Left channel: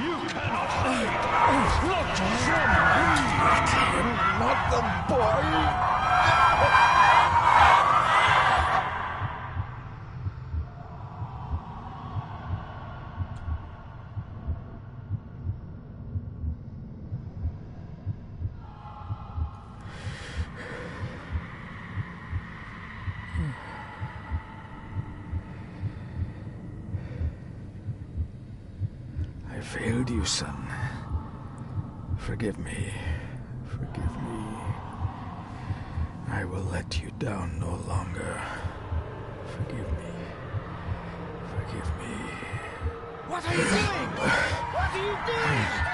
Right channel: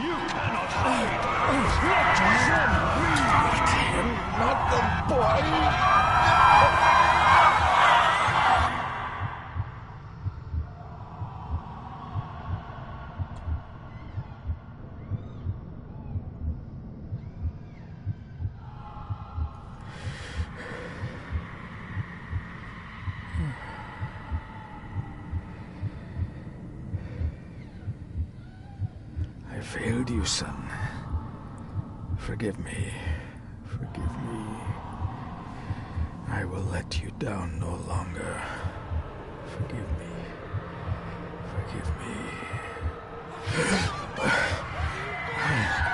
You cannot hide! Not from me! Not the boy! I failed you, son. Forgive me. Forgive me. I will let you down no longer. Forgive me. Forgive me. What are you doing? What are you doing?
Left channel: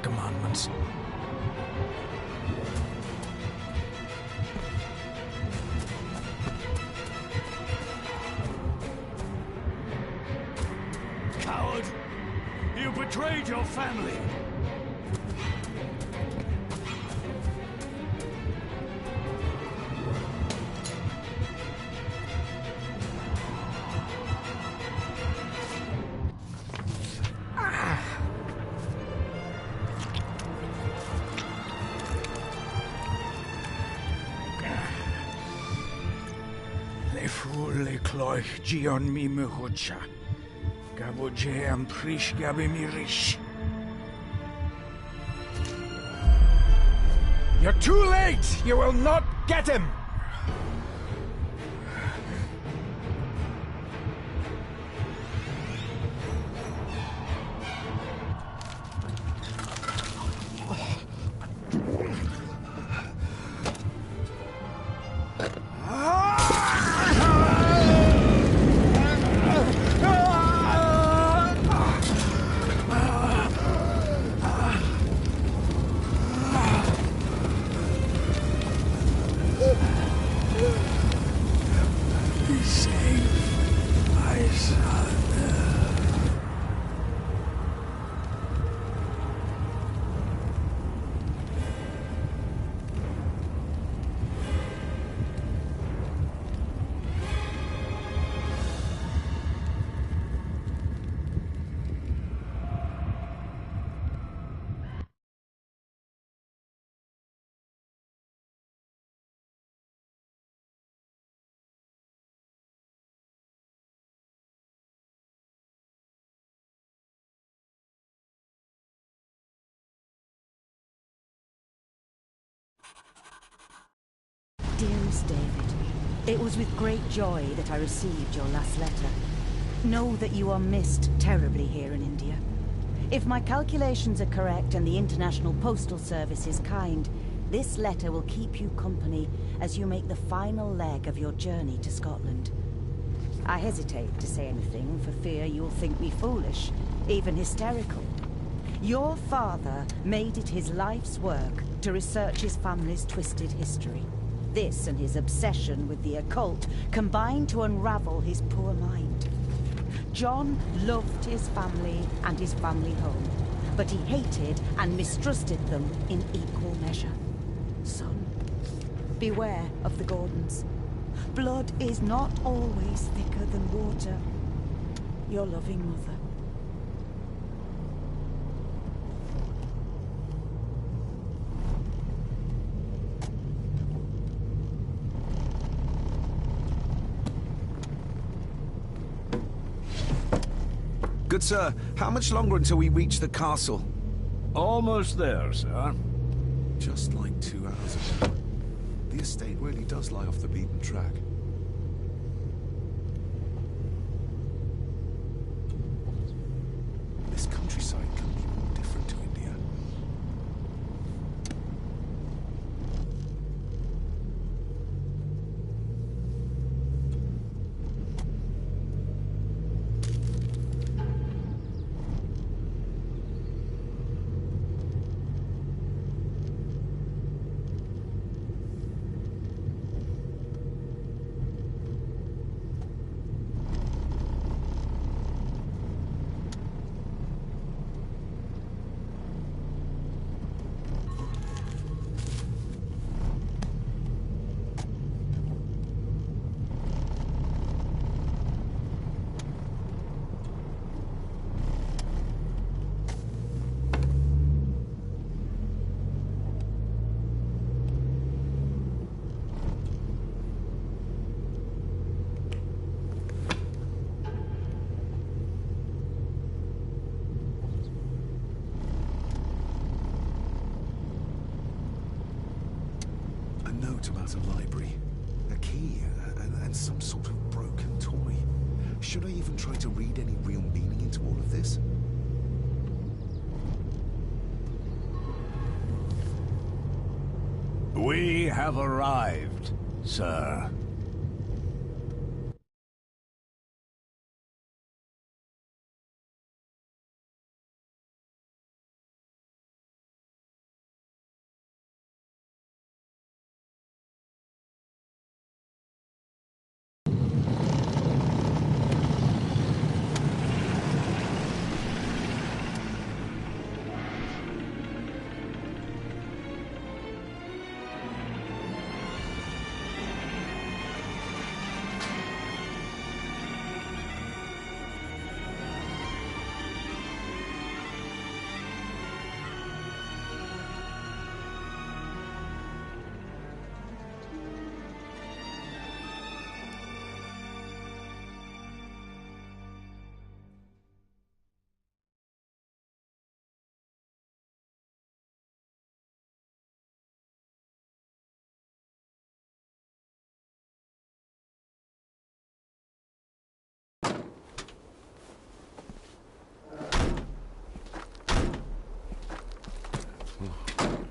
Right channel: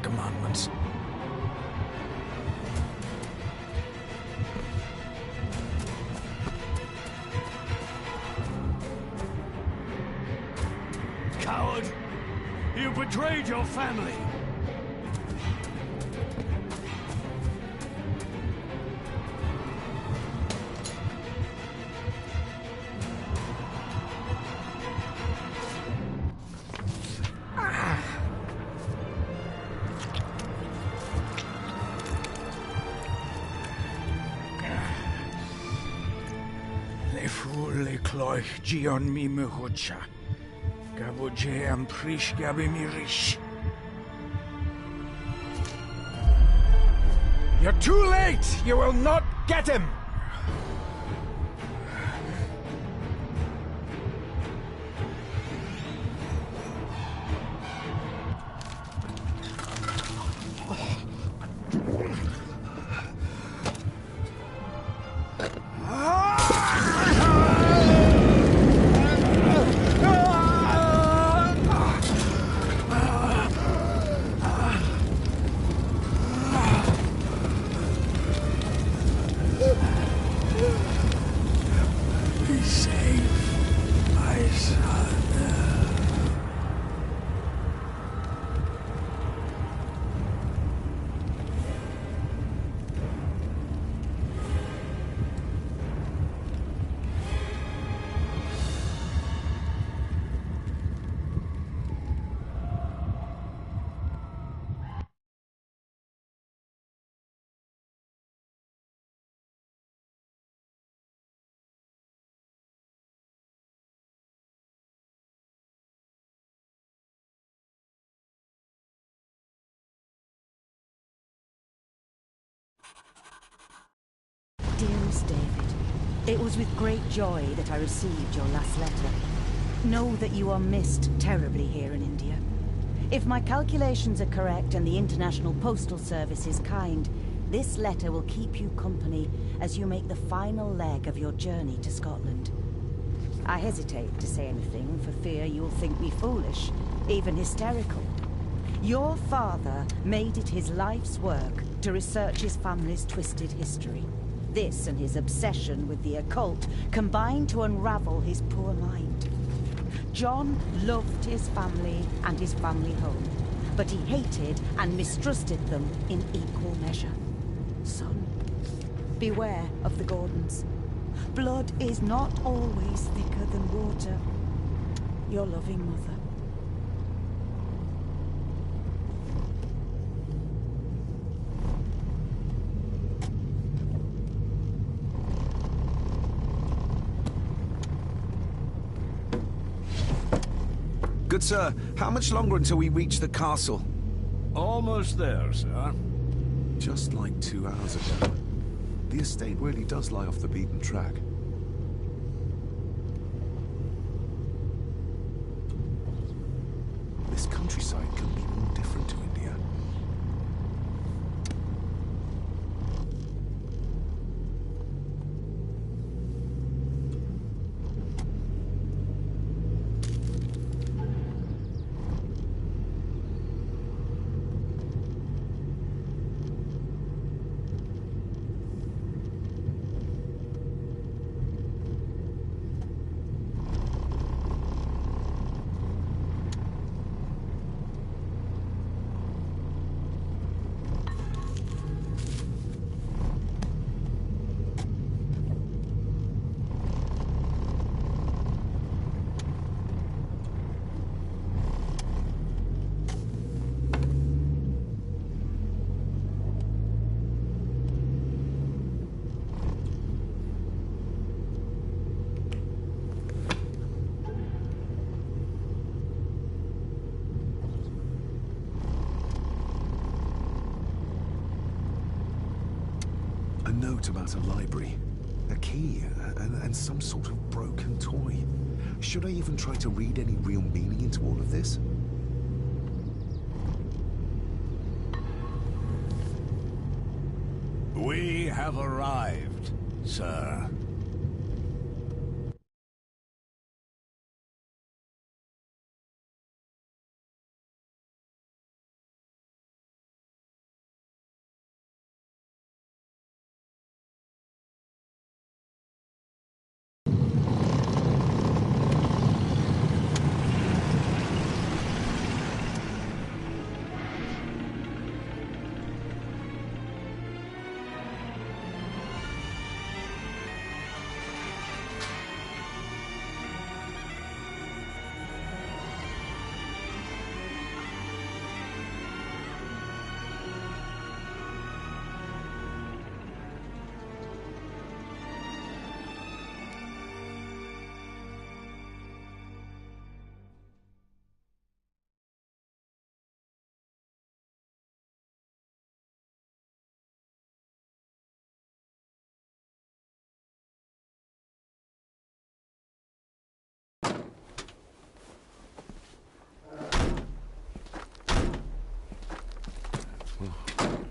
Commandments. Coward! You betrayed your family! Le cloich gion mi mehucha. Gaboje am prish gabe mi rish. You're too late! You will not get him! Dearest David, it was with great joy that I received your last letter. Know that you are missed terribly here in India. If my calculations are correct and the International Postal Service is kind, this letter will keep you company as you make the final leg of your journey to Scotland. I hesitate to say anything for fear you'll think me foolish, even hysterical. Your father made it his life's work to research his family's twisted history. This and his obsession with the occult combined to unravel his poor mind. John loved his family and his family home, but he hated and mistrusted them in equal measure. Son, beware of the Gordons. Blood is not always thicker than water. Your loving mother. Good sir, how much longer until we reach the castle? Almost there, sir. Just like 2 hours ago. The estate really does lie off the beaten track. This countryside couldn't be more different to India. A note about a library, a key, and some sort of broken toy. Should I even try to read any real meaning into all of this? We have arrived, sir.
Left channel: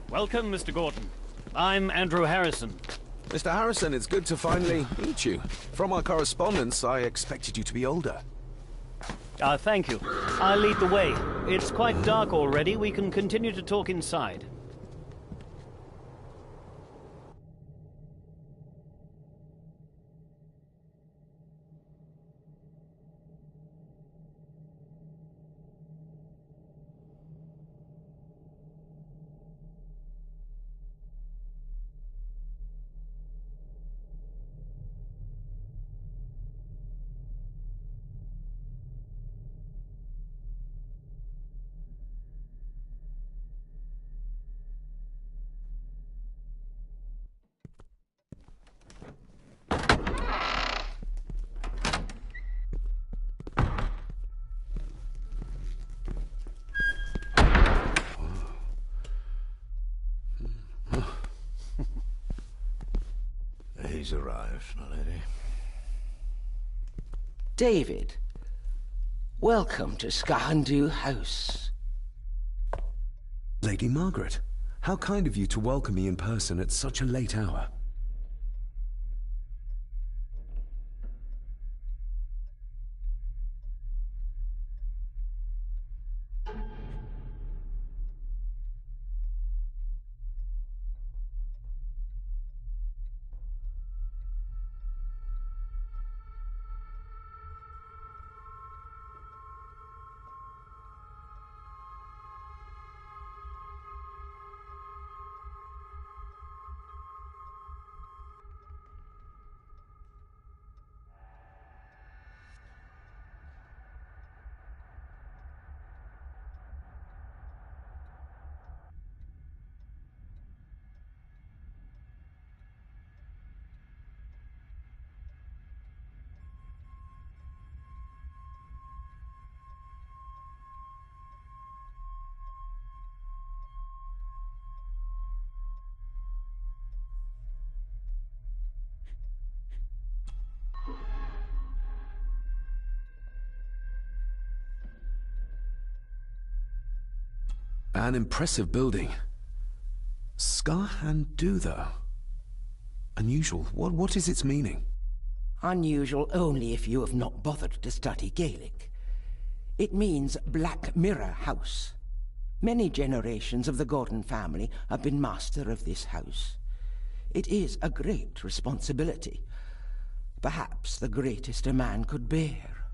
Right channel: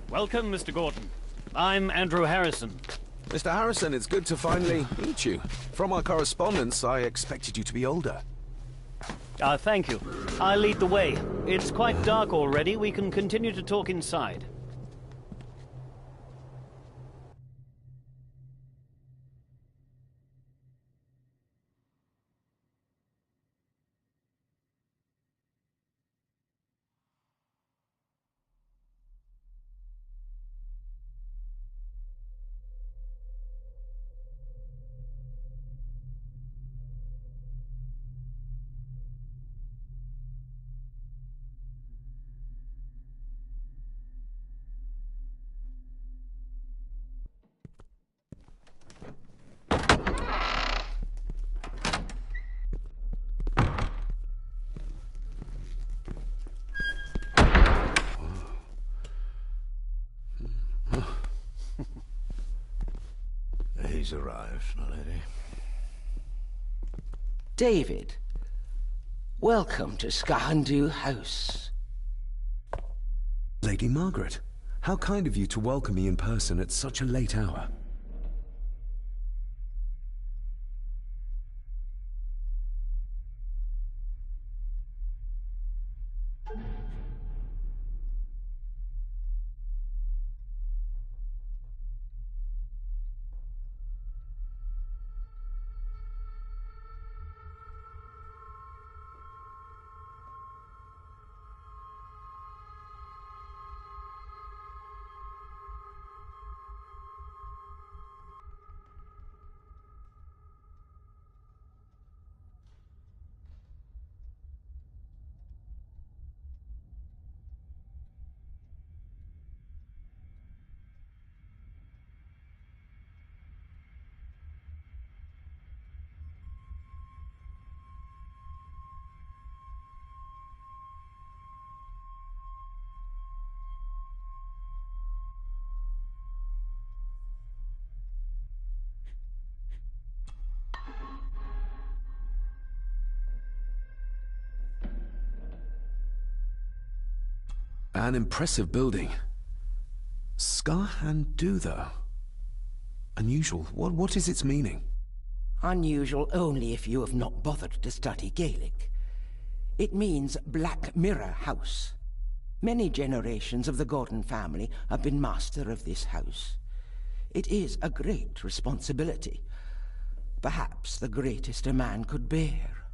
Welcome, Mr. Gordon. I'm Andrew Harrison. Mr. Harrison, it's good to finally meet you. From our correspondence, I expected you to be older. Thank you. I'll lead the way. It's quite dark already. We can continue to talk inside. He's arrived, my lady. David, welcome to Skahandu House. Lady Margaret, how kind of you to welcome me in person at such a late hour. An impressive building. Skarhandu, though. Unusual. What is its meaning? Unusual only if you have not bothered to study Gaelic. It means Black Mirror House. Many generations of the Gordon family have been master of this house. It is a great responsibility. Perhaps the greatest a man could bear.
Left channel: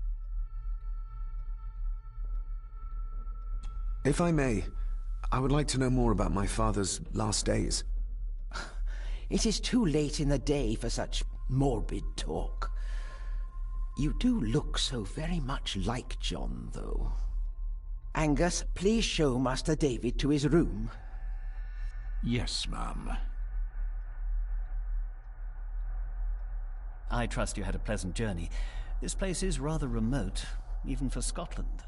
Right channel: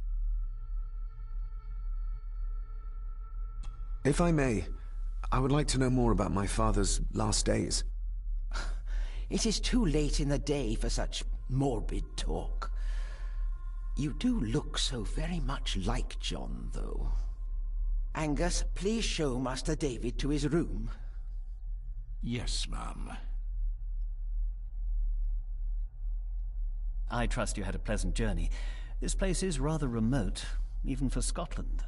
If I may, I would like to know more about my father's last days. It is too late in the day for such morbid talk. You do look so very much like John, though. Angus, please show Master David to his room. Yes, ma'am. I trust you had a pleasant journey. This place is rather remote, even for Scotland.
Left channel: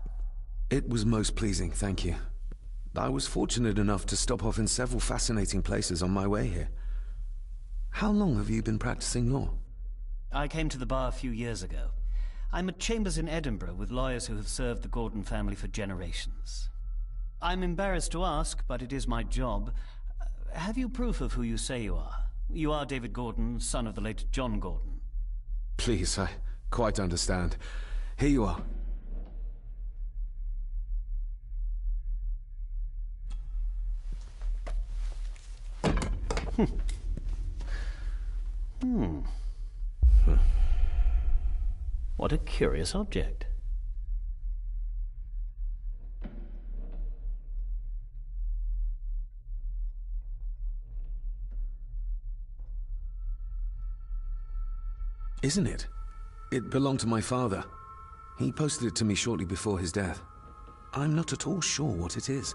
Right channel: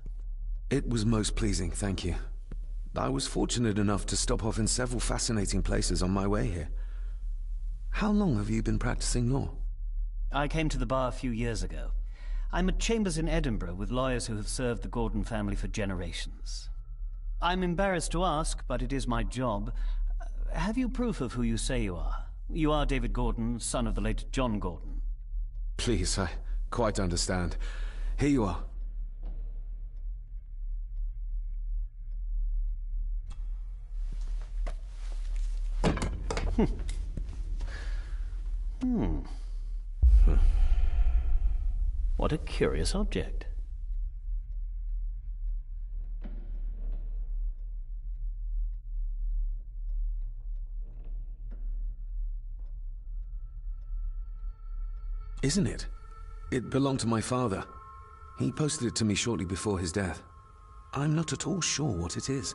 It was most pleasing, thank you. I was fortunate enough to stop off in several fascinating places on my way here. How long have you been practicing law? I came to the bar a few years ago. I'm at Chambers in Edinburgh with lawyers who have served the Gordon family for generations. I'm embarrassed to ask, but it is my job. Have you proof of who you say you are? You are David Gordon, son of the late John Gordon. Please, I quite understand. Here you are. What a curious object. Isn't it? It belonged to my father. He posted it to me shortly before his death. I'm not at all sure what it is.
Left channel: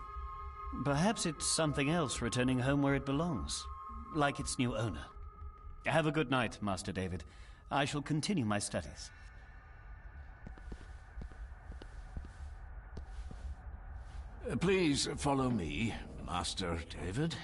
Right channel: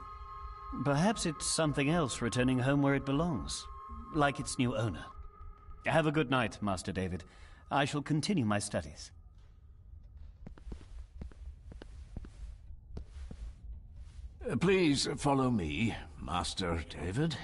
Perhaps it's something else returning home where it belongs, like its new owner. Have a good night, Master David. I shall continue my studies. Please follow me, Master David.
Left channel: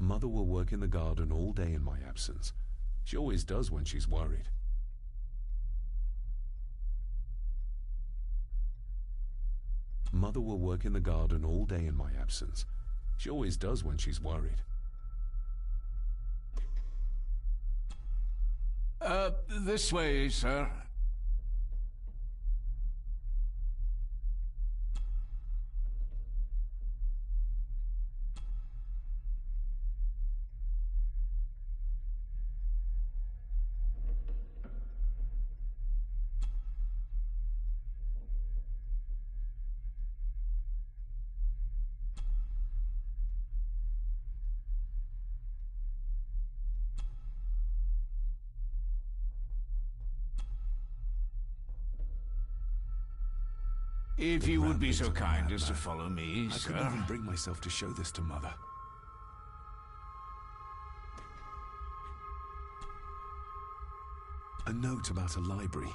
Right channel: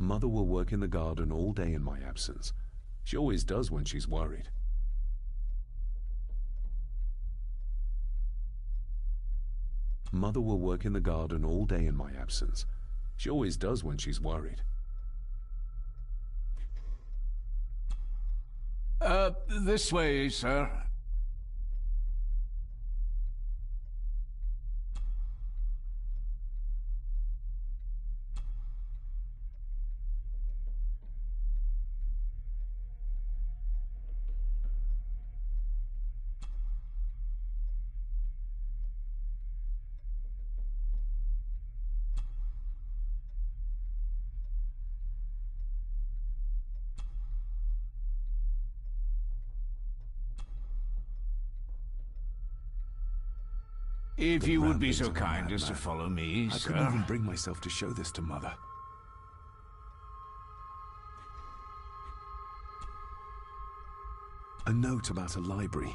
Mother will work in the garden all day in my absence. She always does when she's worried. Mother will work in the garden all day in my absence. She always does when she's worried. This way, sir. If you would be so kind as to follow me, I sir. couldn't even bring myself to show this to Mother. A note about a library,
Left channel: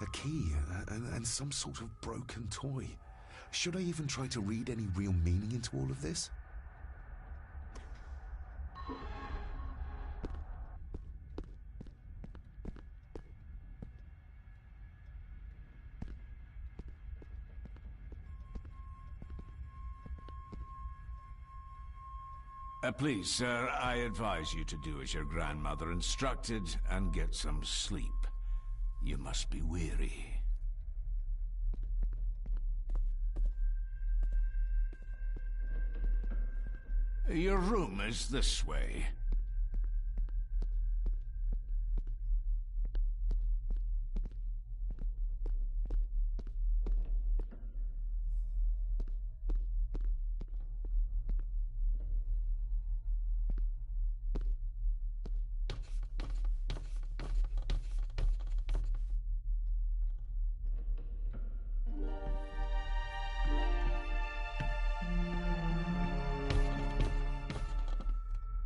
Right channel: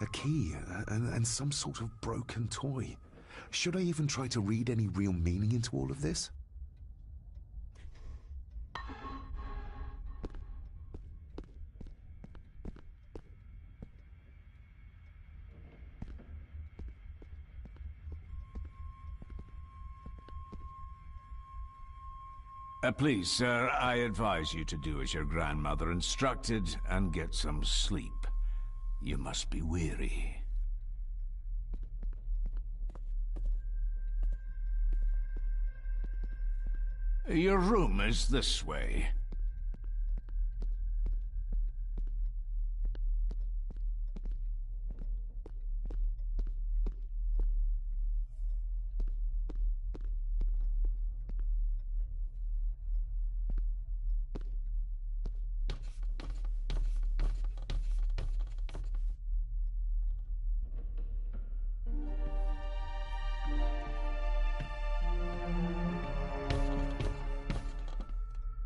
a key, and some sort of broken toy. Should I even try to read any real meaning into all of this? Please, sir, I advise you to do as your grandmother instructed and get some sleep. You must be weary. Your room is this way.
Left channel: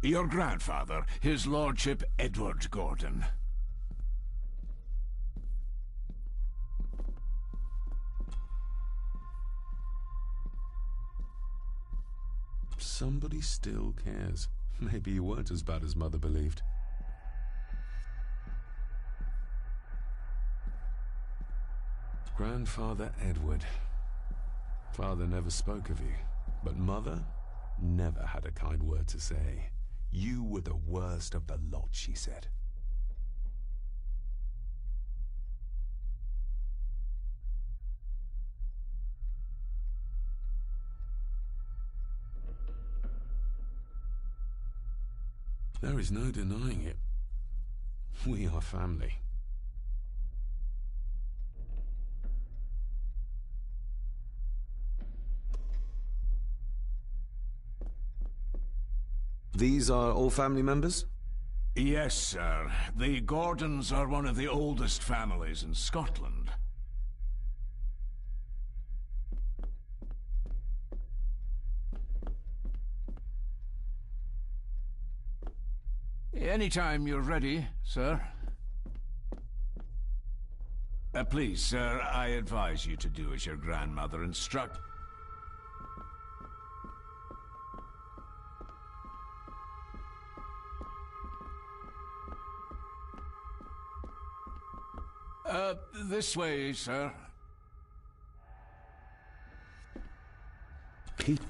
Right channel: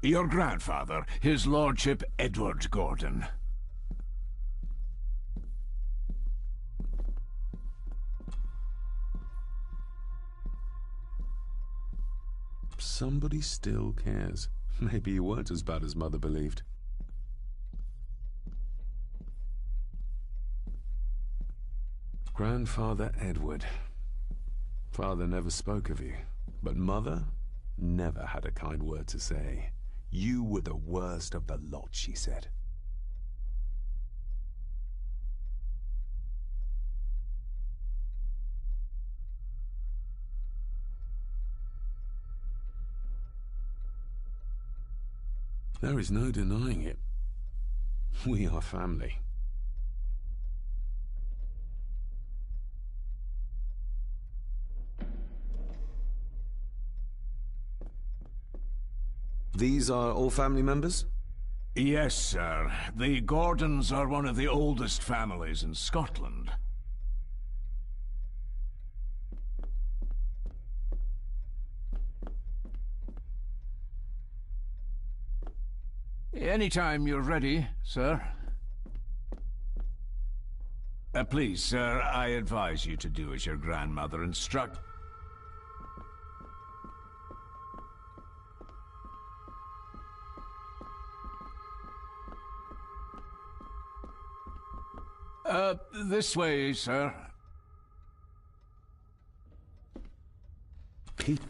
Your grandfather, his lordship Edward Gordon. Somebody still cares. Maybe you weren't as bad as Mother believed. Grandfather Edward. Father never spoke of you, but Mother never had a kind word to say. You were the worst of the lot, she said. There is no denying it. We are family. These are all family members? Yes, sir. The Gordons are one of the oldest families in Scotland. Anytime you're ready, sir. Please, sir, I advise you to do as your grandmother instructed. This way, sir. Pete.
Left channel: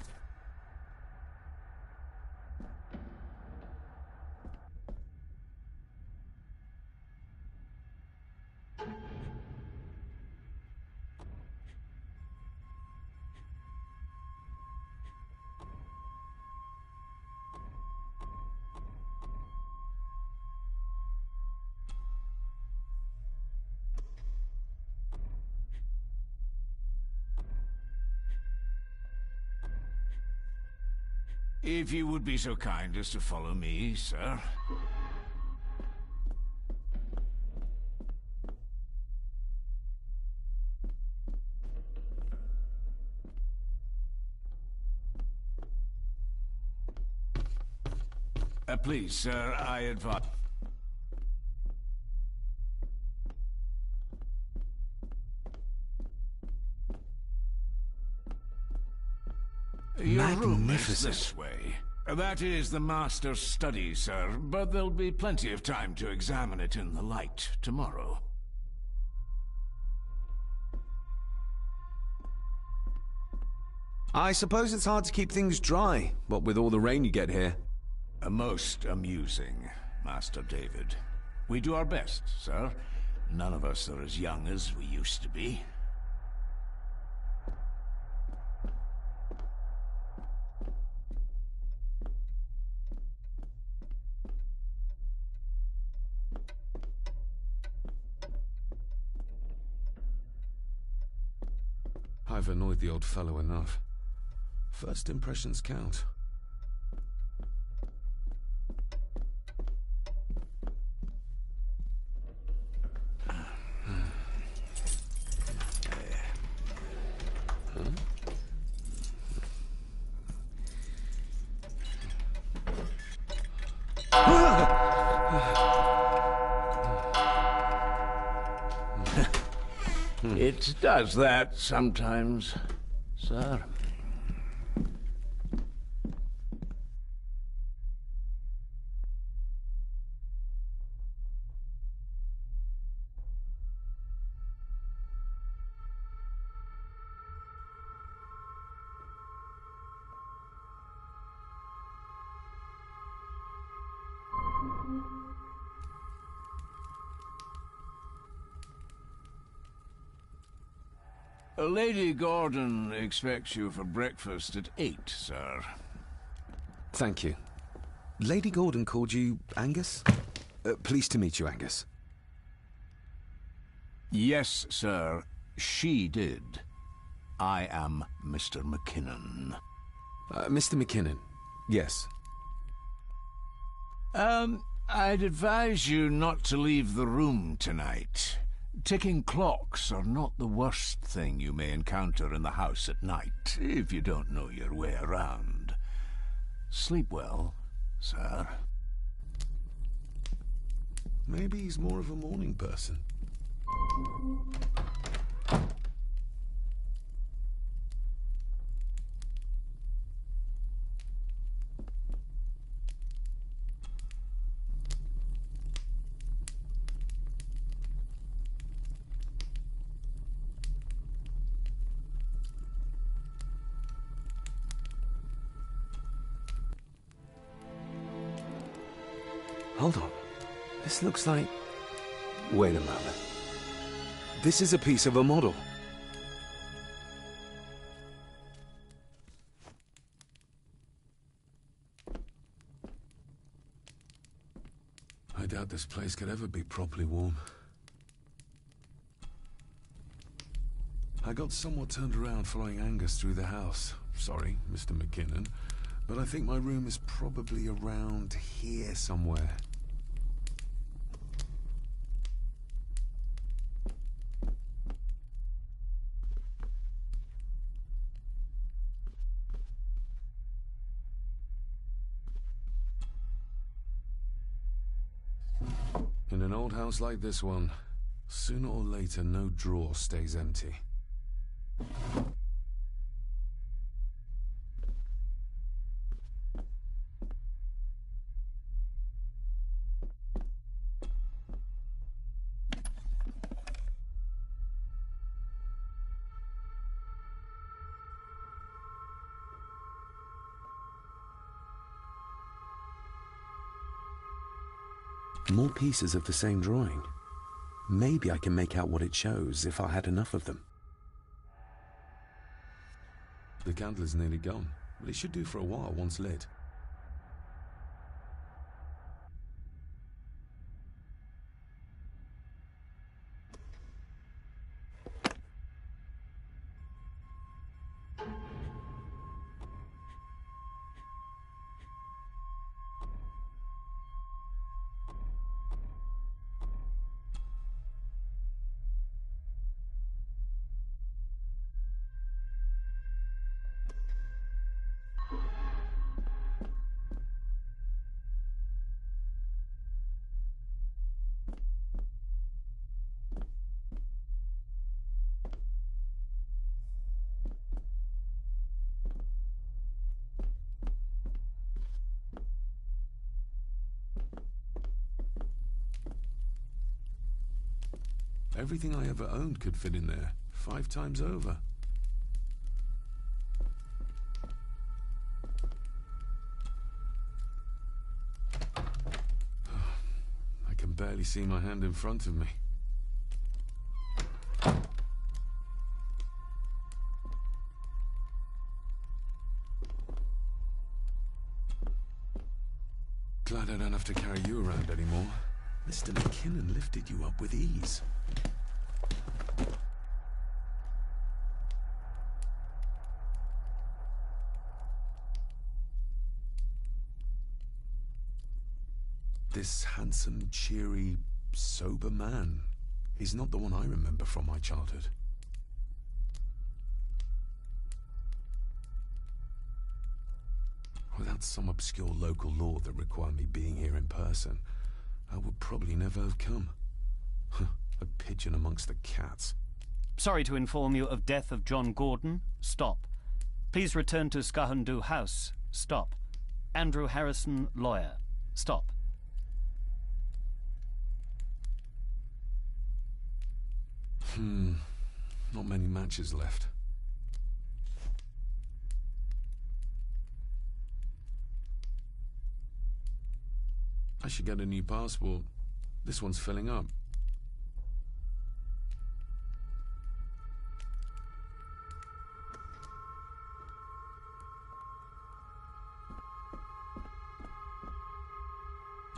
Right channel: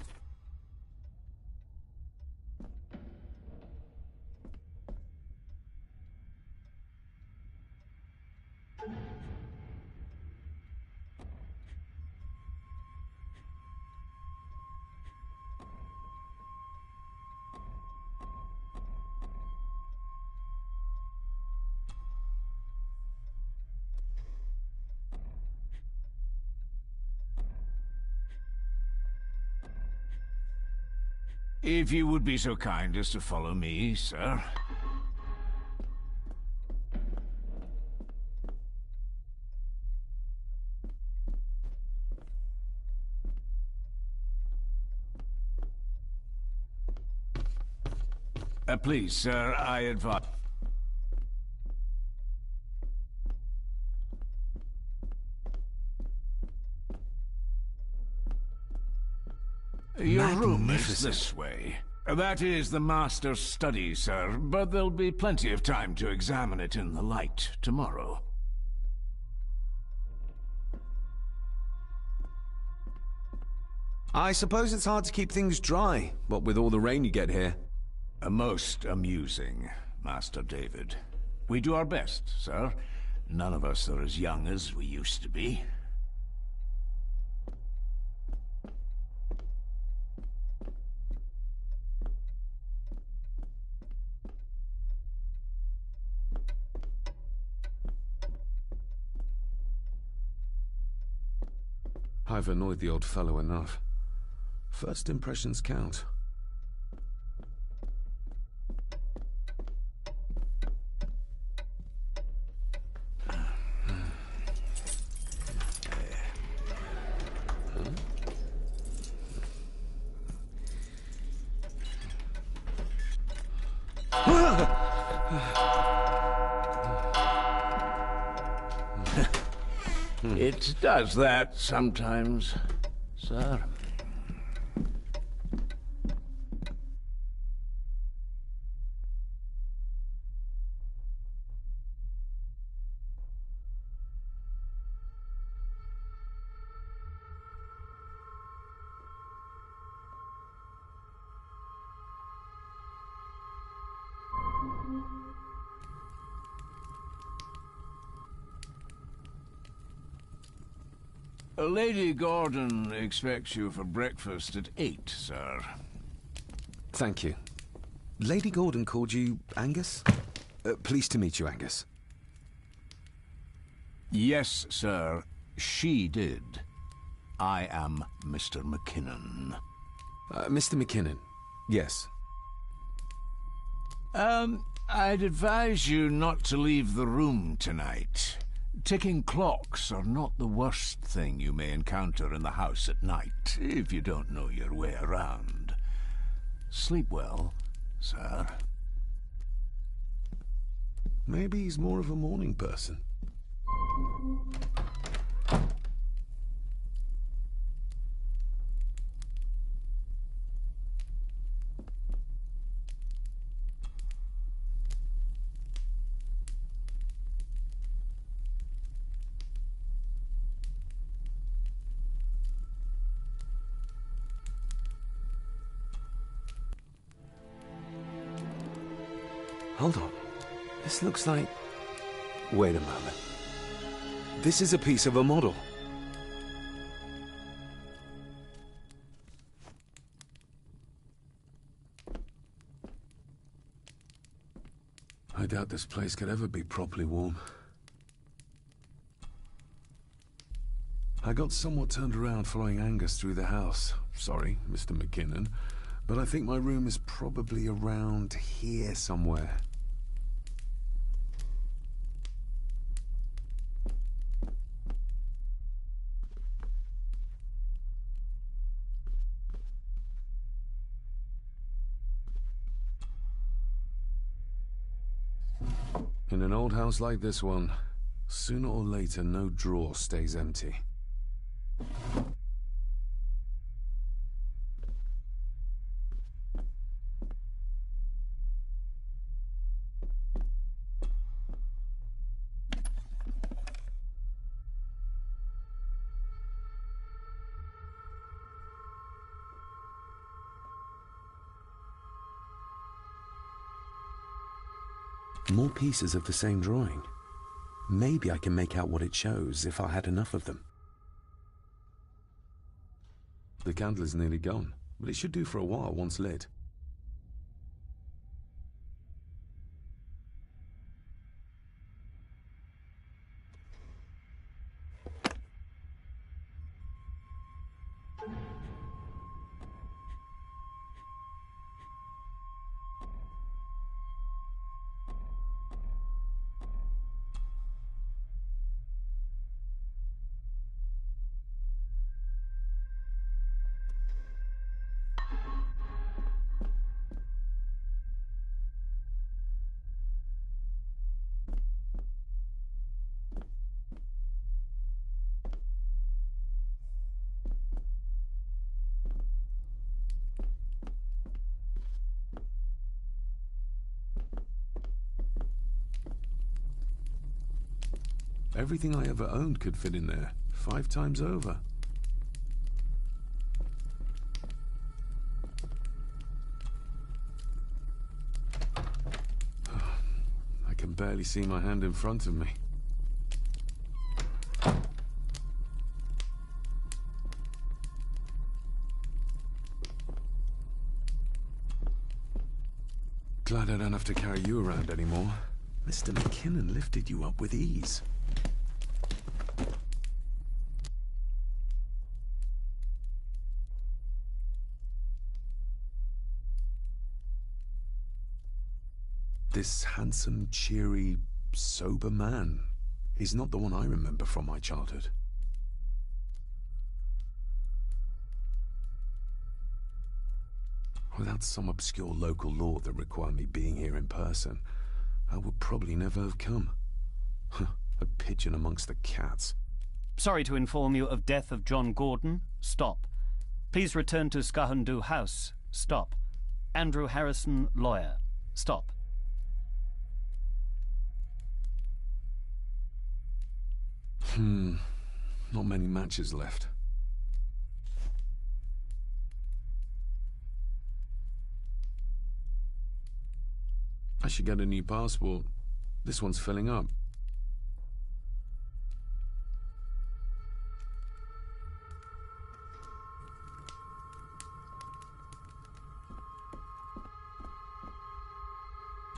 If you would be so kind as to follow me, sir. Please, sir, I advise... Your room is this way. That is the master's study, sir, but there'll be plenty of time to examine it in the light tomorrow. I suppose it's hard to keep things dry, what with all the rain you get here. Most amusing, Master David. We do our best, sir. None of us are as young as we used to be. I've annoyed the old fellow enough. First impressions count. It does that sometimes, sir. Lady Gordon expects you for breakfast at 8, sir. Thank you. Lady Gordon called you Angus? Pleased to meet you, Angus. Yes, sir. She did. I am Mr. McKinnon. Mr. McKinnon. Yes. I'd advise you not to leave the room tonight. Ticking clocks are not the worst thing you may encounter in the house at night, if you don't know your way around. Sleep well, sir. Maybe he's more of a morning person. Hold on. This looks like... Wait a moment. This is a piece of a model. I doubt this place could ever be properly warm. I got somewhat turned around following Angus through the house. Sorry, Mr. McKinnon, but I think my room is probably around here somewhere. In an old house like this one, sooner or later no drawer stays empty. More pieces of the same drawing. Maybe I can make out what it shows if I had enough of them. The candle is nearly gone, but it should do for a while once lit. Everything I ever owned could fit in there, 5 times over. I can barely see my hand in front of me. Glad I don't have to carry you around anymore. Mr. McKinnon lifted you up with ease. This handsome, cheery, sober man is not the one I remember from my childhood. Without some obscure local law that required me being here in person, I would probably never have come. A pigeon amongst the cats. Sorry to inform you of death of John Gordon. Stop. Please return to Skahandu House. Stop. Andrew Harrison, lawyer. Stop. Not many matches left. I should get a new passport. This one's filling up.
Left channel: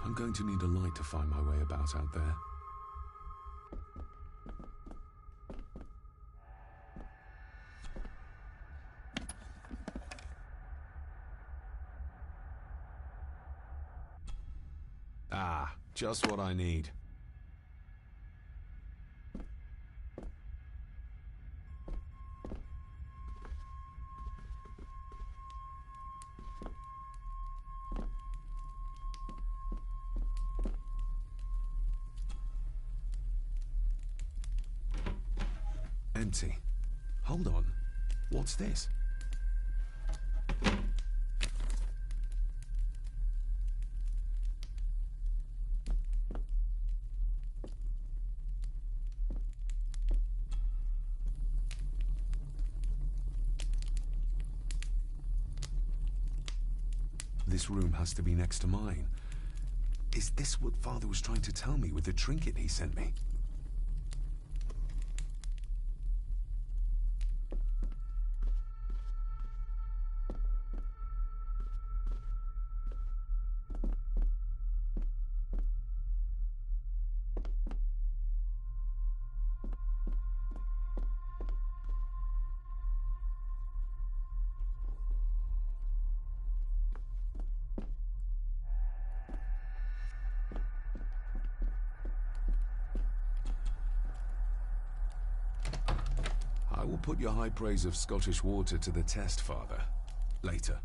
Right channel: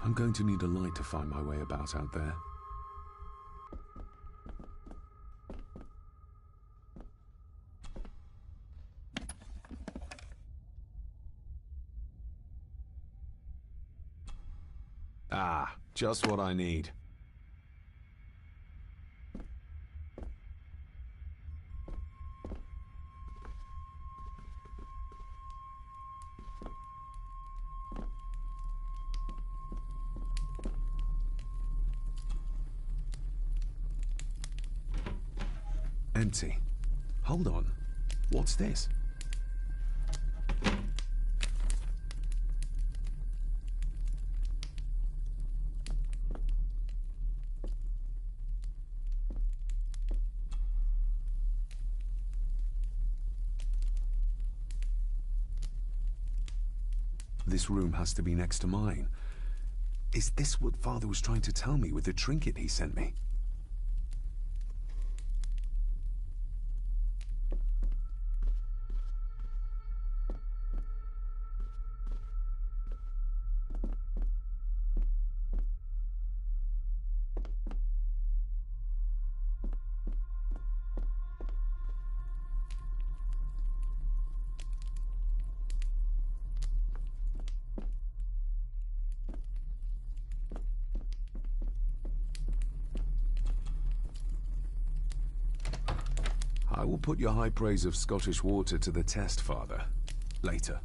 I'm going to need a light to find my way about out there. Ah, just what I need. Empty. Hold on. What's this? This room has to be next to mine. Is this what Father was trying to tell me with the trinket he sent me? I will put your high praise of Scottish water to the test, Father. Later.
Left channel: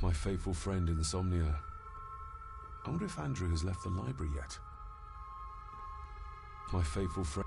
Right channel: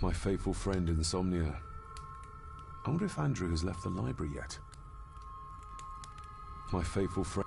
My faithful friend Insomnia. I wonder if Andrew has left the library yet. My faithful friend...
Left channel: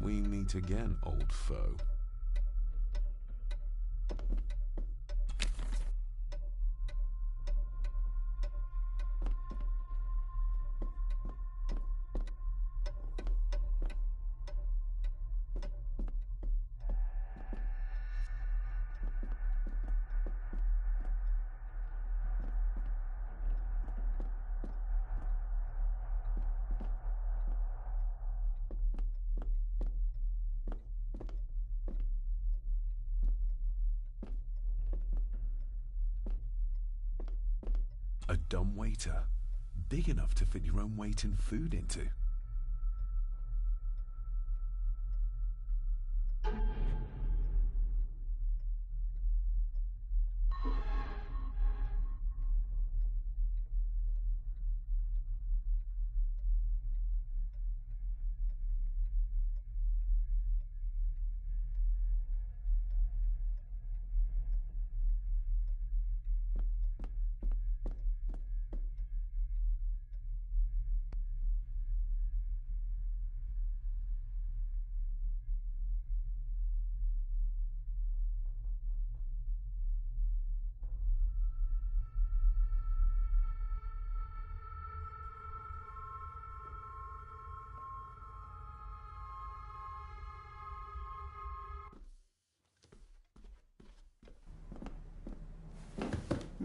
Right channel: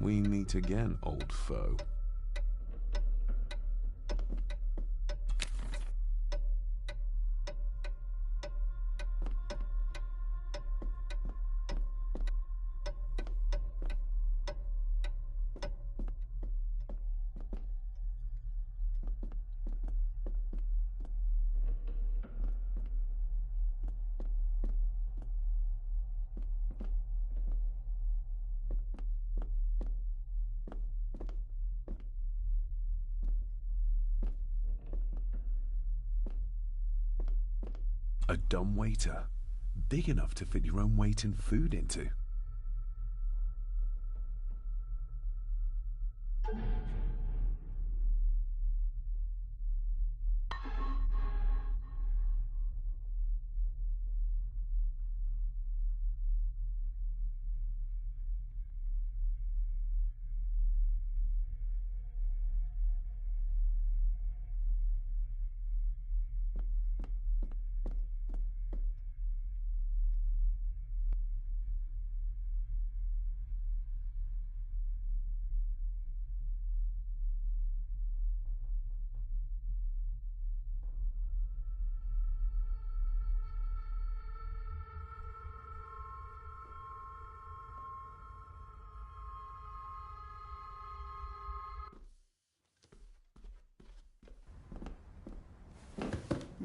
We meet again, old foe. A dumb waiter. Big enough to fit your own weight in food into.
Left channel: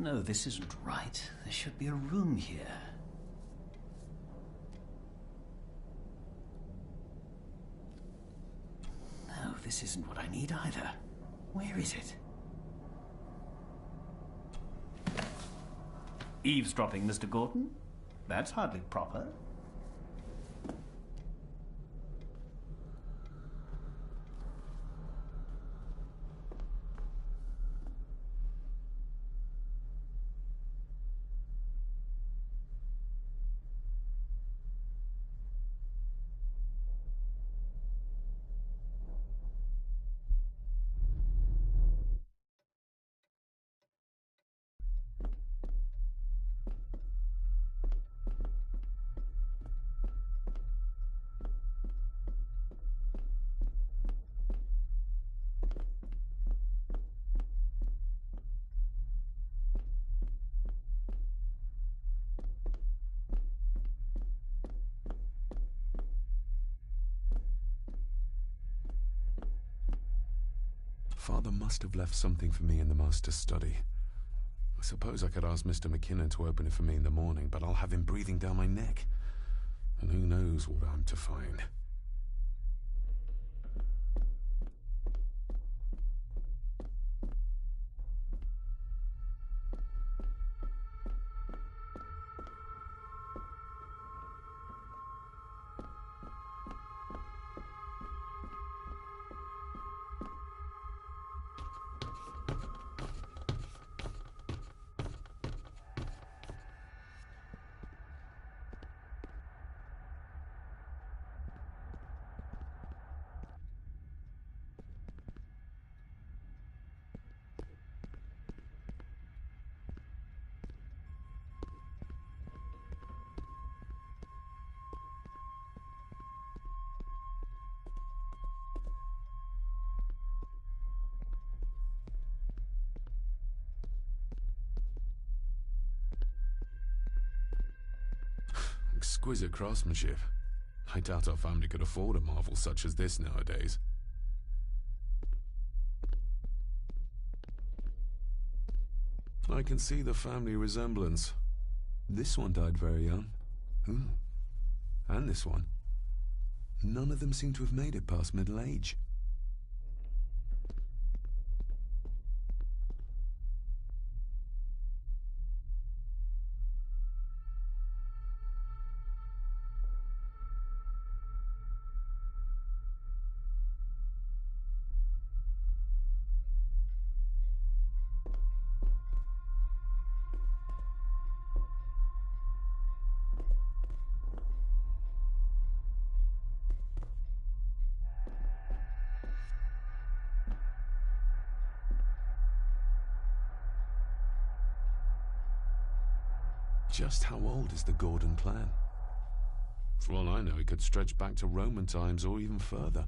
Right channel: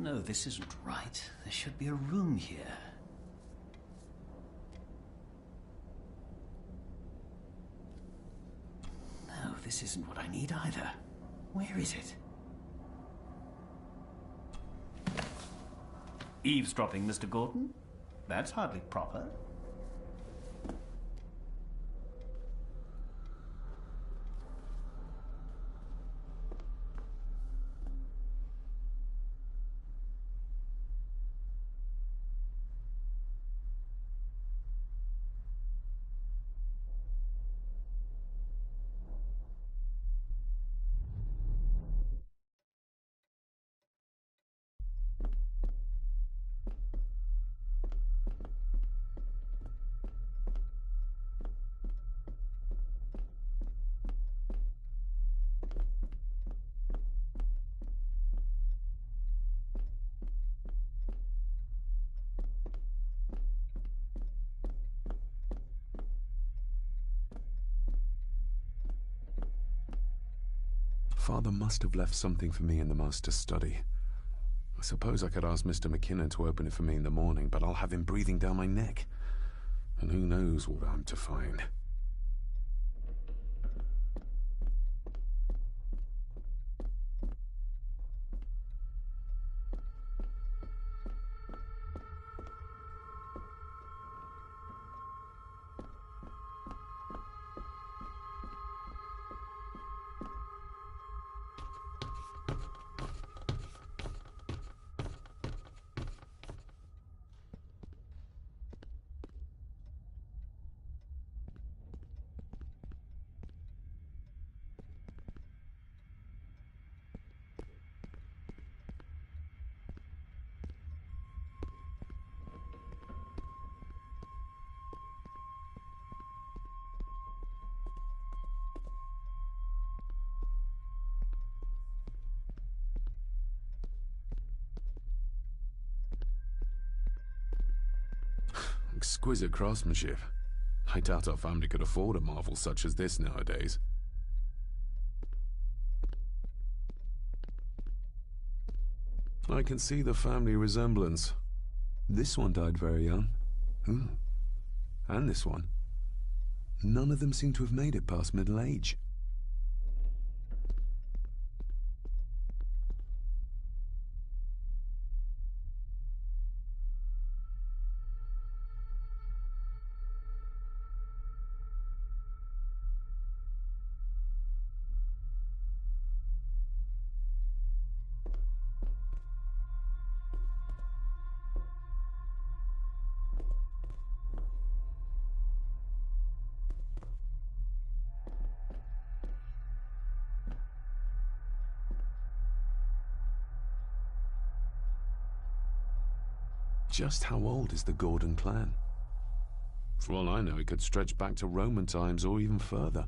No, this isn't right. There should be a room here. No, this isn't what I need either. Where is it? Eavesdropping, Mr. Gordon? That's hardly proper. Father must have left something for me in the master's study. I suppose I could ask Mr. McKinnon to open it for me in the morning, but I'll have him breathing down my neck. And who knows what I'm to find. Exquisite craftsmanship. I doubt our family could afford a marvel such as this nowadays. I can see the family resemblance. This one died very young. And this one. None of them seem to have made it past middle age. Just how old is the Gordon clan? For all I know, it could stretch back to Roman times or even further.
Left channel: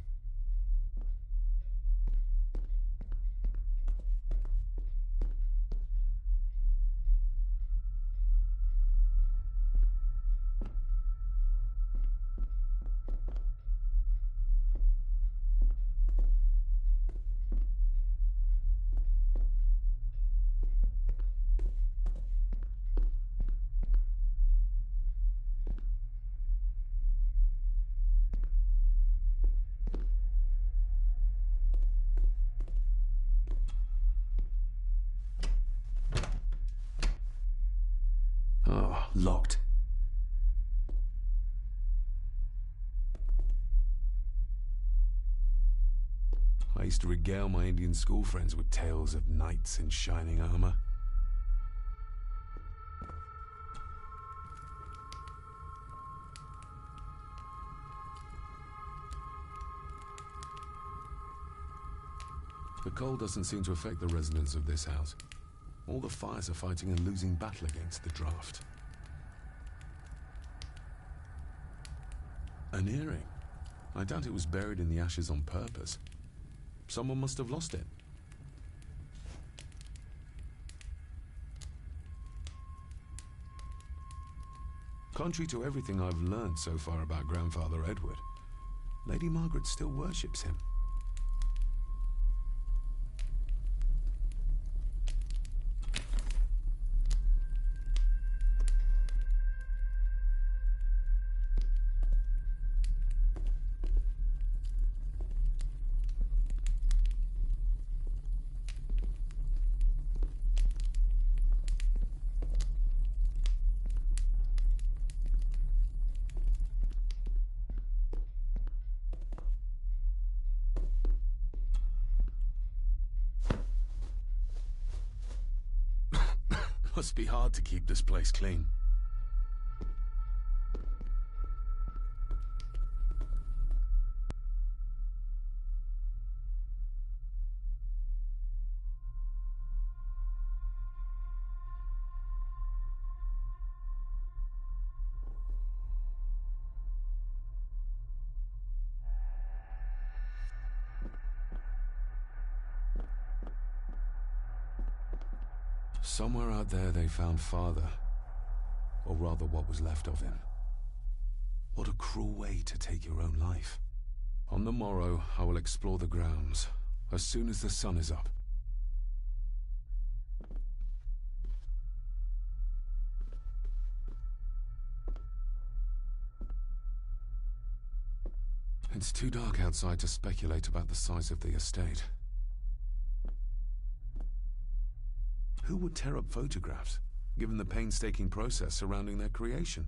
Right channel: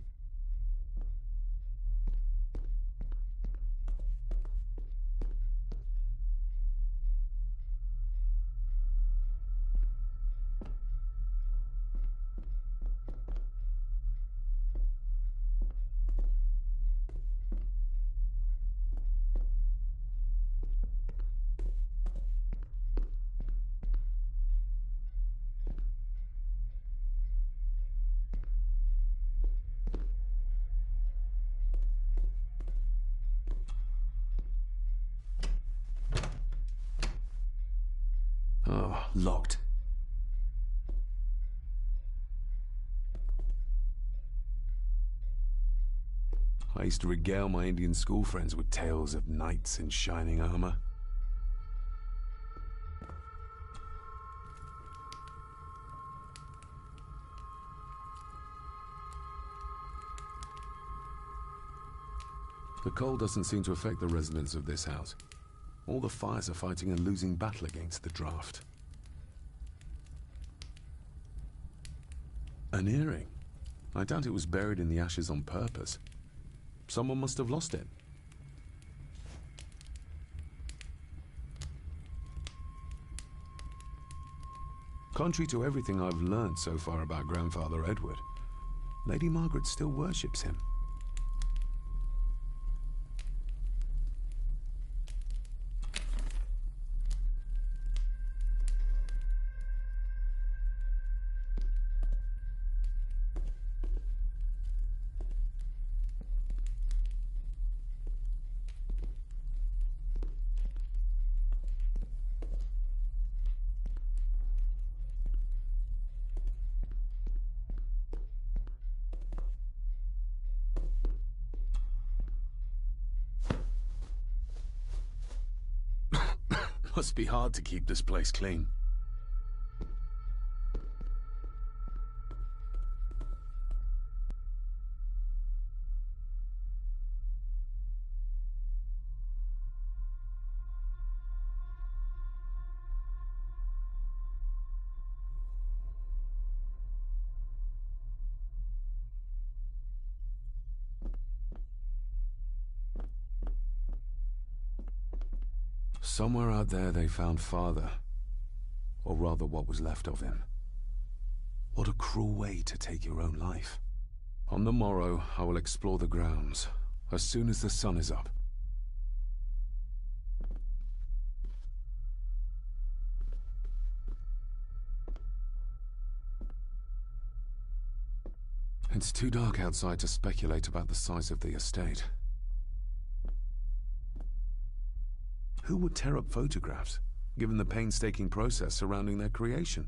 Oh, locked. I used to regale my Indian school friends with tales of knights in shining armor. The cold doesn't seem to affect the residents of this house. All the fires are fighting a losing battle against the draft. An earring. I doubt it was buried in the ashes on purpose. Someone must have lost it. Contrary to everything I've learned so far about Grandfather Edward, Lady Margaret still worships him. Must be hard to keep this place clean. Somewhere out there they found Father. Or rather what was left of him. What a cruel way to take your own life. On the morrow, I will explore the grounds, as soon as the sun is up. It's too dark outside to speculate about the size of the estate. Who would tear up photographs, given the painstaking process surrounding their creation?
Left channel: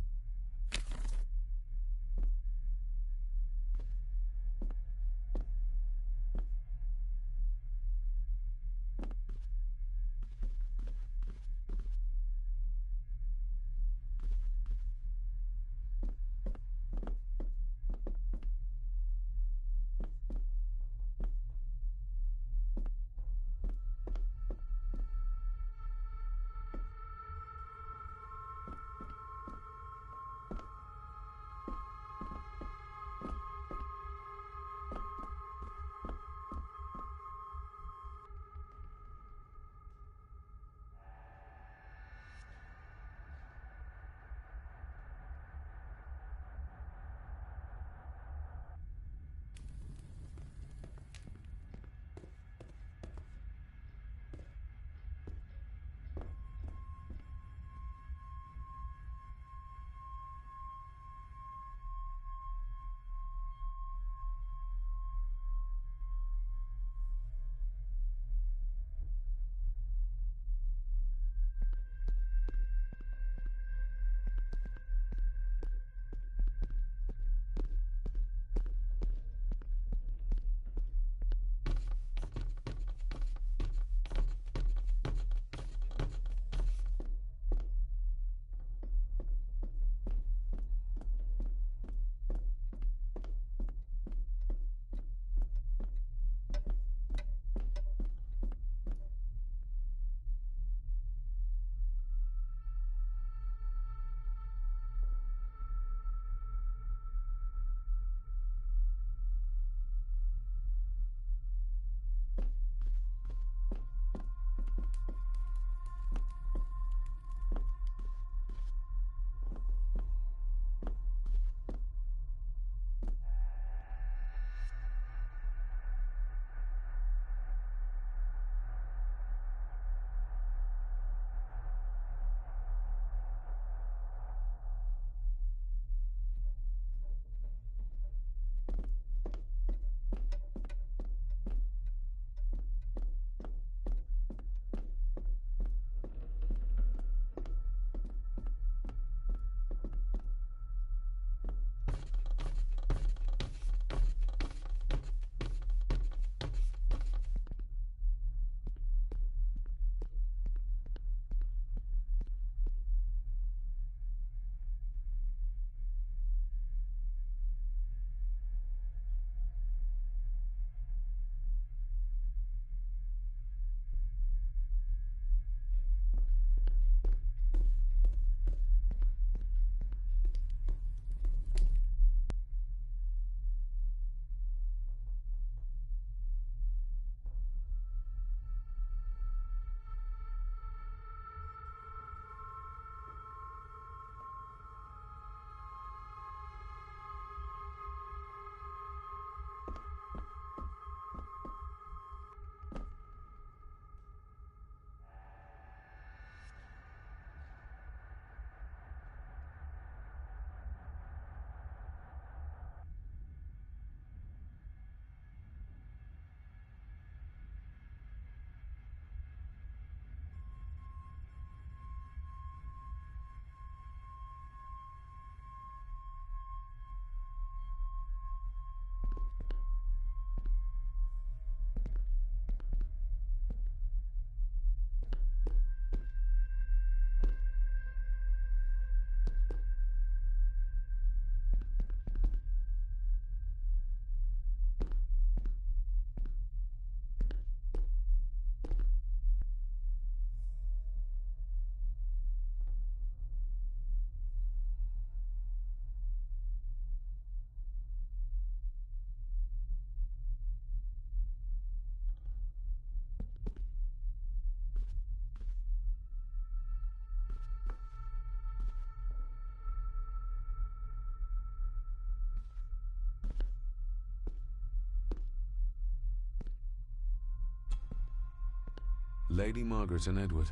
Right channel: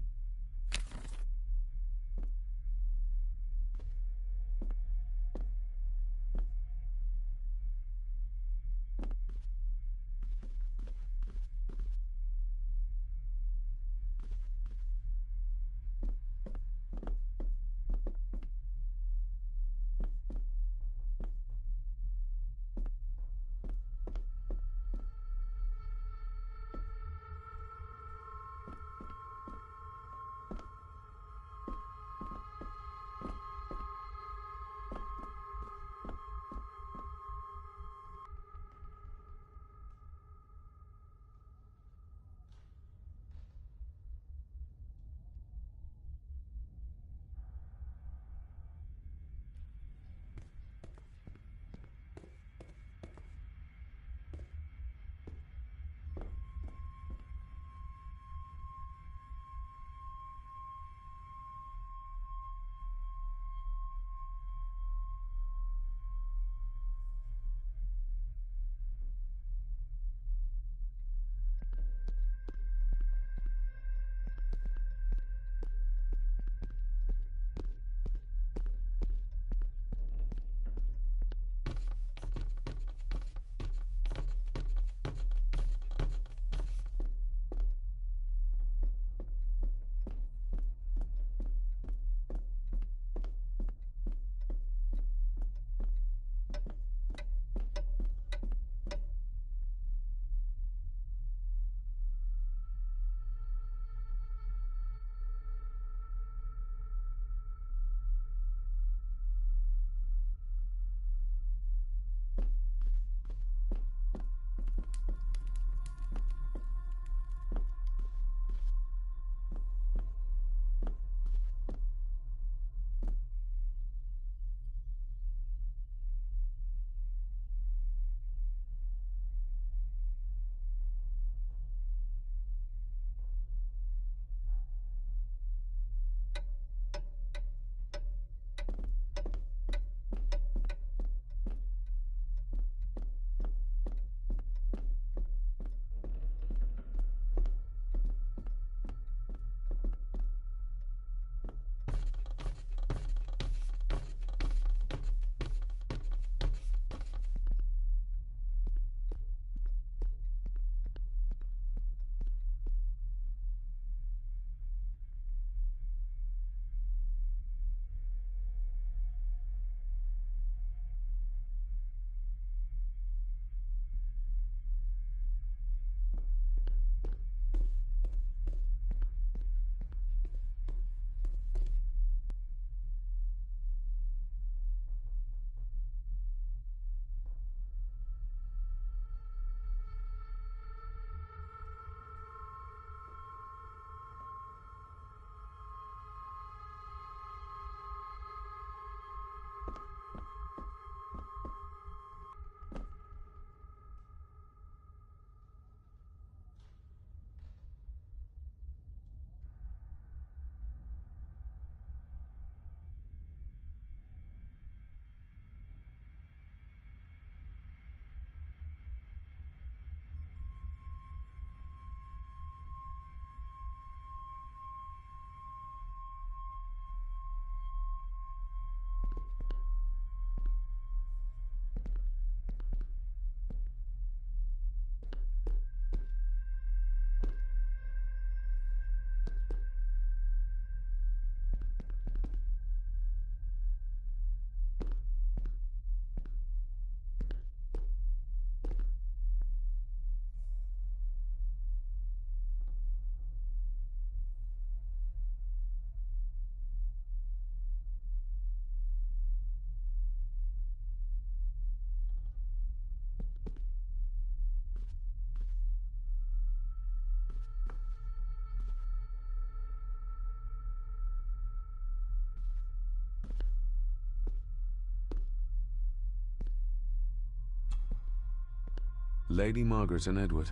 Lady Margaret and Edward.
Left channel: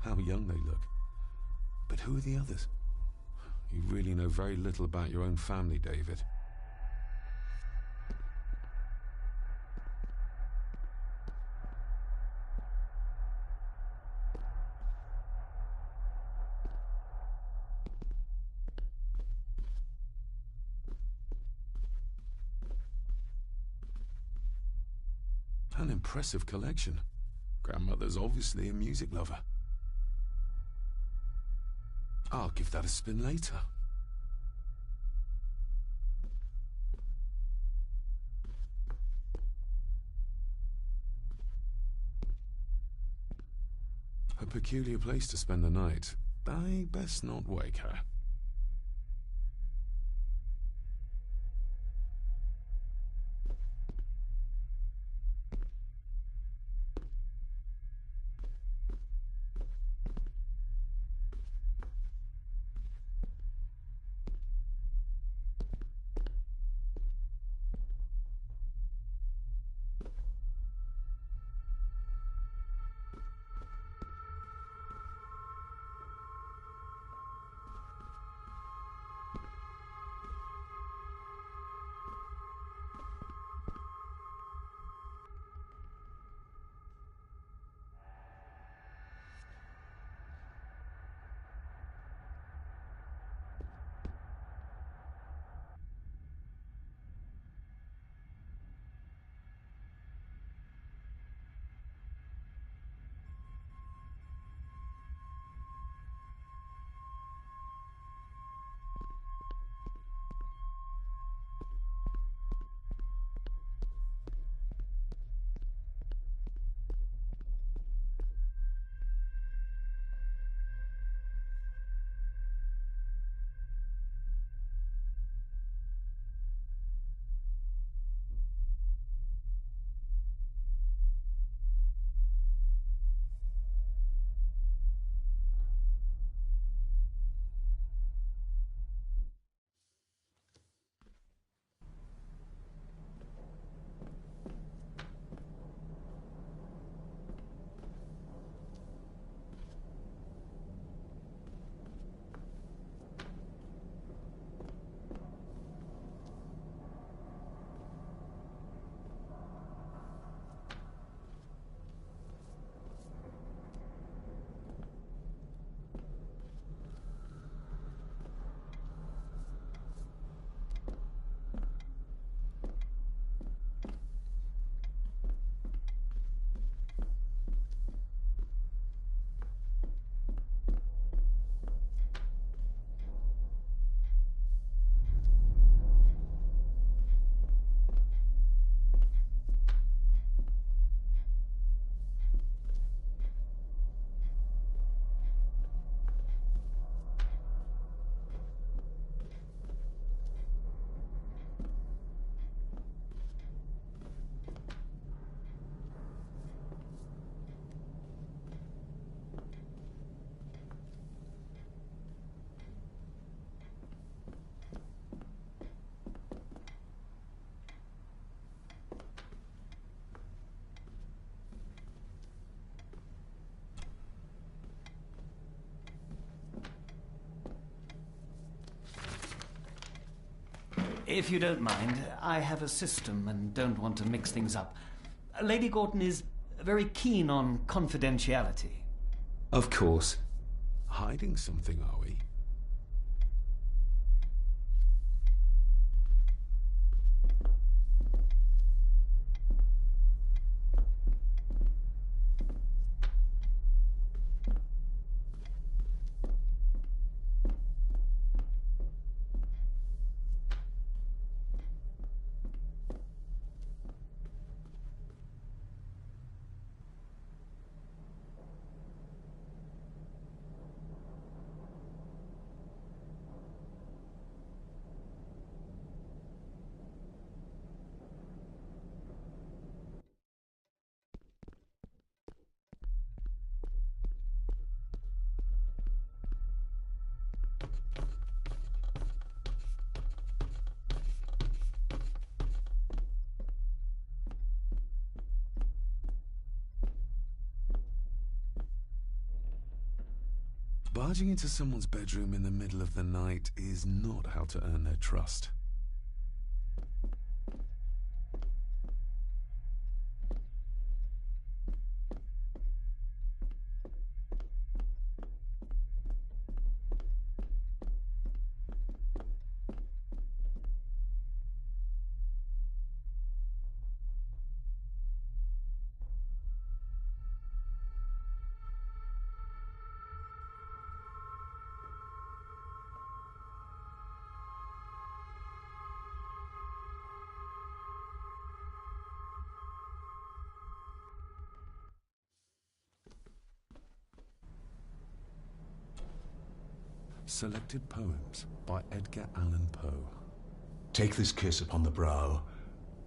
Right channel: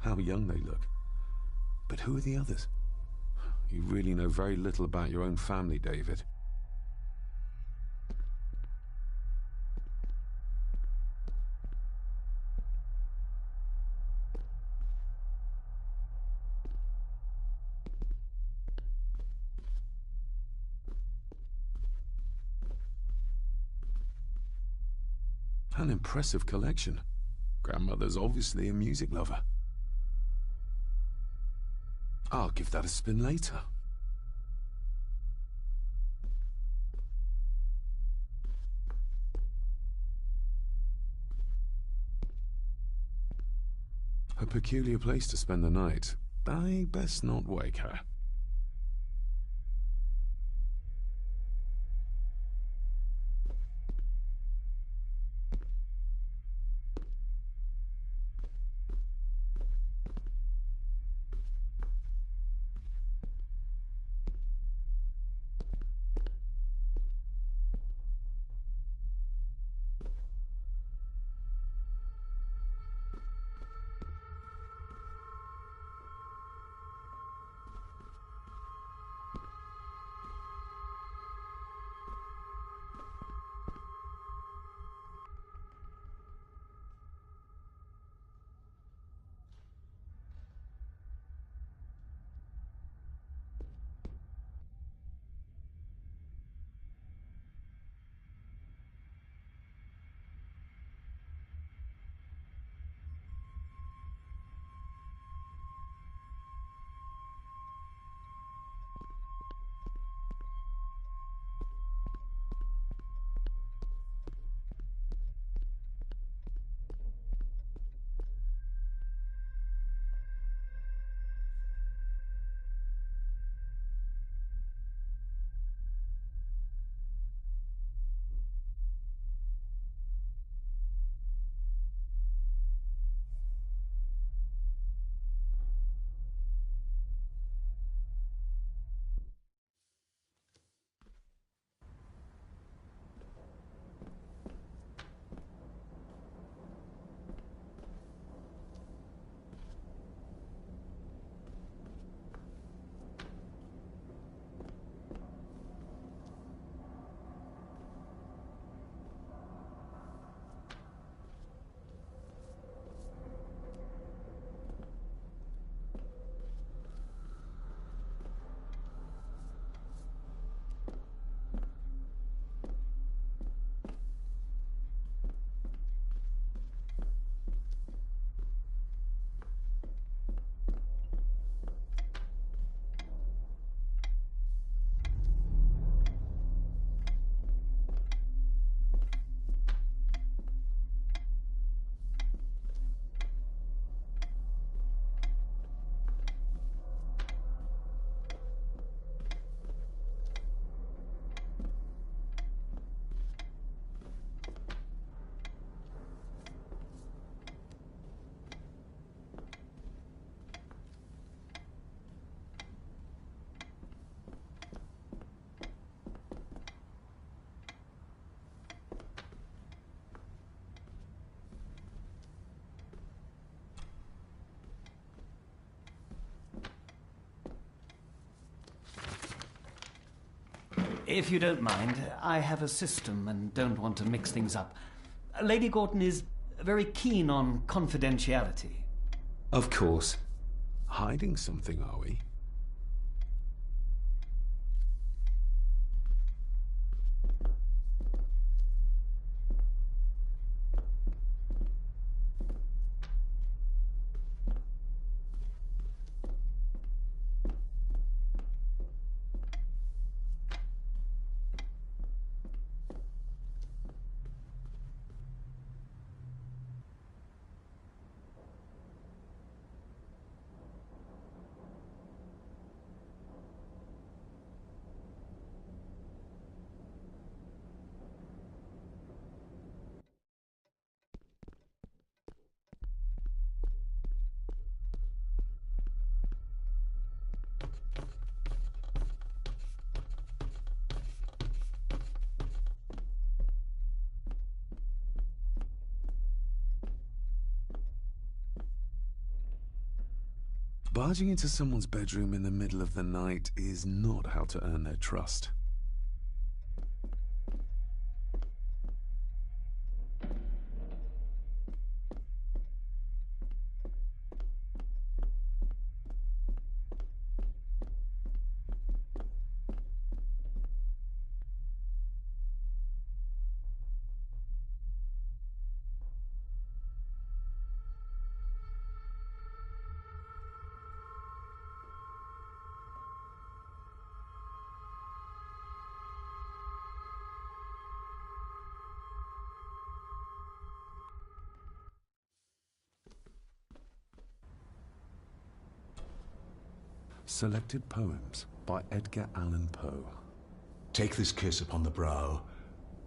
How young they look. But who are the others? You really know very little about your own family, David. An impressive collection. Grandmother's obviously a music lover. I'll give that a spin later. A peculiar place to spend the night. I best not wake her. If you don't mind, I have a system and don't want to mix things up. Lady Gordon is very keen on confidentiality. Of course. Hiding something, are we? Barging into someone's bedroom in the middle of the night is not how to earn their trust. Selected Poems by Edgar Allan Poe. Take this kiss upon the brow,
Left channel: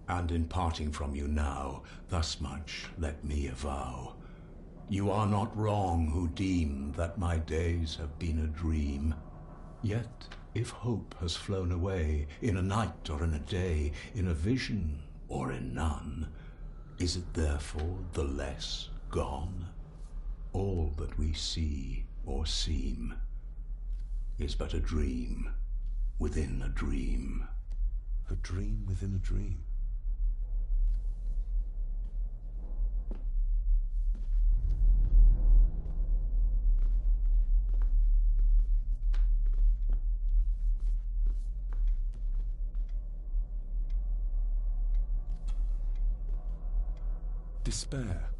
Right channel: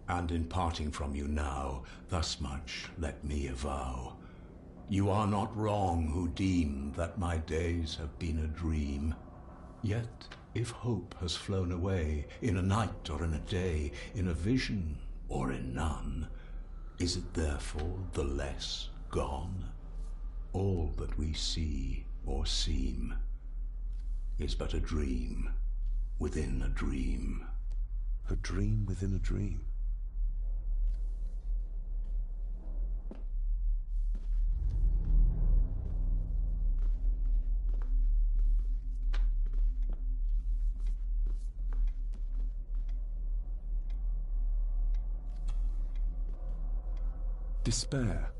and in parting from you now, thus much let me avow. You are not wrong who deem that my days have been a dream. Yet, if hope has flown away, in a night or in a day, in a vision or in none, is it therefore the less gone? All that we see or seem is but a dream within a dream. A dream within a dream. Despair,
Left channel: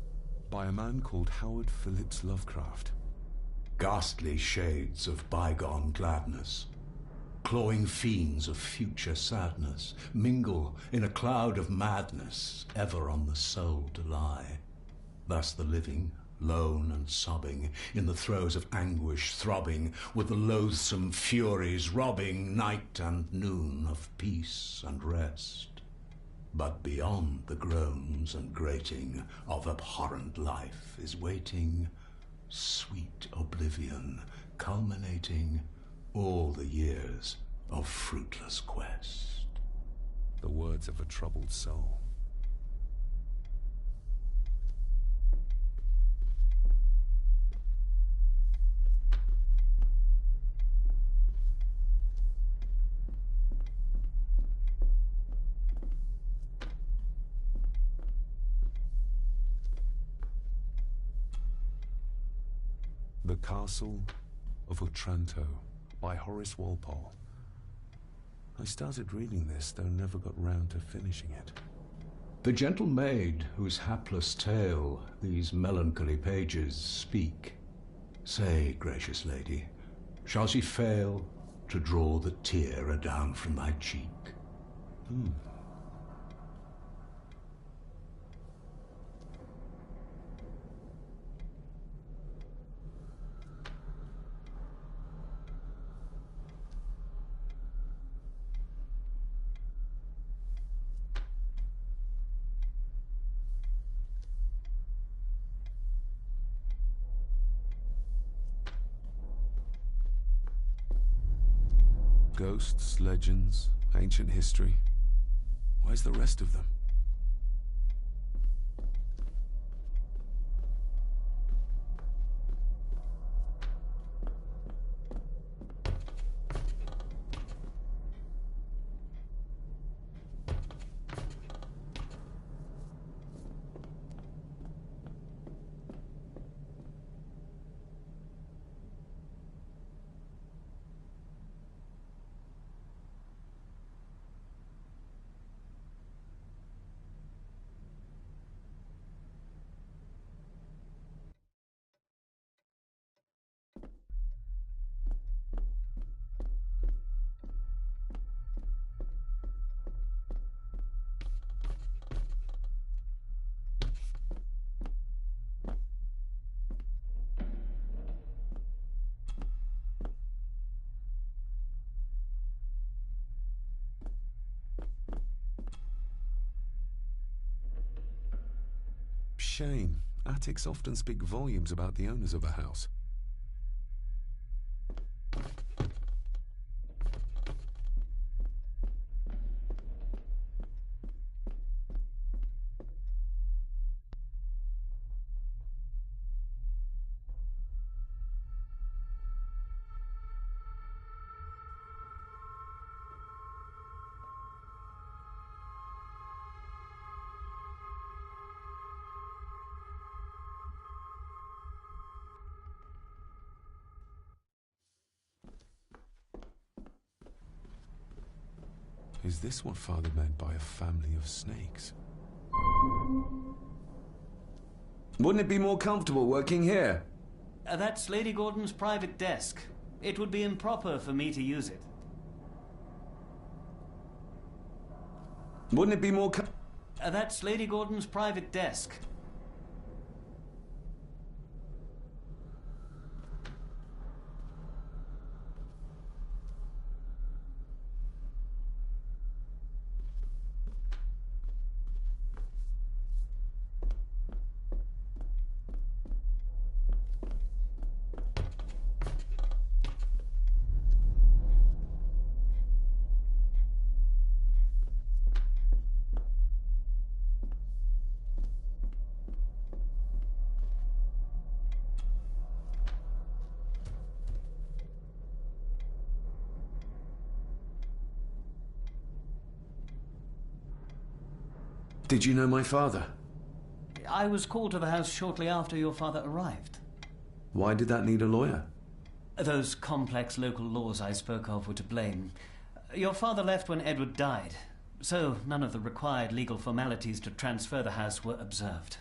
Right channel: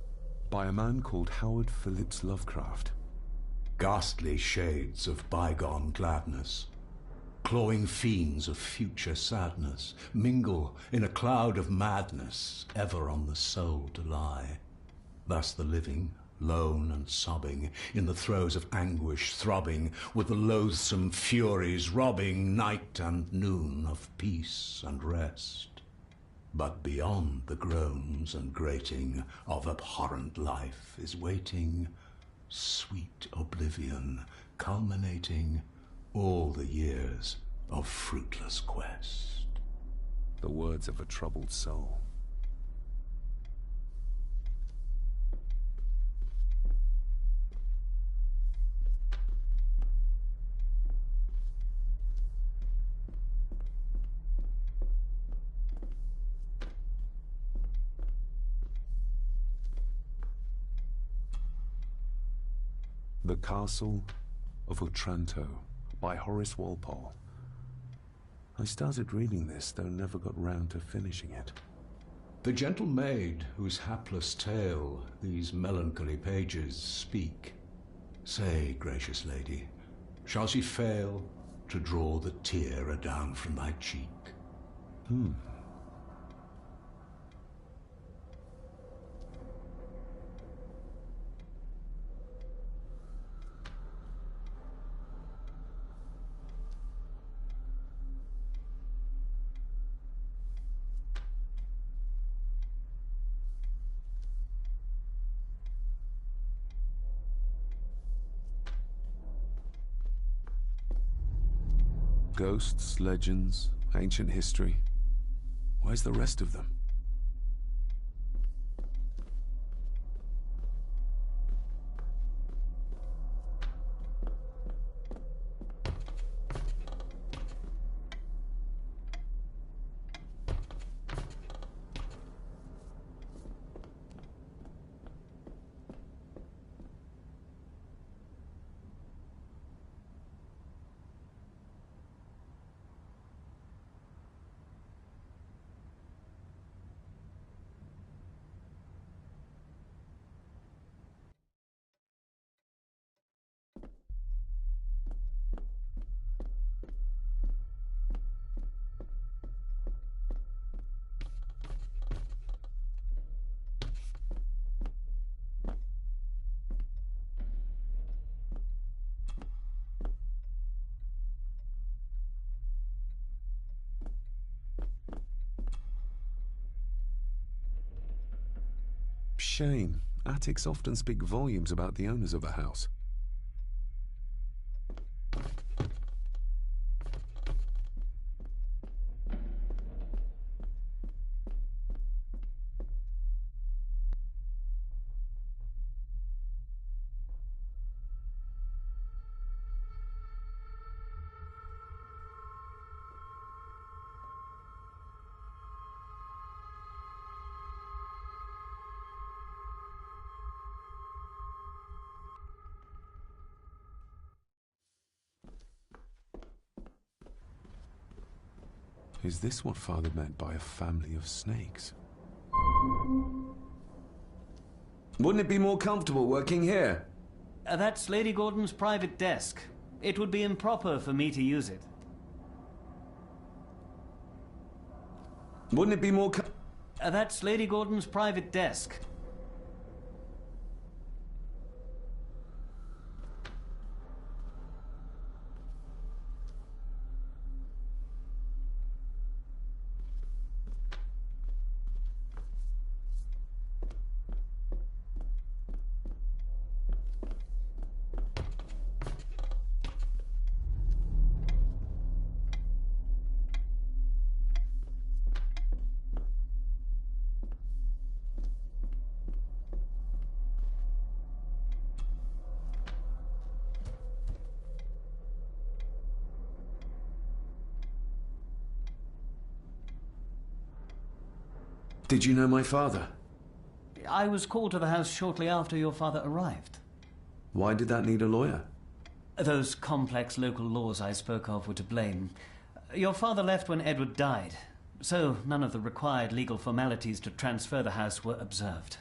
by a man called Howard Phillips Lovecraft. Ghastly shades of bygone gladness, clawing fiends of future sadness, mingle in a cloud of madness, ever on the soul to lie. Thus the living, lone and sobbing, in the throes of anguish throbbing, with the loathsome furies robbing night and noon of peace and rest. But beyond the groans and grating of abhorrent life is waiting sweet oblivion, culminating all the years of fruitless quest. The words of a troubled soul. The Castle of Otranto by Horace Walpole. I started reading this, though never got round to finishing it. The gentle maid whose hapless tale these melancholy pages speak, say, gracious lady, shall she fail to draw the tear adown from thy cheek? Ghosts, legends, ancient history. Where's the rest of them? Shame. Attics often speak volumes about the owners of a house. Is this what Father meant by a family of snakes? Wouldn't it be more comfortable working here? That's Lady Gordon's private desk. It would be improper for me to use it. Wouldn't it be more That's Lady Gordon's private desk. Did you know my father? I was called to the house shortly after your father arrived. Why did that need a lawyer? Those complex local laws I spoke of were to blame. Your father left when Edward died, so none of the required legal formalities to transfer the house were observed.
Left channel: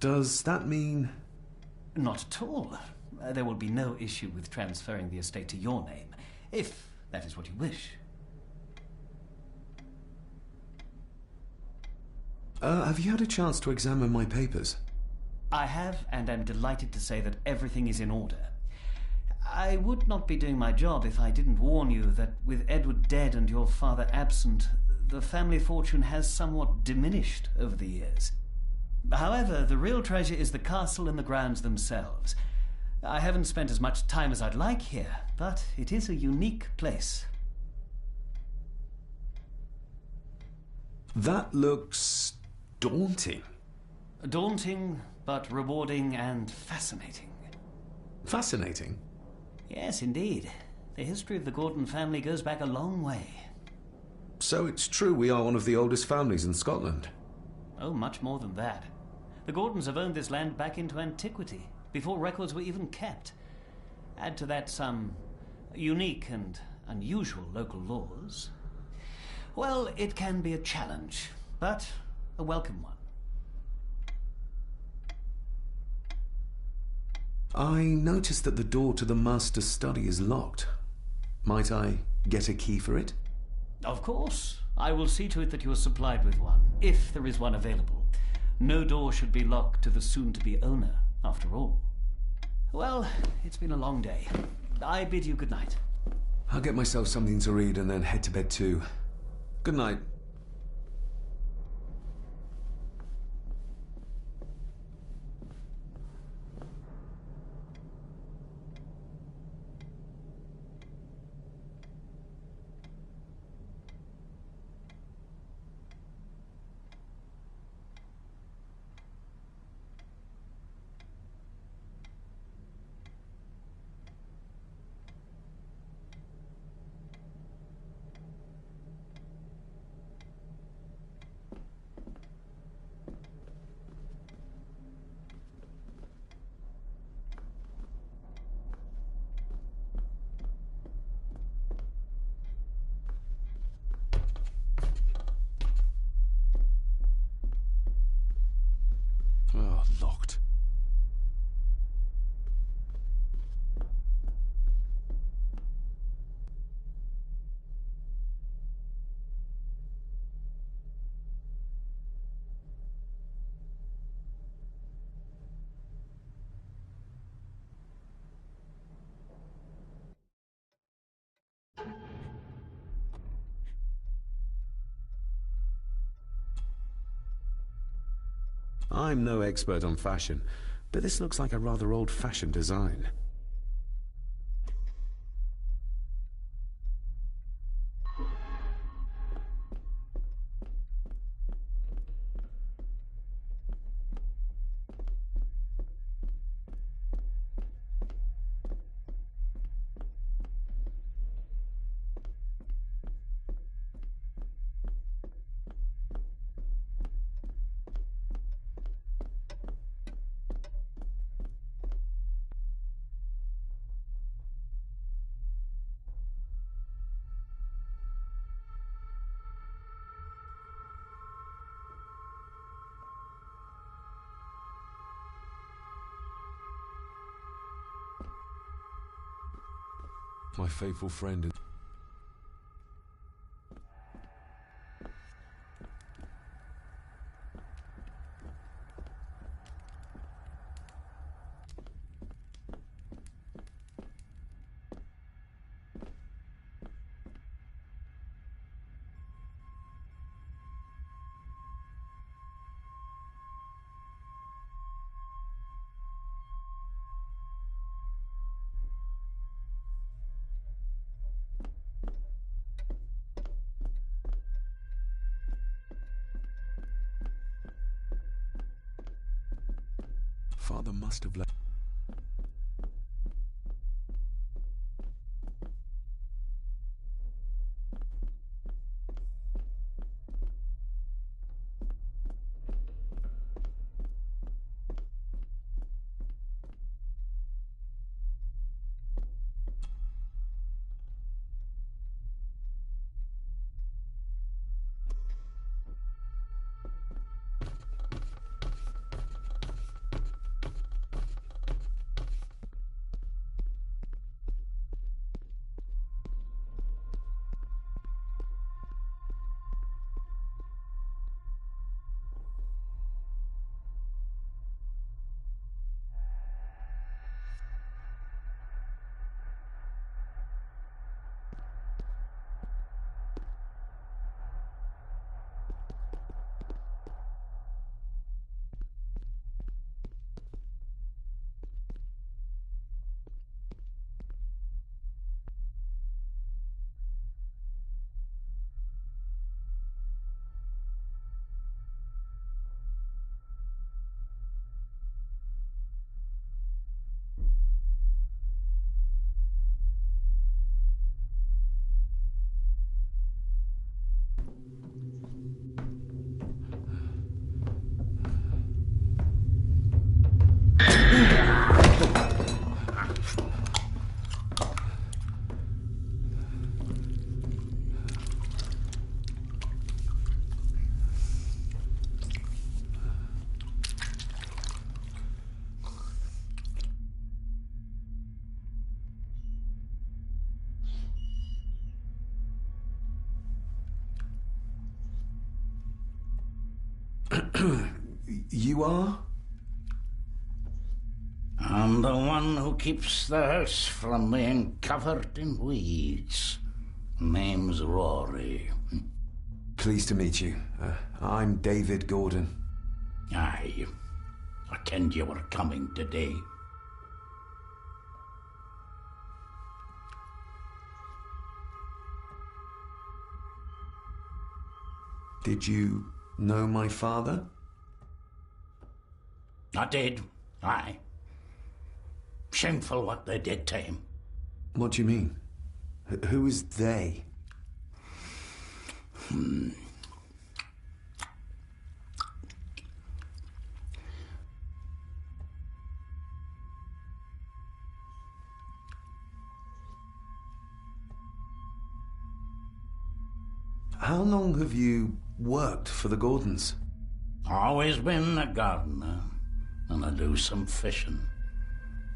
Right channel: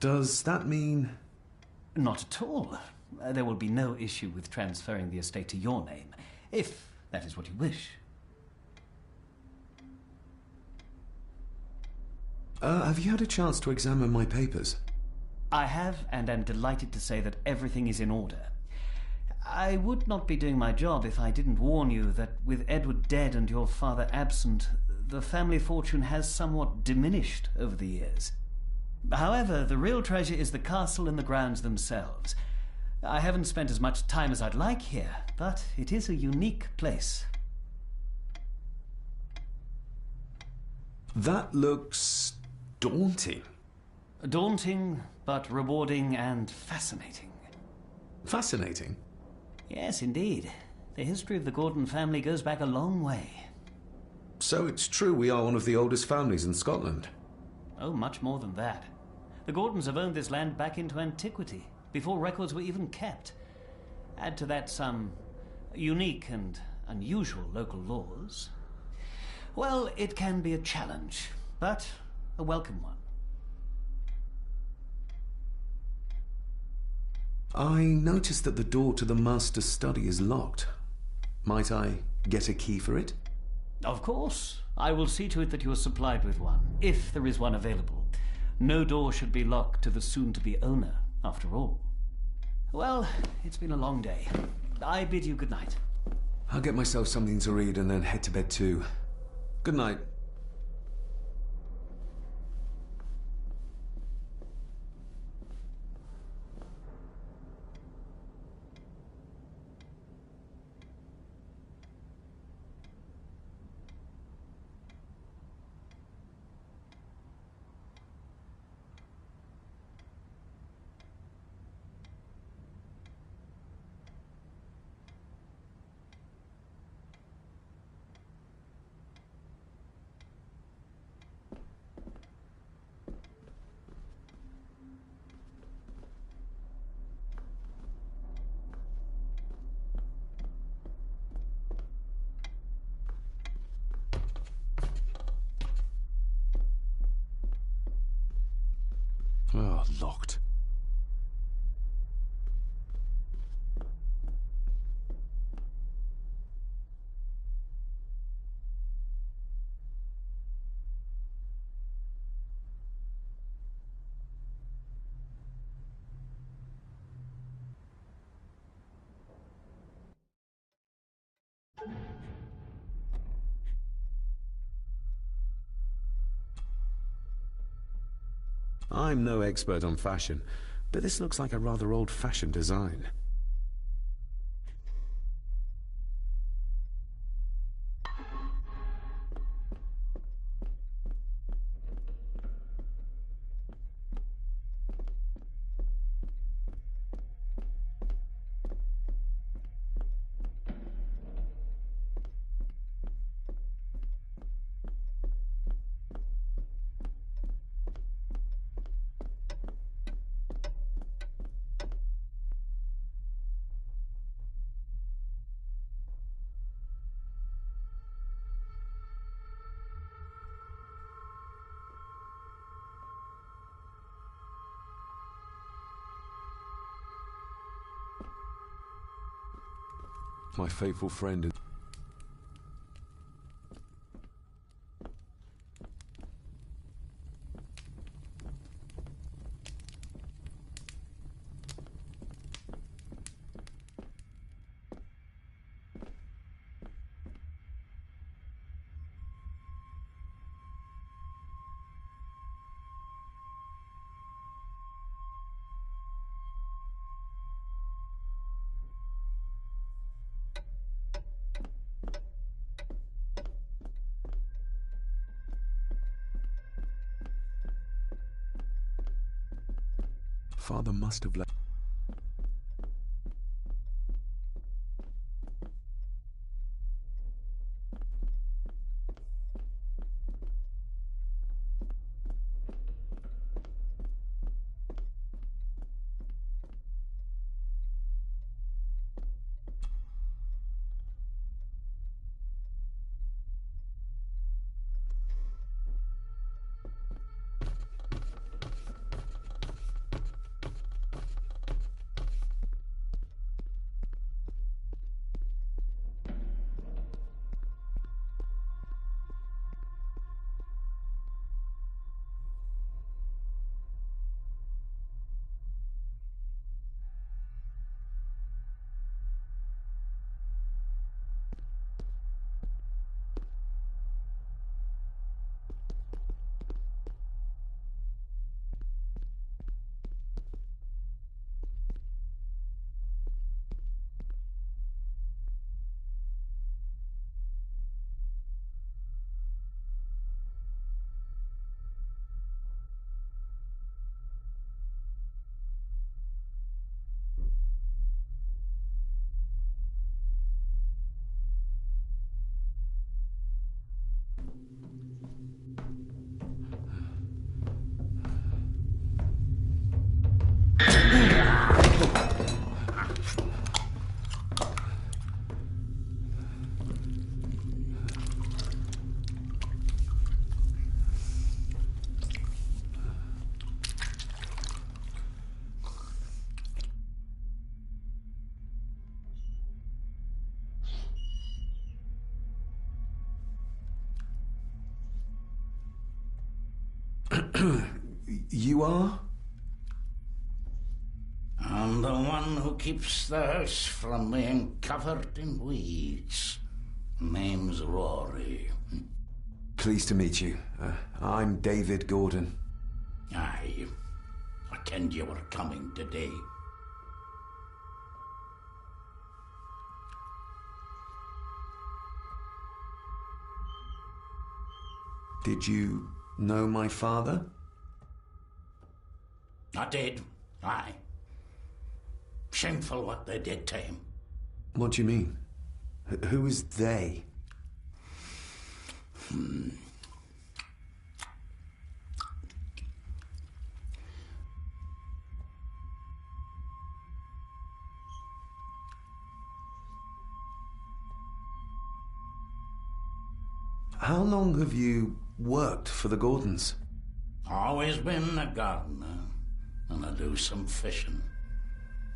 Does that mean... Not at all. There will be no issue with transferring the estate to your name, if that is what you wish. Have you had a chance to examine my papers? I have, and am delighted to say that everything is in order. I would not be doing my job if I didn't warn you that with Edward dead and your father absent, the family fortune has somewhat diminished over the years. However, the real treasure is the castle and the grounds themselves. I haven't spent as much time as I'd like here, but it is a unique place. That looks... daunting. Daunting, but rewarding and fascinating. Fascinating? Yes, indeed. The history of the Gordon family goes back a long way. So it's true we are one of the oldest families in Scotland? Oh, much more than that. The Gordons have owned this land back into antiquity, before records were even kept. Add to that some unique and unusual local laws. Well, it can be a challenge, but a welcome one. I noticed that the door to the master's study is locked. Might I get a key for it? Of course. I will see to it that you are supplied with one, if there is one available. No door should be locked to the soon-to-be owner, after all. Well, it's been a long day. I bid you good night. I'll get myself something to read and then head to bed too. Good night. Oh, locked. I'm no expert on fashion, but this looks like a rather old-fashioned design. My faithful friend. Father must have left. You are? I'm the one who keeps the house from being covered in weeds. Name's Rory. Pleased to meet you. I'm David Gordon. Aye. I kenned you were coming today. Did you know my father? I did, aye. Shameful what they did to him. What do you mean? Who is they? How long have you worked for the Gordons? Always been a gardener, and I do some fishing.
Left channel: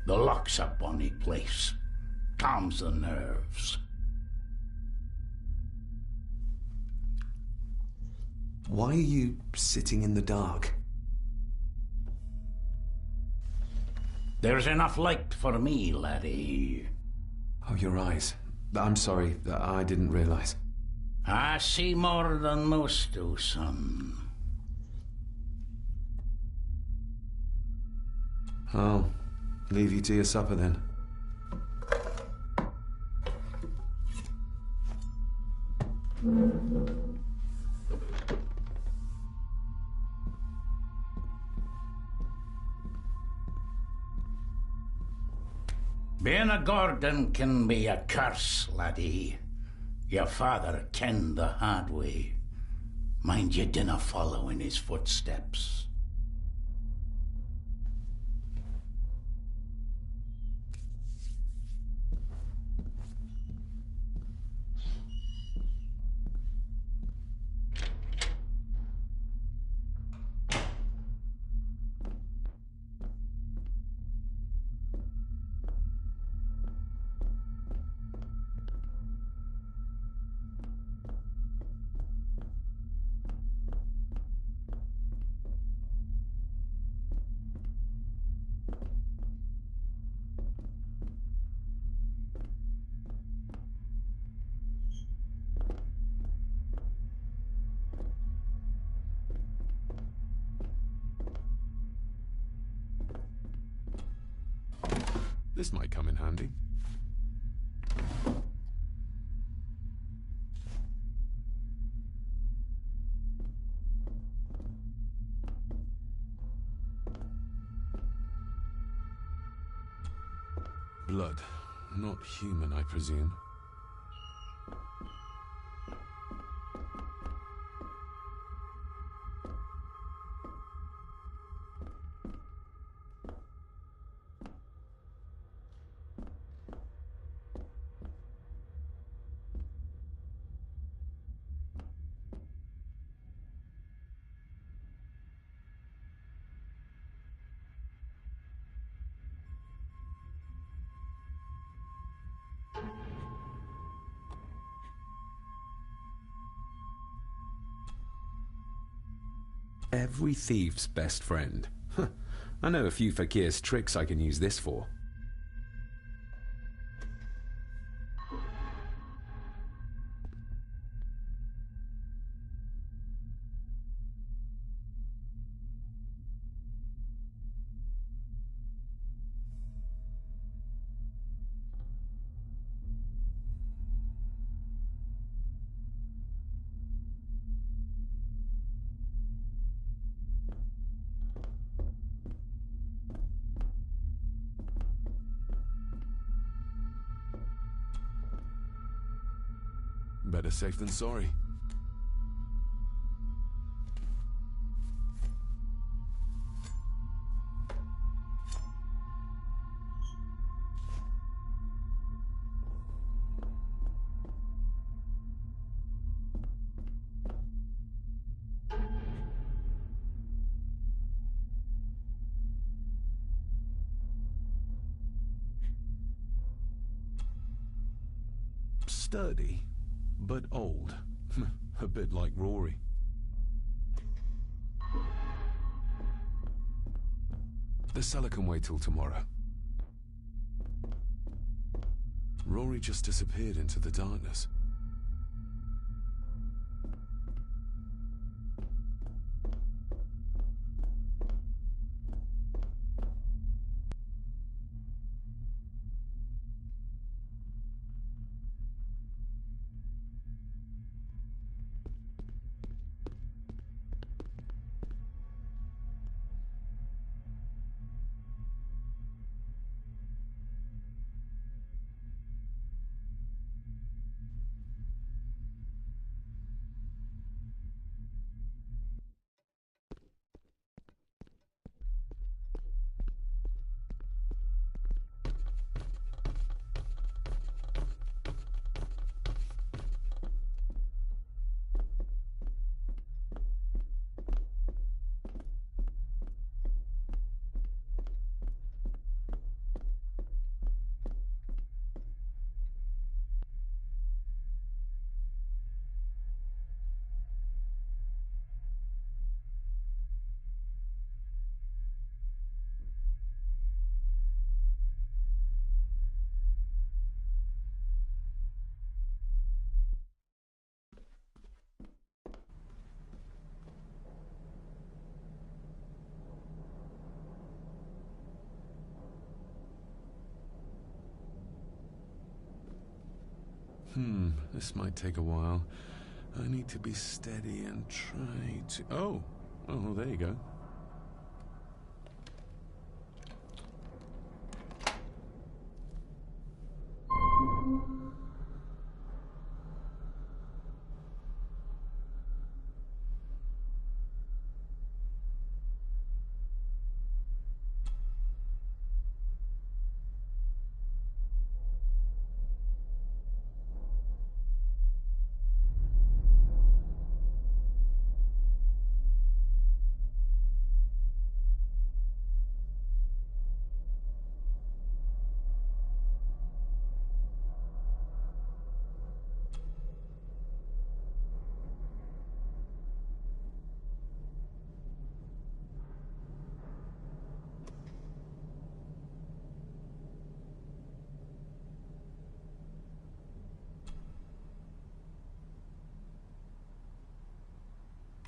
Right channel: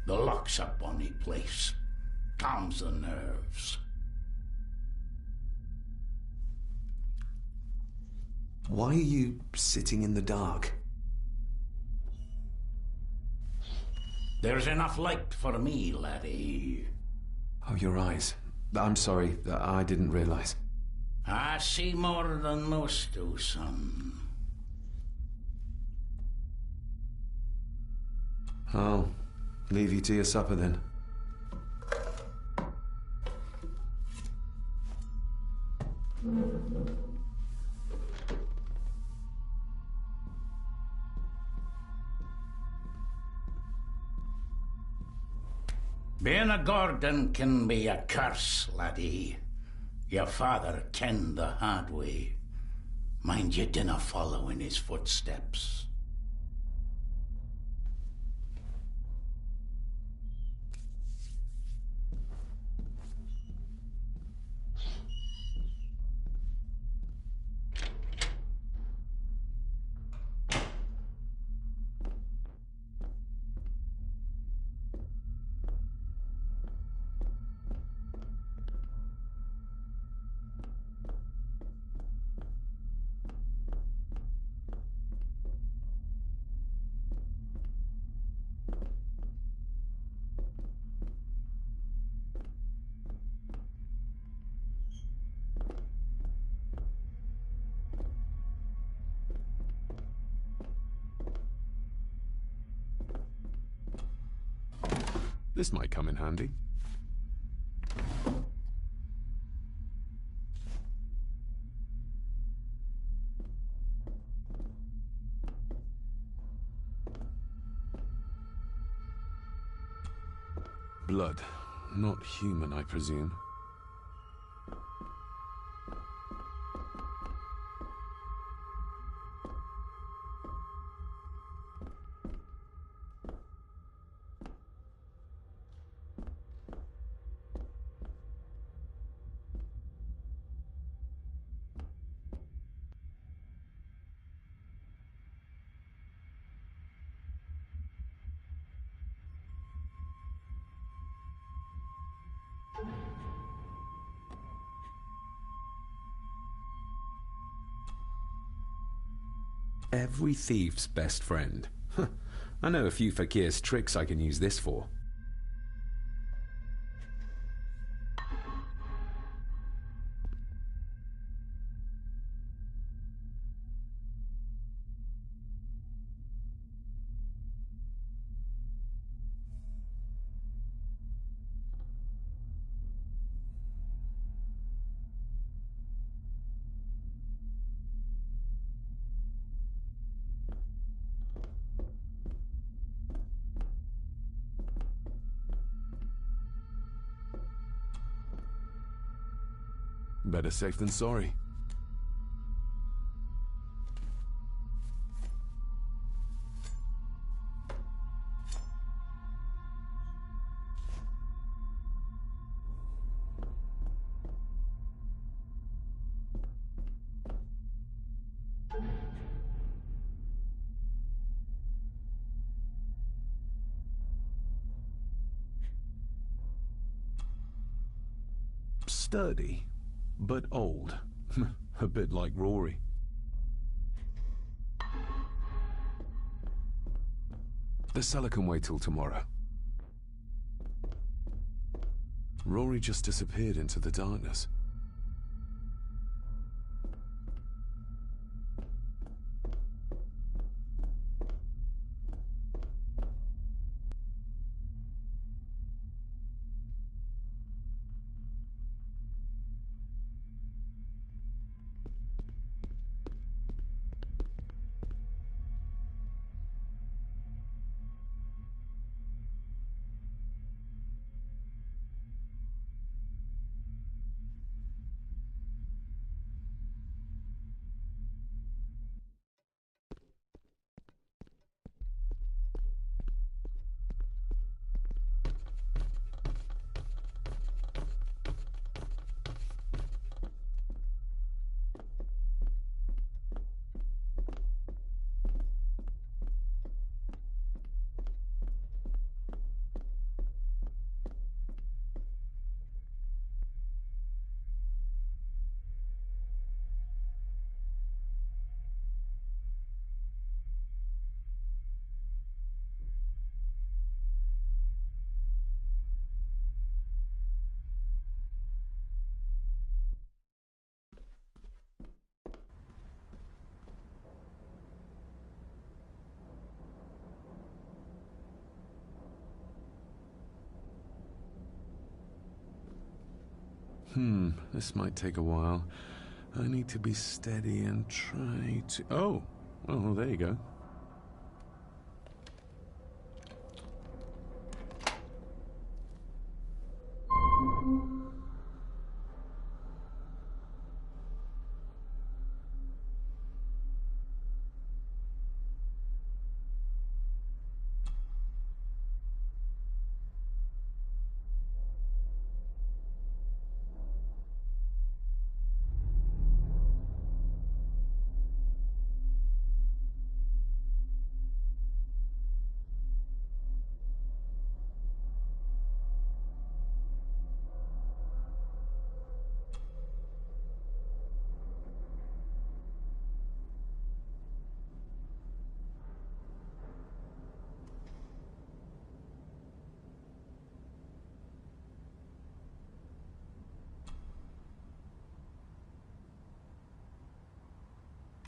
The loch's a bonny place. Calms the nerves. Why are you sitting in the dark? There's enough light for me, laddie. Oh, your eyes. I'm sorry, I didn't realize. I see more than most do, son. I'll leave you to your supper then. Being a Gordon can be a curse, laddie. Your father kenned the hard way. Mind you dinna follow in his footsteps. This might come in handy. Blood. Not human, I presume. Every thief's best friend. I know a few fakir's tricks I can use this for. Better safe than sorry. Sturdy, but old. A bit like Rory. The cellar can wait till tomorrow. Rory just disappeared into the darkness. This might take a while. I need to be steady and try to... Oh, well, there you go.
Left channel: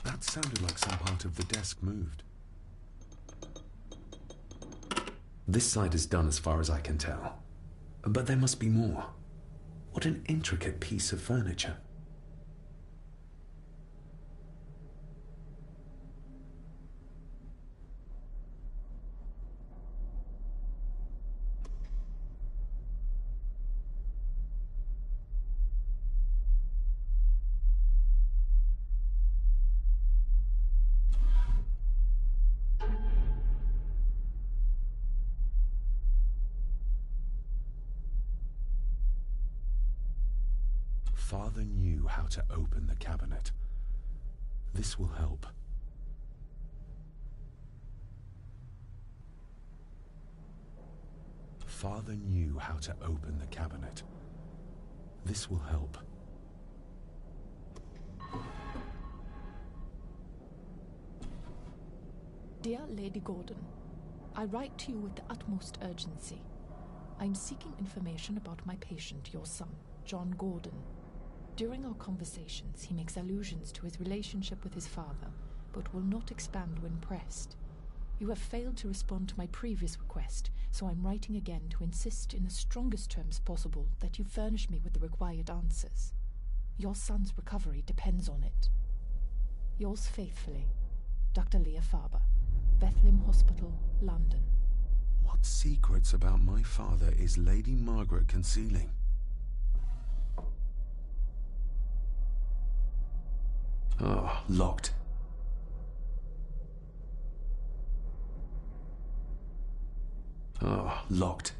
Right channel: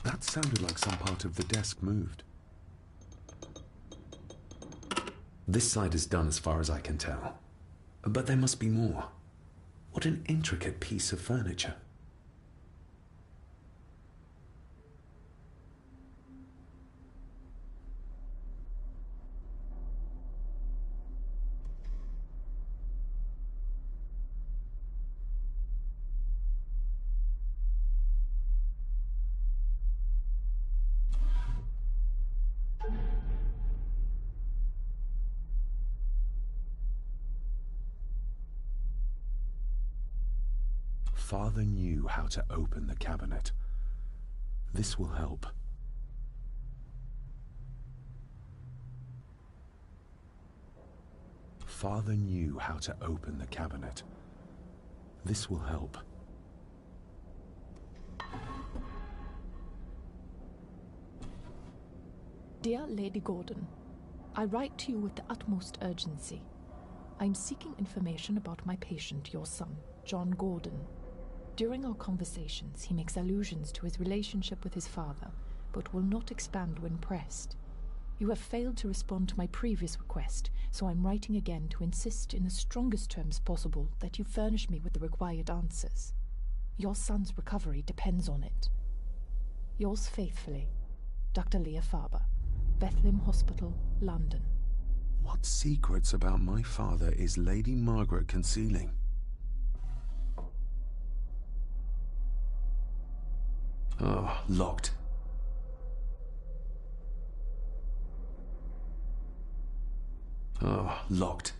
That sounded like some part of the desk moved. This side is done as far as I can tell. But there must be more. What an intricate piece of furniture. Father knew how to open the cabinet. This will help. Father knew how to open the cabinet. This will help. Dear Lady Gordon, I write to you with the utmost urgency. I'm seeking information about my patient, your son, John Gordon. During our conversations, he makes allusions to his relationship with his father, but will not expand when pressed. You have failed to respond to my previous request, so I'm writing again to insist in the strongest terms possible that you furnish me with the required answers. Your son's recovery depends on it. Yours faithfully, Dr. Leah Farber, Bethlehem Hospital, London. What secrets about my father is Lady Margaret concealing? Oh, locked. Oh, locked.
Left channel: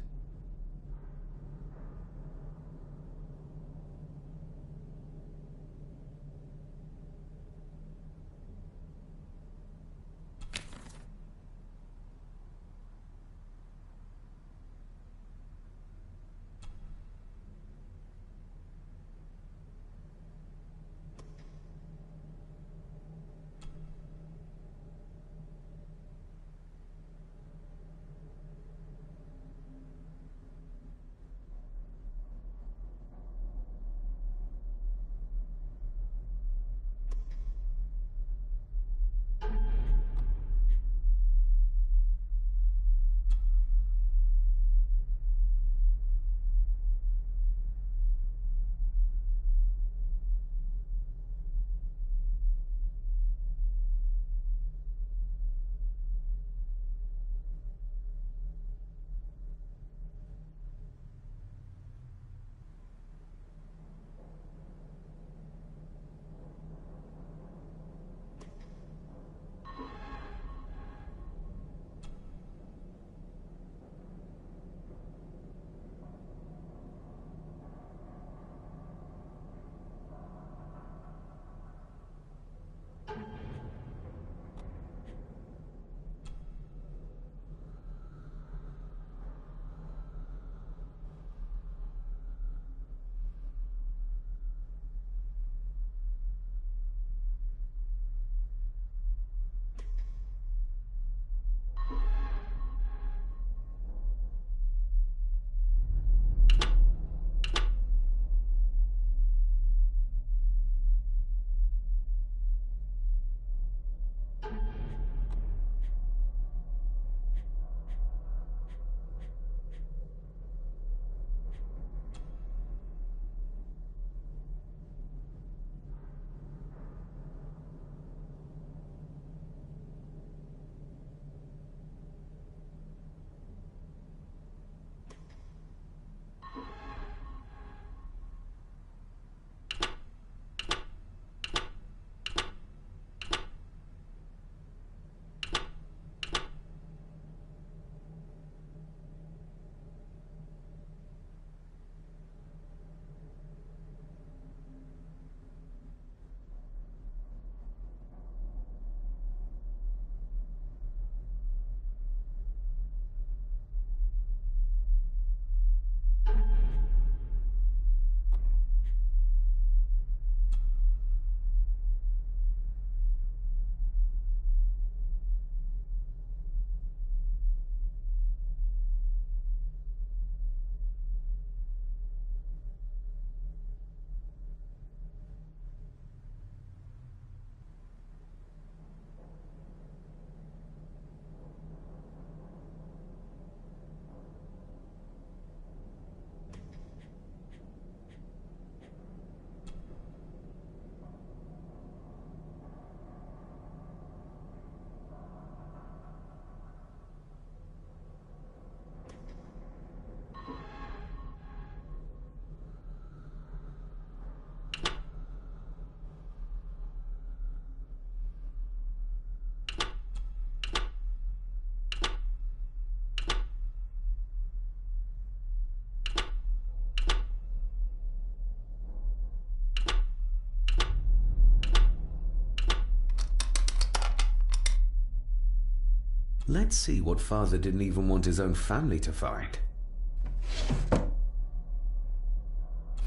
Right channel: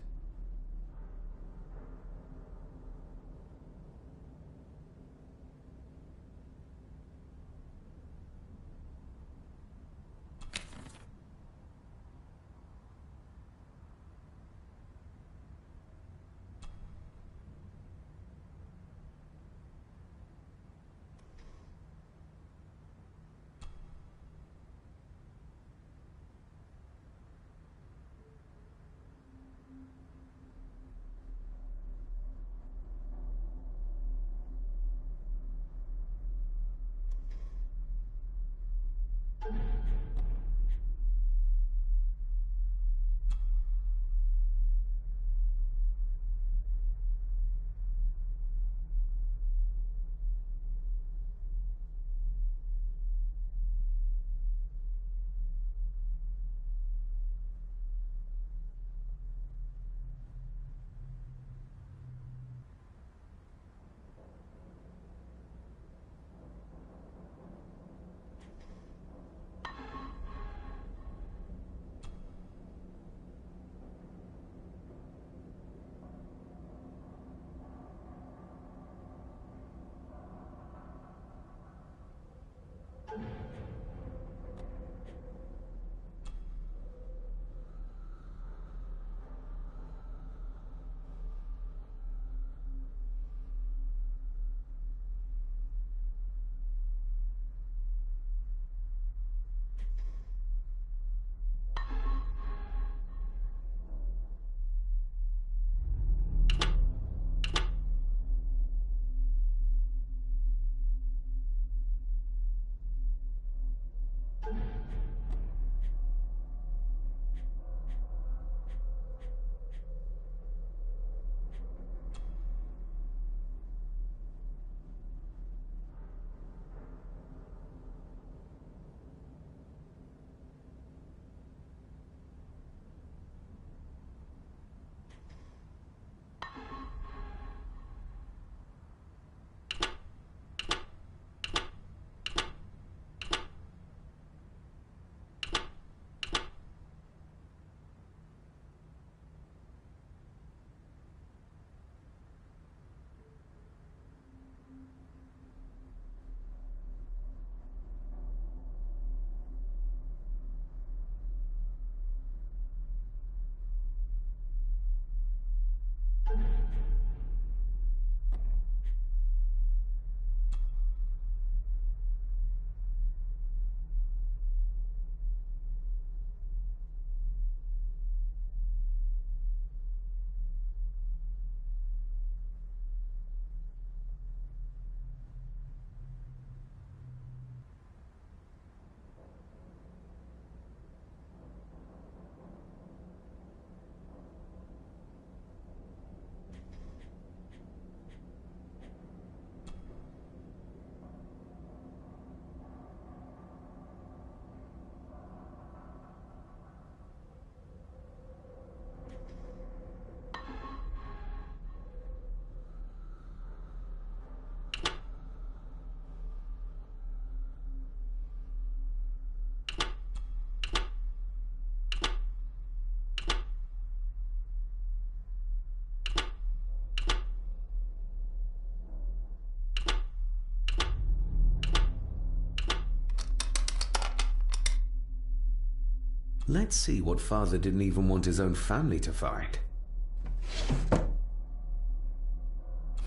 Let's see what Father didn't even want his own family to find.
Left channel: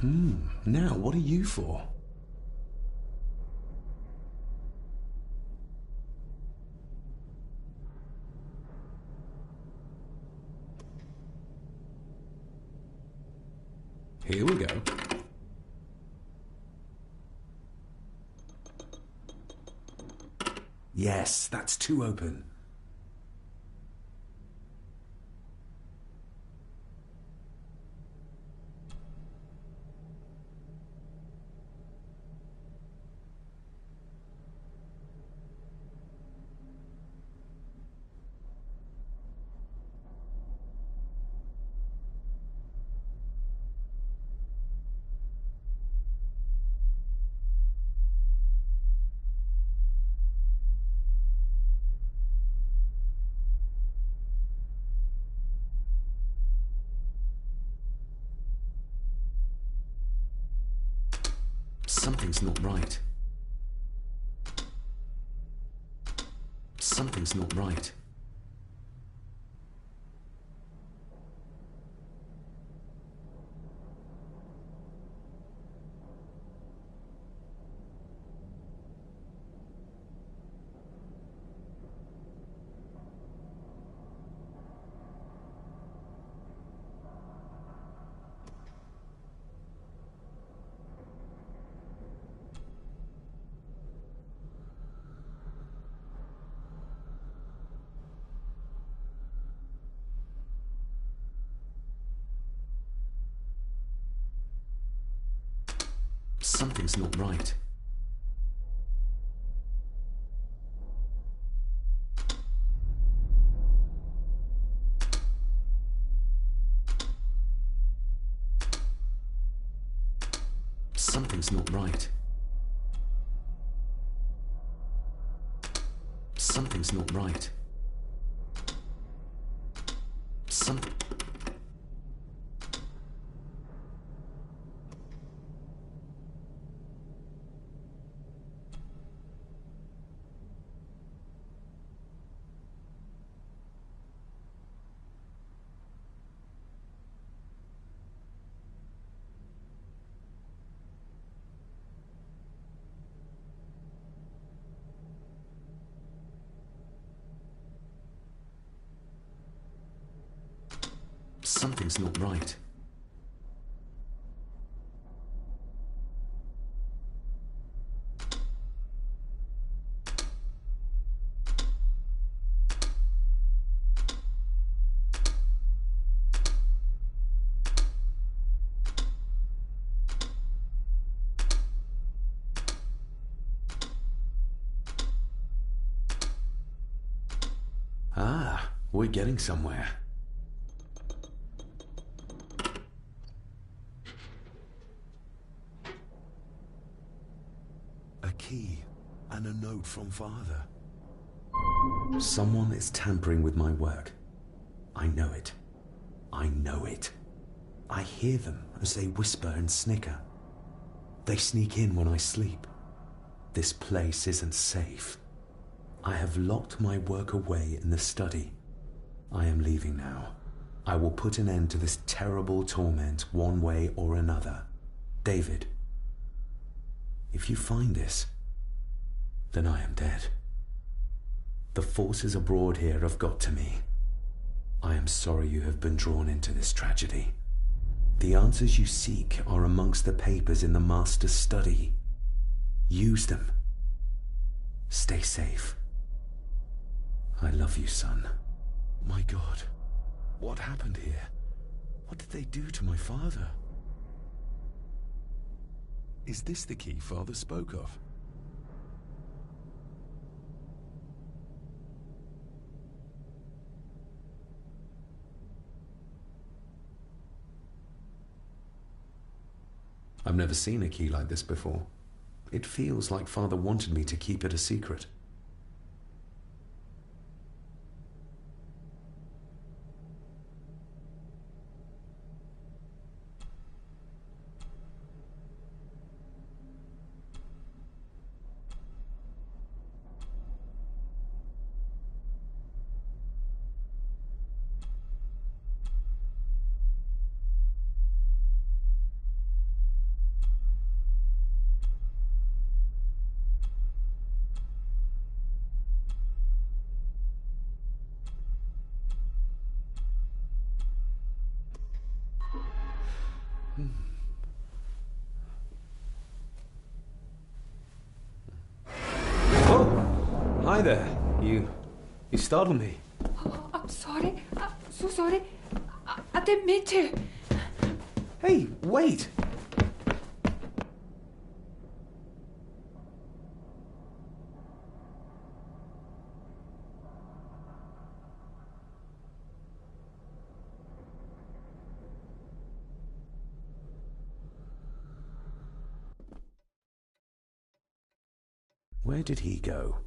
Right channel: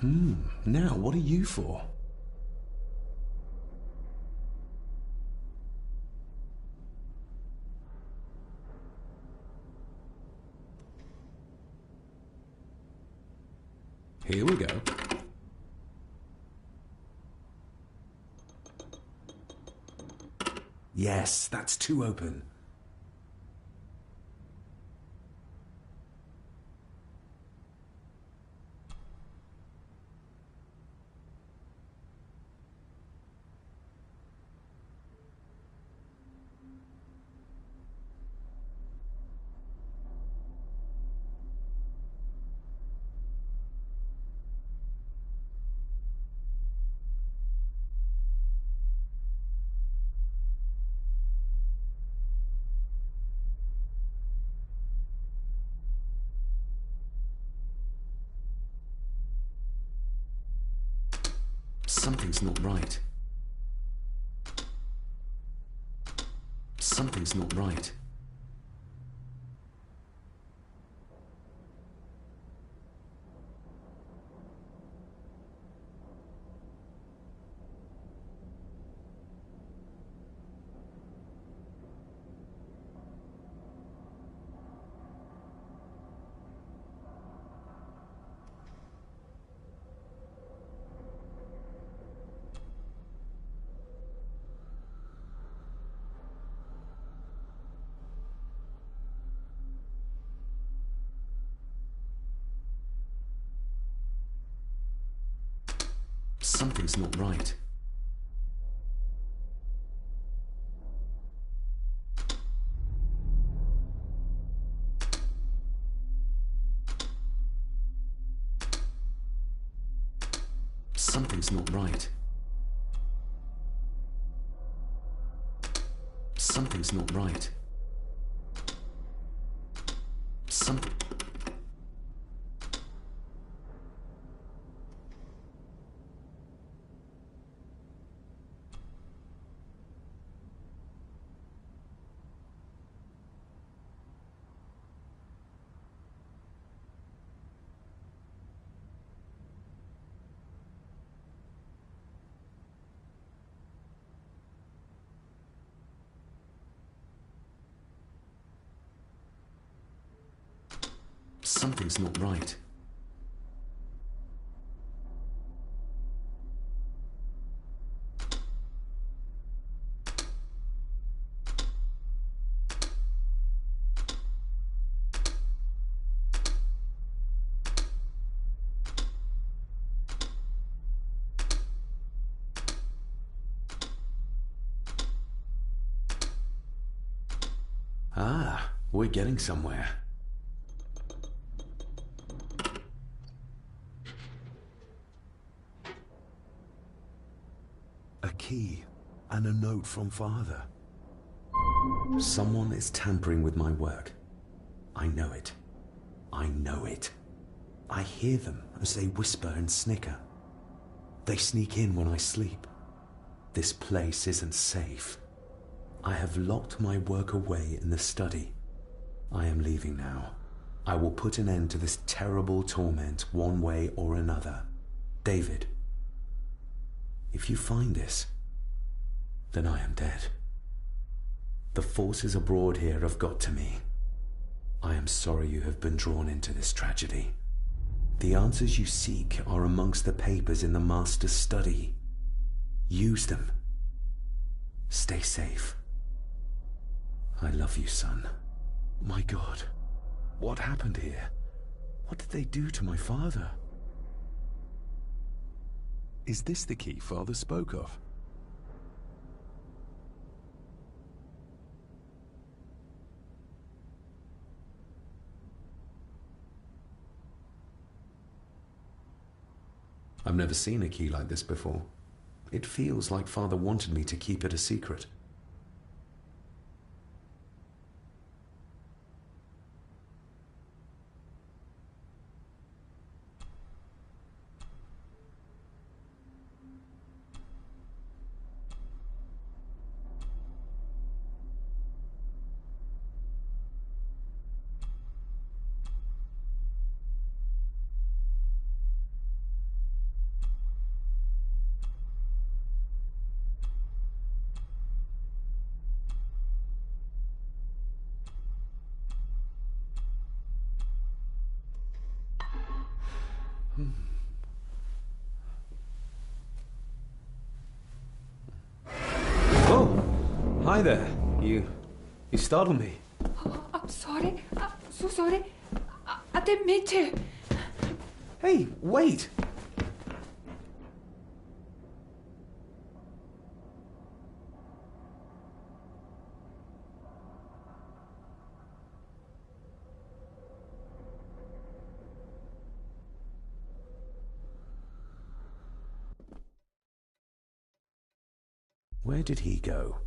Now what are you for? Here we go. Yes, that's too open. Something's not right. Something's not right. Something's not right. Something's not right. Something's not right. Something... Something's not right. Ah, we're getting somewhere. A key and a note from Father. Someone is tampering with my work. I know it. I know it. I hear them as they whisper and snicker. They sneak in when I sleep. This place isn't safe. I have locked my work away in the study. I am leaving now. I will put an end to this terrible torment one way or another. David, if you find this, then I am dead. The forces abroad here have got to me. I am sorry you have been drawn into this tragedy. The answers you seek are amongst the papers in the Master's study. Use them. Stay safe. I love you, son. My God, what happened here? What did they do to my father? Is this the key Father spoke of? I've never seen a key like this before. It feels like Father wanted me to keep it a secret. Oh, hi there. You startled me. Oh, I'm sorry. I'm so sorry. I didn't mean to. Hey, wait! Where did he go?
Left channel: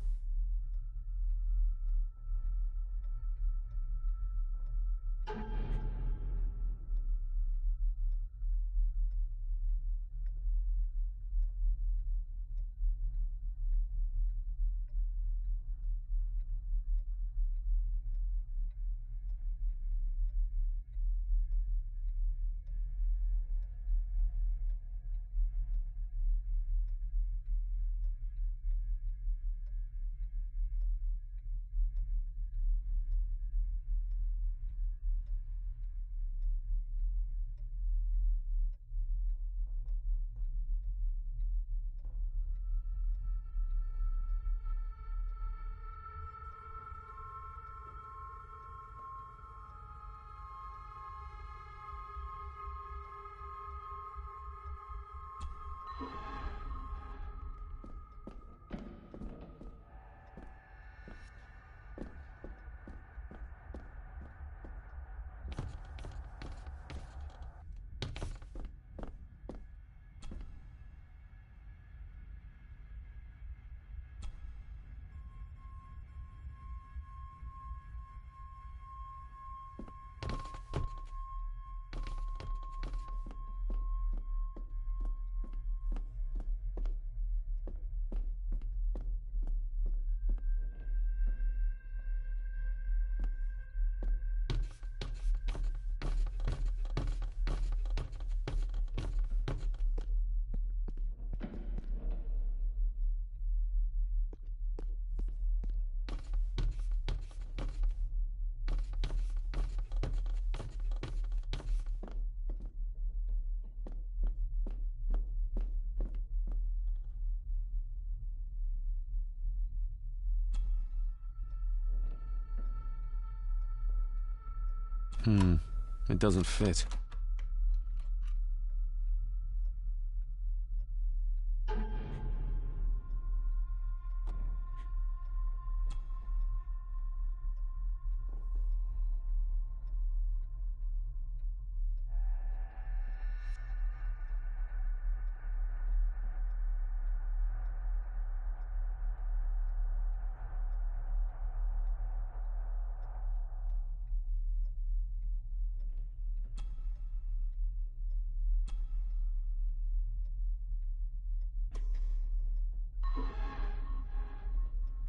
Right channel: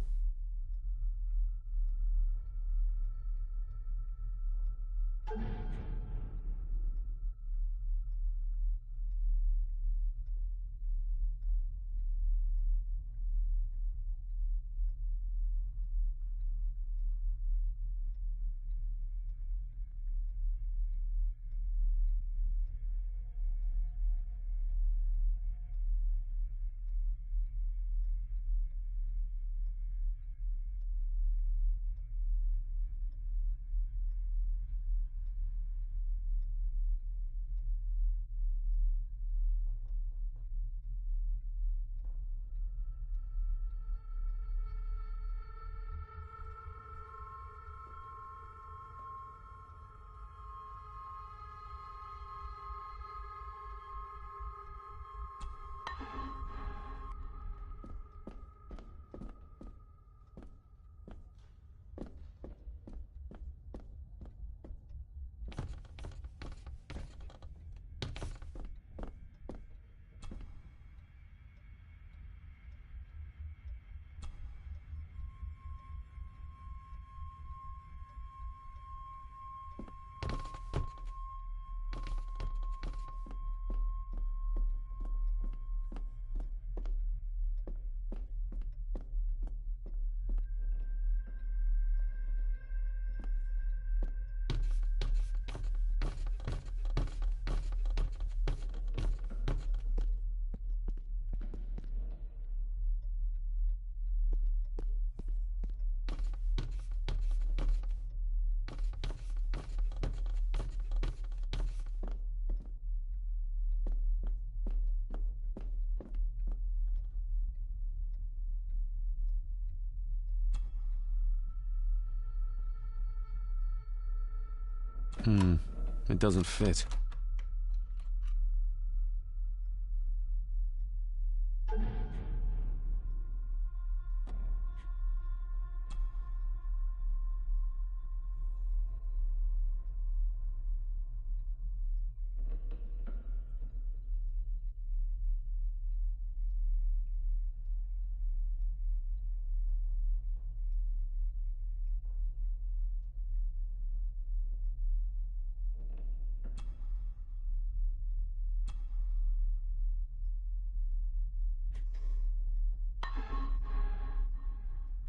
It doesn't fit.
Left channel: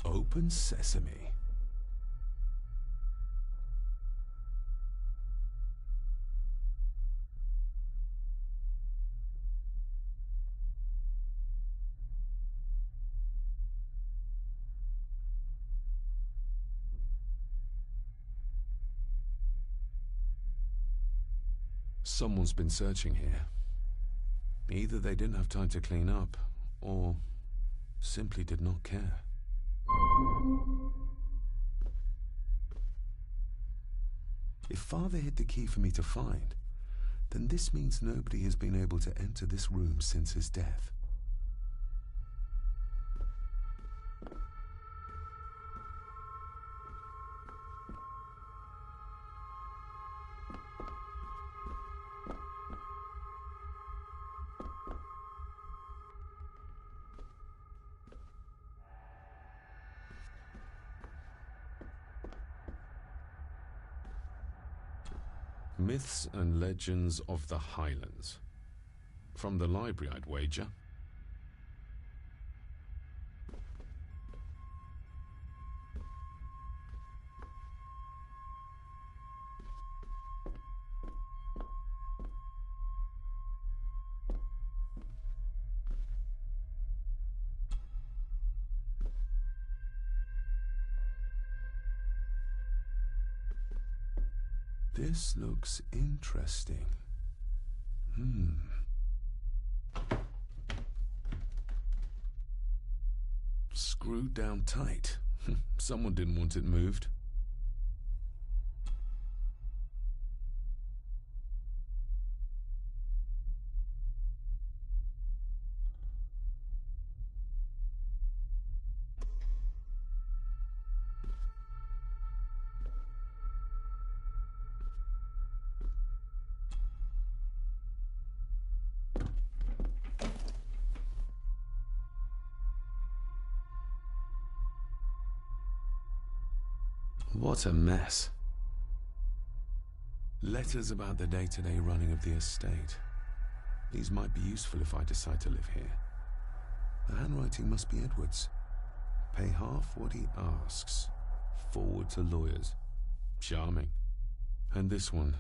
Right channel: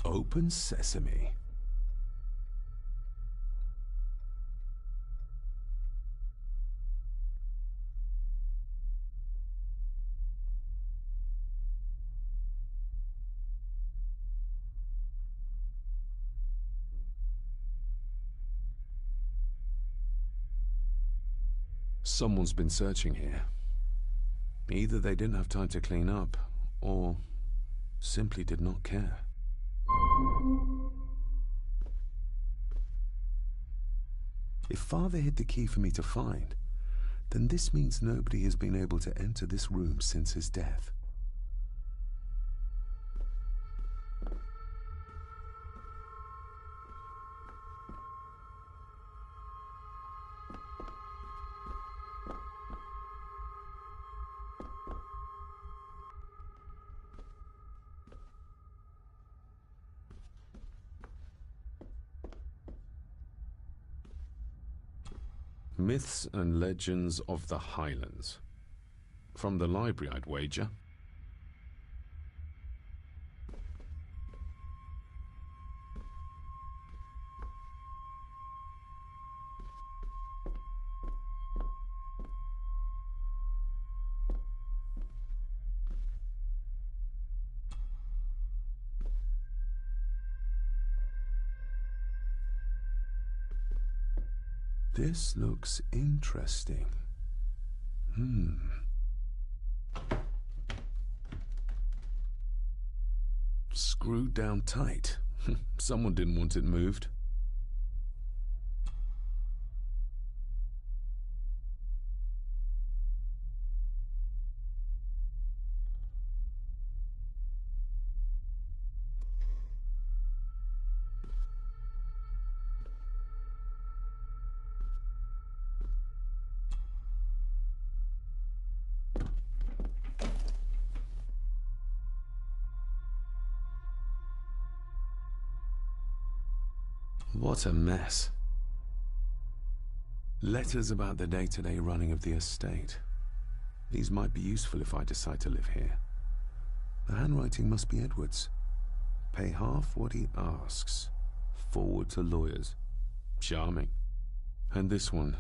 Open sesame. Someone's been searching here. Either they didn't have time to clean up, or simply did not care. If Father hid the key for me to find, then this means nobody has been able to enter this room since his death. Myths and Legends of the Highlands. From the library, I'd wager. This looks interesting. Screwed down tight. Someone didn't want it moved. What a mess. Letters about the day-to-day running of the estate. These might be useful if I decide to live here. The handwriting must be Edward's. Pay half what he asks. Forward to lawyers. Charming. And this one.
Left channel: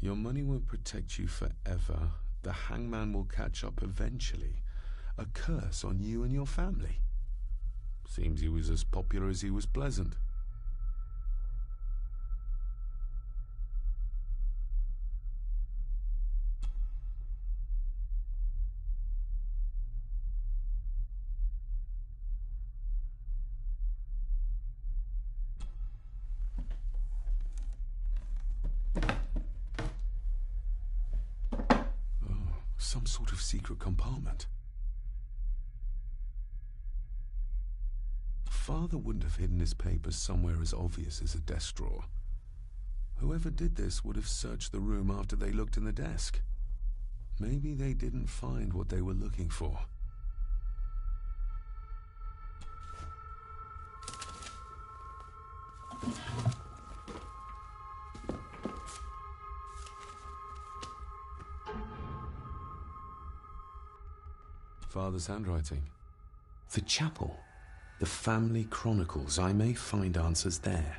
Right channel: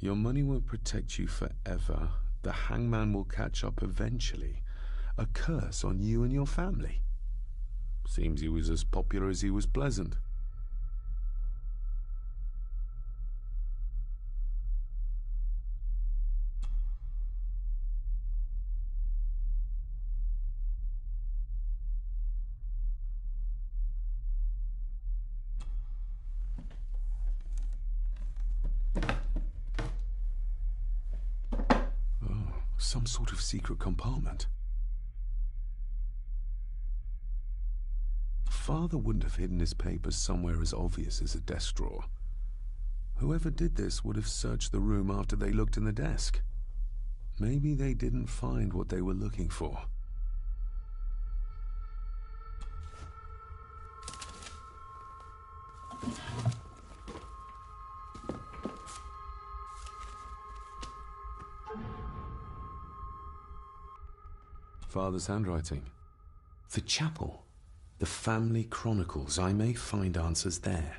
Your money won't protect you forever. The hangman will catch up eventually. A curse on you and your family. Seems he was as popular as he was pleasant. Some sort of secret compartment. Father wouldn't have hidden his papers somewhere as obvious as a desk drawer. Whoever did this would have searched the room after they looked in the desk. Maybe they didn't find what they were looking for. Father's handwriting. The chapel. The family chronicles. I may find answers there.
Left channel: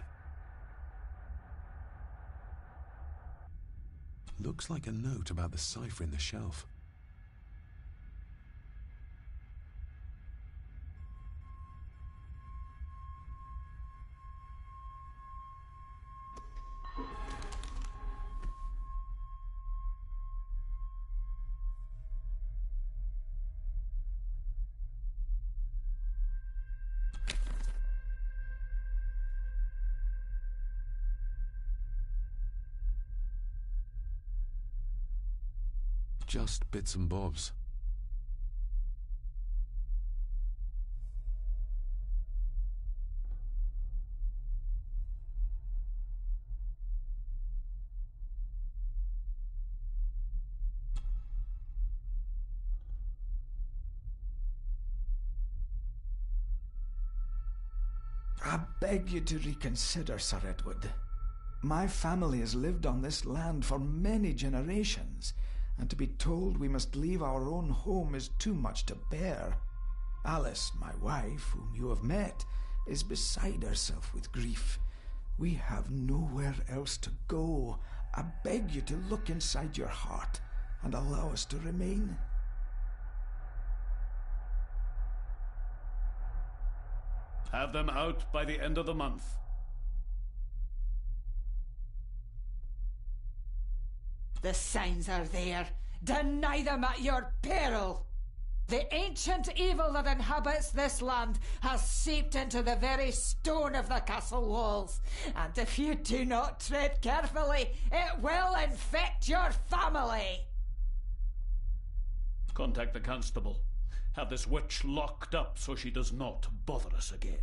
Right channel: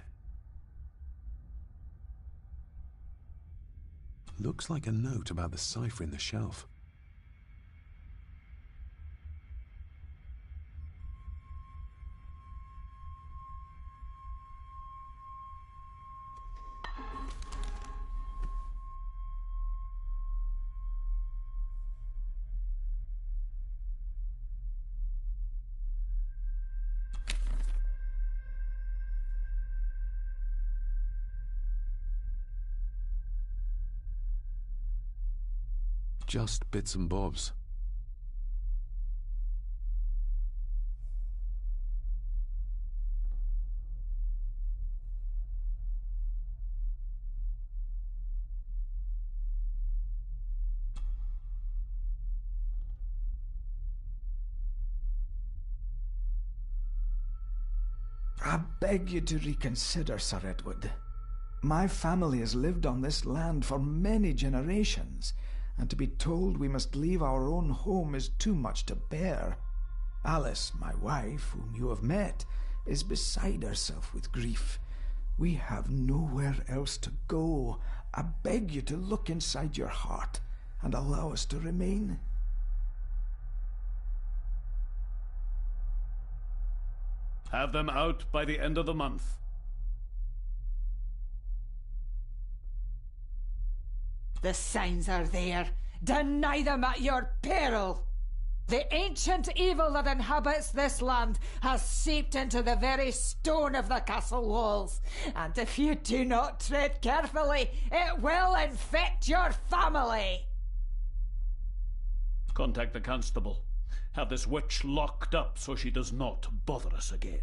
Looks like a note about the cipher in the shelf. Just bits and bobs. I beg you to reconsider, Sir Edward. My family has lived on this land for many generations, and to be told we must leave our own home is too much to bear. Alice, my wife, whom you have met, is beside herself with grief. We have nowhere else to go. I beg you to look inside your heart and allow us to remain. Have them out by the end of the month. The signs are there. Deny them at your peril. The ancient evil that inhabits this land has seeped into the very stone of the castle walls, and if you do not tread carefully, it will infect your family. Contact the constable. Have this witch locked up so she does not bother us again.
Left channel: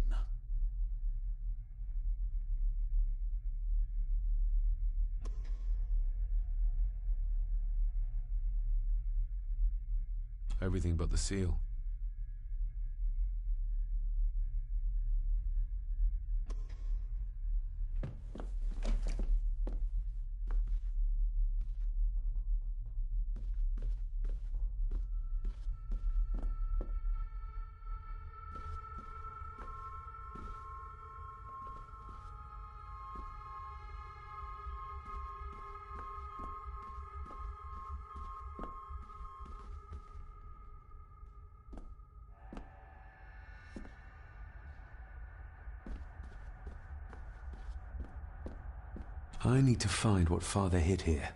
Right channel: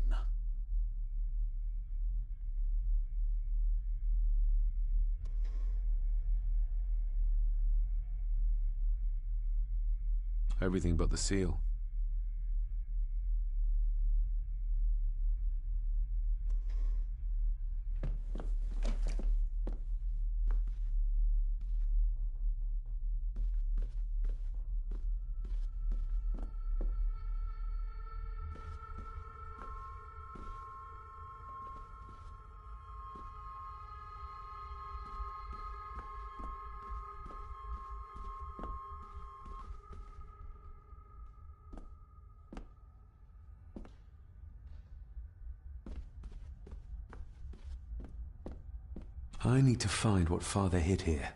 Everything but the seal. I need to find what Father hid here.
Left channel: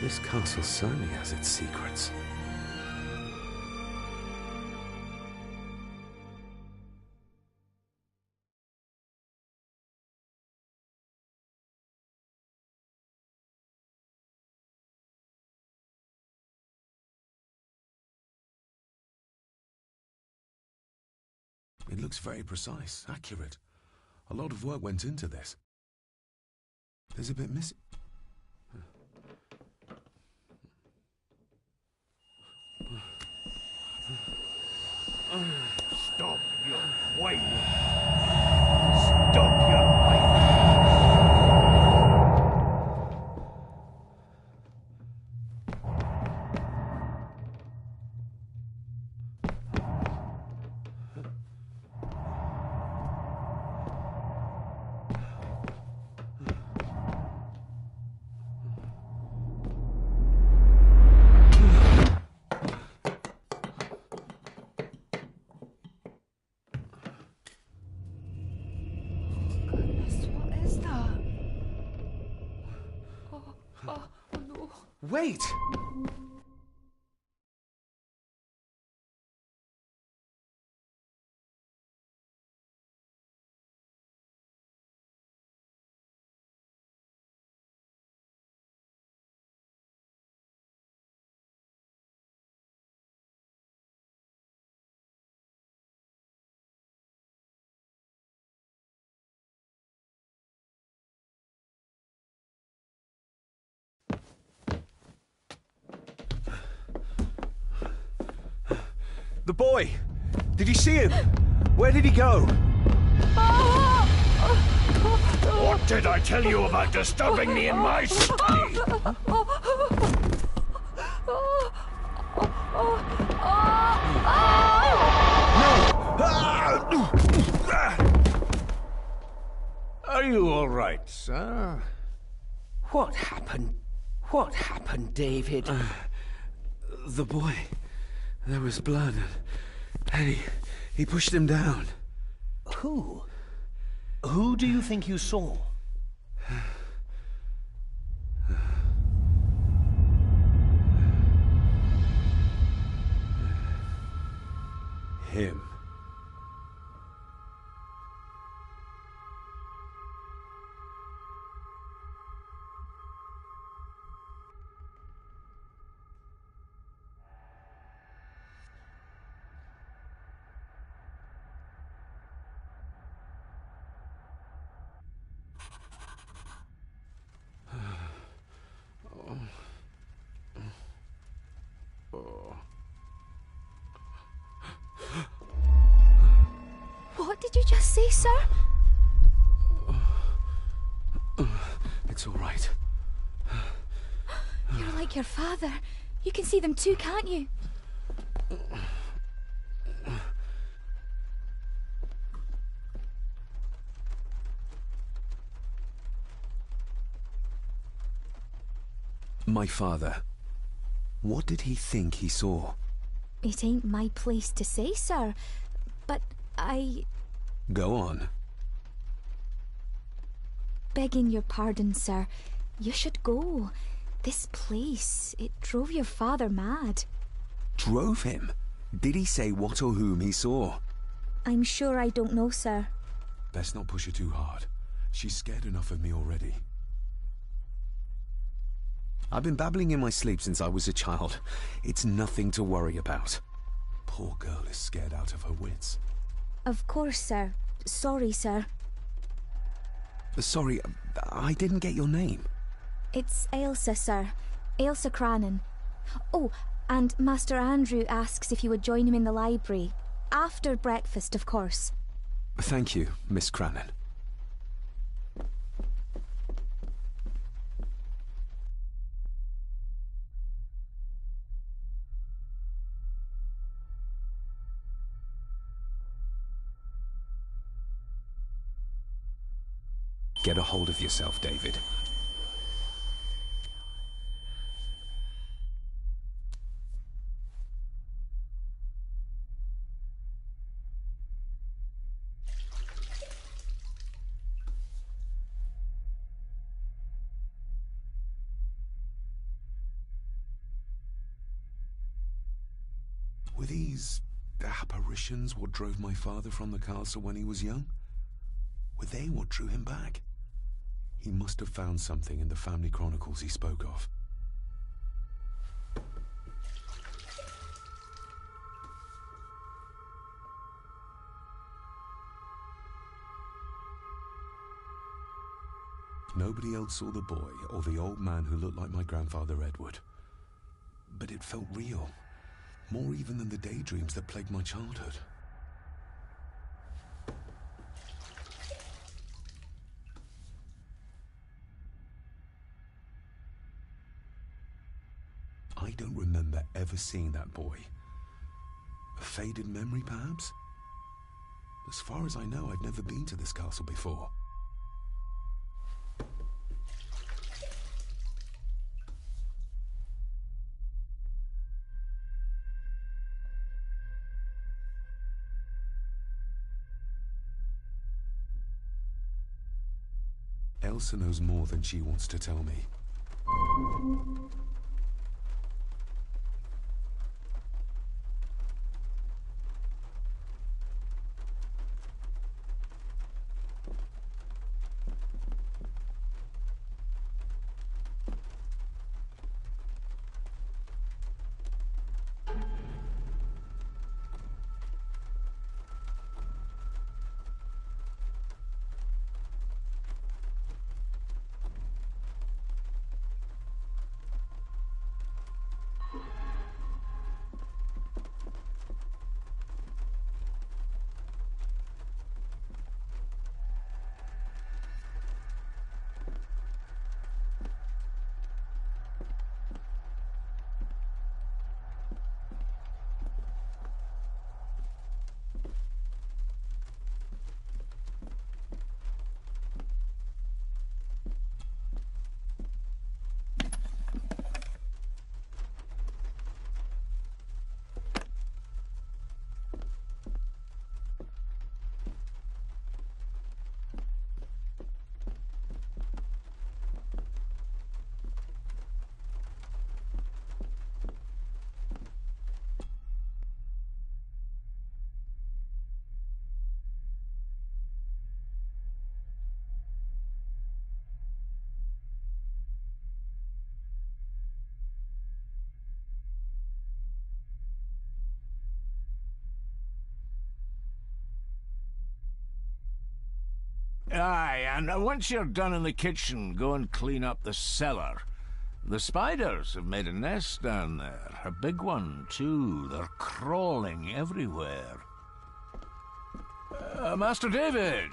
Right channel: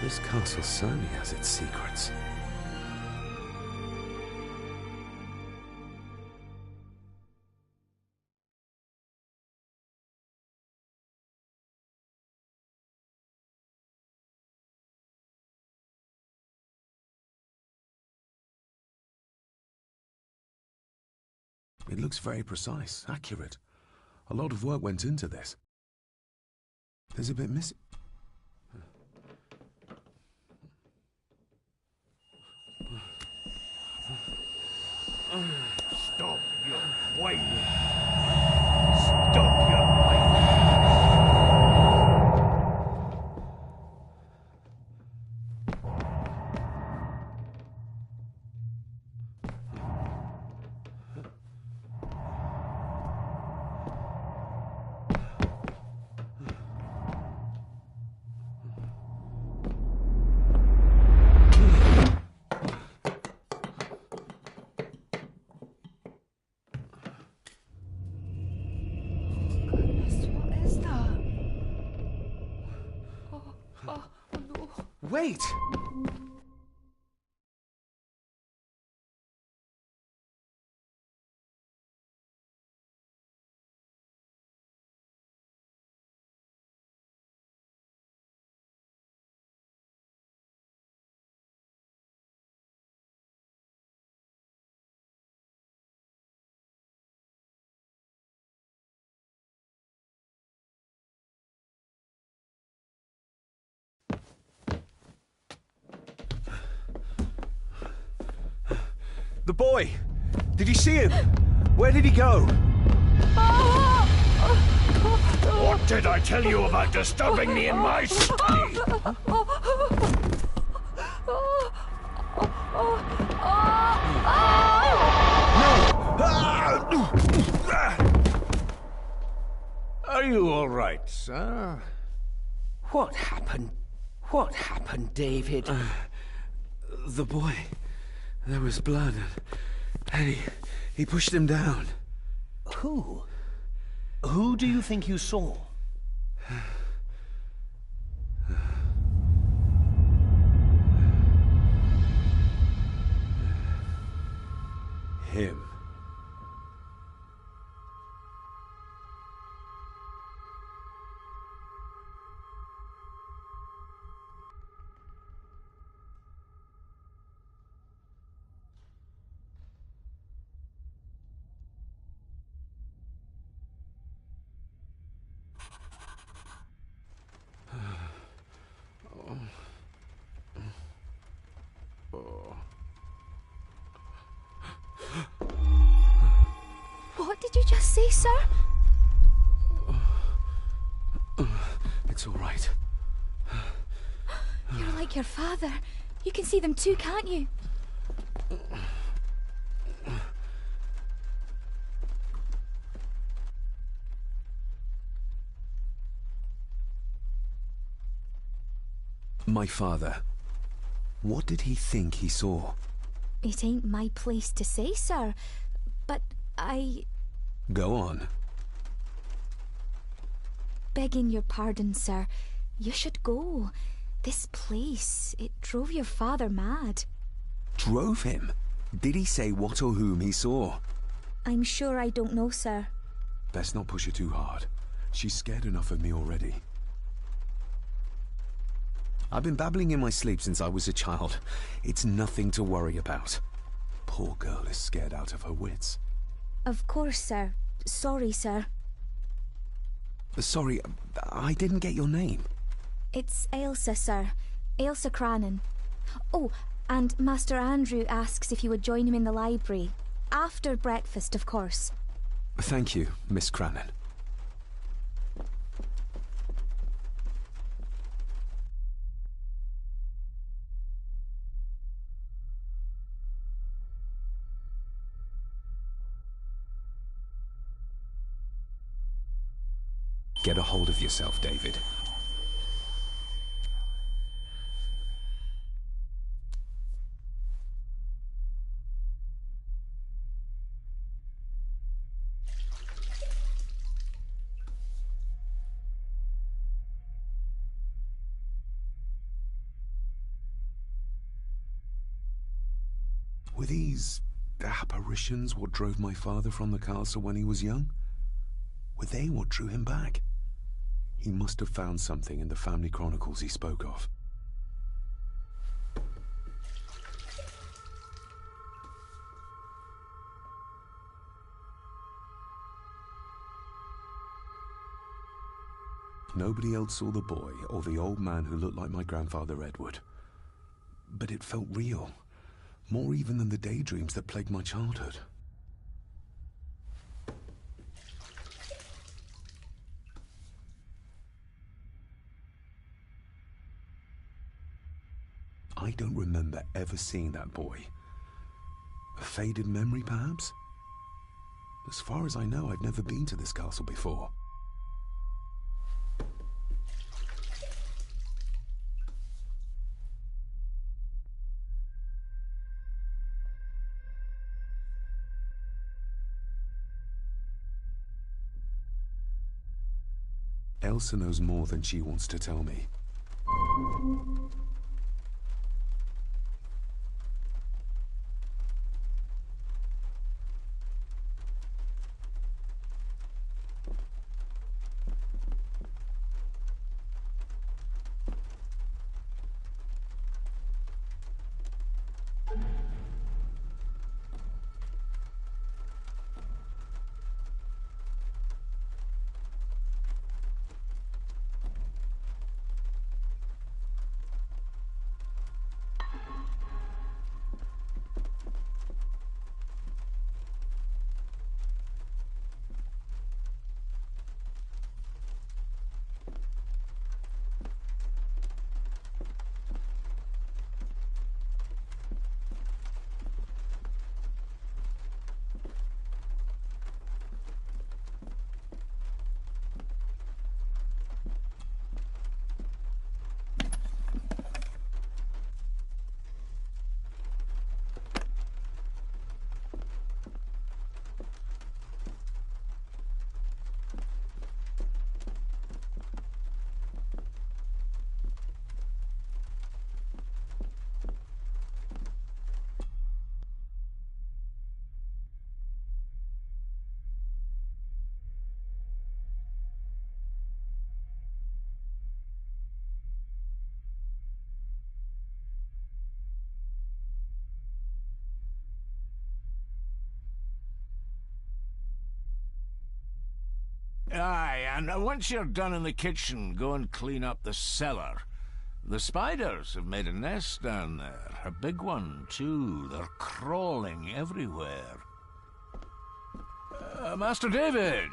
This castle certainly has its secrets. It looks very precise, accurate. A lot of work went into this. There's a bit missing. Stop your whining! Stop your whining! Wait! The boy! Did you see him? Where did he go? What did I tell you about disturbing me in my study? Are you all right, sir? What happened? What happened, David? The boy. There was blood, and he pushed him down. Who? Who do you think you saw? Him. What did you just say, sir? It's all right. You're like your father. You can see them too, can't you? My father. What did he think he saw? It ain't my place to say, sir. But Go on. Begging your pardon, sir. You should go. This place, it drove your father mad. Drove him? Did he say what or whom he saw? I'm sure I don't know, sir. Best not push her too hard. She's scared enough of me already. I've been babbling in my sleep since I was a child. It's nothing to worry about. Poor girl is scared out of her wits. Of course, sir. Sorry, sir. Sorry, I didn't get your name. It's Ailsa, sir. Ailsa Crannan. Oh, and Master Andrew asks if you would join him in the library. After breakfast, of course. Thank you, Miss Crannan. Get a hold of yourself, David. Were these apparitions what drove my father from the castle when he was young? Were they what drew him back? He must have found something in the family chronicles he spoke of. Nobody else saw the boy or the old man who looked like my grandfather Edward. But it felt real, more even than the daydreams that plagued my childhood. I don't remember ever seeing that boy. A faded memory, perhaps? As far as I know, I've never been to this castle before. Elsa knows more than she wants to tell me. Aye, and once you're done in the kitchen, go and clean up the cellar. The spiders have made a nest down there. A big one, too. They're crawling everywhere. Master David,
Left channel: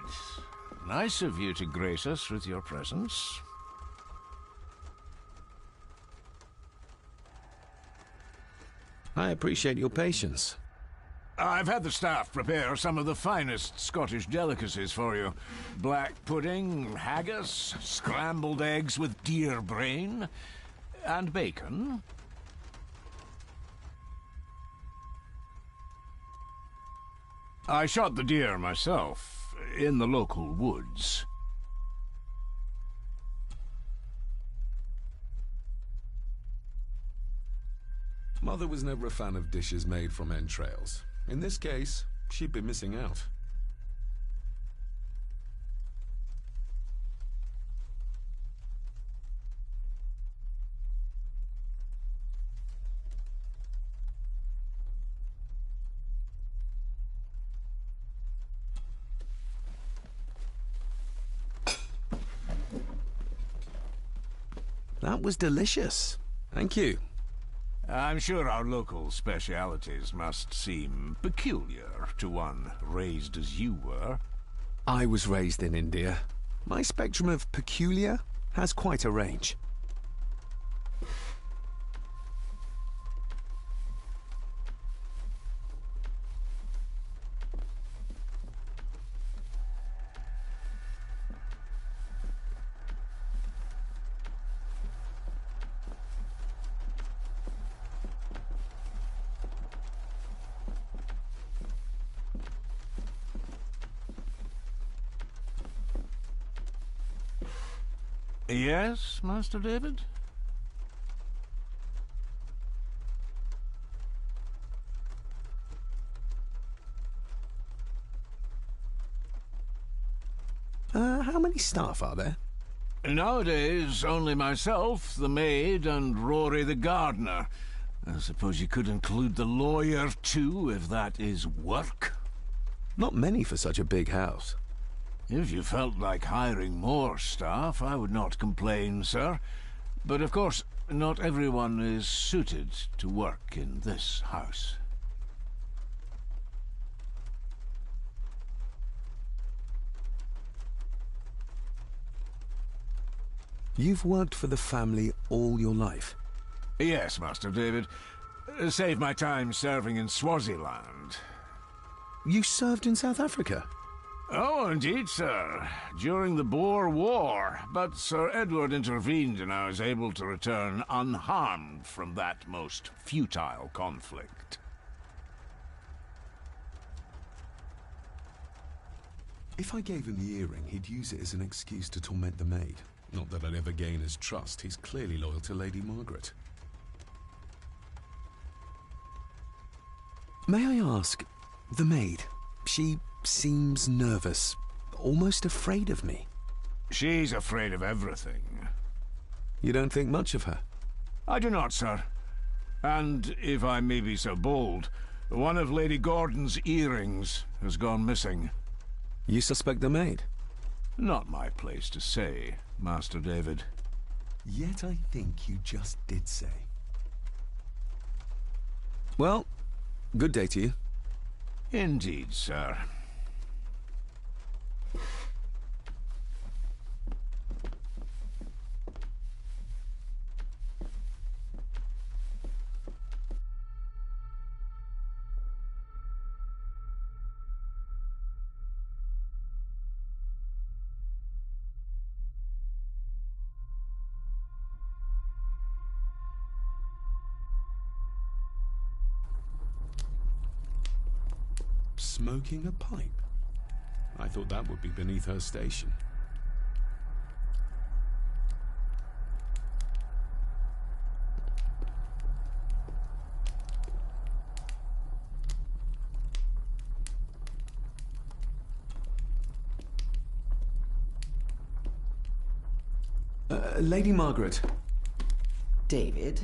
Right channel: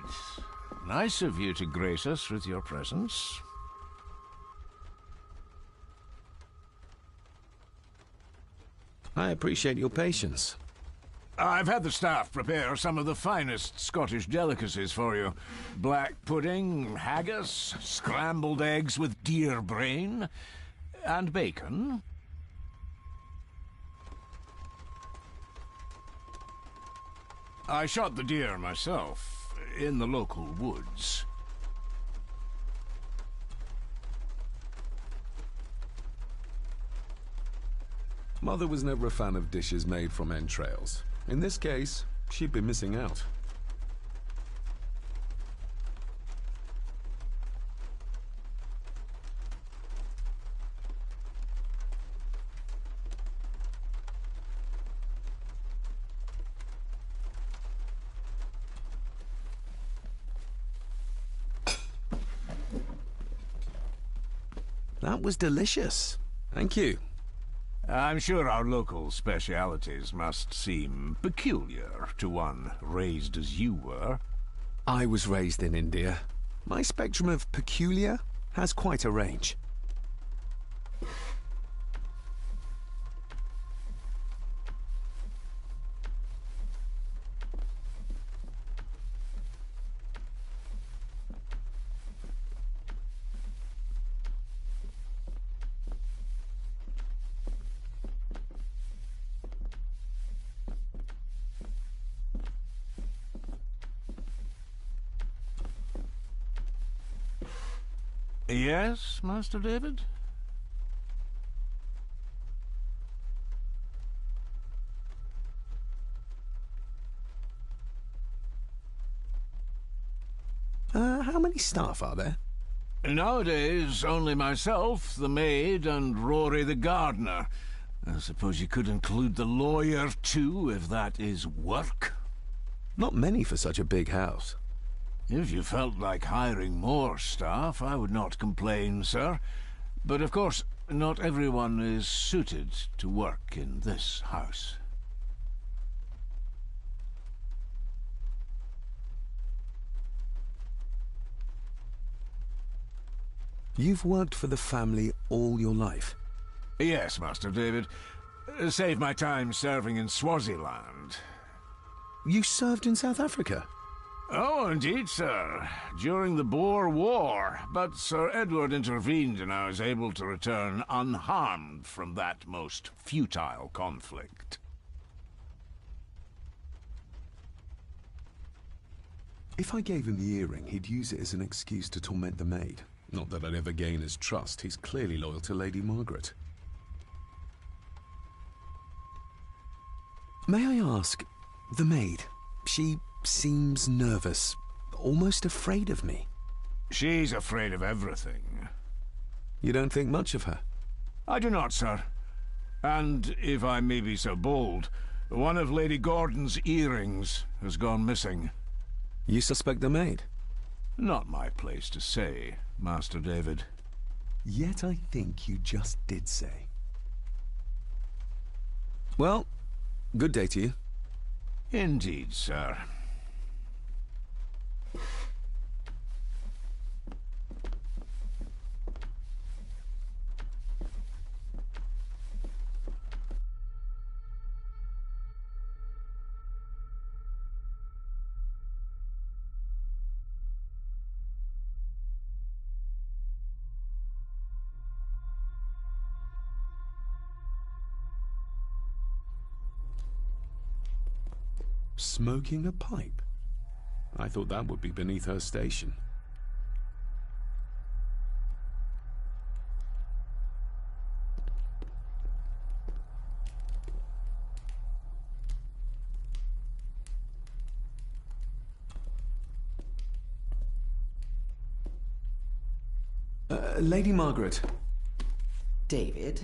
nice of you to grace us with your presence. I appreciate your patience. I've had the staff prepare some of the finest Scottish delicacies for you. Black pudding, haggis, scrambled eggs with deer brain, and bacon. I shot the deer myself, in the local woods. Mother was never a fan of dishes made from entrails. In this case, she'd be missing out. That was delicious. Thank you. I'm sure our local specialities must seem peculiar to one raised as you were. I was raised in India. My spectrum of peculiar has quite a range. Yes, Master David? many staff are there? Nowadays, only myself, the maid, and Rory the gardener. I suppose you could include the lawyer, too, if that is work. Not many for such a big house. If you felt like hiring more staff, I would not complain, sir. But of course, not everyone is suited to work in this house. You've worked for the family all your life? Yes, Master David. Save my time serving in Swaziland. You served in South Africa? Oh, indeed, sir. During the Boer War. But Sir Edward intervened and I was able to return unharmed from that most futile conflict. If I gave him the earring, he'd use it as an excuse to torment the maid. Not that I'd ever gain his trust. He's clearly loyal to Lady Margaret. May I ask, the maid, she seems nervous, almost afraid of me. She's afraid of everything. You don't think much of her? I do not, sir. And, if I may be so bold, one of Lady Gordon's earrings has gone missing. You suspect the maid? Not my place to say, Master David. Yet I think you just did say. Well, good day to you. Indeed, sir. Smoking a pipe? I thought that would be beneath her station. Lady Margaret. David?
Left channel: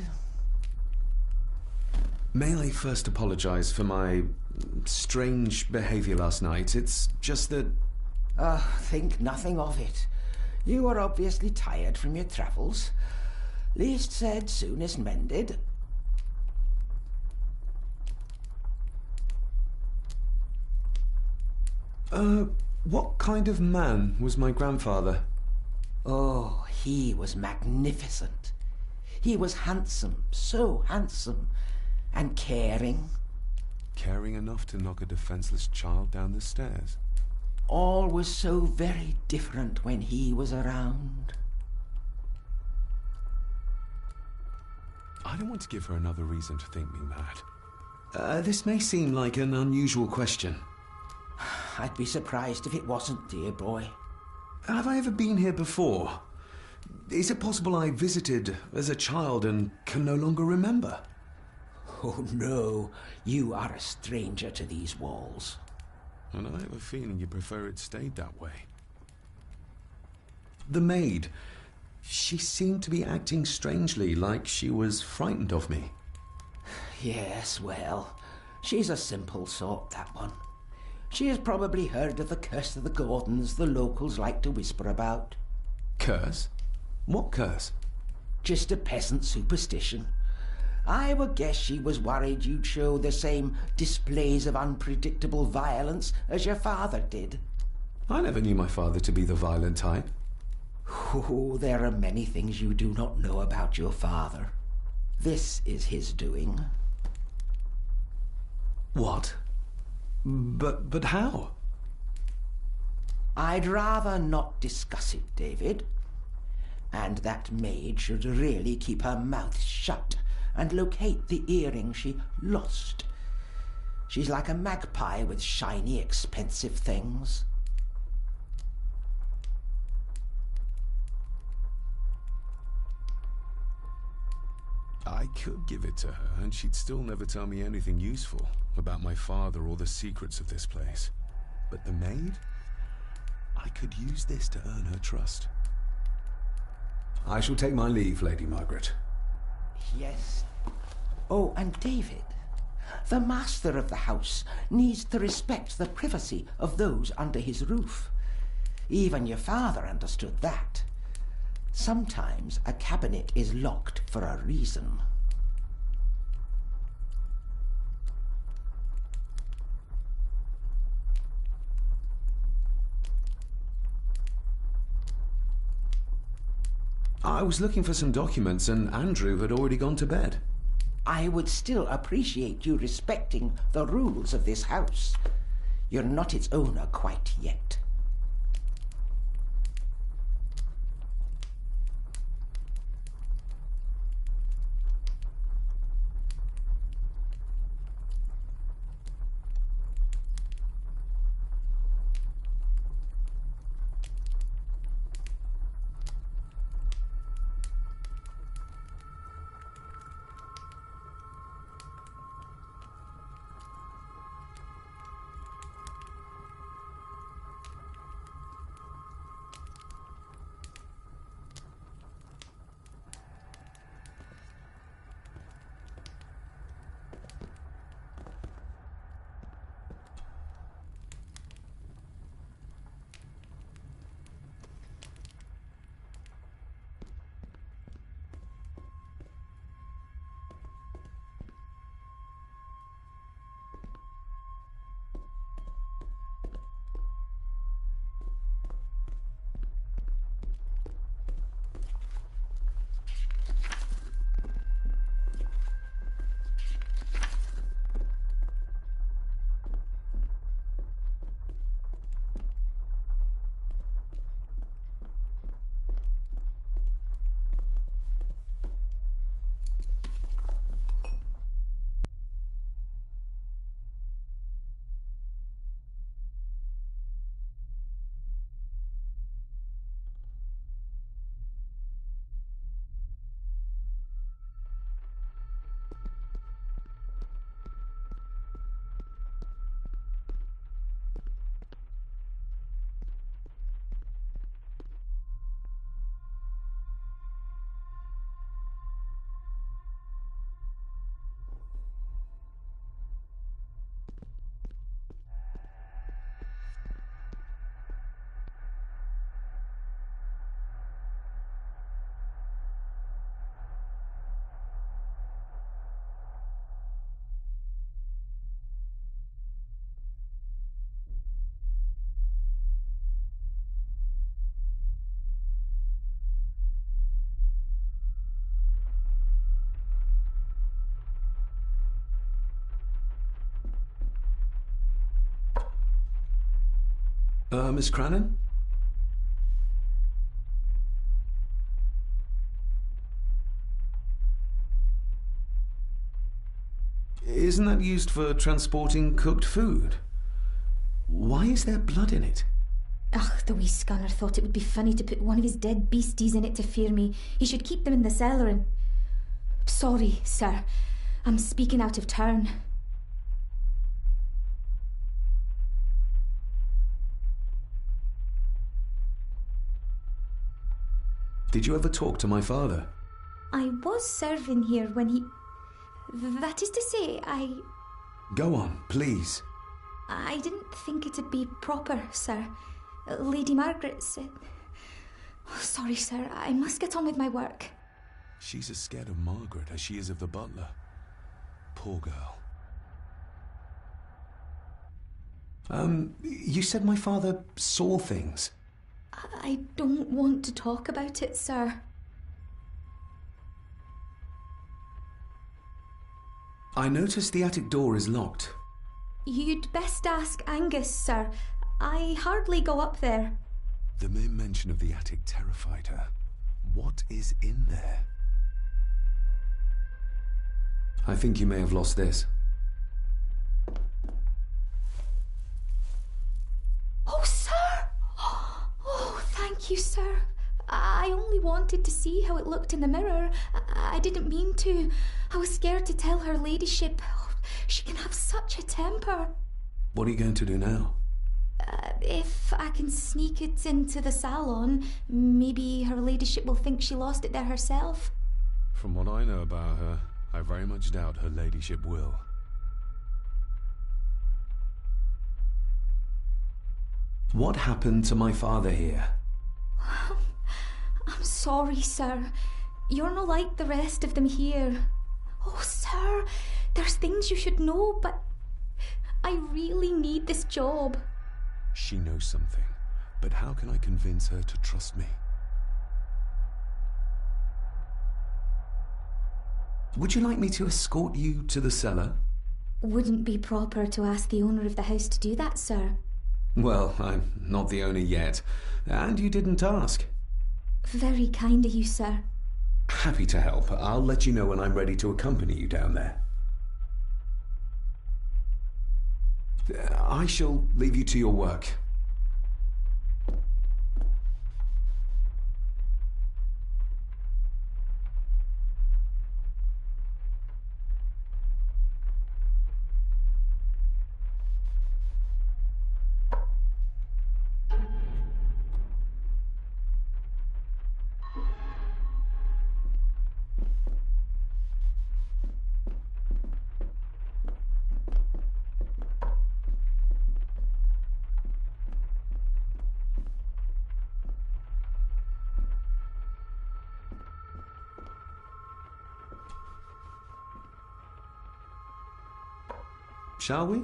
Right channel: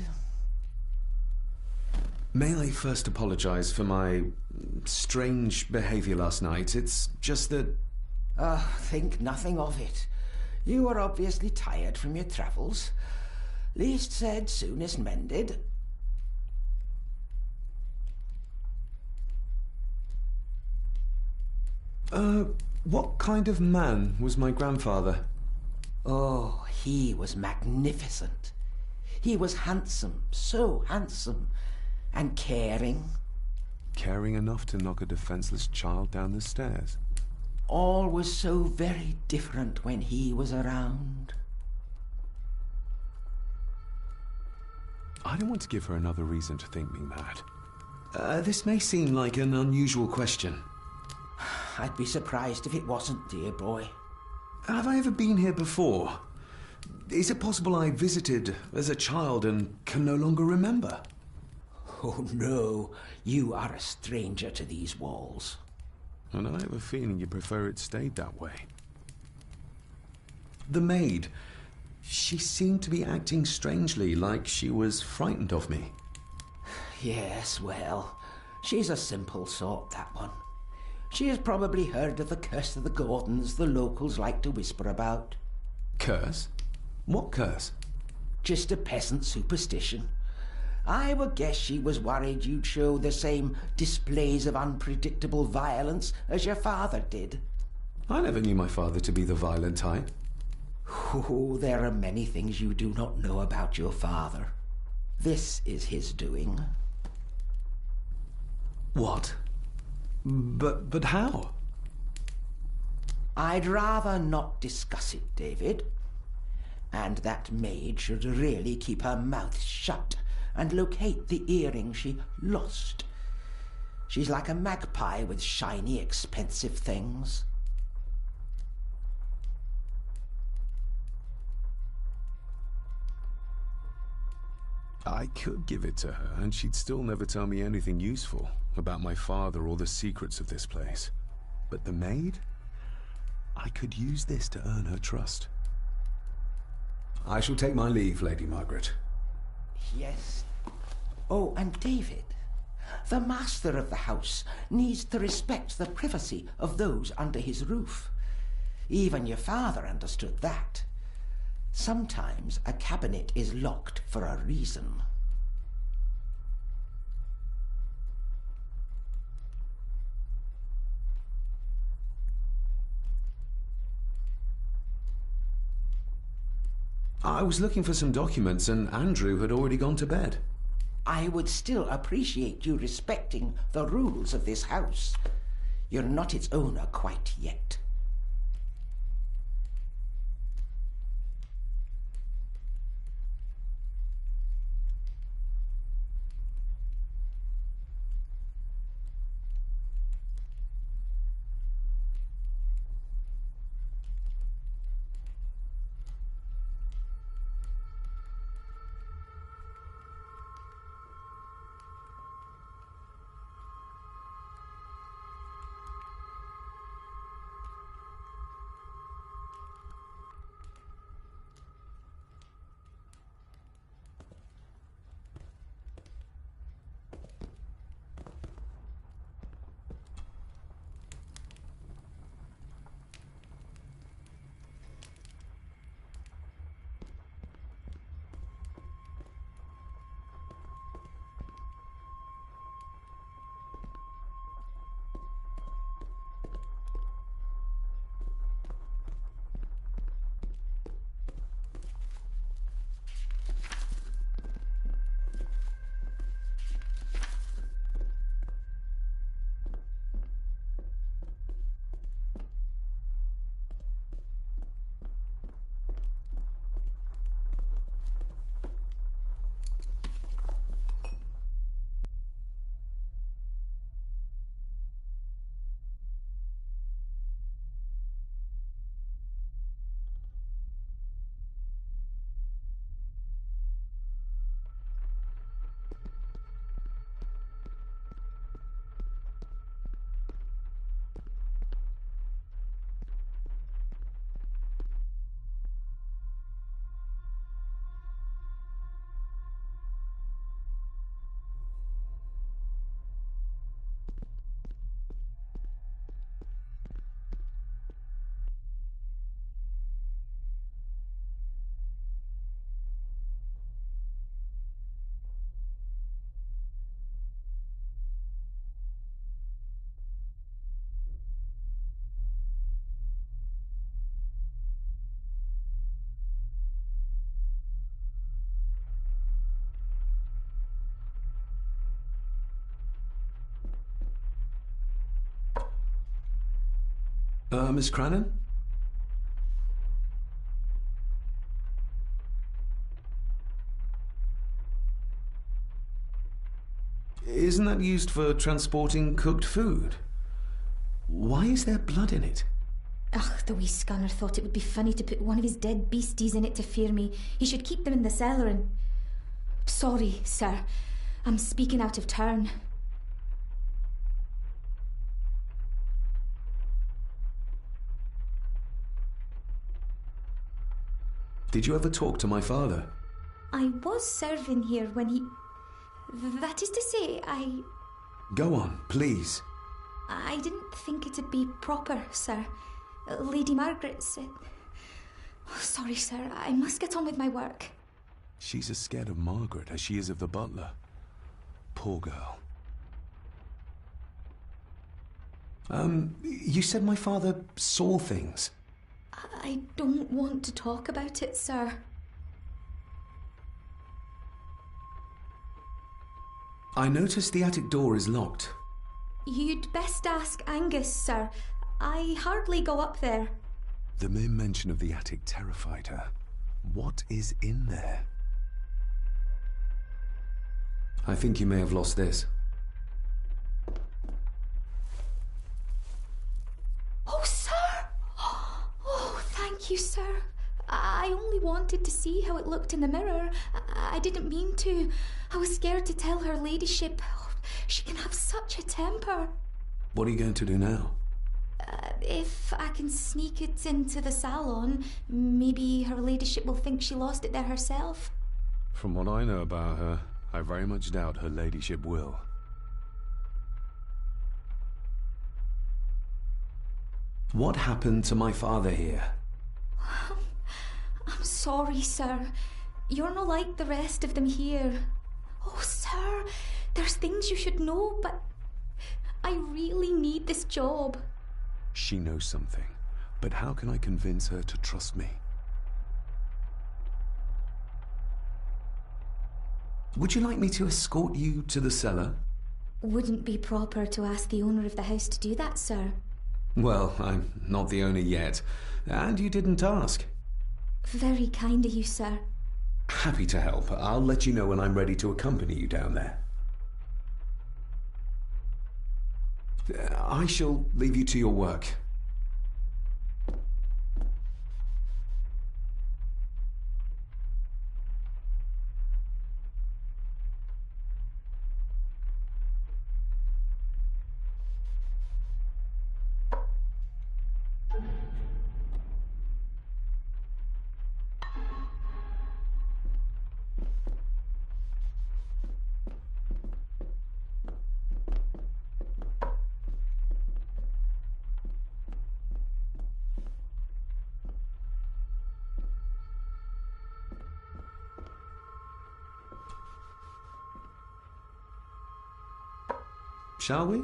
May I first apologize for my strange behavior last night? It's just that... Think nothing of it. You were obviously tired from your travels. Least said, soonest mended. What kind of man was my grandfather? Oh, he was magnificent. He was handsome, so handsome. And caring. Caring enough to knock a defenseless child down the stairs. All was so very different when he was around. I don't want to give her another reason to think me mad. This may seem like an unusual question. I'd be surprised if it wasn't, dear boy. Have I ever been here before? Is it possible I visited as a child and can no longer remember? Oh, no. You are a stranger to these walls. And I have a feeling you prefer it stayed that way. The maid. She seemed to be acting strangely, like she was frightened of me. Yes, well, she's a simple sort, that one. She has probably heard of the curse of the Gordons the locals like to whisper about. Curse? What curse? Just a peasant superstition. I would guess she was worried you'd show the same displays of unpredictable violence as your father did. I never knew my father to be the violent type. Oh, there are many things you do not know about your father. This is his doing. What? But how? I'd rather not discuss it, David. And that maid should really keep her mouth shut and locate the earring she lost. She's like a magpie with shiny, expensive things. I could give it to her, and she'd still never tell me anything useful about my father or the secrets of this place. But the maid? I could use this to earn her trust. I shall take my leave, Lady Margaret. Yes. Oh, and David, the master of the house needs to respect the privacy of those under his roof. Even your father understood that. Sometimes a cabinet is locked for a reason. I was looking for some documents and Andrew had already gone to bed. I would still appreciate you respecting the rules of this house. You're not its owner quite yet. Miss Crannan? Isn't that used for transporting cooked food? Why is there blood in it? Ugh, the wee scunner thought it would be funny to put one of his dead beasties in it to fear me. He should keep them in the cellar and... Sorry, sir. I'm speaking out of turn. Did you ever talk to my father? I was serving here when he... That is to say, Go on, please. I didn't think it'd be proper, sir. Lady Margaret said... Oh, sorry, sir. I must get on with my work. She's as scared of Margaret as she is of the butler. Poor girl. You said my father saw things. I don't want to talk about it, sir. I noticed the attic door is locked. You'd best ask Angus, sir. I hardly go up there. The mere mention of the attic terrified her. What is in there? I think you may have lost this. Oh, sir! Oh, thank you, sir. I only wanted to see how it looked in the mirror. I didn't mean to. I was scared to tell her ladyship. Oh, she can have such a temper. What are you going to do now? If I can sneak it into the salon, maybe her ladyship will think she lost it there herself. From what I know about her, I very much doubt her ladyship will. What happened to my father here? I'm sorry, sir. You're not like the rest of them here. Oh, sir, there's things you should know, but I really need this job. She knows something, but how can I convince her to trust me? Would you like me to escort you to the cellar? Wouldn't be proper to ask the owner of the house to do that, sir. Well, I'm not the owner yet, and you didn't ask. Very kind of you, sir. Happy to help. I'll let you know when I'm ready to accompany you down there. I shall leave you to your work. Shall we?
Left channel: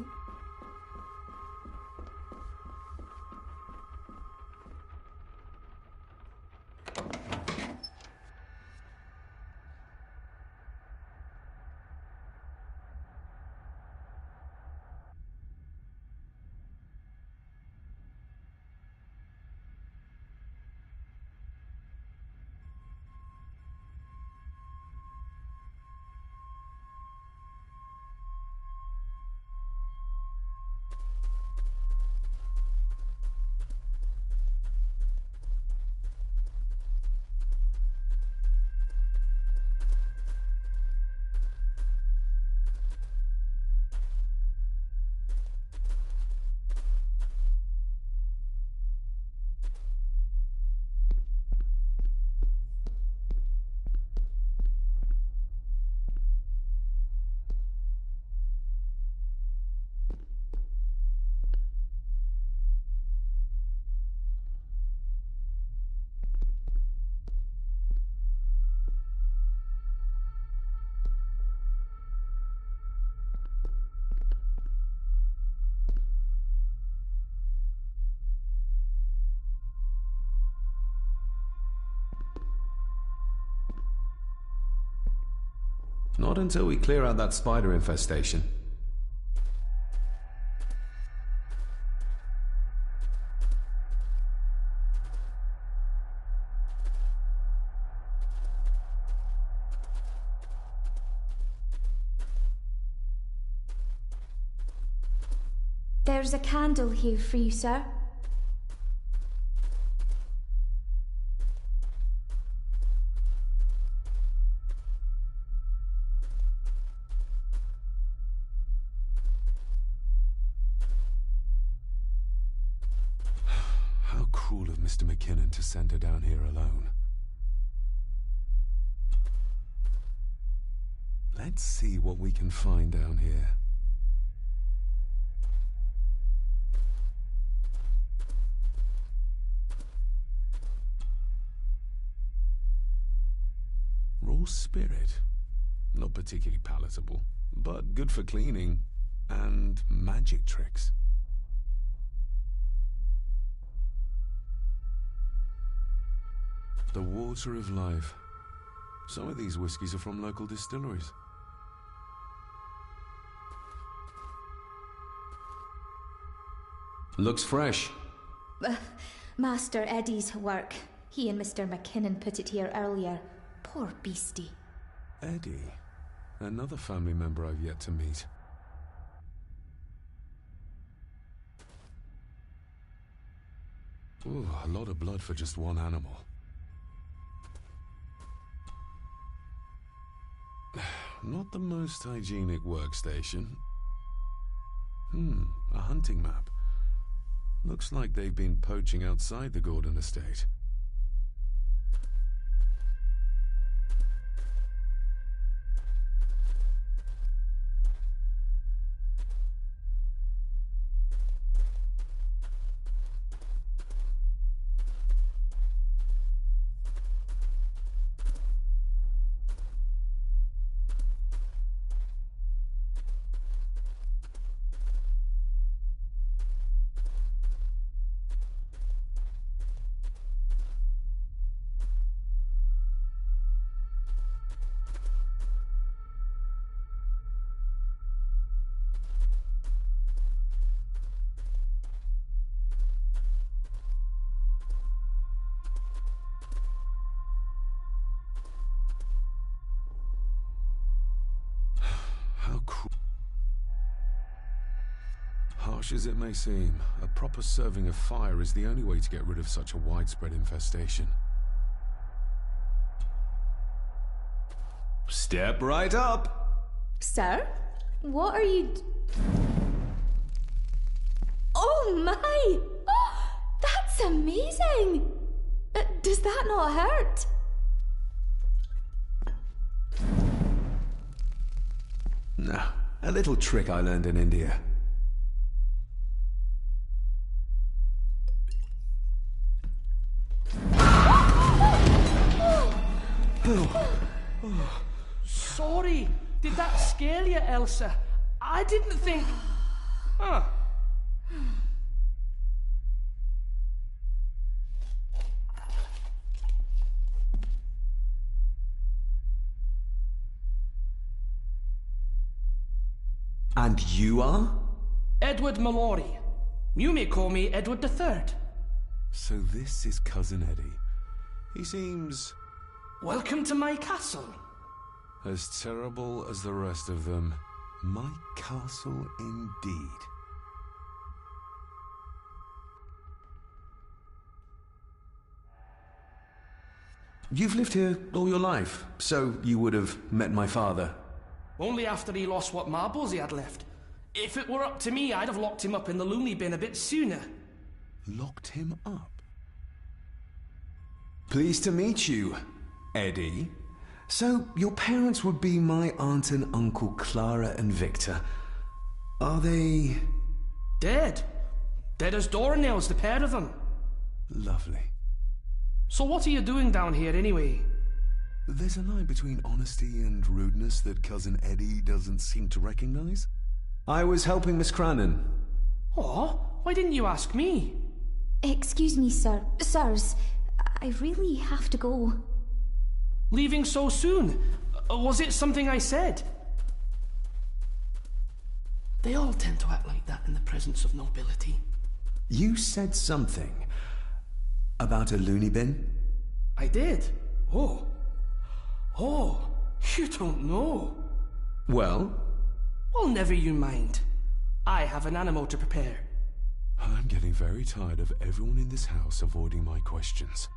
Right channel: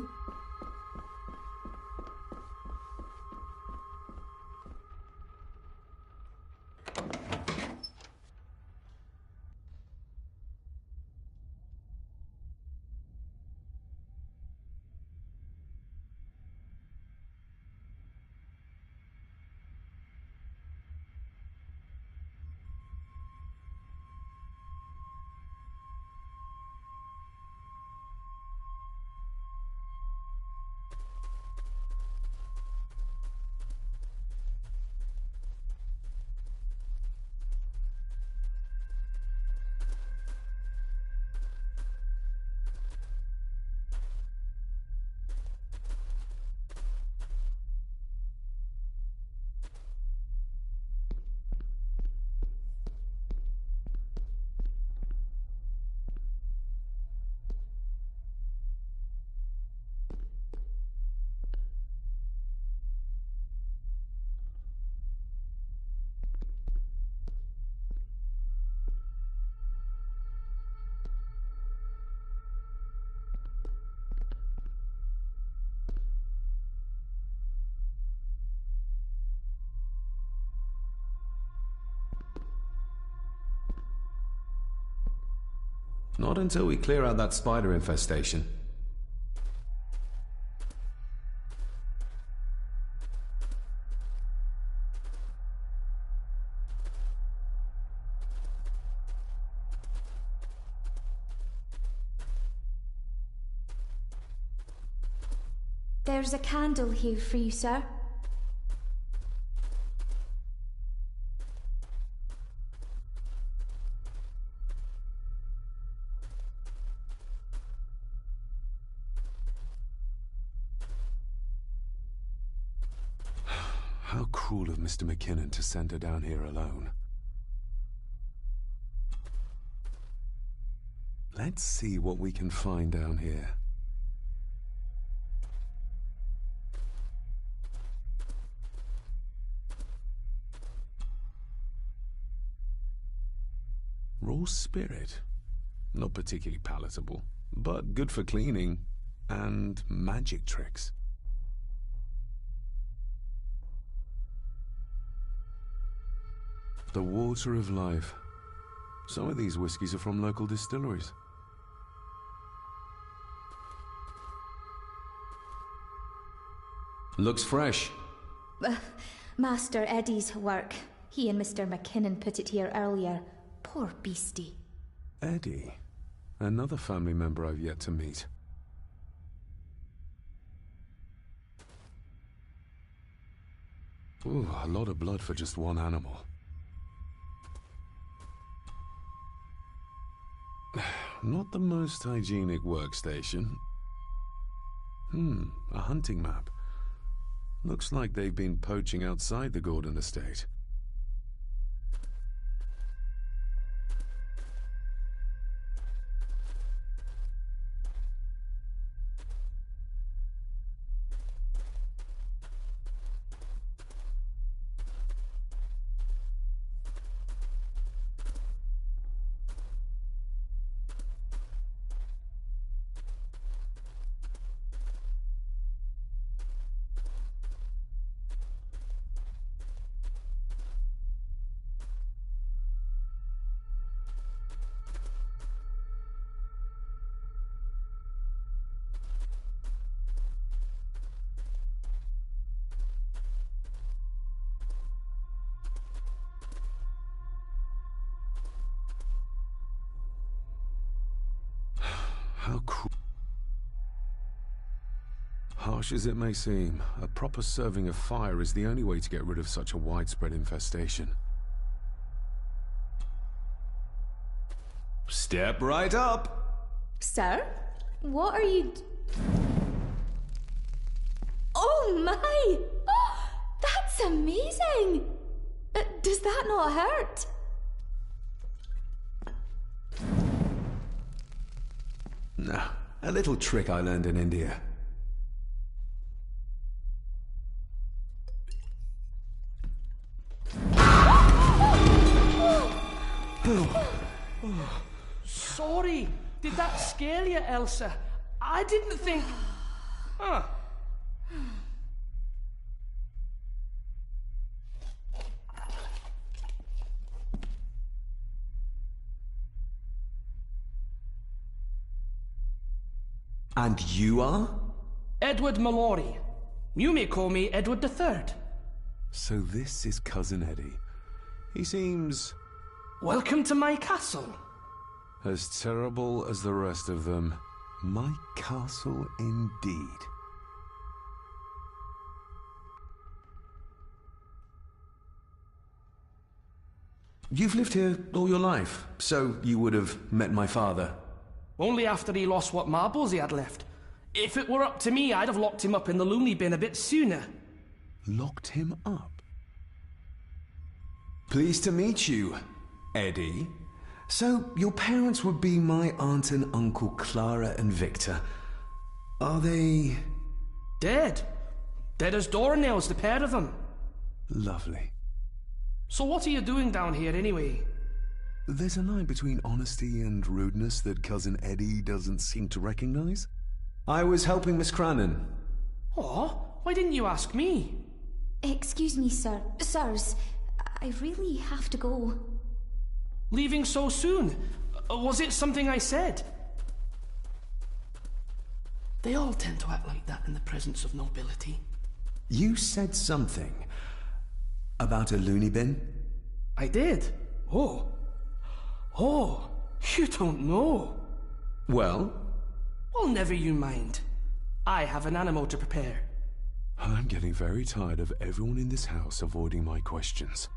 Not until we clear out that spider infestation. There's a candle here for you, sir. How cruel of Mr. McKinnon to send her down here alone. Let's see what we can find down here. Raw spirit. Not particularly palatable, but good for cleaning and magic tricks. The water of life. Some of these whiskies are from local distilleries. Looks fresh. Master Eddie's work. He and Mr. McKinnon put it here earlier. Poor beastie. Eddie. Another family member I've yet to meet. Ooh, a lot of blood for just one animal. Not the most hygienic workstation. A hunting map. Looks like they've been poaching outside the Gordon estate. How cruel. Harsh as it may seem, a proper serving of fire is the only way to get rid of such a widespread infestation. Step right up! Sir? What are you... Oh my! Oh, that's amazing! Does that not hurt? No, a little trick I learned in India. Sorry, did that scare you, Elsa? I didn't think... Huh. And you are? Edward Mallory. You may call me Edward III. So this is Cousin Eddie. He seems... Welcome to my castle. as terrible as the rest of them. My castle indeed. You've lived here all your life, so you would have met my father. Only after he lost what marbles he had left. If it were up to me, I'd have locked him up in the loony bin a bit sooner. Locked him up? Pleased to meet you, Eddie. So, your parents would be my aunt and uncle Clara and Victor. Are they... Dead. Dead as doornails, the pair of them. Lovely. So what are you doing down here anyway? There's a line between honesty and rudeness that Cousin Eddie doesn't seem to recognize. I was helping Miss Crannan. Oh, why didn't you ask me? Excuse me, sir. Sirs, I really have to go. Leaving so soon? Was it something I said? They all tend to act like that in the presence of nobility. You said something about a loony bin? I did. Oh, you don't know. Well? Well, never you mind. I have an animal to prepare. I'm getting very tired of everyone in this house avoiding my questions.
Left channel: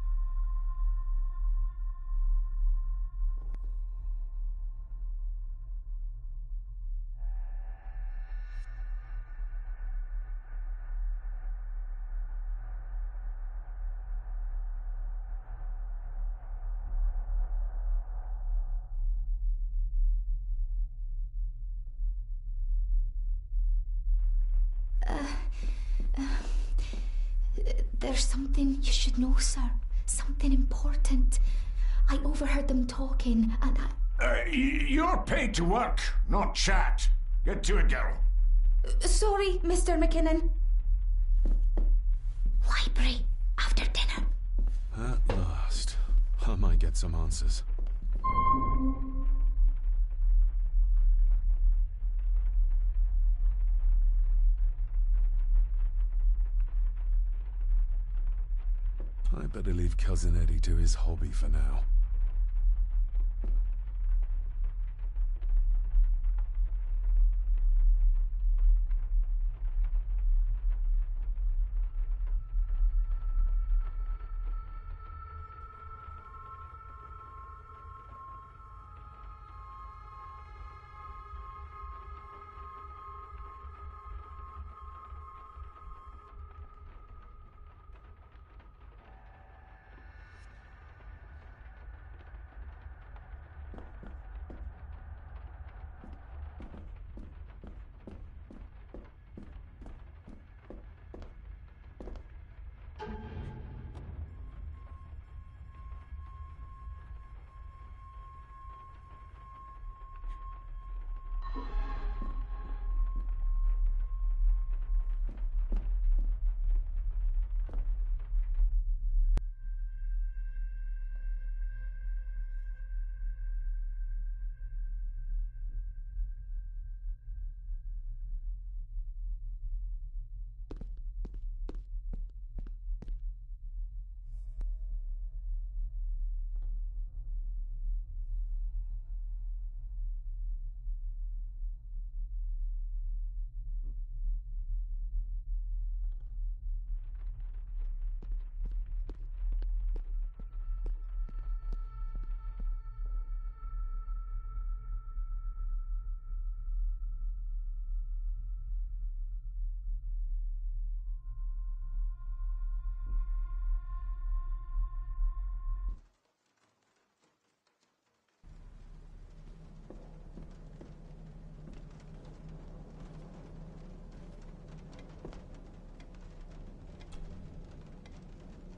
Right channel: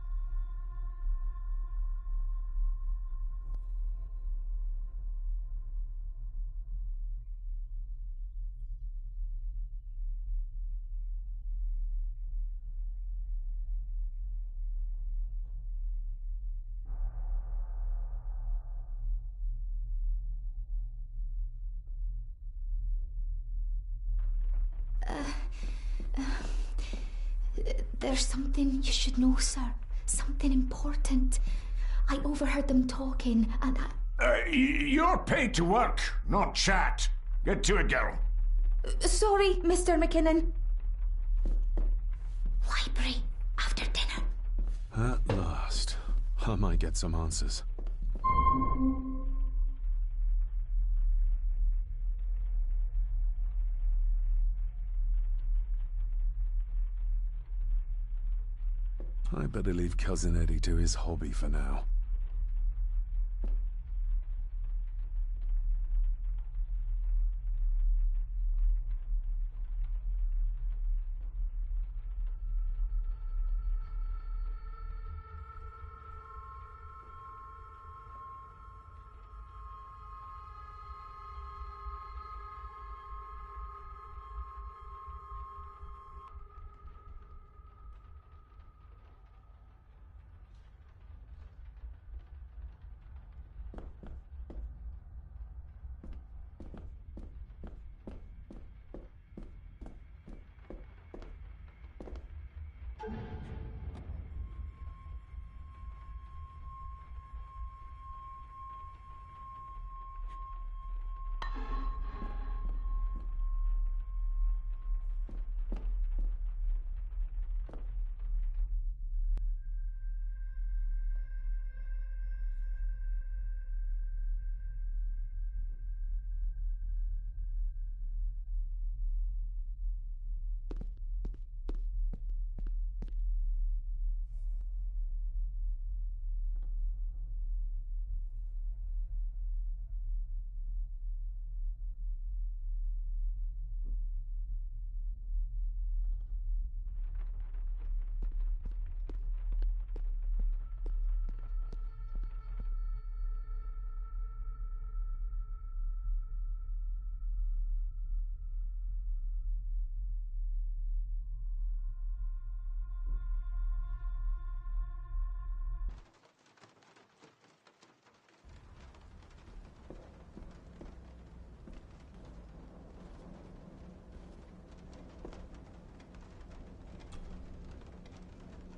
There's something you should know, sir. Something important. I overheard them talking, and You're paid to work, not chat. Get to it, girl. Sorry, Mr. McKinnon. Library, after dinner. At last. I might get some answers. I better leave Cousin Eddie to his hobby for now.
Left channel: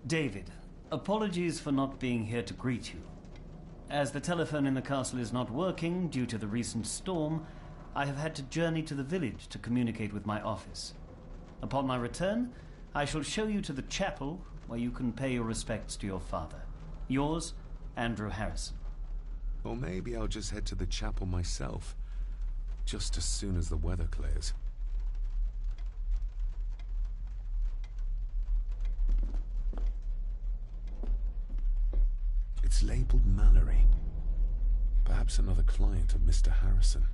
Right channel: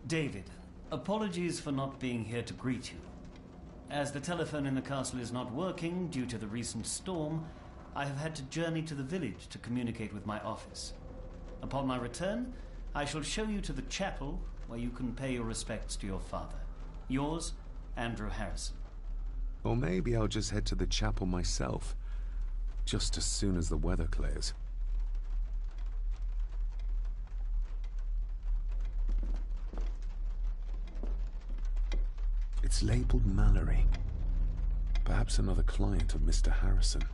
David, apologies for not being here to greet you. As the telephone in the castle is not working due to the recent storm, I have had to journey to the village to communicate with my office. Upon my return, I shall show you to the chapel where you can pay your respects to your father. Yours, Andrew Harrison. Or maybe I'll just head to the chapel myself, just as soon as the weather clears. It's labeled Mallory. Perhaps another client of Mr. Harrison.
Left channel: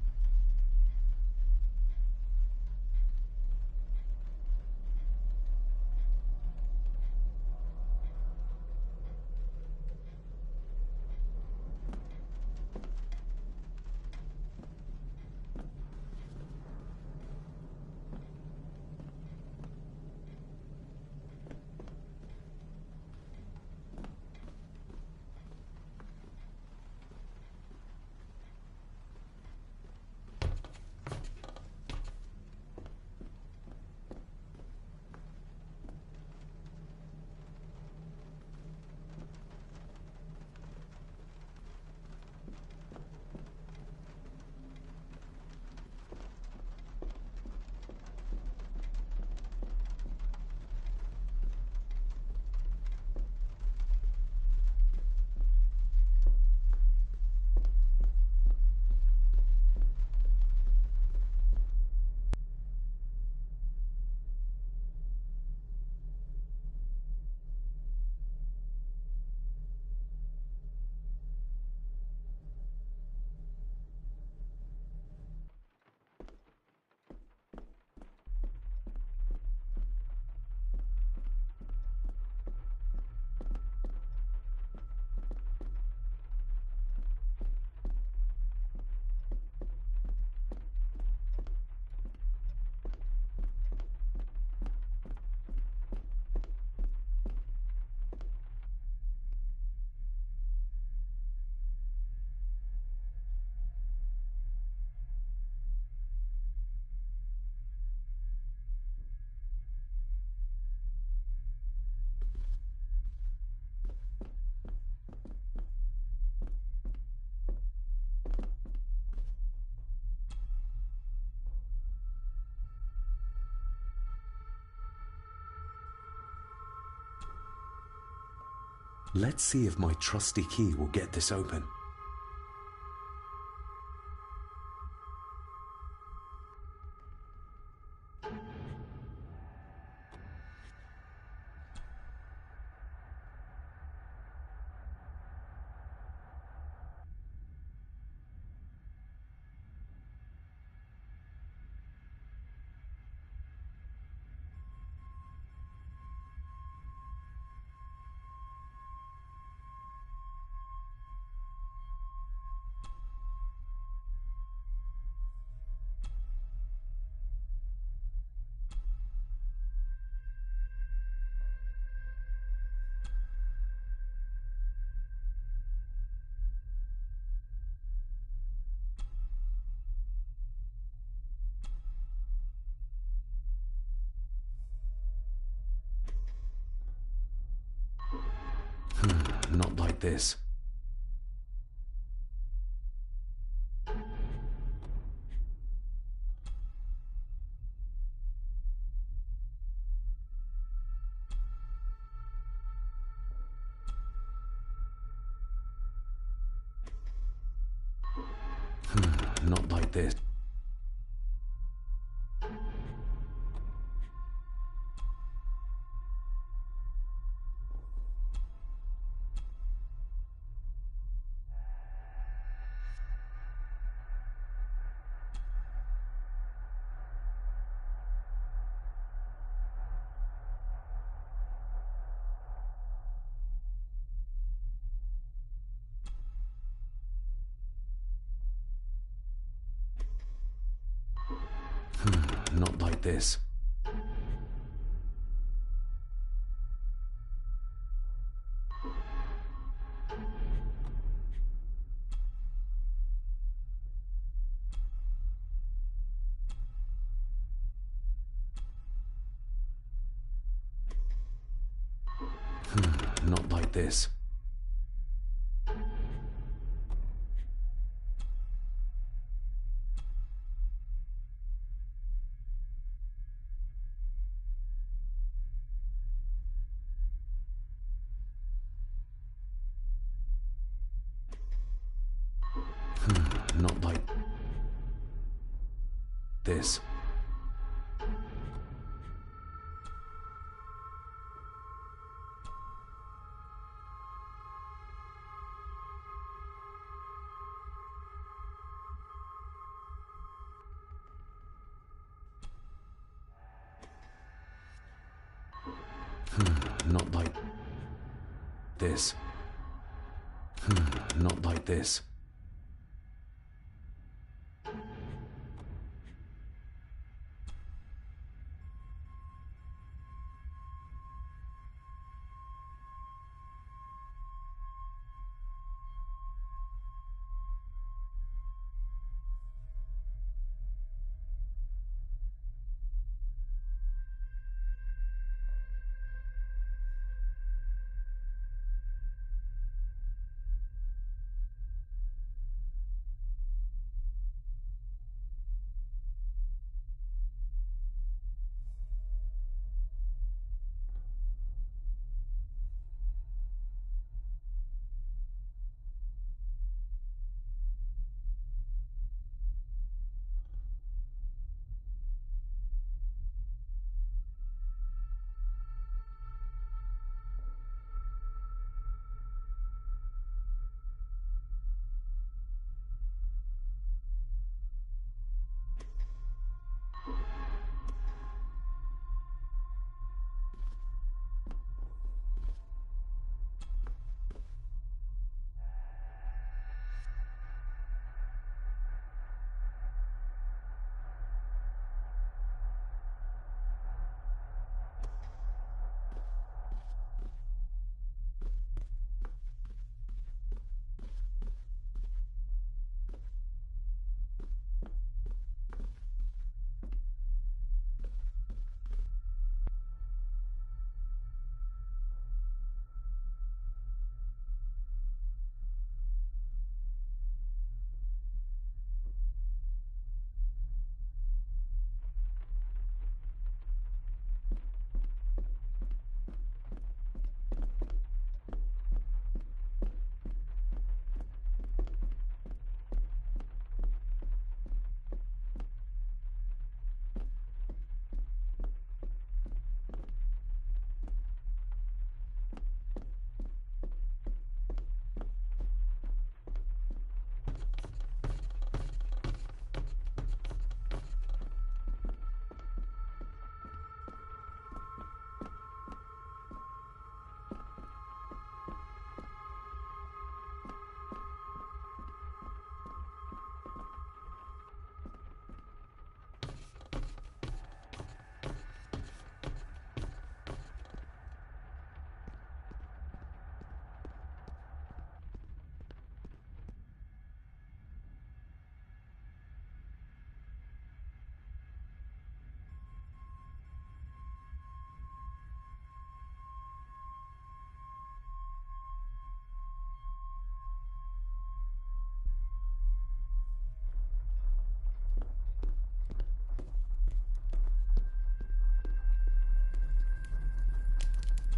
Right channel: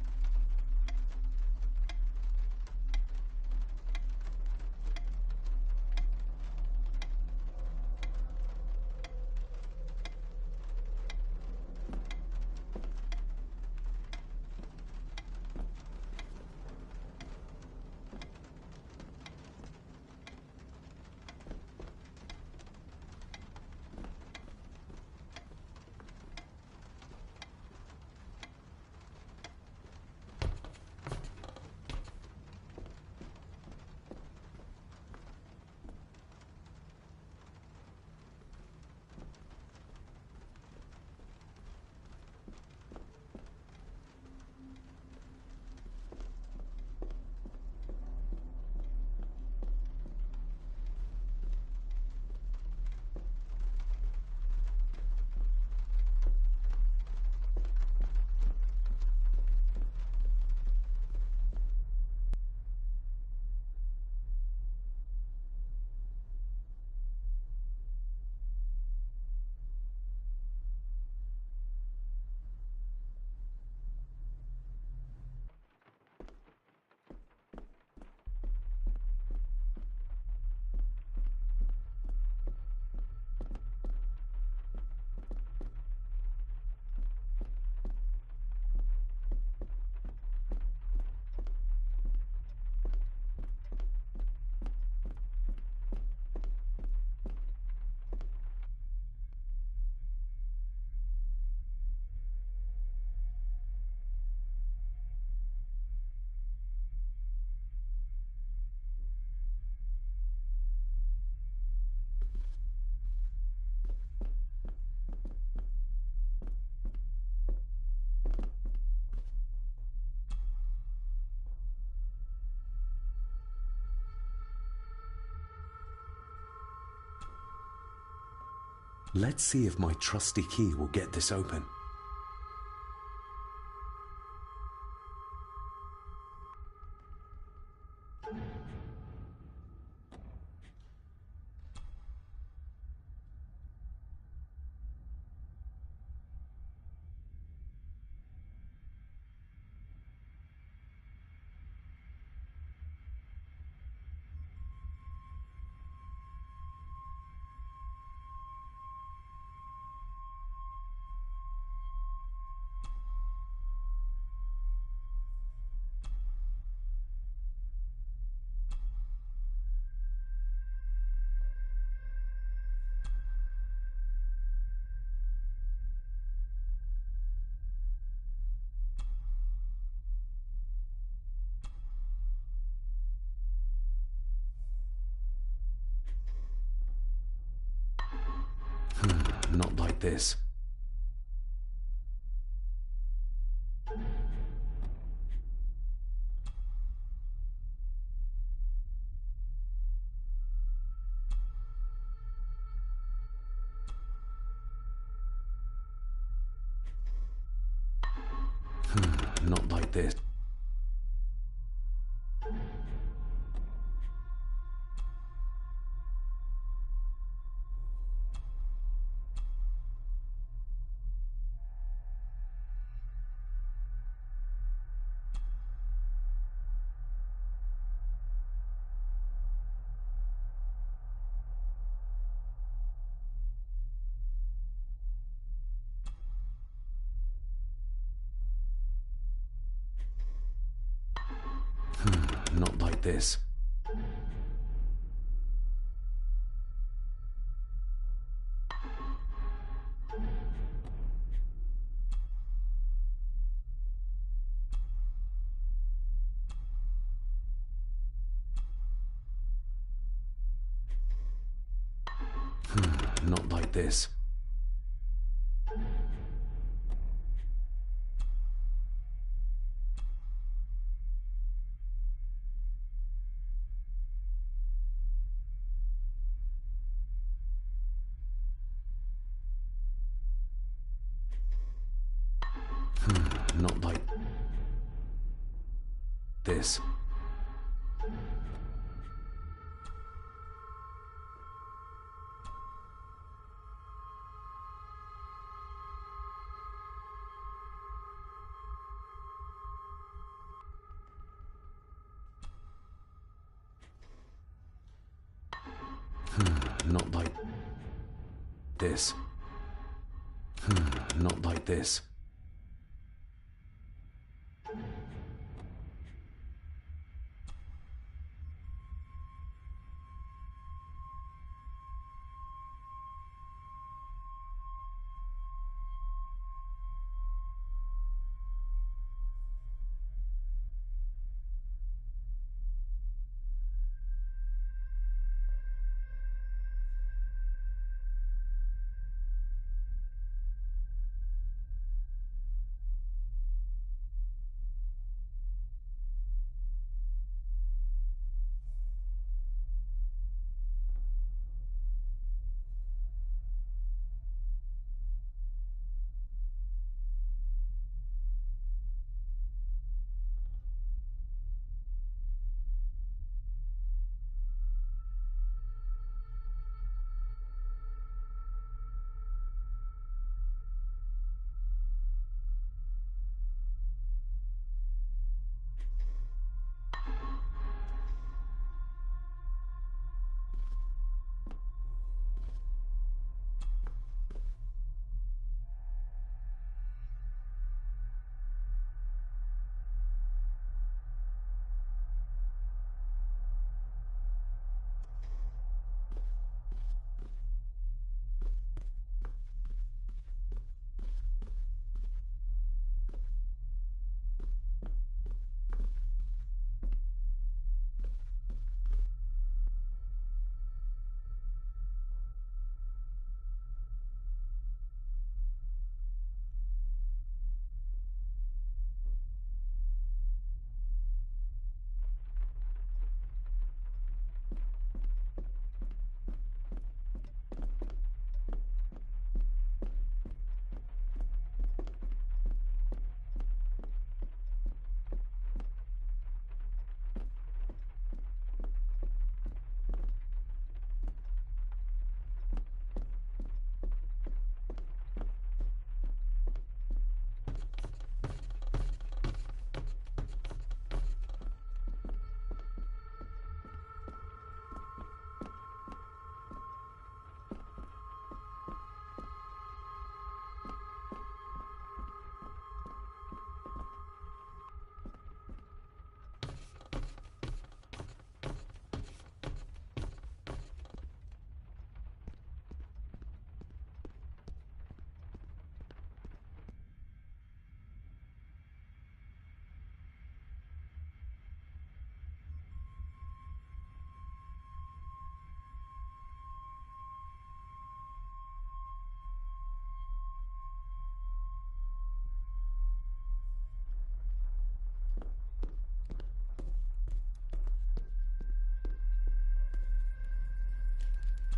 Let's see if my trusty key will get this open. Not like this. Not like this. Not like this. like this. Not like this. Not like this. Not like this.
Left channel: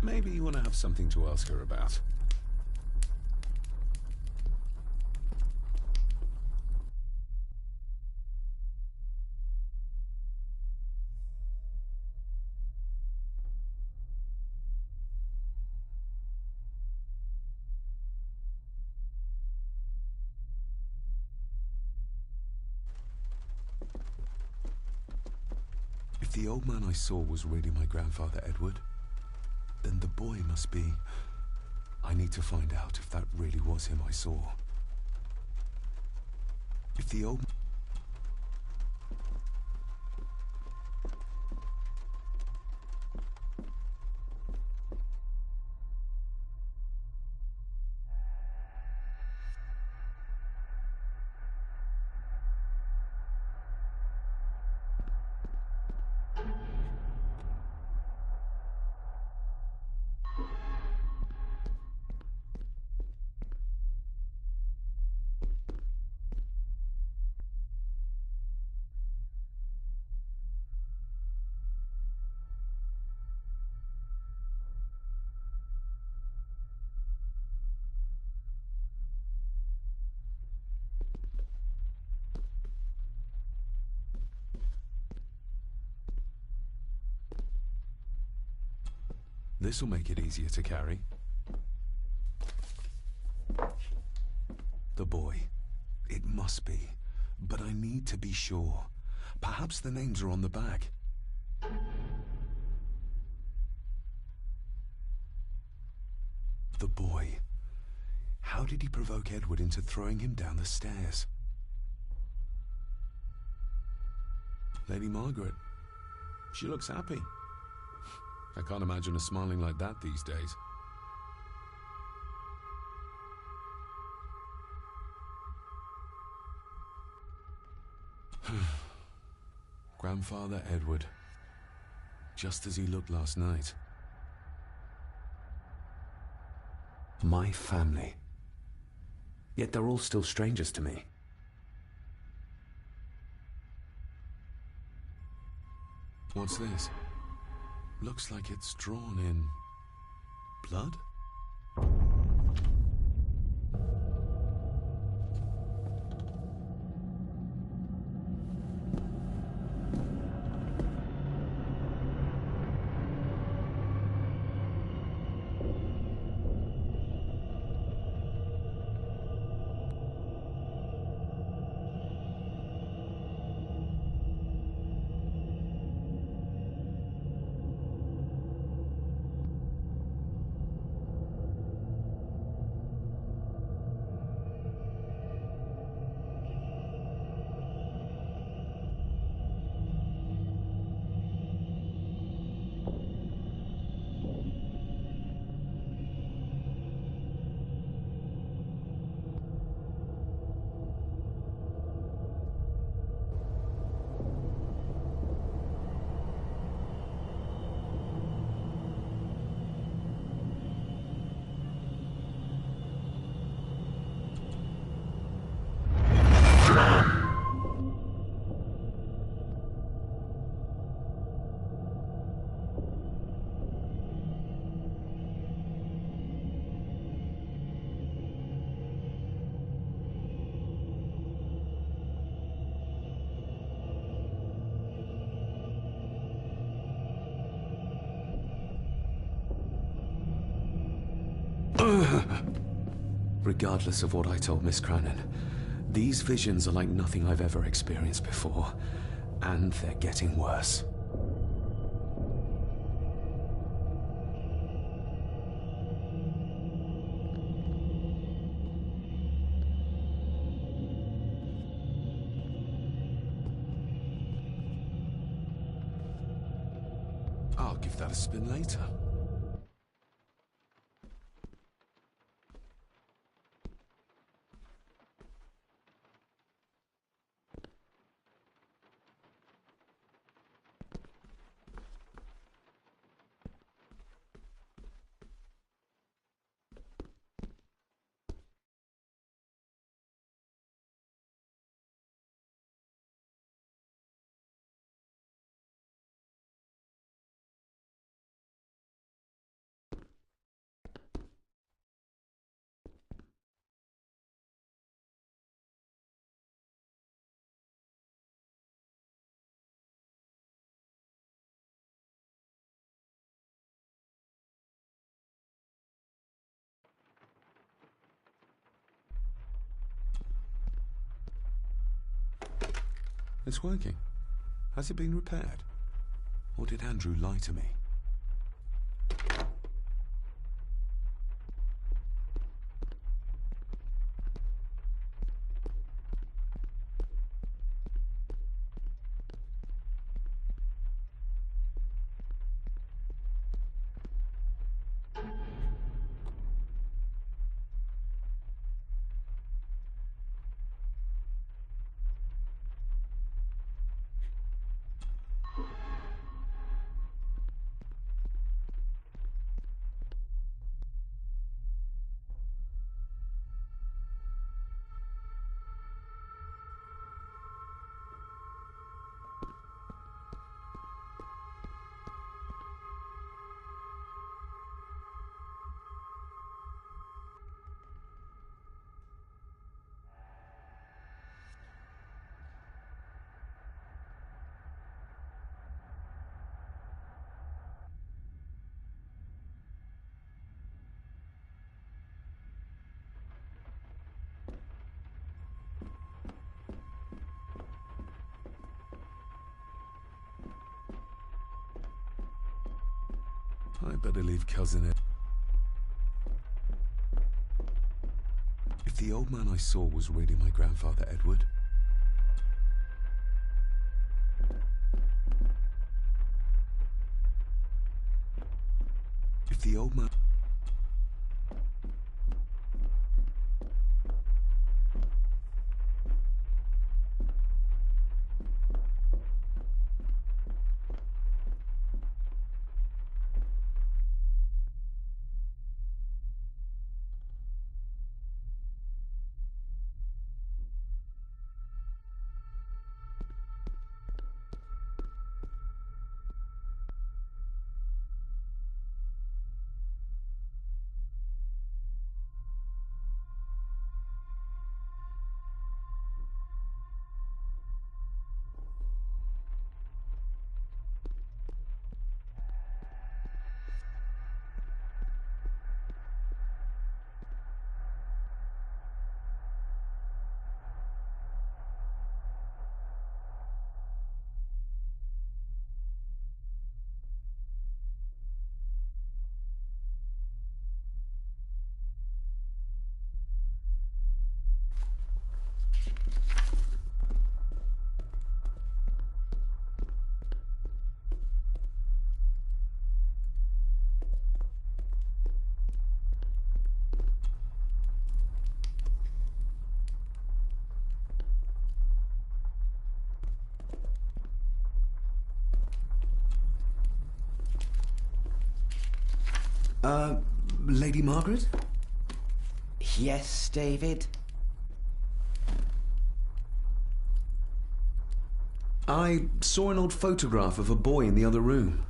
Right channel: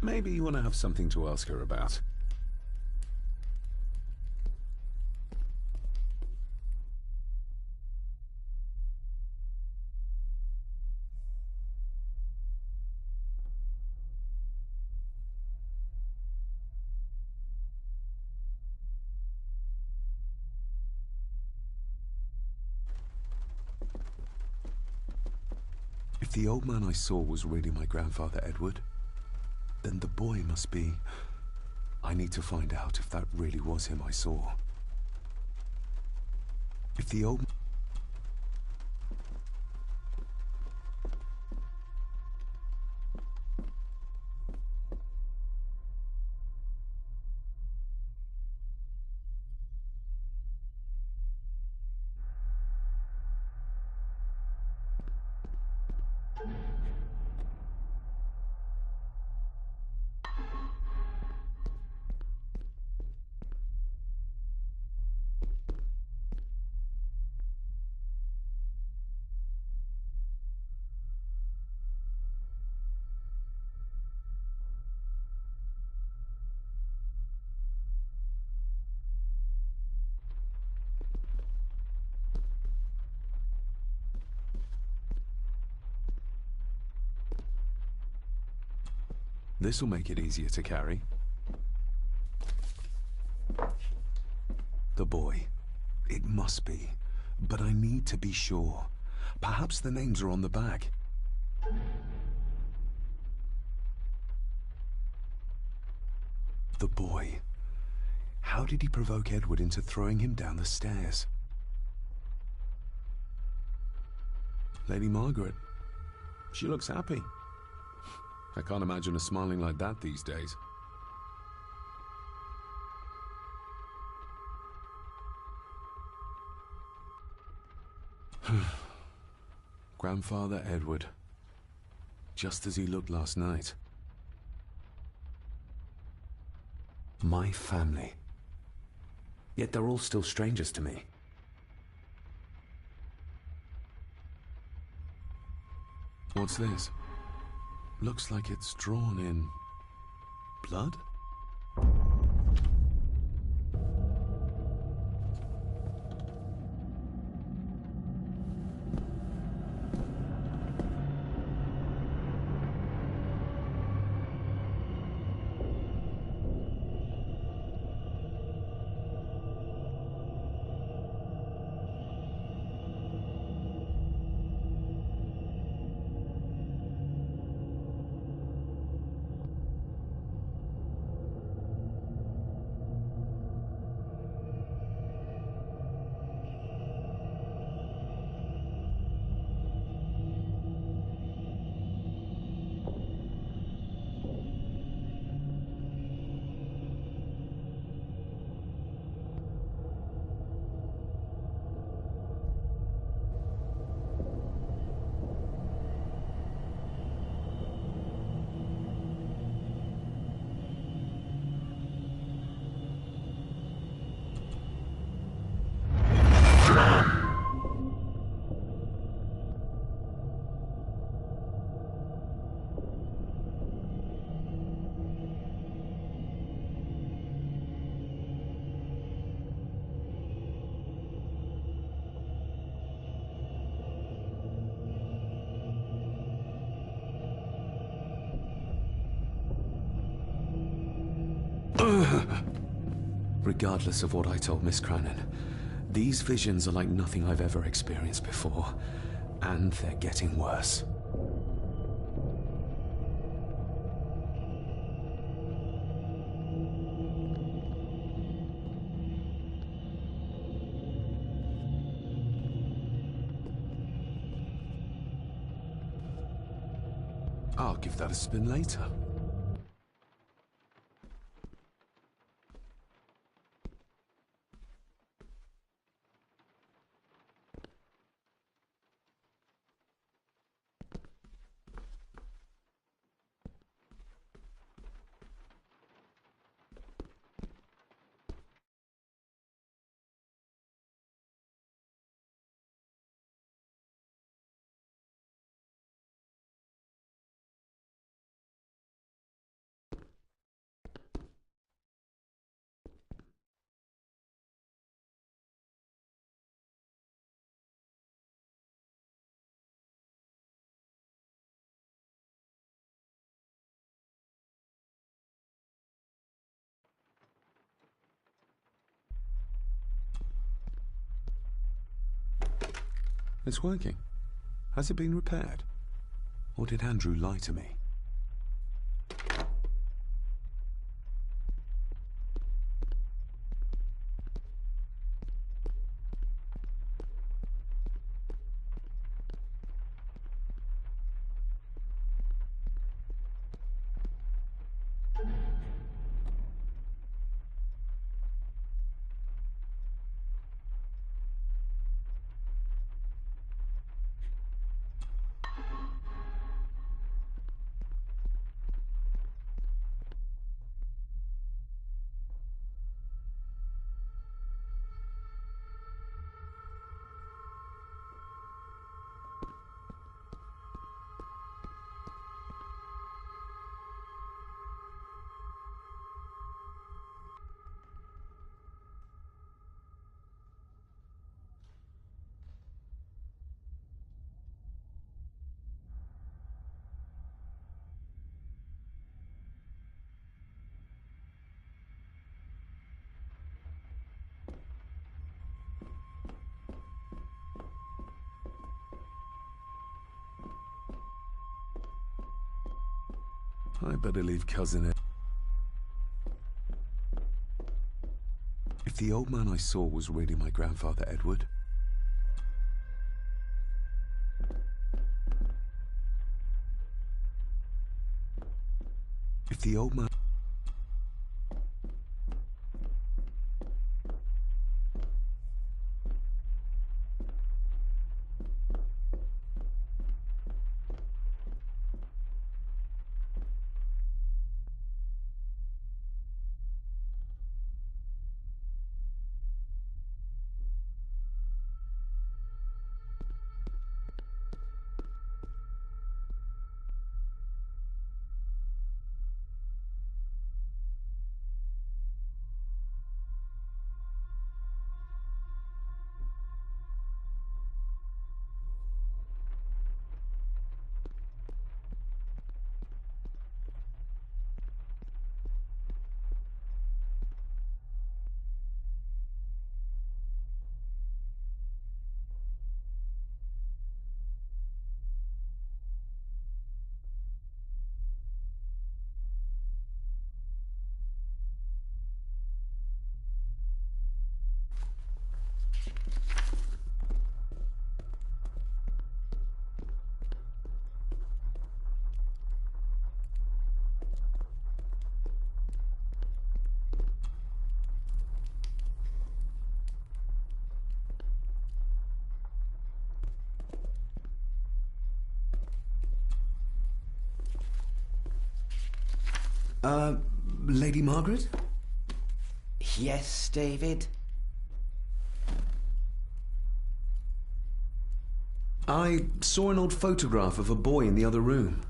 Maybe you want to have something to ask her about. If the old man I saw was really my grandfather Edward, then the boy must be... I need to find out if that really was him I saw. If the old... This'll make it easier to carry. The boy. It must be. But I need to be sure. Perhaps the names are on the back. The boy. How did he provoke Edward into throwing him down the stairs? Lady Margaret. She looks happy. I can't imagine her smiling like that these days. Grandfather Edward. Just as he looked last night. My family. Yet they're all still strangers to me. What's this? Looks like it's drawn in blood? Regardless of what I told Miss Cranon, these visions are like nothing I've ever experienced before, and they're getting worse. I'll give that a spin later. It's working. Has it been repaired? Or did Andrew lie to me? I better leave Cousin Ed. If the old man I saw was really my grandfather Edward... If the old man... Lady Margaret? Yes, David? I saw an old photograph of a boy in the other room.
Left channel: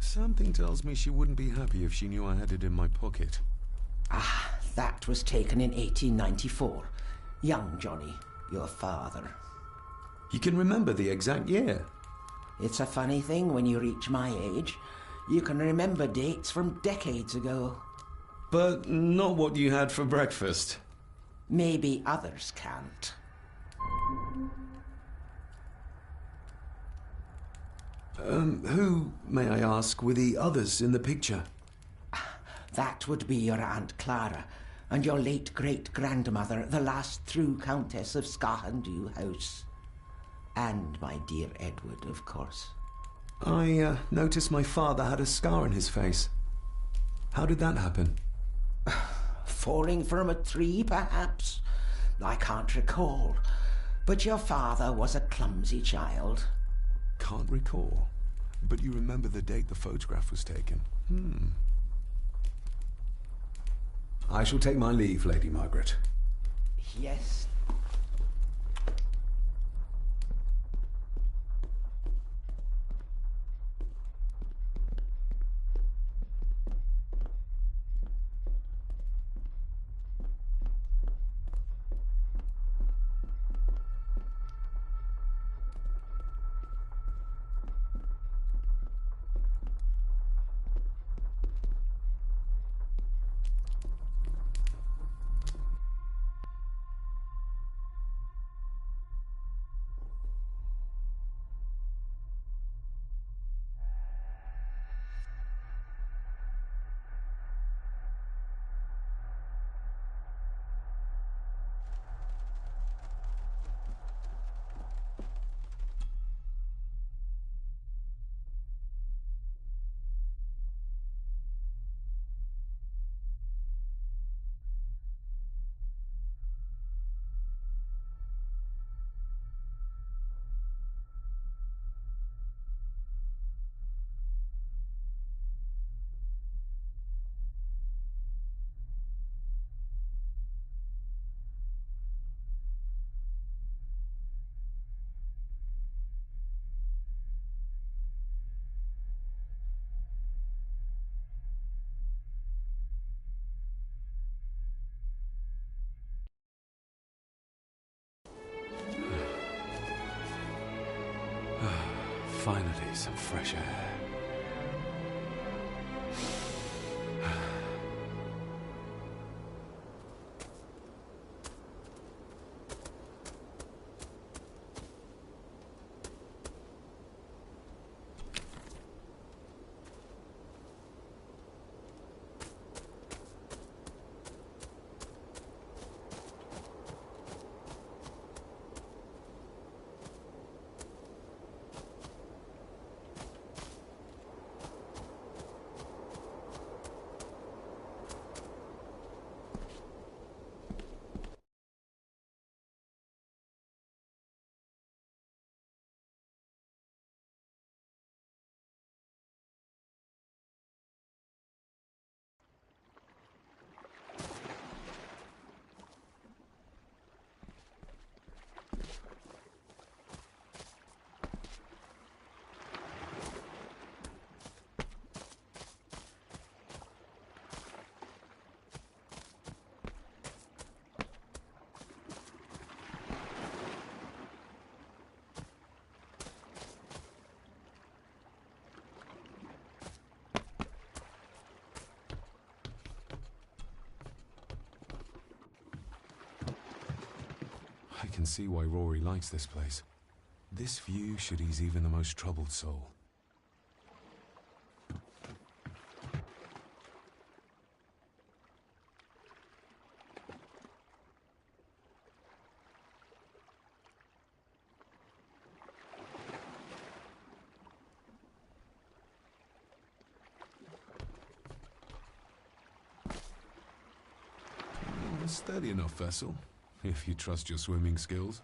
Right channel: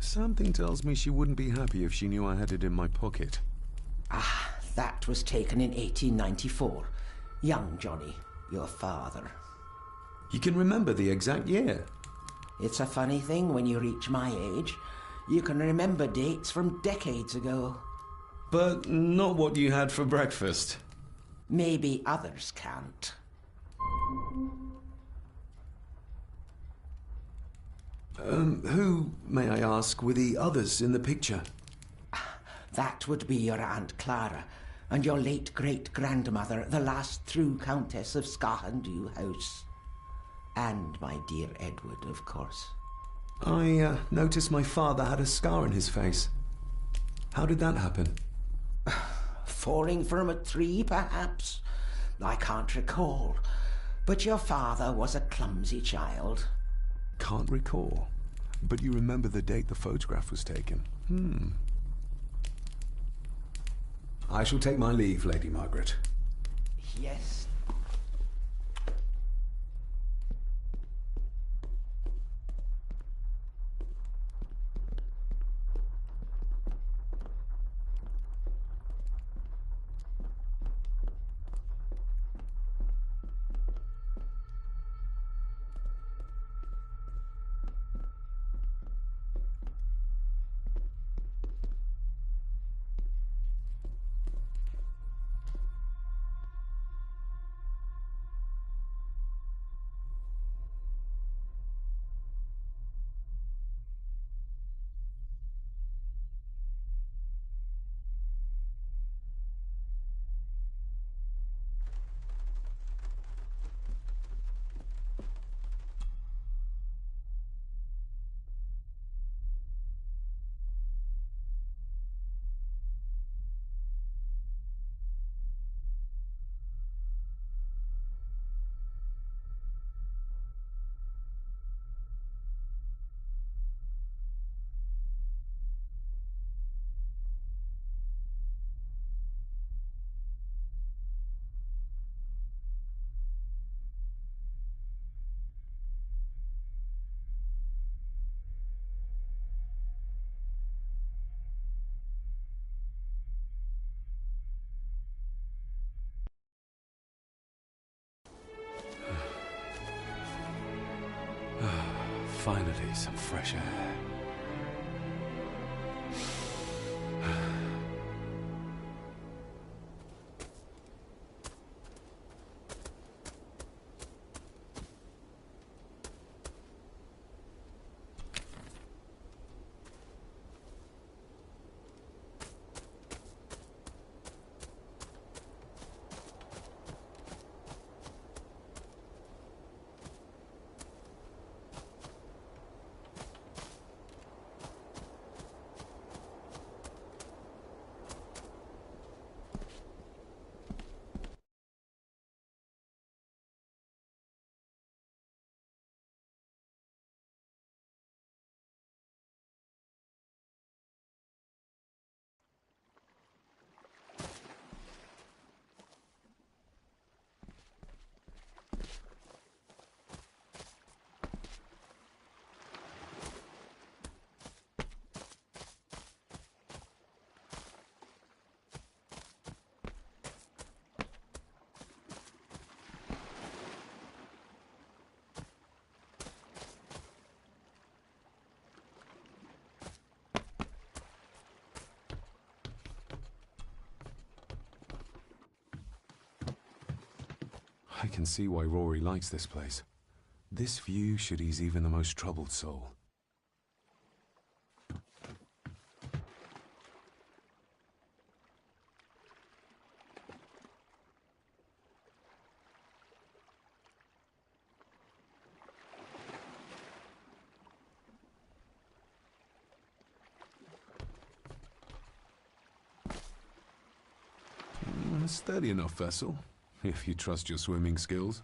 Something tells me she wouldn't be happy if she knew I had it in my pocket. Ah, that was taken in 1894. Young Johnny, your father. You can remember the exact year? It's a funny thing when you reach my age. You can remember dates from decades ago. But not what you had for breakfast. Maybe others can't. Who, may I ask, were the others in the picture? That would be your Aunt Clara and your late great-grandmother, the last true Countess of Scahandew House. And my dear Edward, of course. I noticed my father had a scar on his face. How did that happen? Falling from a tree, perhaps? I can't recall. But your father was a clumsy child. Can't recall. But you remember the date the photograph was taken. I shall take my leave, Lady Margaret. Yes. Finally, some fresh air. I can see why Rory likes this place. This view should ease even the most troubled soul. A steady enough vessel, if you trust your swimming skills.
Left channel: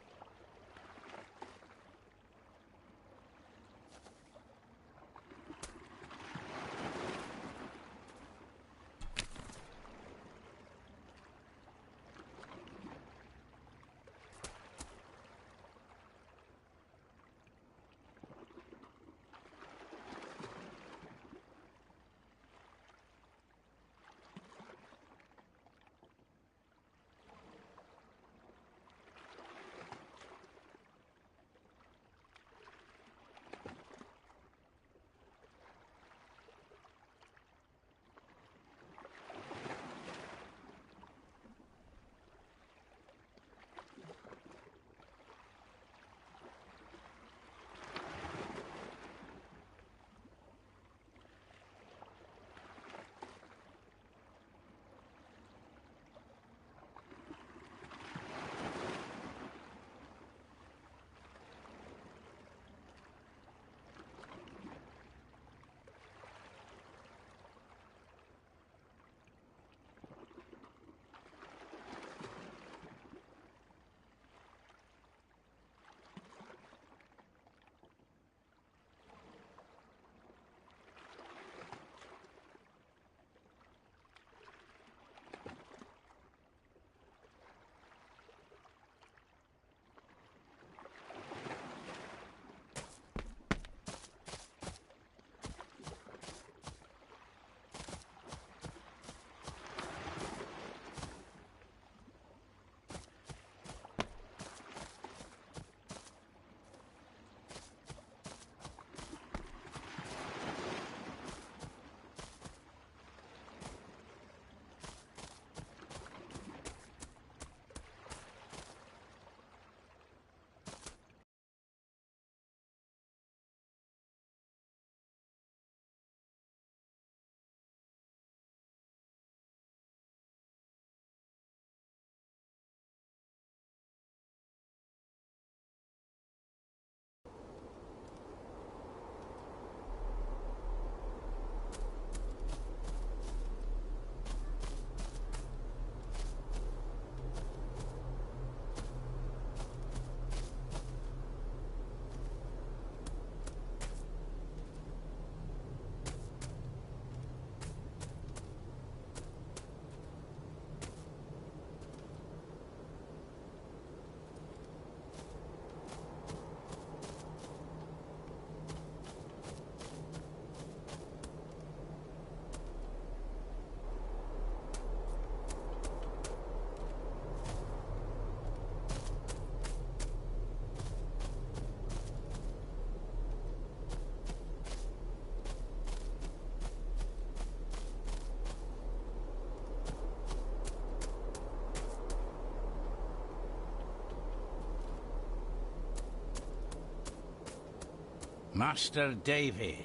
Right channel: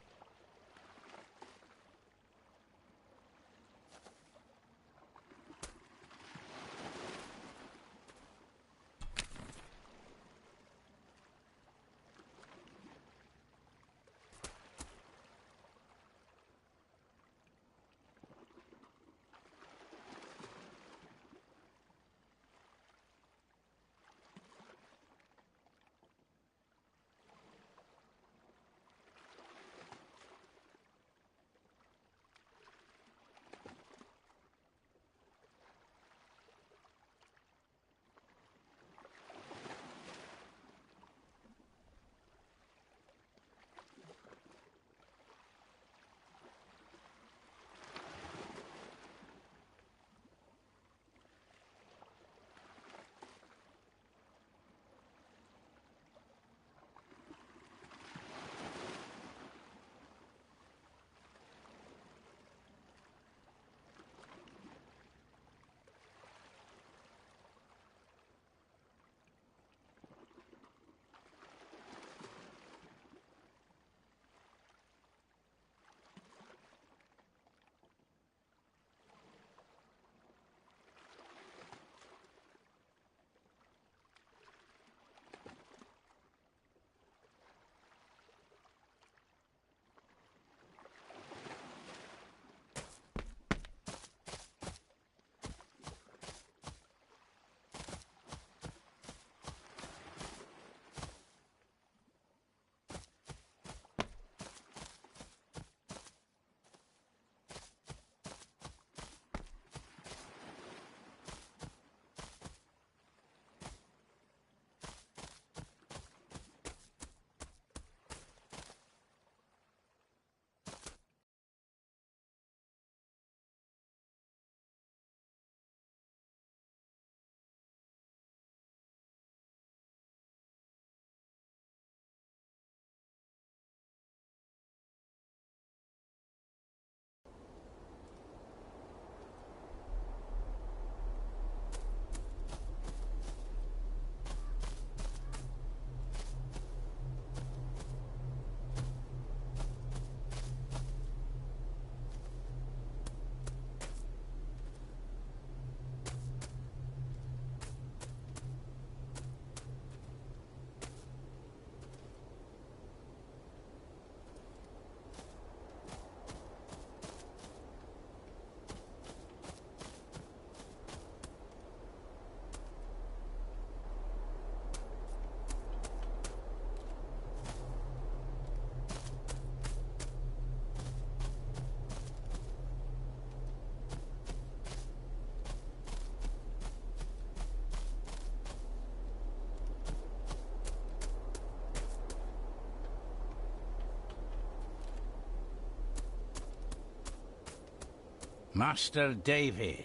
Master David.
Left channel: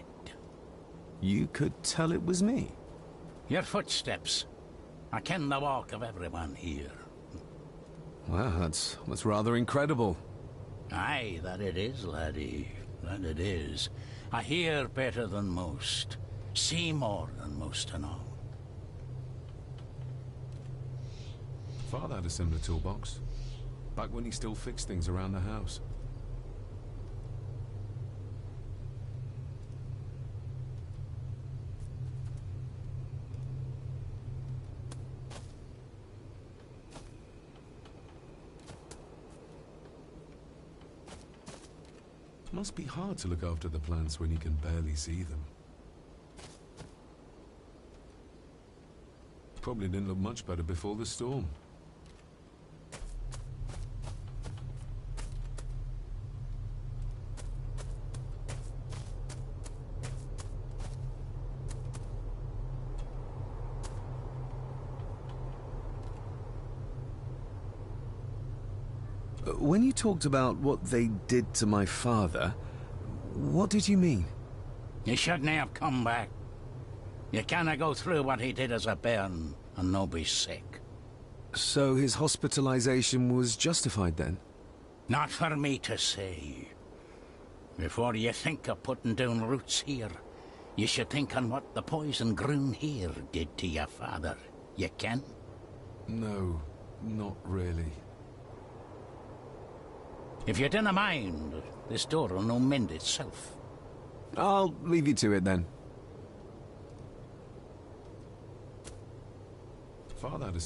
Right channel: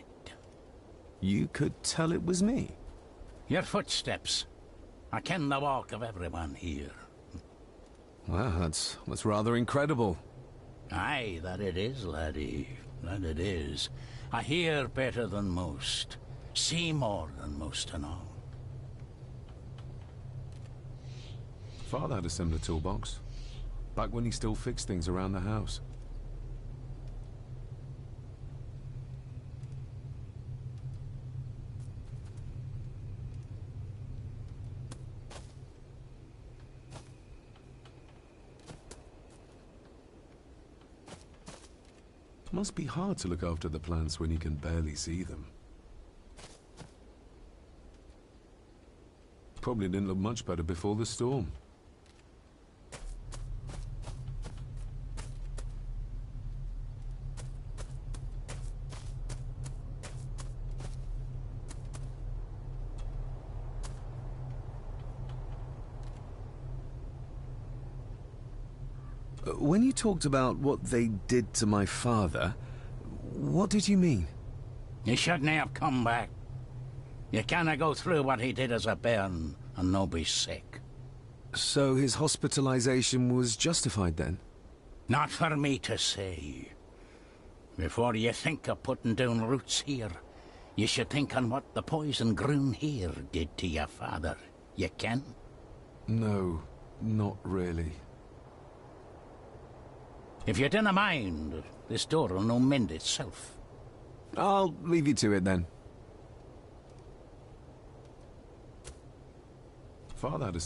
You could tell it was me. Your footsteps. I ken the walk of everyone here. Well, that's rather incredible. Aye, that it is, laddie. That it is. I hear better than most. See more than most and all. Father had a similar toolbox. Back when he still fixed things around the house. Must be hard to look after the plants when you can barely see them. Probably didn't look much better before the storm. When you talked about what they did to my father, what did you mean? You shouldn't have come back. You canna go through what he did as a bairn and no be sick. So his hospitalization was justified then? Not for me to say. Before you think of putting down roots here, you should think on what the poison grown here did to your father. You can? No, not really. If you dinna mind, this door will no mend itself. I'll leave you to it then. Father had a...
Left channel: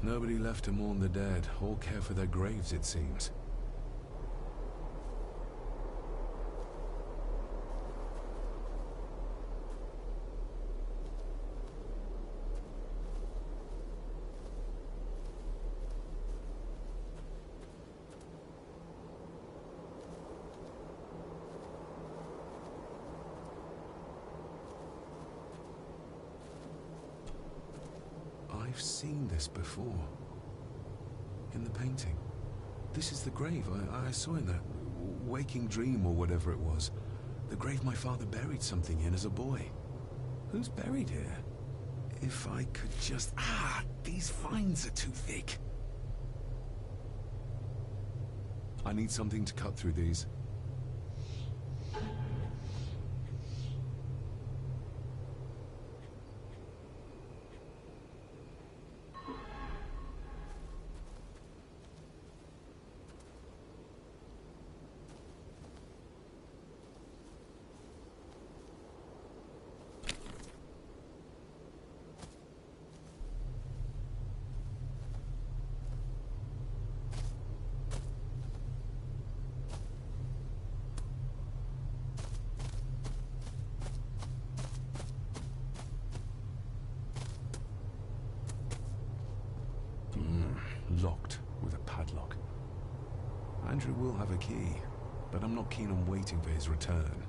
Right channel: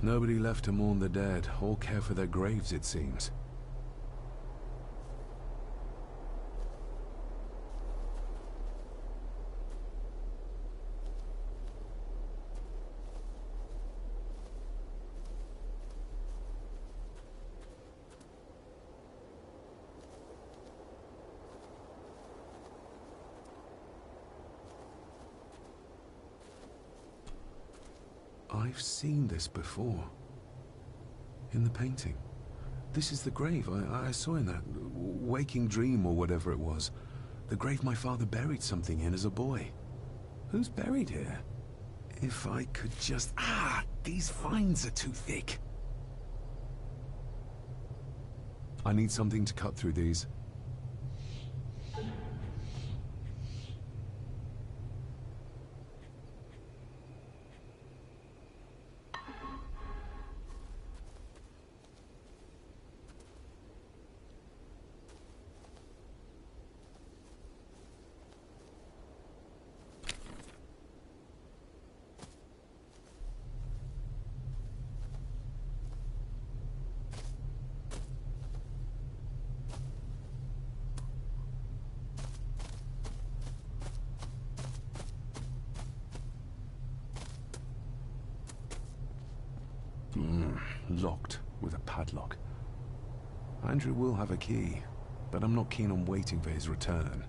Nobody left to mourn the dead, or care for their graves, it seems. I've seen this before. In the painting. This is the grave I saw in that waking dream or whatever it was. The grave my father buried something in as a boy. Who's buried here? If I could just... Ah! These vines are too thick. I need something to cut through these. Locked with a padlock. Andrew will have a key, but I'm not keen on waiting for his return.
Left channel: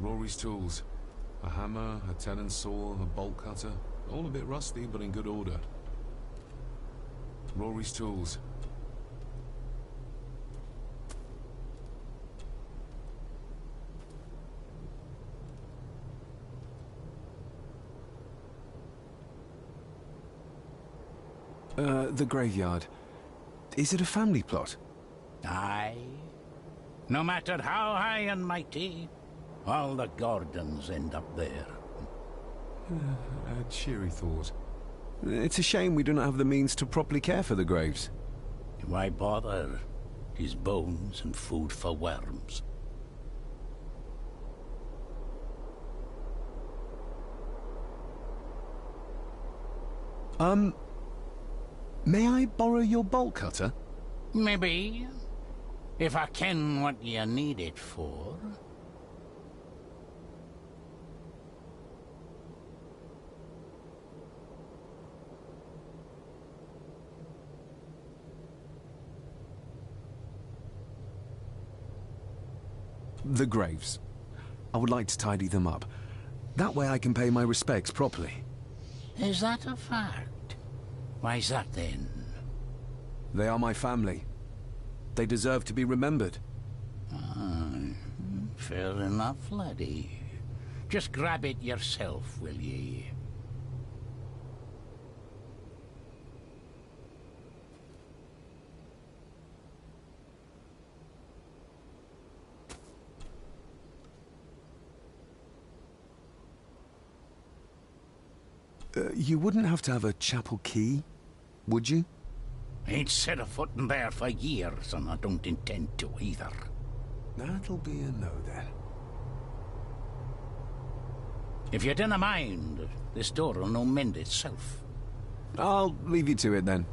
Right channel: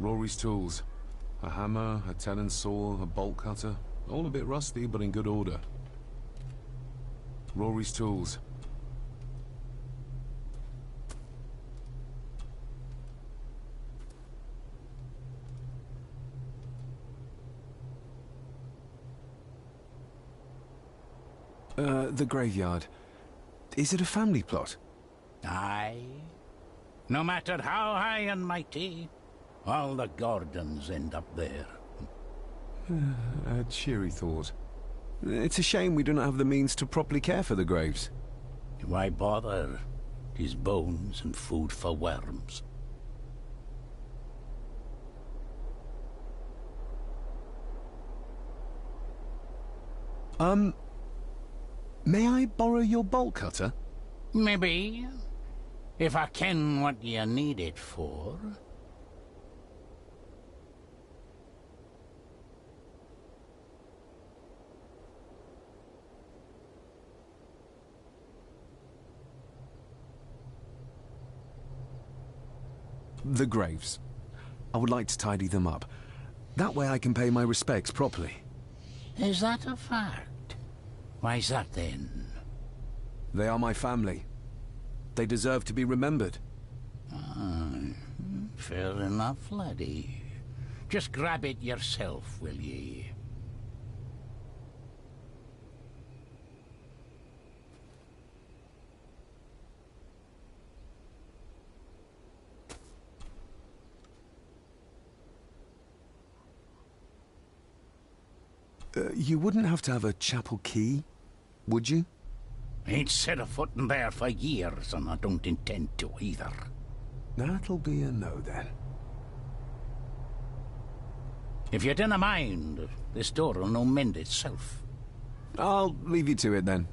Rory's tools. A hammer, a tenon saw, a bolt cutter. All a bit rusty, but in good order. Rory's tools. The graveyard. Is it a family plot? Aye. No matter how high and mighty, all the Gordons end up there. A cheery thought. It's a shame we do not have the means to properly care for the graves. Why bother? 'Tis bones and food for worms. May I borrow your bolt cutter? Maybe. If I ken what you need it for. The graves. I would like to tidy them up. That way I can pay my respects properly. Is that a fact? Why's that then? They are my family. They deserve to be remembered. Fair enough, laddie. Just grab it yourself, will ye? You wouldn't have to have a chapel key, would you? Ain't set a foot in there for years, and I don't intend to either. That'll be a no, then. If you dinna mind, this door'll no mend itself. I'll leave you to it, then.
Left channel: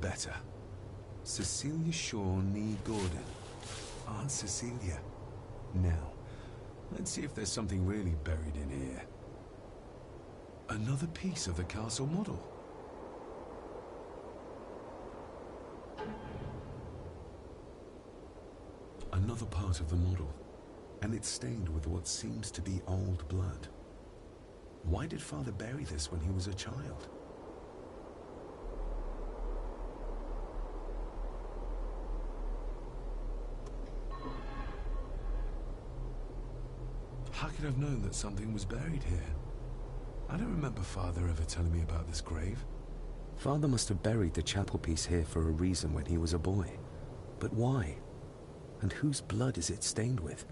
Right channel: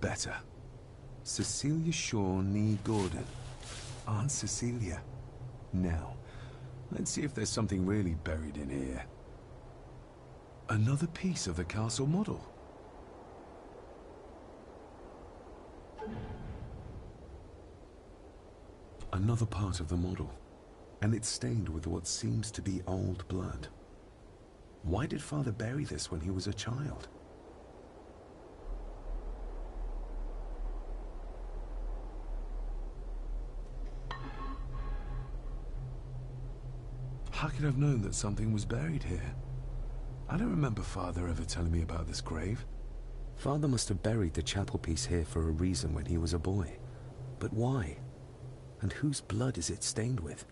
Better. Cecilia Shaw Nee Gordon. Aunt Cecilia. Now, let's see if there's something really buried in here. Another piece of the castle model. Another part of the model. And it's stained with what seems to be old blood. Why did Father bury this when he was a child? How could I have known that something was buried here? I don't remember Father ever telling me about this grave. Father must have buried the chapel piece here for a reason when he was a boy. But why? And whose blood is it stained with?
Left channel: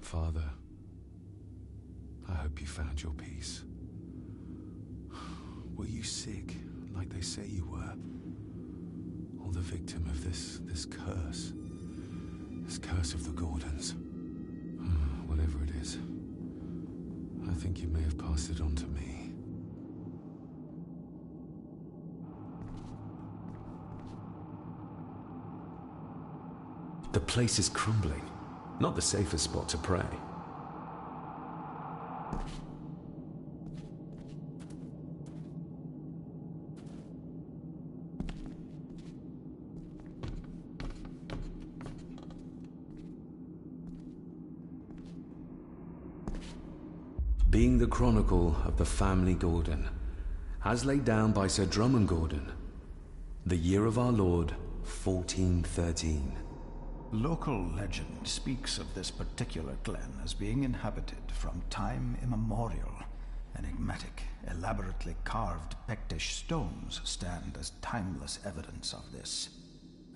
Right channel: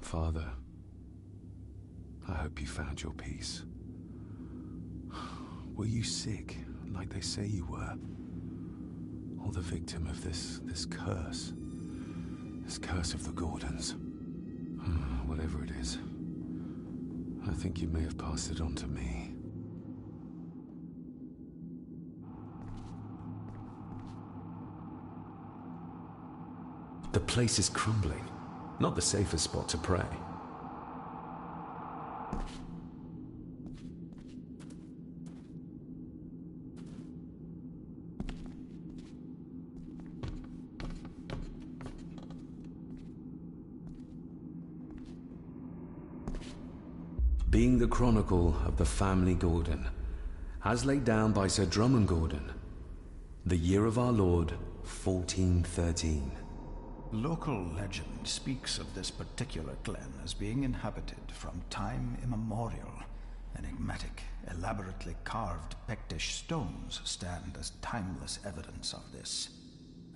Father, I hope you found your peace. Were you sick, like they say you were? Or the victim of this curse? This curse of the Gordons? Whatever it is, I think you may have passed it on to me. The place is crumbling. Not the safest spot to pray. being the chronicle of the family Gordon, as laid down by Sir Drummond Gordon, the year of our Lord, 1413. Local legend speaks of this particular glen as being inhabited from time immemorial. Enigmatic, elaborately carved Pictish stones stand as timeless evidence of this.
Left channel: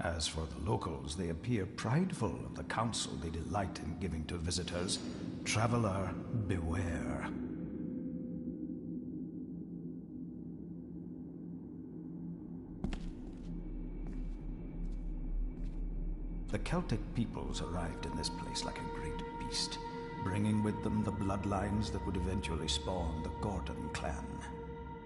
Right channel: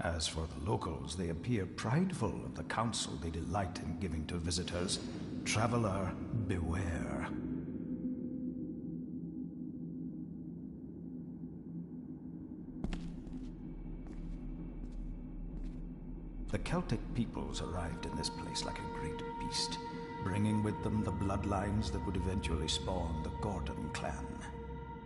As for the locals, they appear prideful of the counsel they delight in giving to visitors. Traveler, beware. The Celtic peoples arrived in this place like a great beast, bringing with them the bloodlines that would eventually spawn the Gordon clan.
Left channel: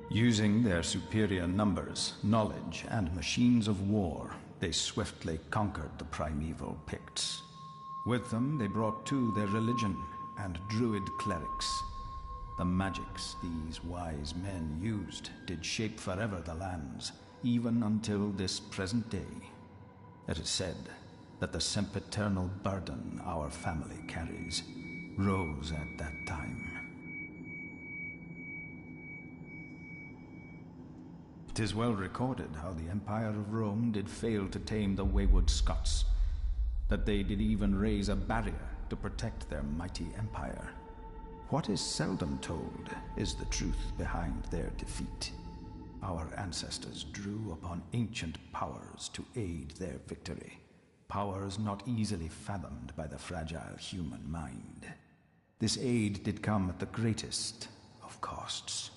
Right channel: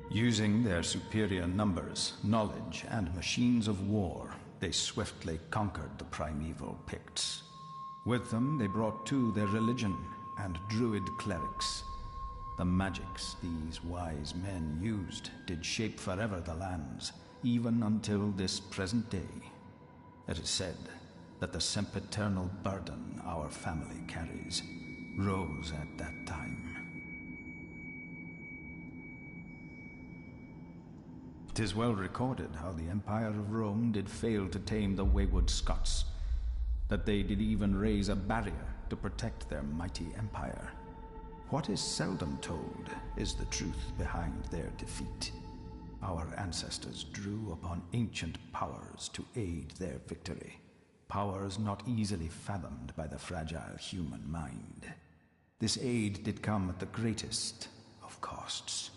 Using their superior numbers, knowledge, and machines of war, they swiftly conquered the primeval Picts. With them, they brought too their religion and druid clerics. The magics these wise men used did shape forever the lands, even until this present day. It is said that the sempiternal burden our family carries rose at that time. 'Tis well recorded how the Empire of Rome did fail to tame the wayward Scots, that they did even raise a barrier to protect their mighty empire. What is seldom told is the truth behind their defeat. Our ancestors drew upon ancient powers to aid their victory. Powers not easily fathomed by the fragile human mind. This aid did come at the greatest of costs.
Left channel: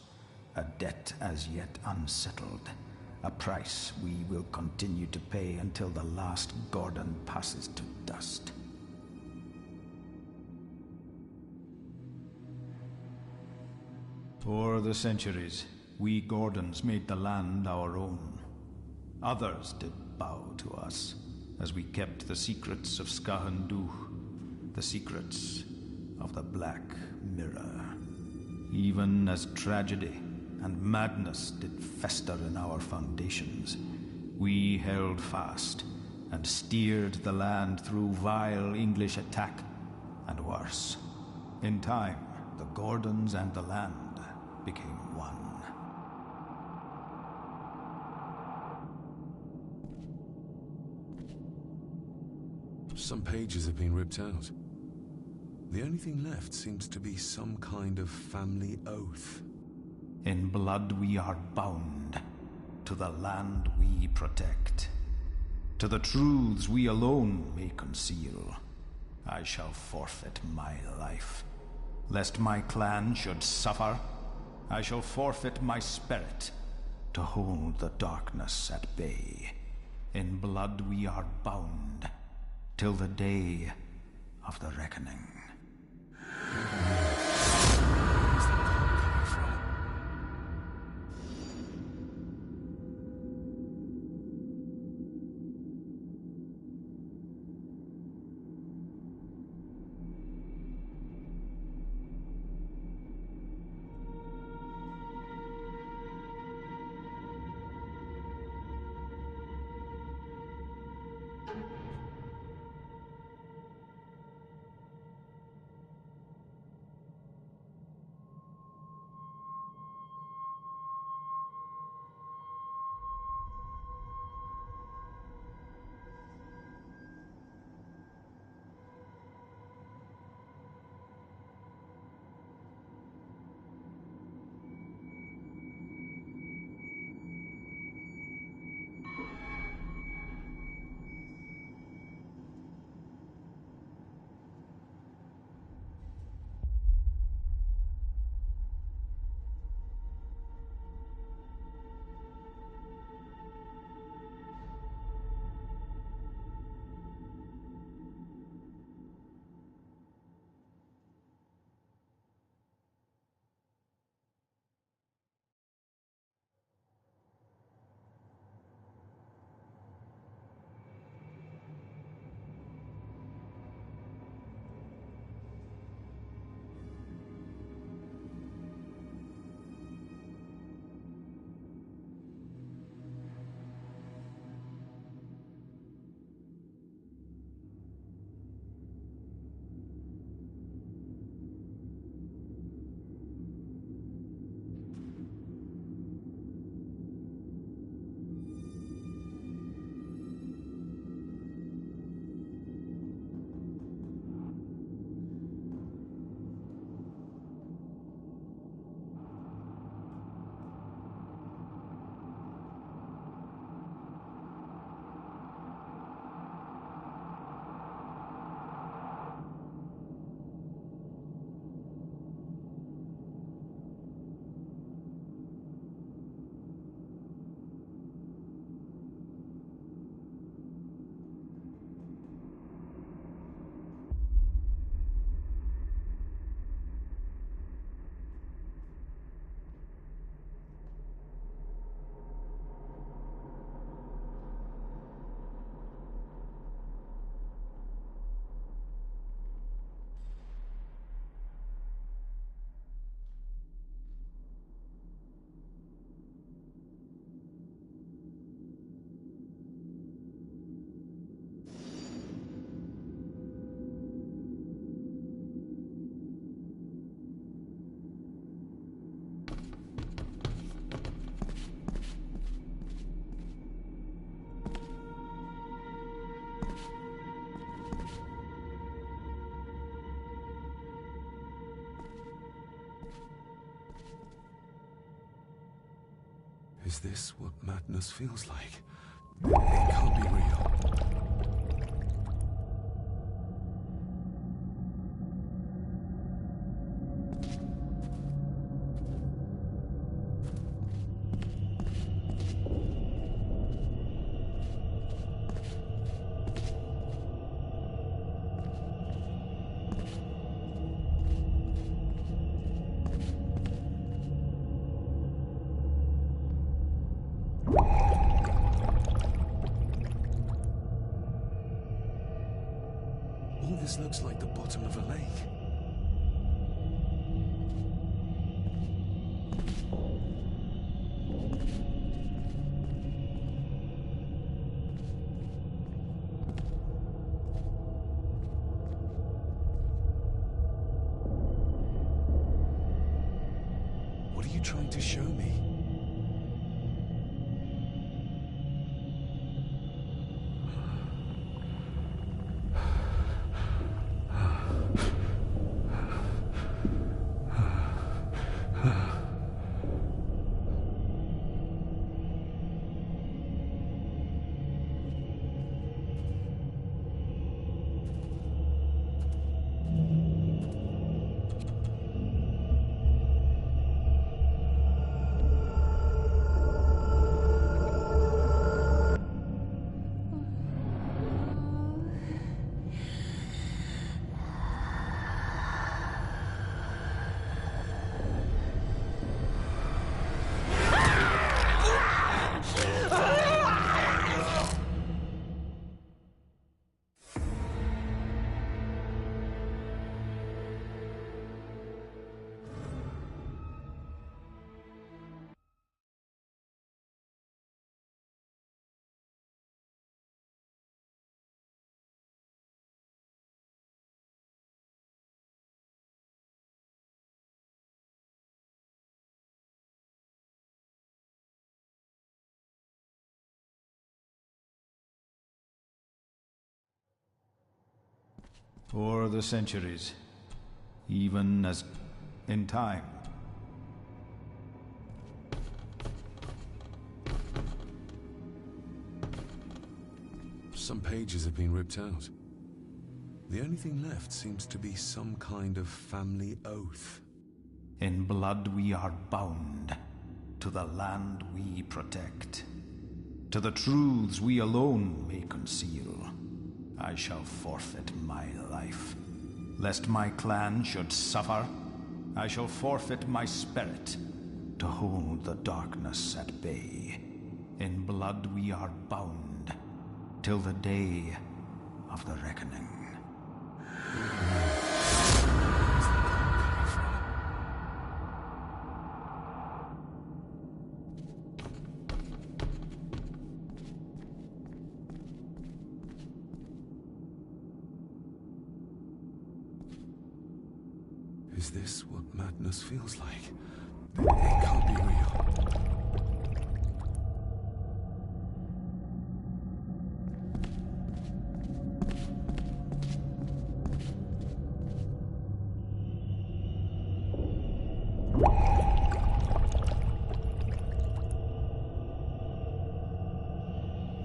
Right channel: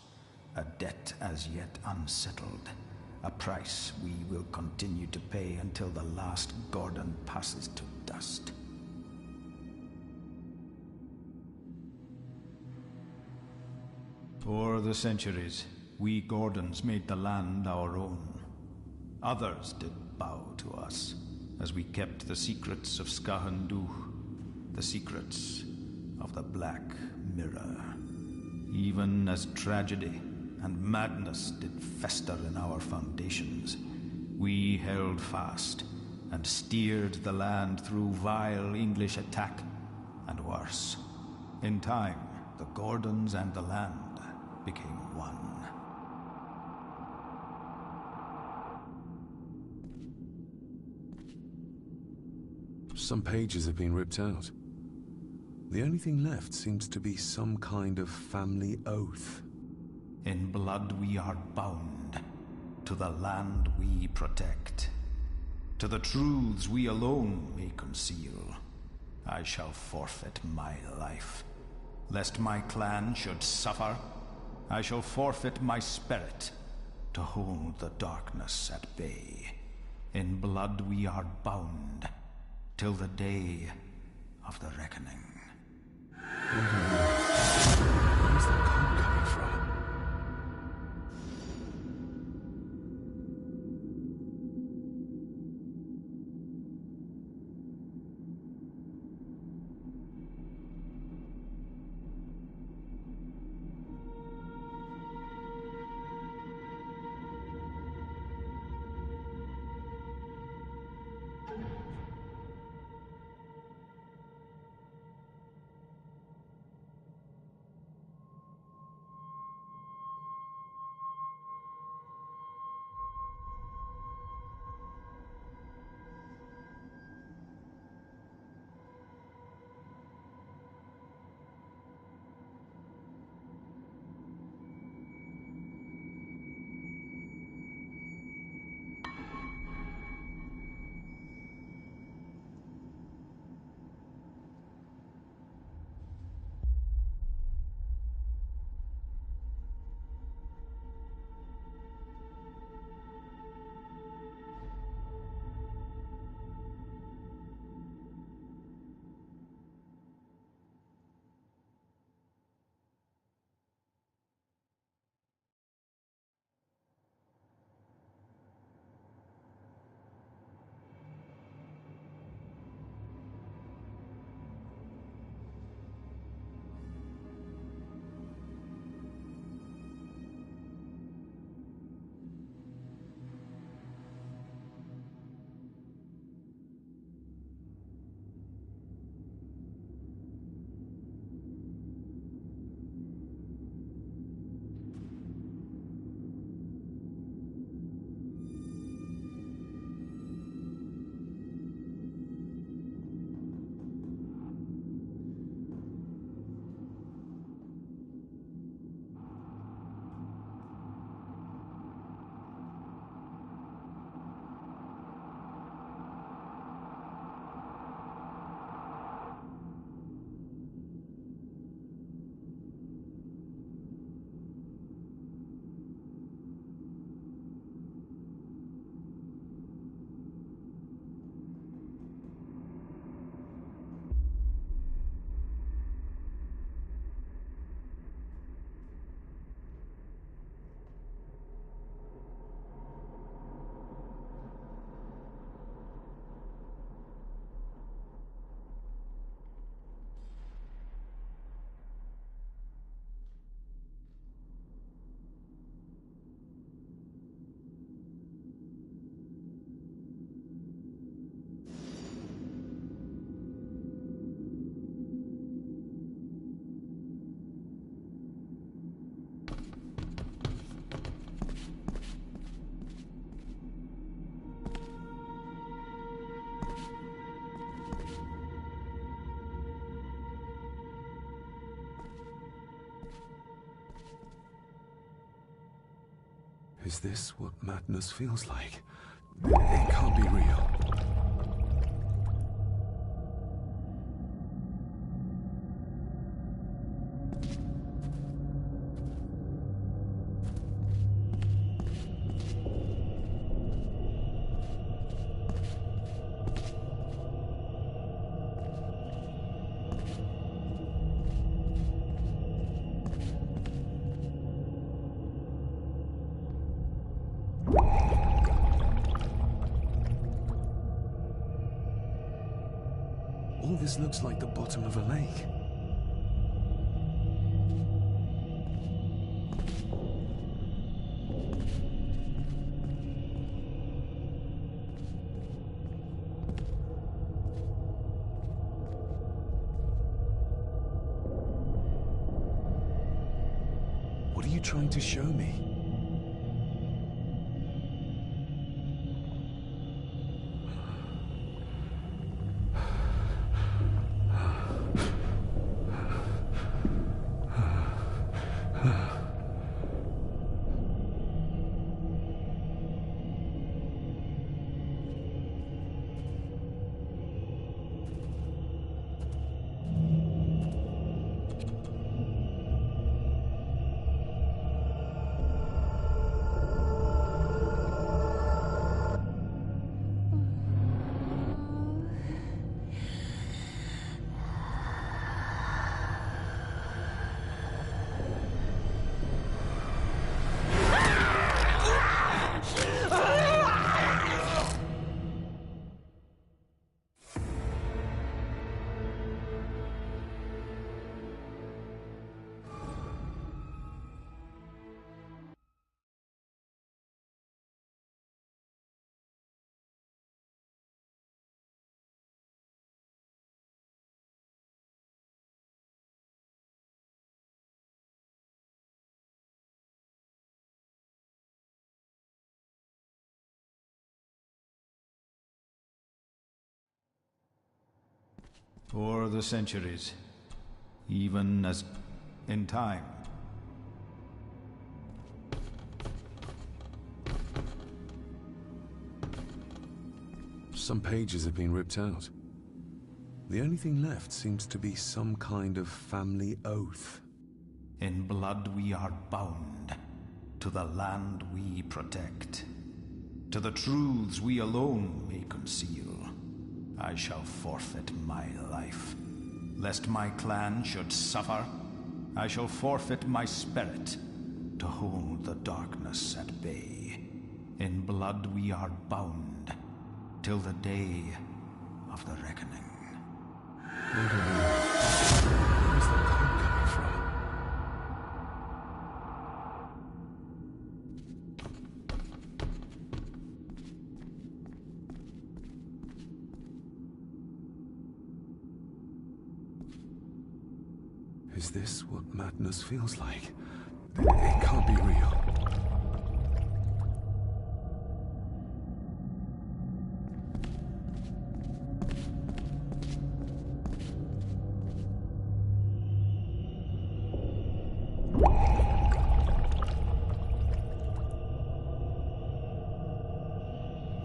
A debt as yet unsettled. A price we will continue to pay until the last Gordon passes to dust. For the centuries, we Gordons made the land our own. Others did bow to us, as we kept the secrets of Scahan Dubh, the secrets of the Black Mirror. Even as tragedy and madness did fester in our foundations, we held fast and steered the land through vile English attack and worse. In time, the Gordons and the land became one. Some pages have been ripped out. The only thing left seems to be some kind of family oath. In blood we are bound to the land we protect, to the truths we alone may conceal. I shall forfeit my life, lest my clan should suffer. I shall forfeit my spirit to hold the darkness at bay. In blood we are bound till the day of the reckoning. Where is the cold coming from? Is this what madness feels like? It can't be real. All this looks like the bottom of a lake. What are you trying to show me? O'er the centuries, even as in time. Some pages have been ripped out. The only thing left seems to be some kind of family oath. In blood we are bound to the land we protect, to the truths we alone may conceal. I shall forfeit my life. Lest my clan should suffer, I shall forfeit my spirit to hold the darkness at bay. In blood we are bound till the day of the reckoning. Where's the cold coming from? Is this what madness feels like? It can't be real.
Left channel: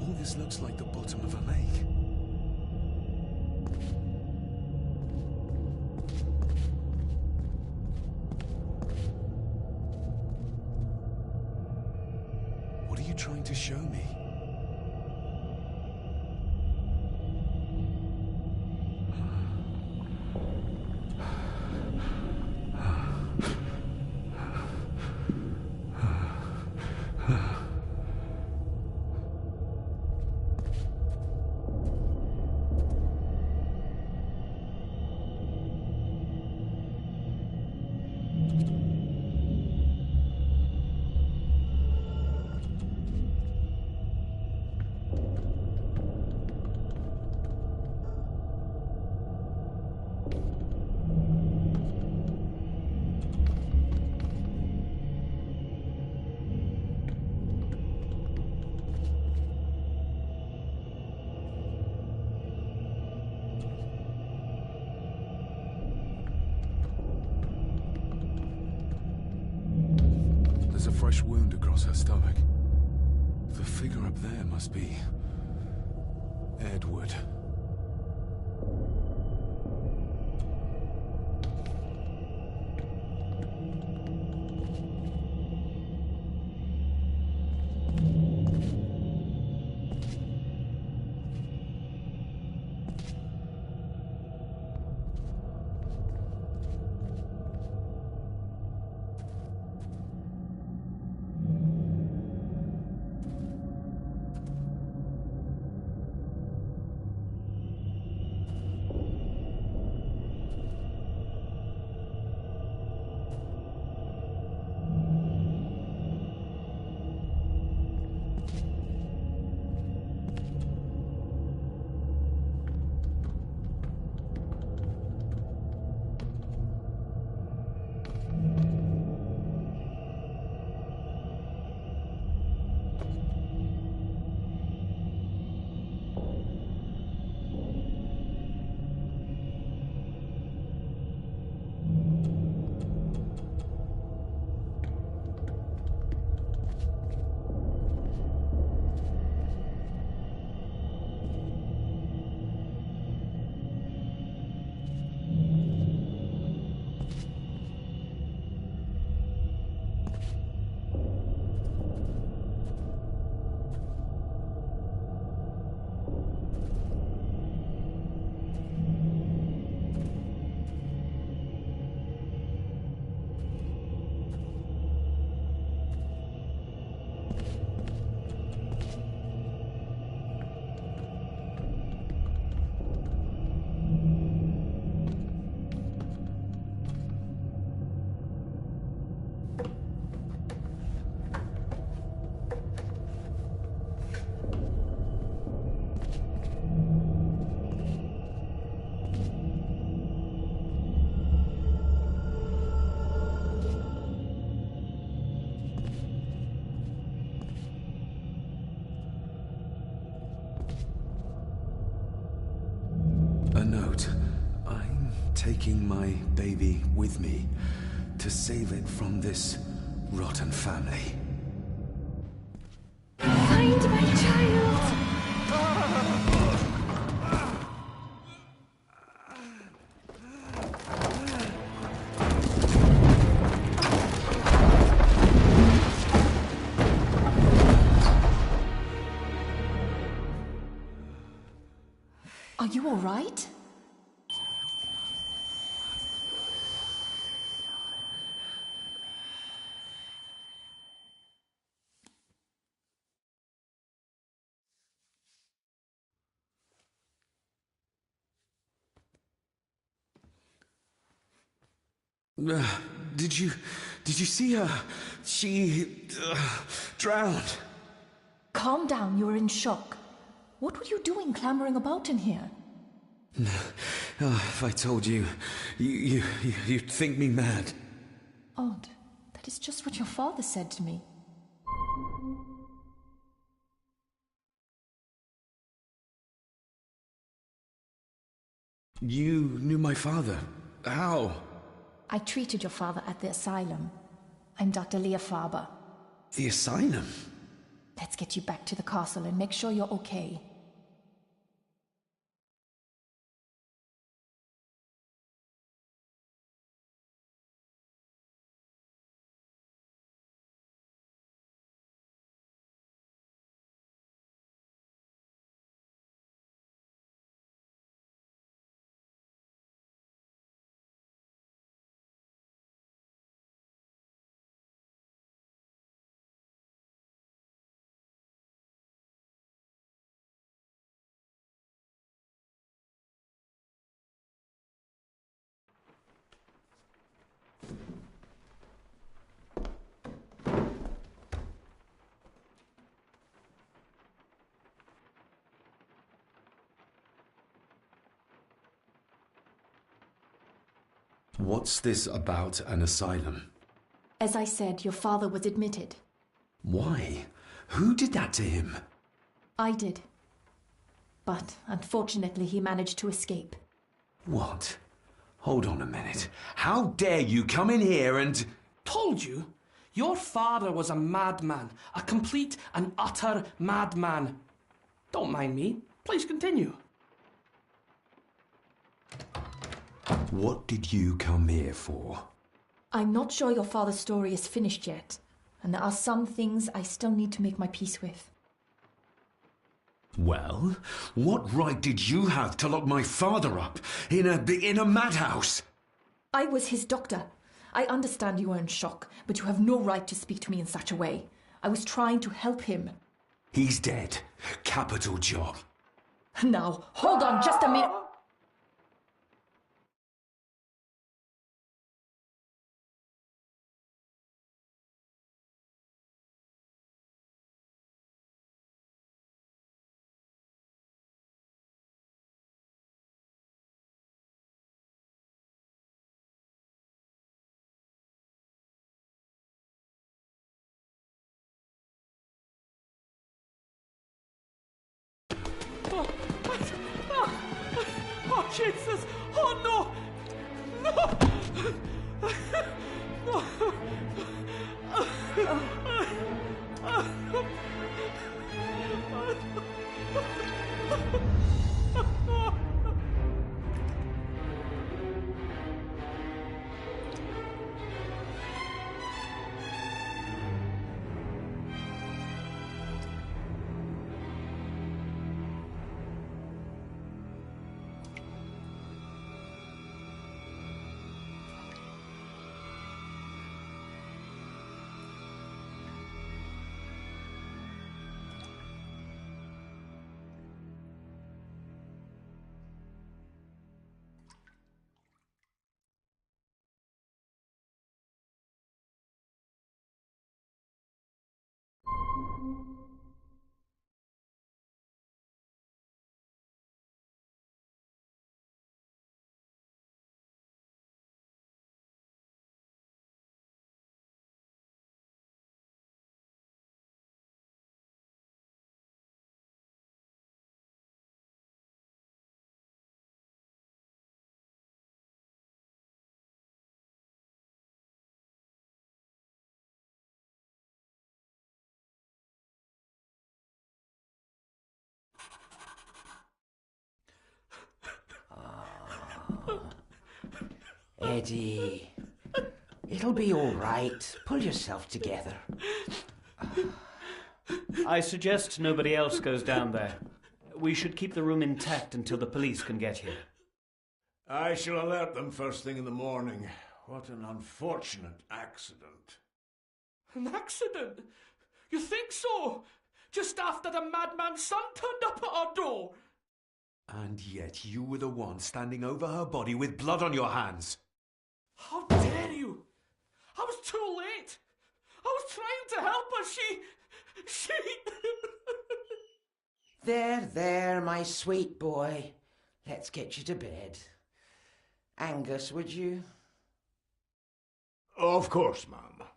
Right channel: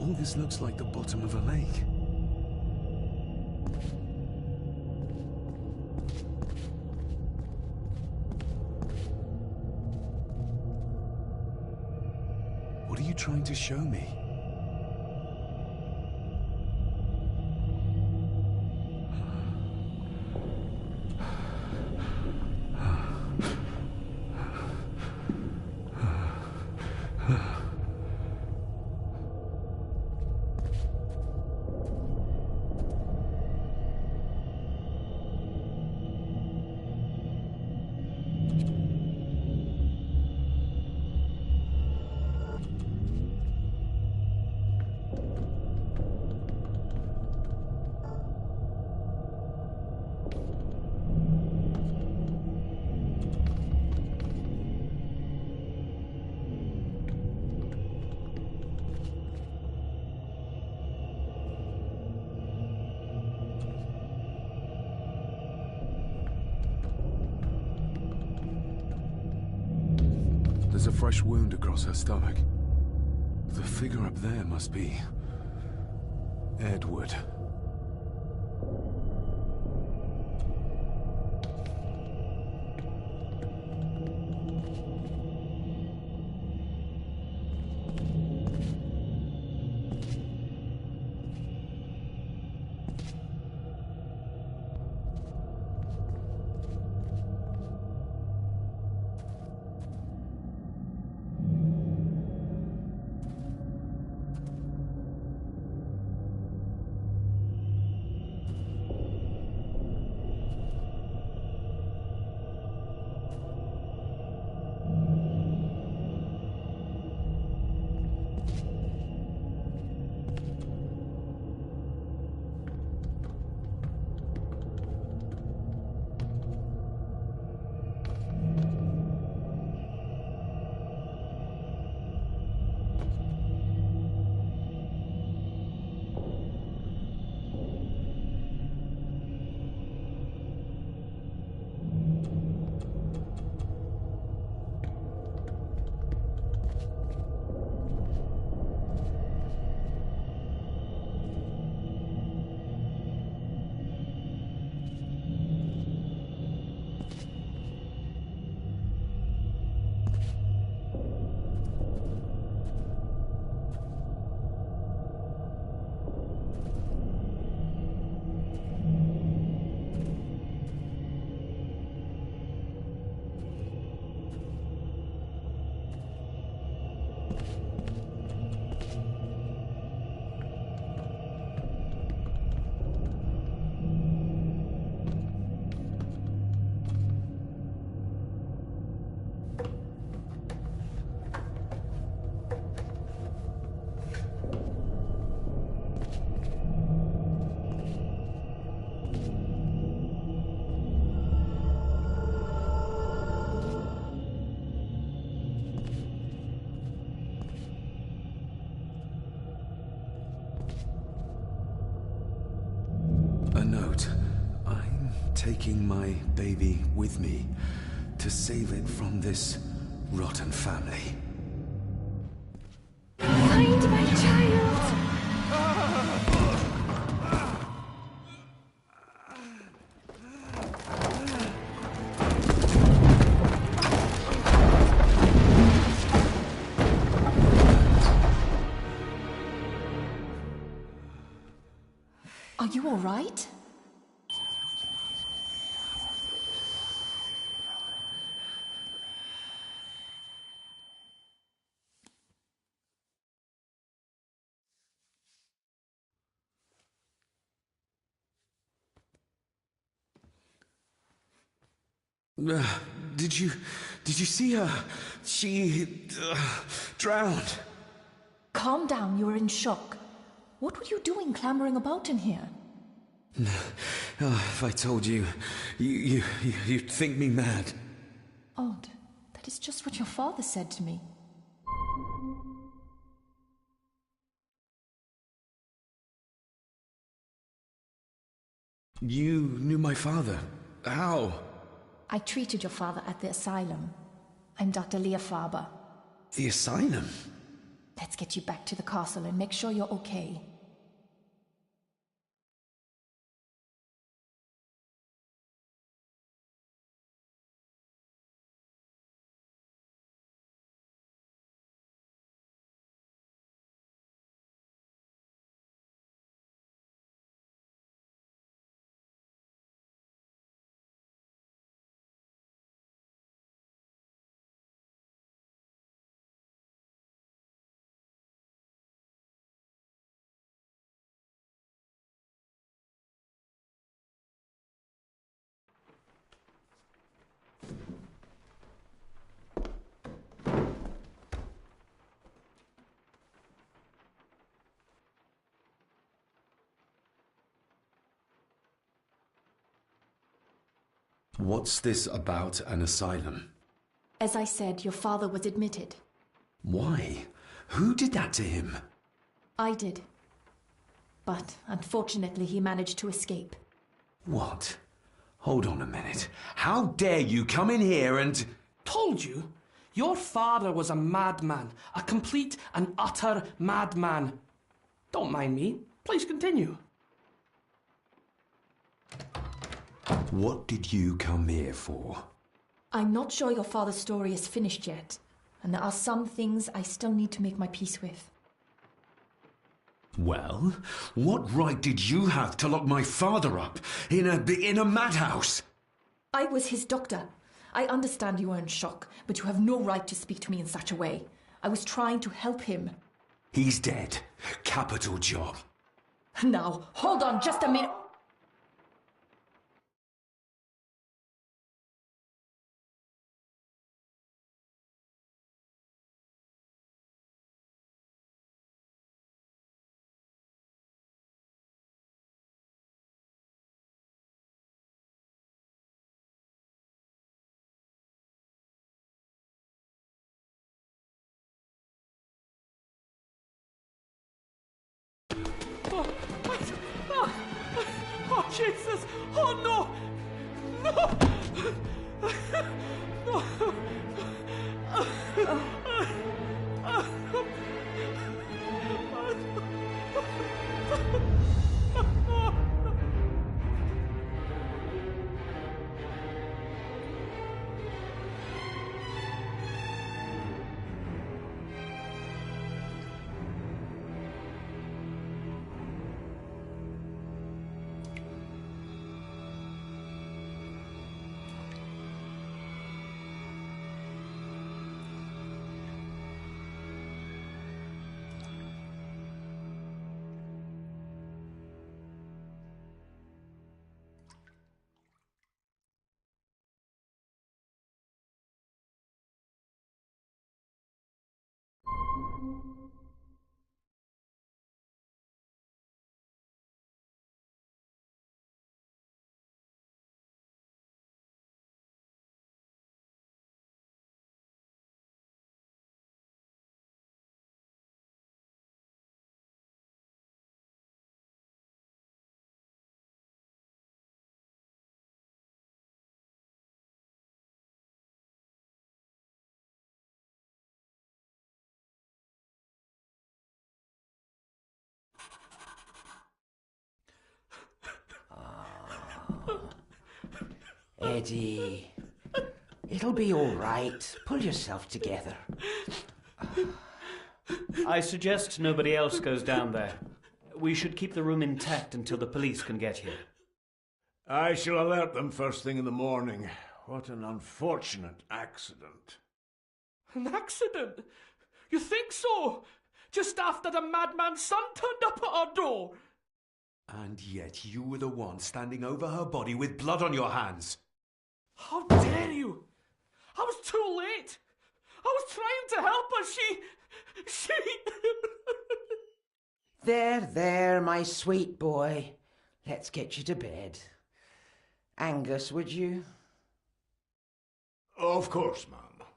All this looks like the bottom of a lake. What are you trying to show me? a fresh wound across her stomach. The figure up there must be Edward. A note. I'm taking my baby with me to save it from this rotten family. Find my child! Are you all right? Did you see her? She drowned. Calm down, you're in shock. What were you doing clambering about in here? If I told you, you'd think me mad. Odd. That is just what your father said to me. You knew my father. How? I treated your father at the asylum. I'm Dr. Leah Faber. The asylum? Let's get you back to the castle and make sure you're okay. What's this about an asylum? As I said, your father was admitted. Why? Who did that to him? I did. But unfortunately, he managed to escape. What? Hold on a minute. How dare you come in here and... Told you. Your father was a madman. A complete and utter madman. Don't mind me. Please continue. What did you come here for? I'm not sure your father's story is finished yet, and there are some things I still need to make my peace with. Well, what right did you have to lock my father up in a madhouse? I was his doctor. I understand you are in shock, but you have no right to speak to me in such a way. I was trying to help him. He's dead. Capital job. Now, hold on just a minute. Oh, Jesus! Oh, no! No! Eddie, it'll be all right. Pull yourself together. I suggest nobody else goes down there. We should keep the room intact until the police can get here. I shall alert them first thing in the morning. What an unfortunate accident. An accident? You think so? Just after the madman's son turned up at our door? And yet you were the one standing over her body with blood on your hands. How dare you! I was too late! I was trying to help her, she... There, my sweet boy. Let's get you to bed. Angus, would you? Of course, ma'am.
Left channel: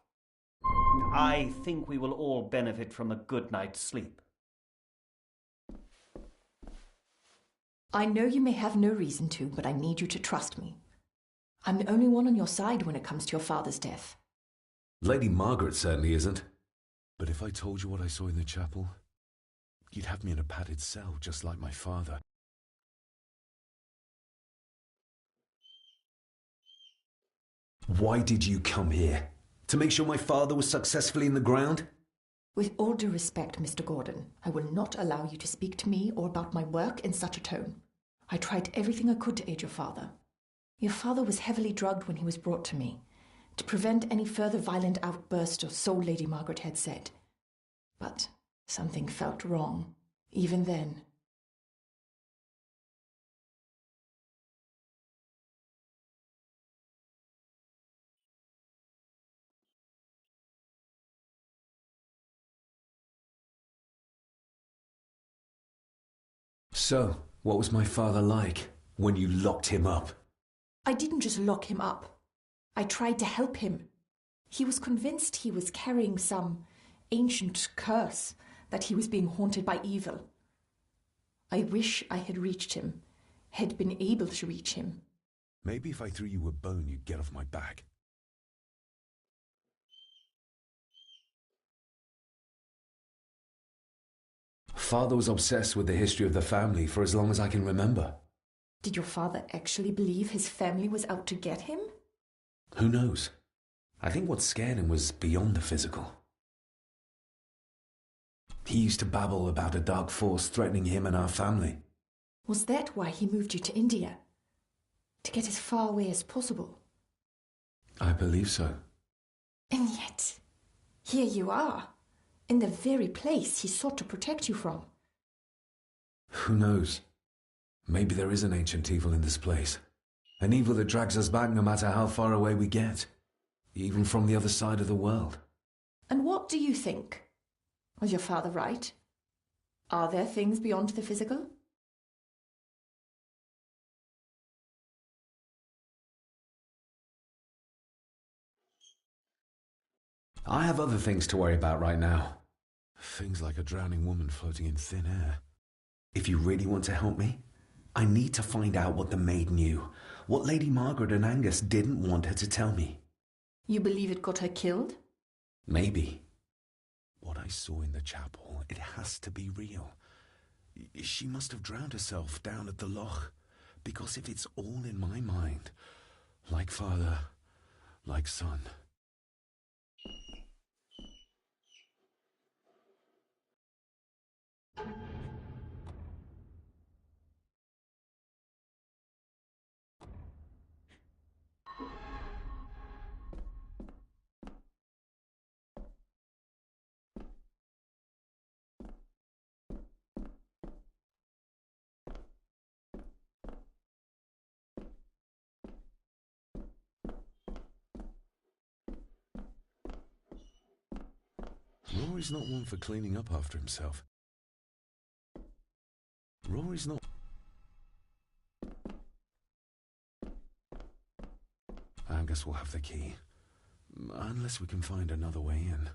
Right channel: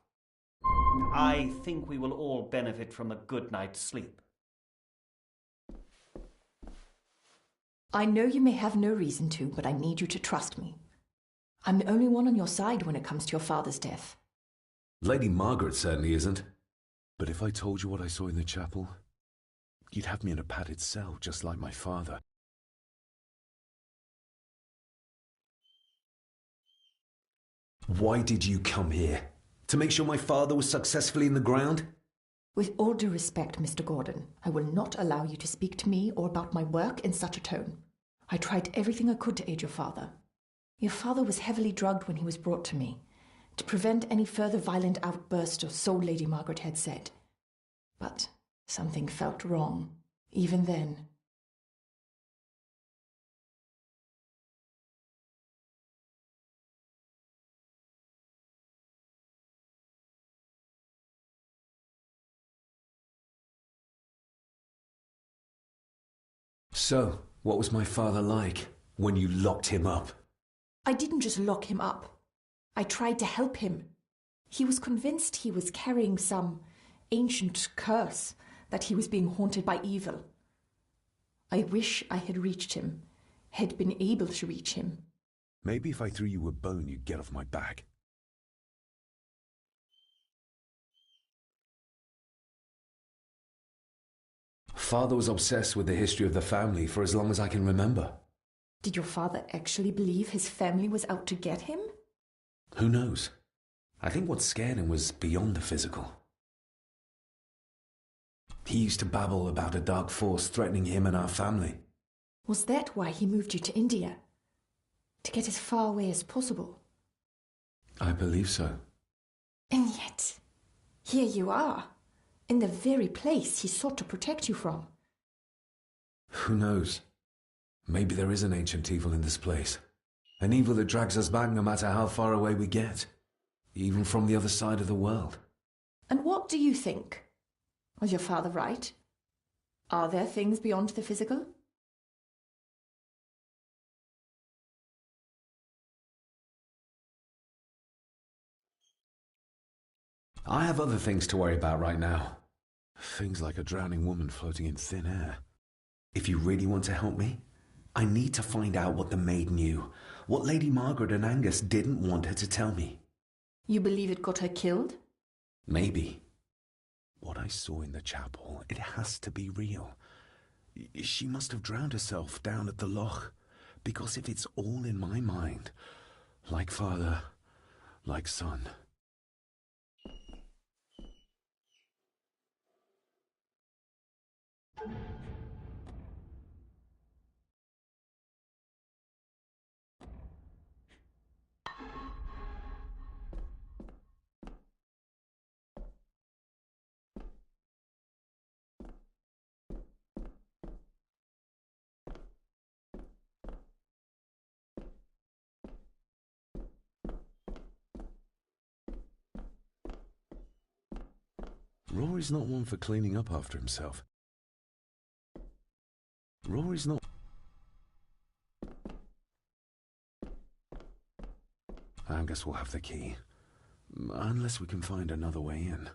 I think we will all benefit from a good night's sleep. I know you may have no reason to, but I need you to trust me. I'm the only one on your side when it comes to your father's death. Lady Margaret certainly isn't. But if I told you what I saw in the chapel, you'd have me in a padded cell, just like my father. Why did you come here? To make sure my father was successfully in the ground? With all due respect, Mr. Gordon, I will not allow you to speak to me or about my work in such a tone. I tried everything I could to aid your father. Your father was heavily drugged when he was brought to me, to prevent any further violent outburst, or so Lady Margaret had said. But something felt wrong, even then. So, what was my father like when you locked him up? I didn't just lock him up. I tried to help him. He was convinced he was carrying some ancient curse, that he was being haunted by evil. I wish I had reached him, had been able to reach him. Maybe if I threw you a bone, you'd get off my back. Father was obsessed with the history of the family for as long as I can remember. Did your father actually believe his family was out to get him? Who knows? I think what scared him was beyond the physical. He used to babble about a dark force threatening him and our family. Was that why he moved you to India? To get as far away as possible? I believe so. And yet, here you are, in the very place he sought to protect you from. Who knows? Maybe there is an ancient evil in this place. An evil that drags us back no matter how far away we get. Even from the other side of the world. And what do you think? Was your father right? Are there things beyond the physical? I have other things to worry about right now. Things like a drowning woman floating in thin air. If you really want to help me, I need to find out what the maid knew. What Lady Margaret and Angus didn't want her to tell me. You believe it got her killed? Maybe. What I saw in the chapel, it has to be real. She must have drowned herself down at the loch. Because if it's all in my mind, like father, like son. Rory's not one for cleaning up after himself. Rory's not... Angus will have the key. Unless we can find another way in.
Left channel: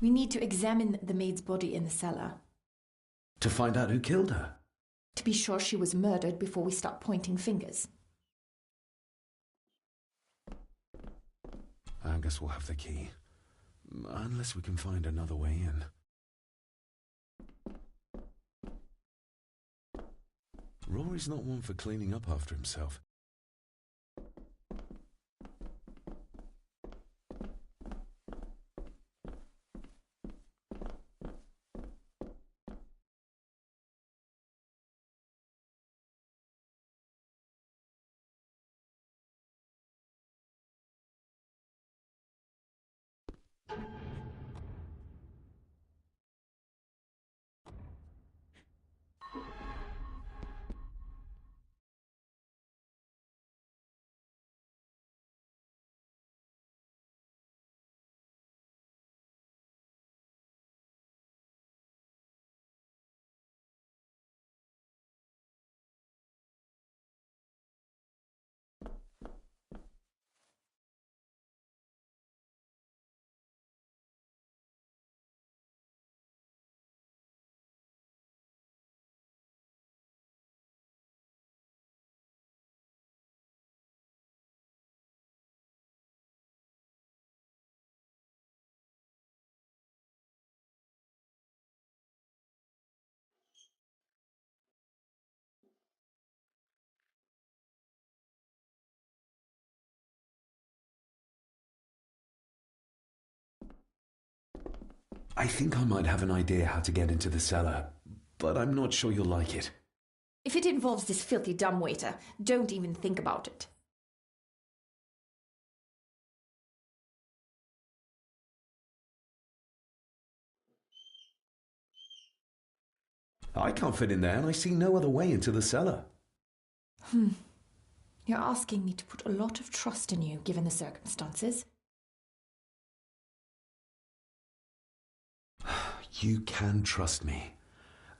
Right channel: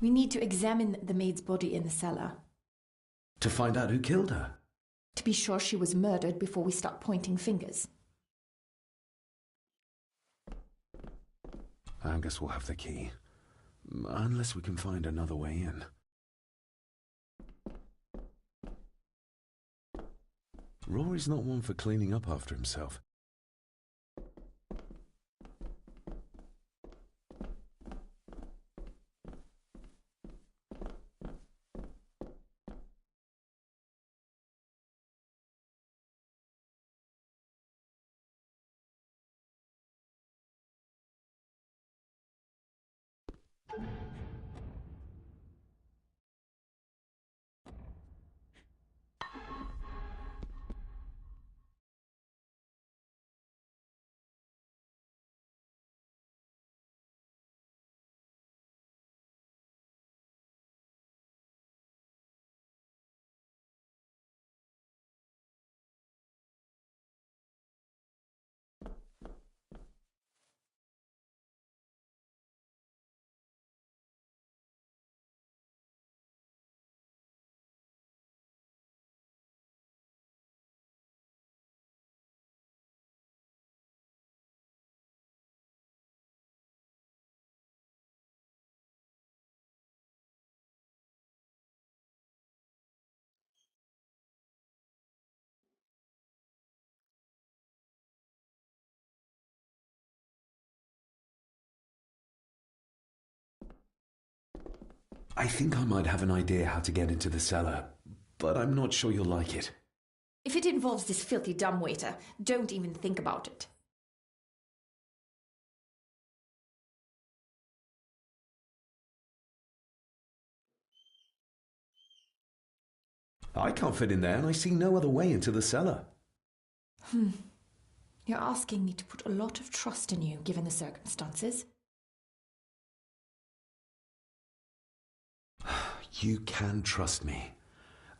We need to examine the maid's body in the cellar. To find out who killed her? To be sure she was murdered before we start pointing fingers. Angus will have the key. Unless we can find another way in. Rory's not one for cleaning up after himself. I think I might have an idea how to get into the cellar, but I'm not sure you'll like it. If it involves this filthy dumbwaiter, don't even think about it. I can't fit in there, and I see no other way into the cellar. You're asking me to put a lot of trust in you, given the circumstances. You can trust me,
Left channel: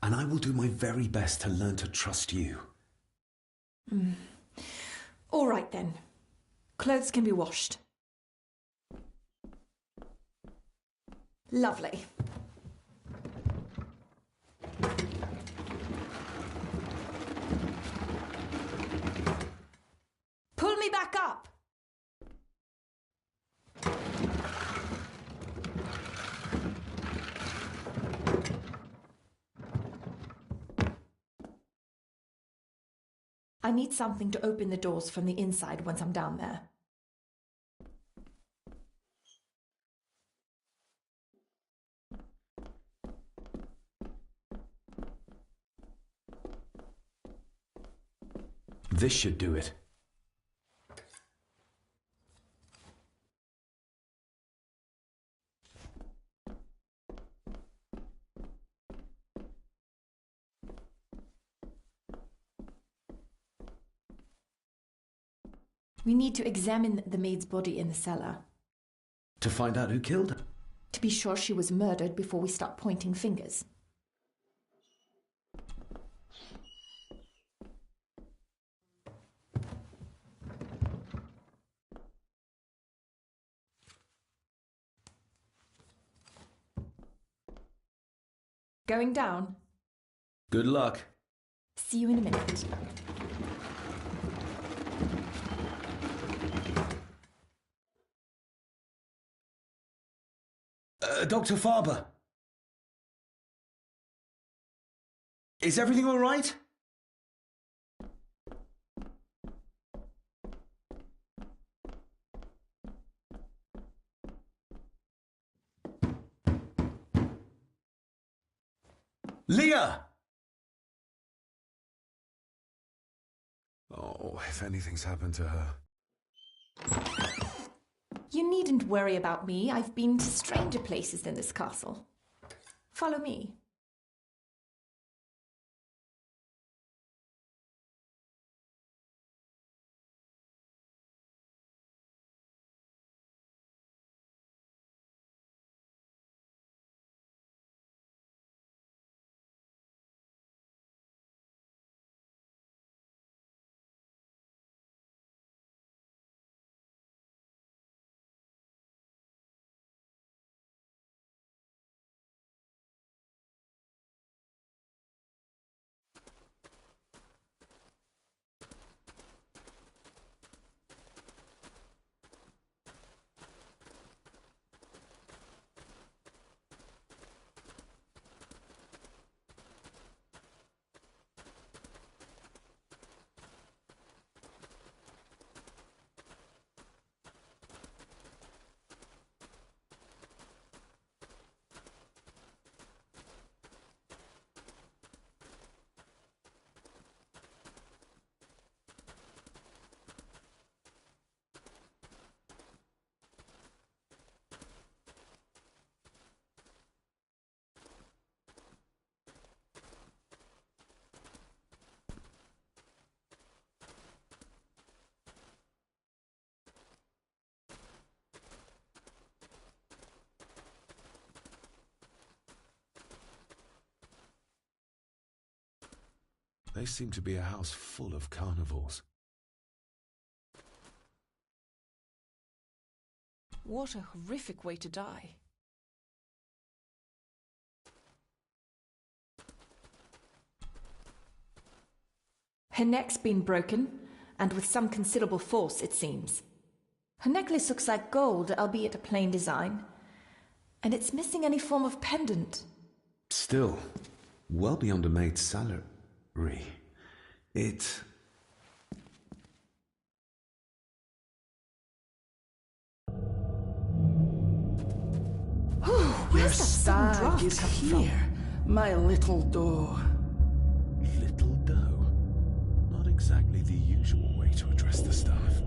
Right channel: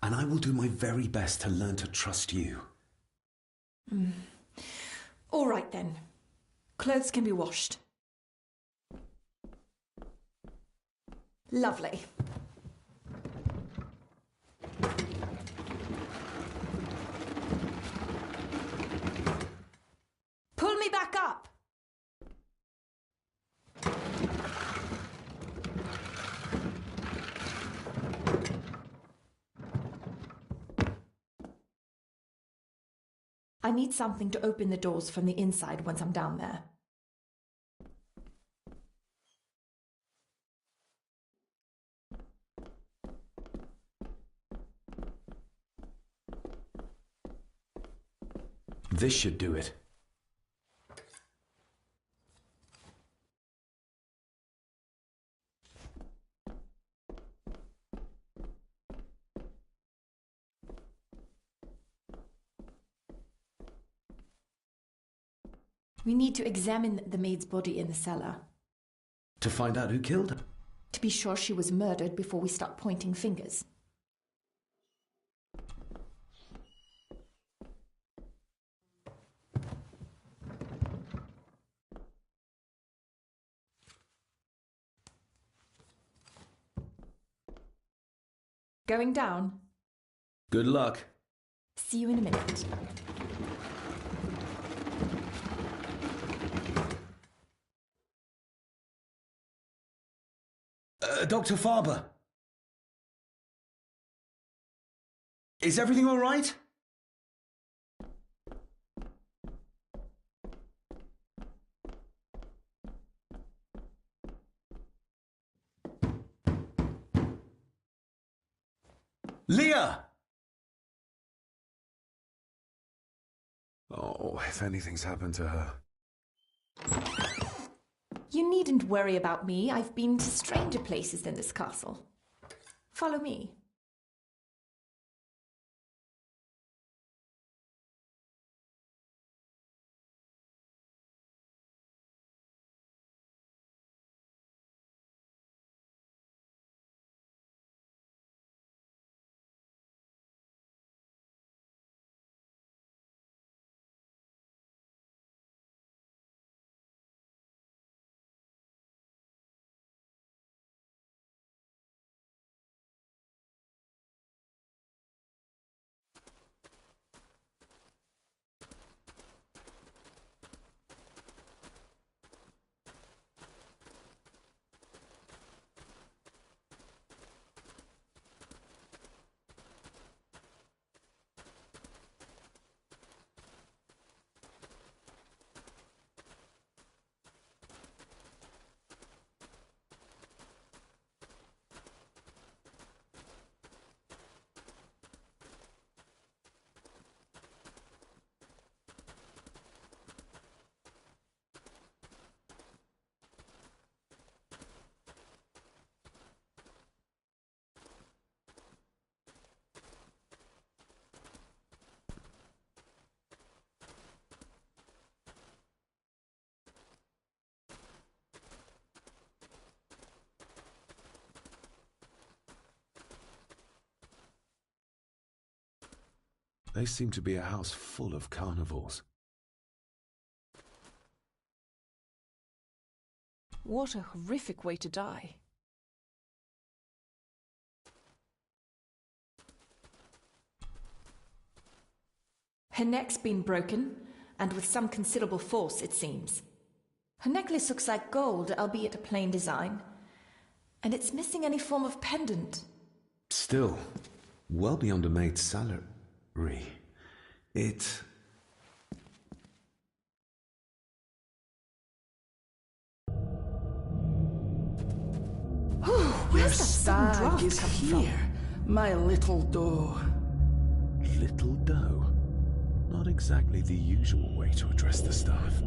and I will do my very best to learn to trust you. All right, then. Clothes can be washed. Lovely. Pull me back up! I need something to open the doors from the inside once I'm down there. This should do it. We need to examine the maid's body in the cellar. To find out who killed her? To be sure she was murdered before we start pointing fingers. Going down? Good luck. See you in a minute. Dr. Farber. Is everything all right? Leah! Oh, if anything's happened to her. You needn't worry about me. I've been to stranger places than this castle. Follow me. They seem to be a house full of carnivores. What a horrific way to die. Her neck's been broken, and with some considerable force, it seems. Her necklace looks like gold, albeit a plain design. And it's missing any form of pendant. Still, well beyond a maid's salary. It... Whew. Your Where's that sudden stag draft is coming here, my little doe. Little doe? Not exactly the usual way to address the staff.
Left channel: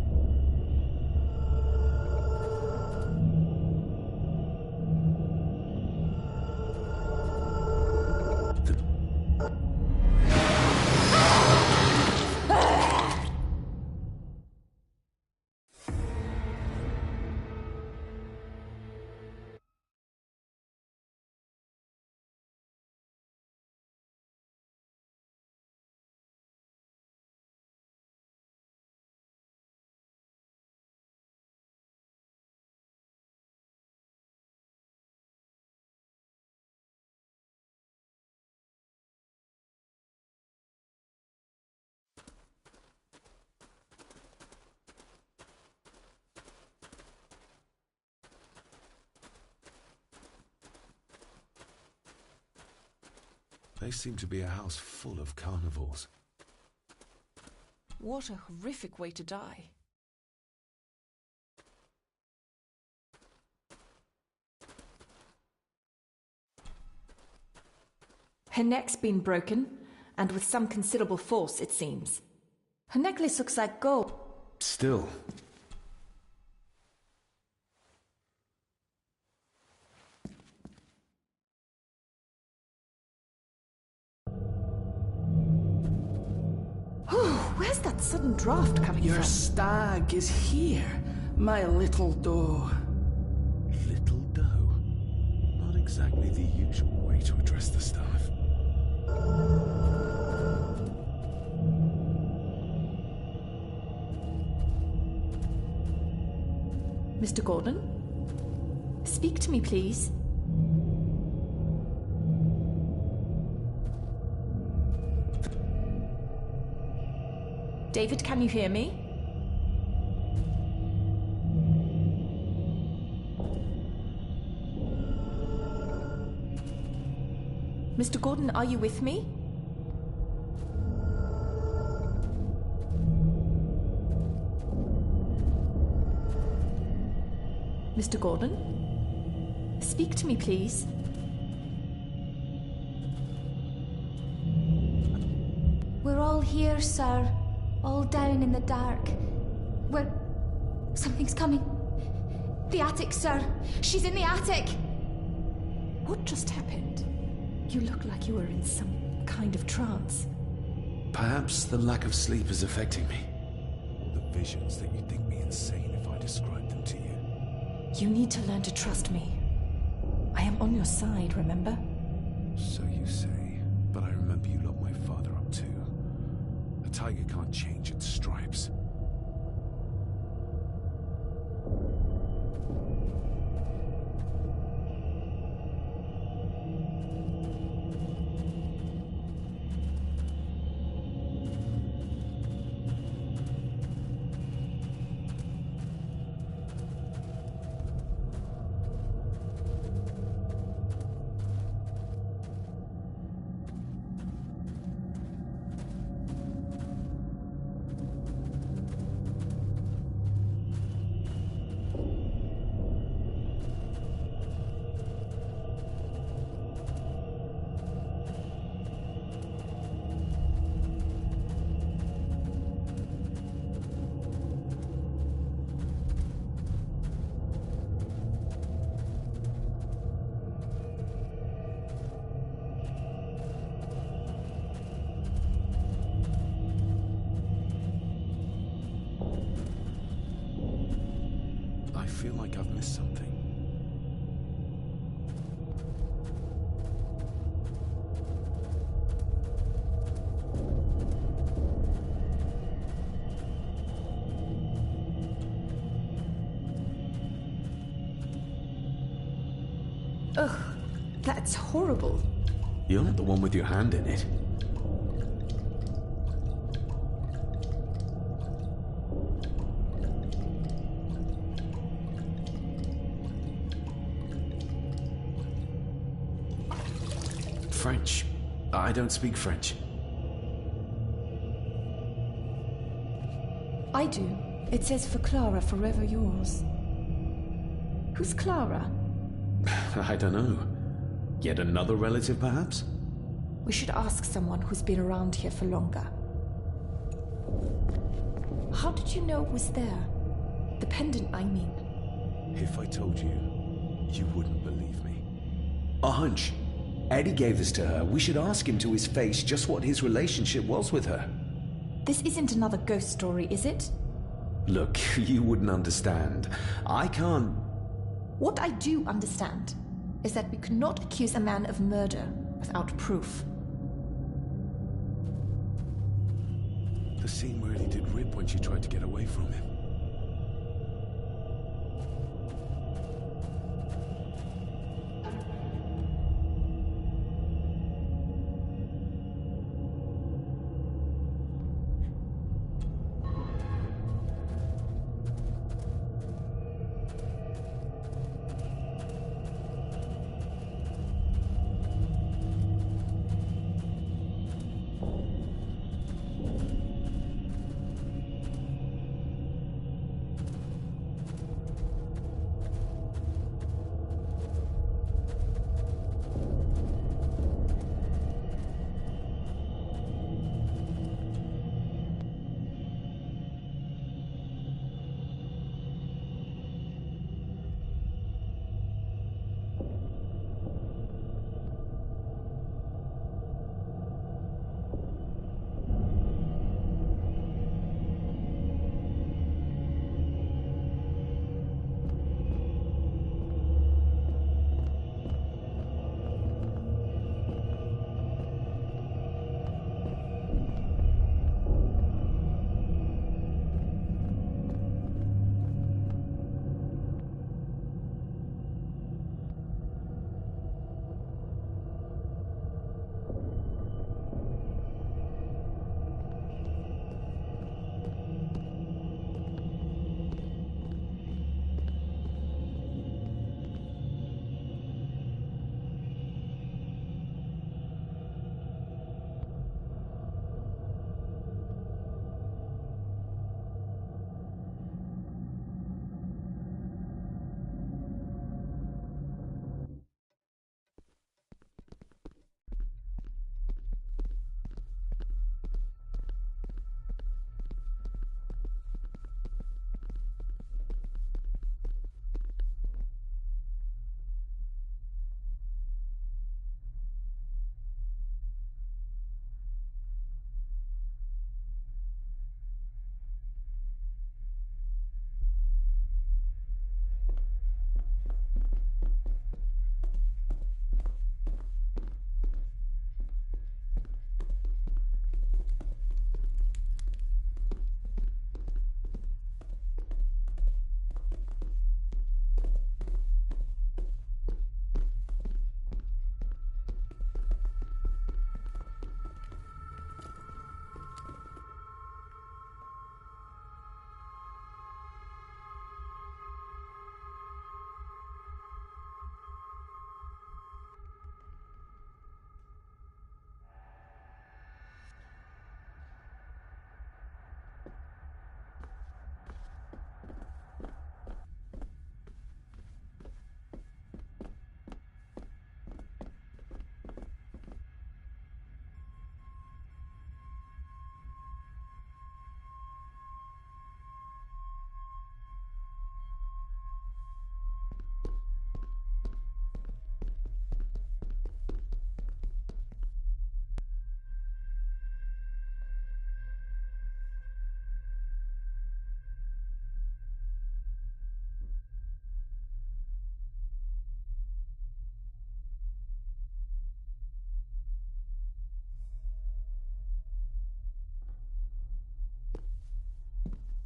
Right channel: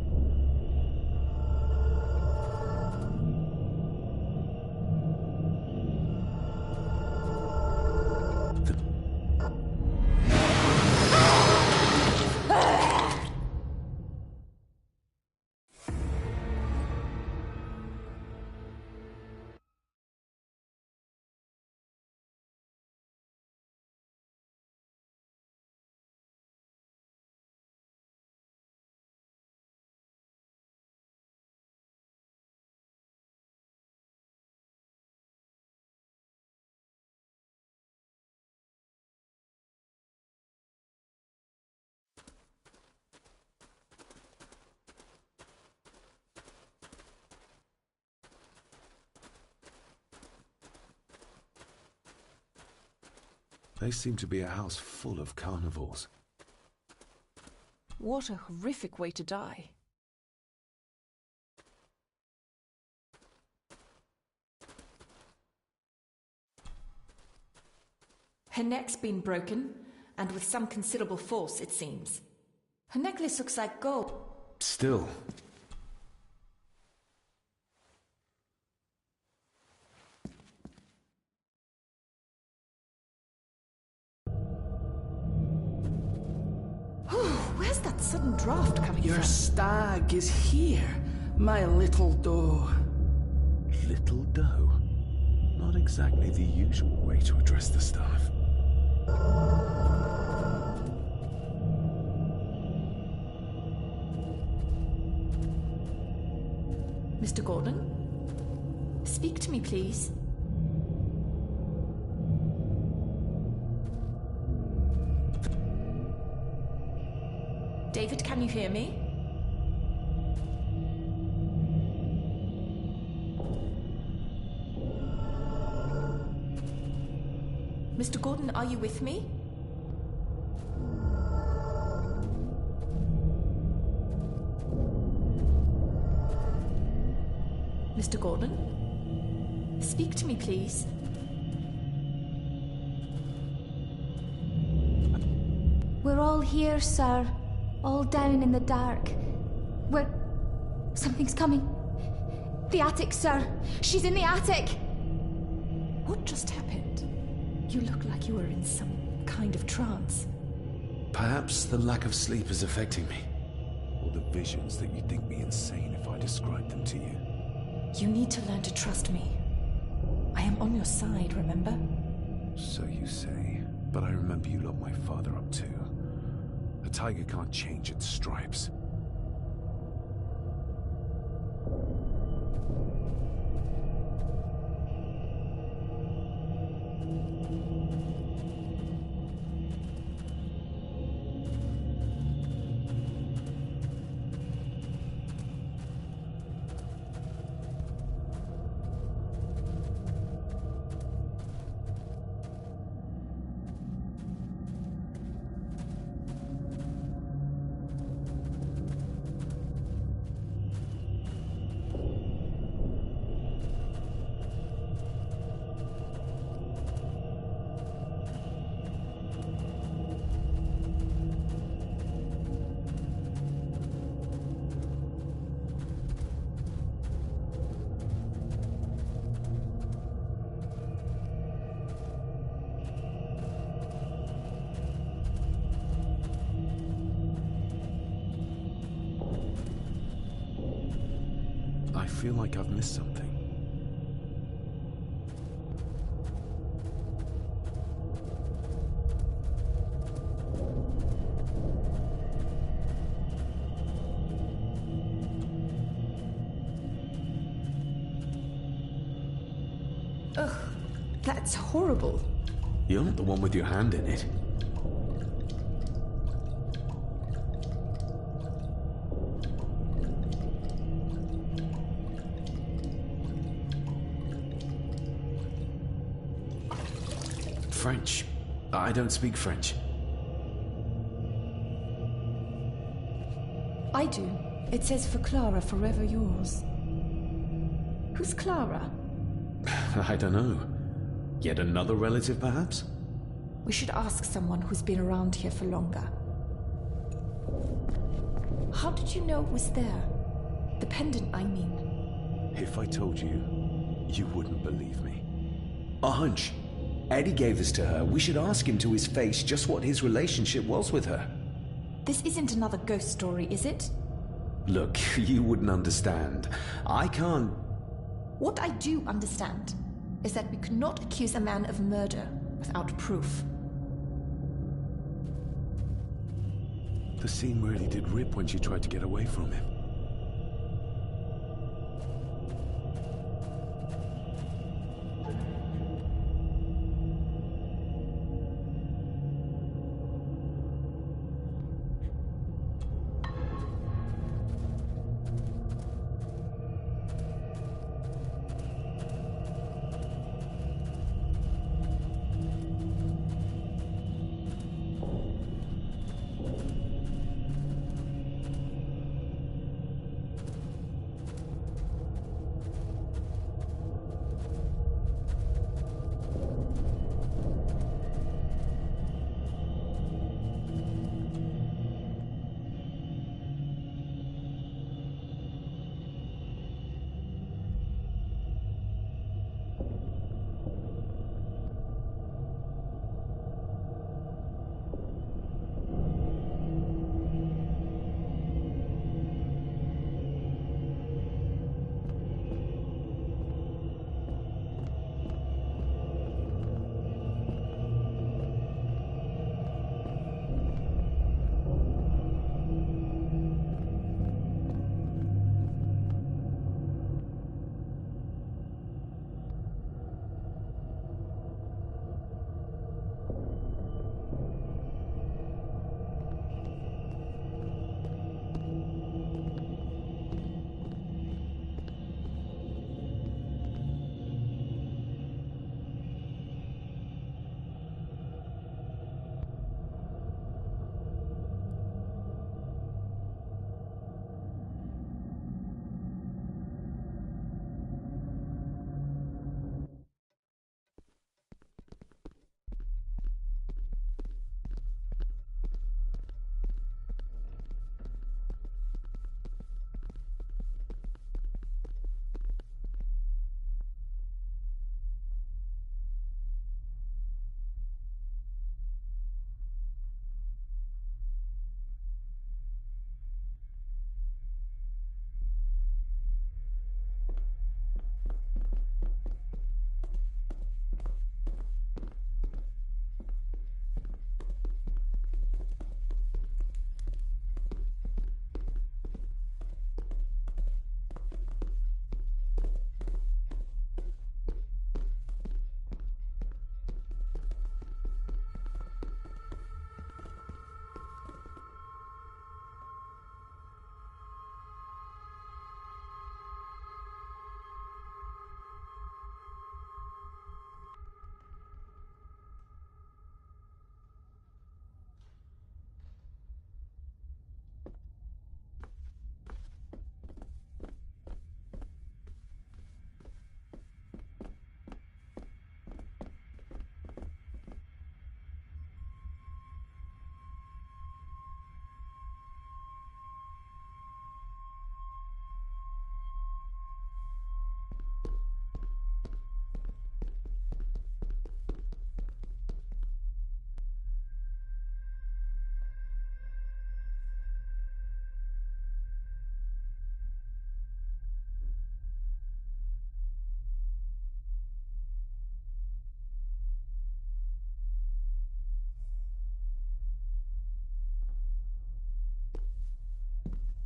They seem to be a house full of carnivores. What a horrific way to die. Her neck's been broken, and with some considerable force, it seems. Her necklace looks like gold. Still. Where's that sudden draft coming Your from? stag is here, my little doe. Little doe? Not exactly the usual way to address the staff. Mr. Gordon? Speak to me, please. David, can you hear me? Mr. Gordon, are you with me? Mr. Gordon? Speak to me, please. We're all here, sir. All down in the dark. Something's coming. The attic, sir. She's in the attic. What just happened? You look like you were in some kind of trance. Perhaps the lack of sleep is affecting me. Or the visions that you'd think me insane if I described them to you. You need to learn to trust me. I am on your side, remember? So you say. But I remember you locked my father up too. A tiger can't change its stripes. I feel like I've missed something. Ugh, that's horrible. You're not the one with your hand in it. French. I don't speak French. I do. It says for Clara, forever yours. Who's Clara? I don't know. Yet another relative, perhaps? We should ask someone who's been around here for longer. How did you know it was there? The pendant, I mean. If I told you, you wouldn't believe me. A hunch. Eddie gave this to her. We should ask him to his face just what his relationship was with her. This isn't another ghost story, is it? Look, you wouldn't understand. I can't... What I do understand is that we could not accuse a man of murder without proof. The scene really did rip when she tried to get away from him.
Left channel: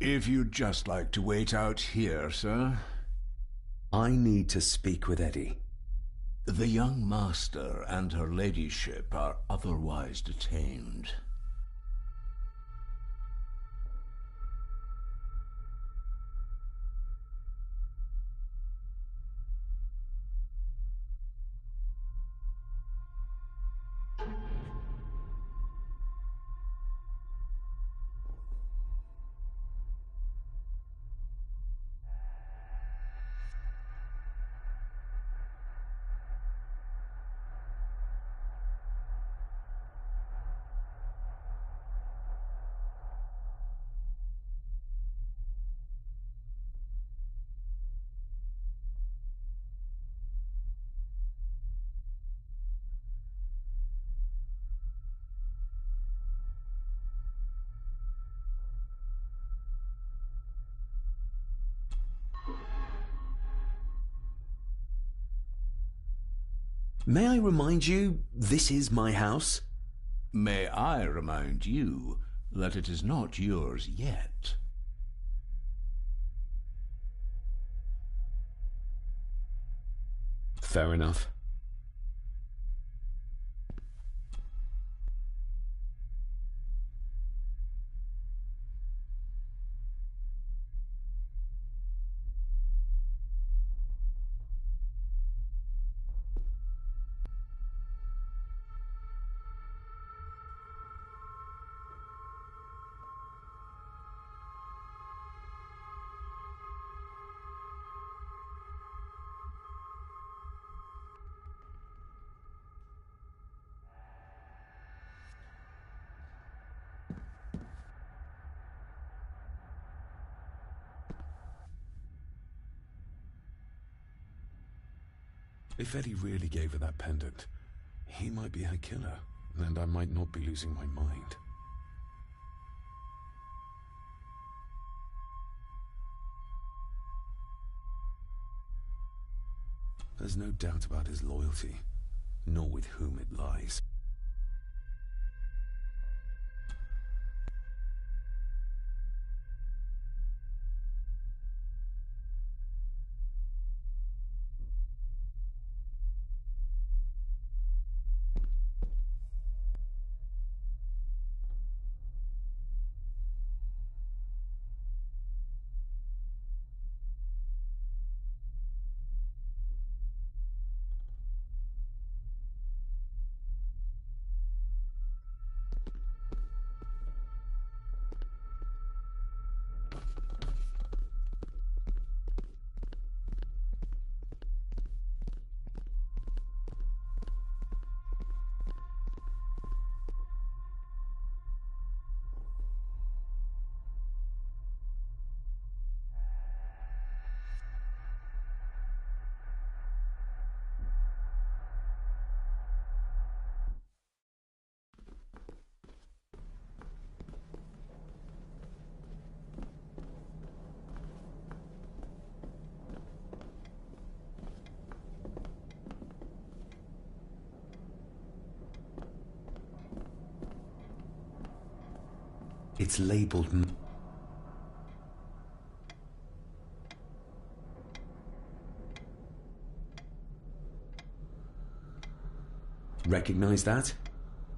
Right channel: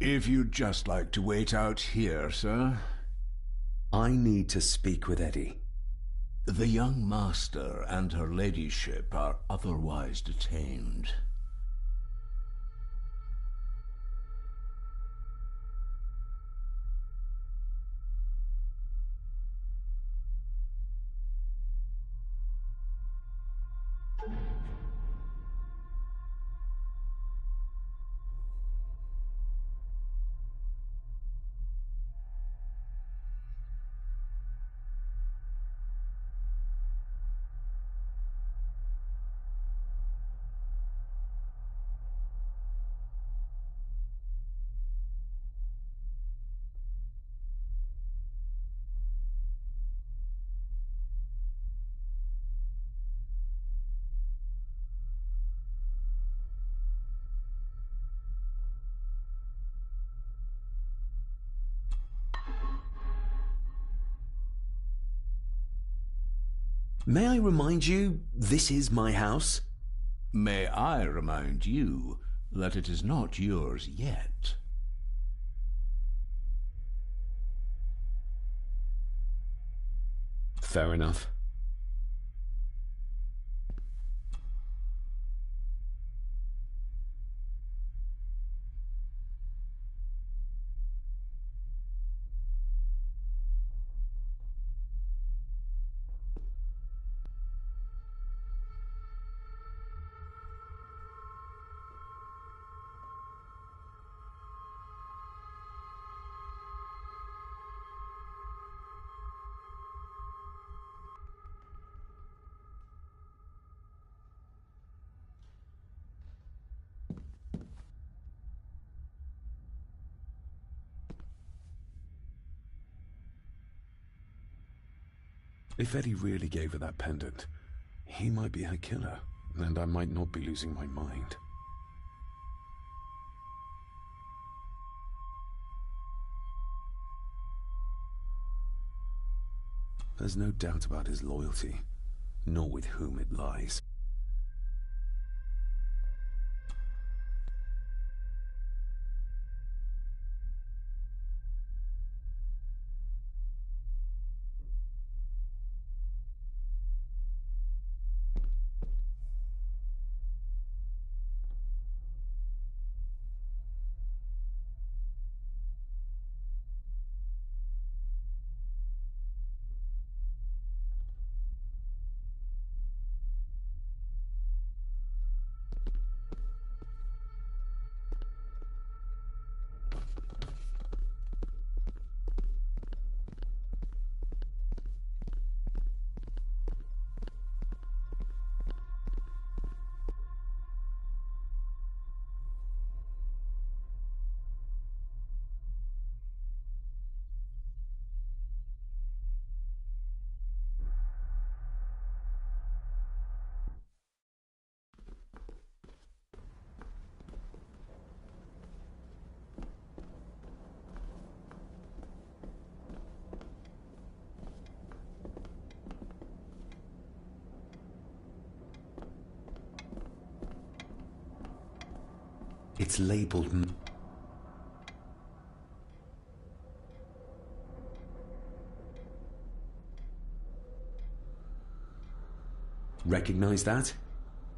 If you'd just like to wait out here, sir. I need to speak with Eddie. The young master and her ladyship are otherwise detained. May I remind you, this is my house? May I remind you that it is not yours yet? Fair enough. If Eddie really gave her that pendant, he might be her killer, and I might not be losing my mind. There's no doubt about his loyalty, nor with whom it lies. It's labeled... Recognize that?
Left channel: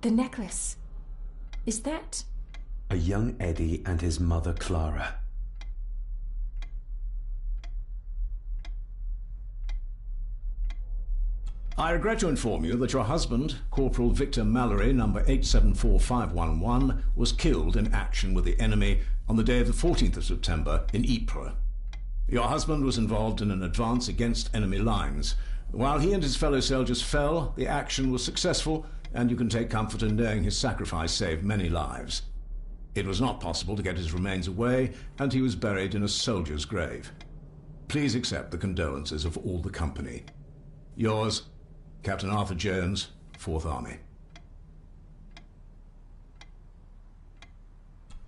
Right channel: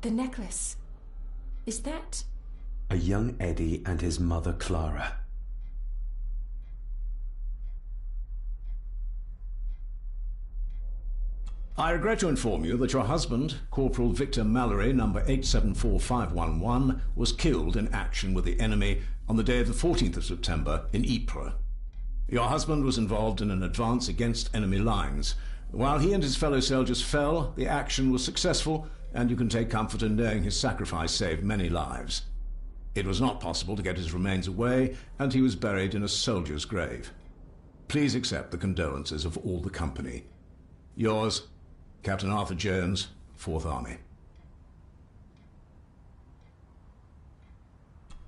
The necklace. Is that... A young Eddie and his mother Clara. I regret to inform you that your husband, Corporal Victor Mallory, number 874511, was killed in action with the enemy on the day of the 14th of September in Ypres. Your husband was involved in an advance against enemy lines. While he and his fellow soldiers fell, the action was successful, and you can take comfort in knowing his sacrifice saved many lives. It was not possible to get his remains away, and he was buried in a soldier's grave. Please accept the condolences of all the company. Yours, Captain Arthur Jones, 4th Army.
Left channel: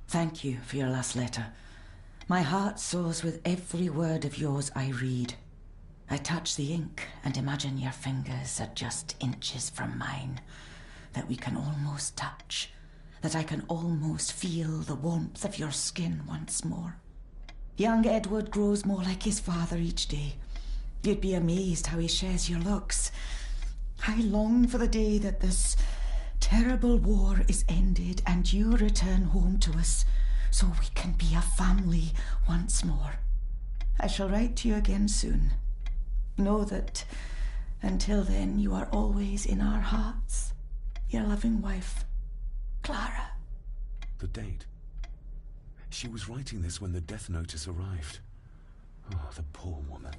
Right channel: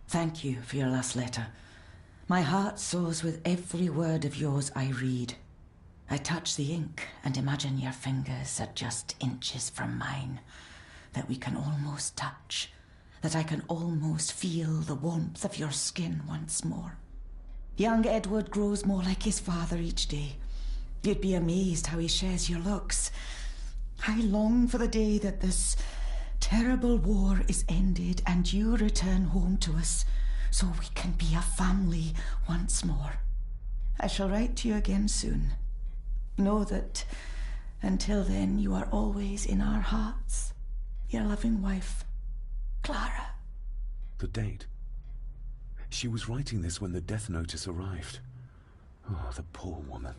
Thank you for your last letter. My heart soars with every word of yours I read. I touch the ink and imagine your fingers are just inches from mine, that we can almost touch, that I can almost feel the warmth of your skin once more. Young Edward grows more like his father each day. You'd be amazed how he shares your looks. I long for the day that this terrible war is ended and you return home to us so we can be a family once more. I shall write to you again soon. Know that until then you are always in our hearts. Your loving wife, Clara. The date. She was writing this when the death notice arrived. Oh, the poor woman.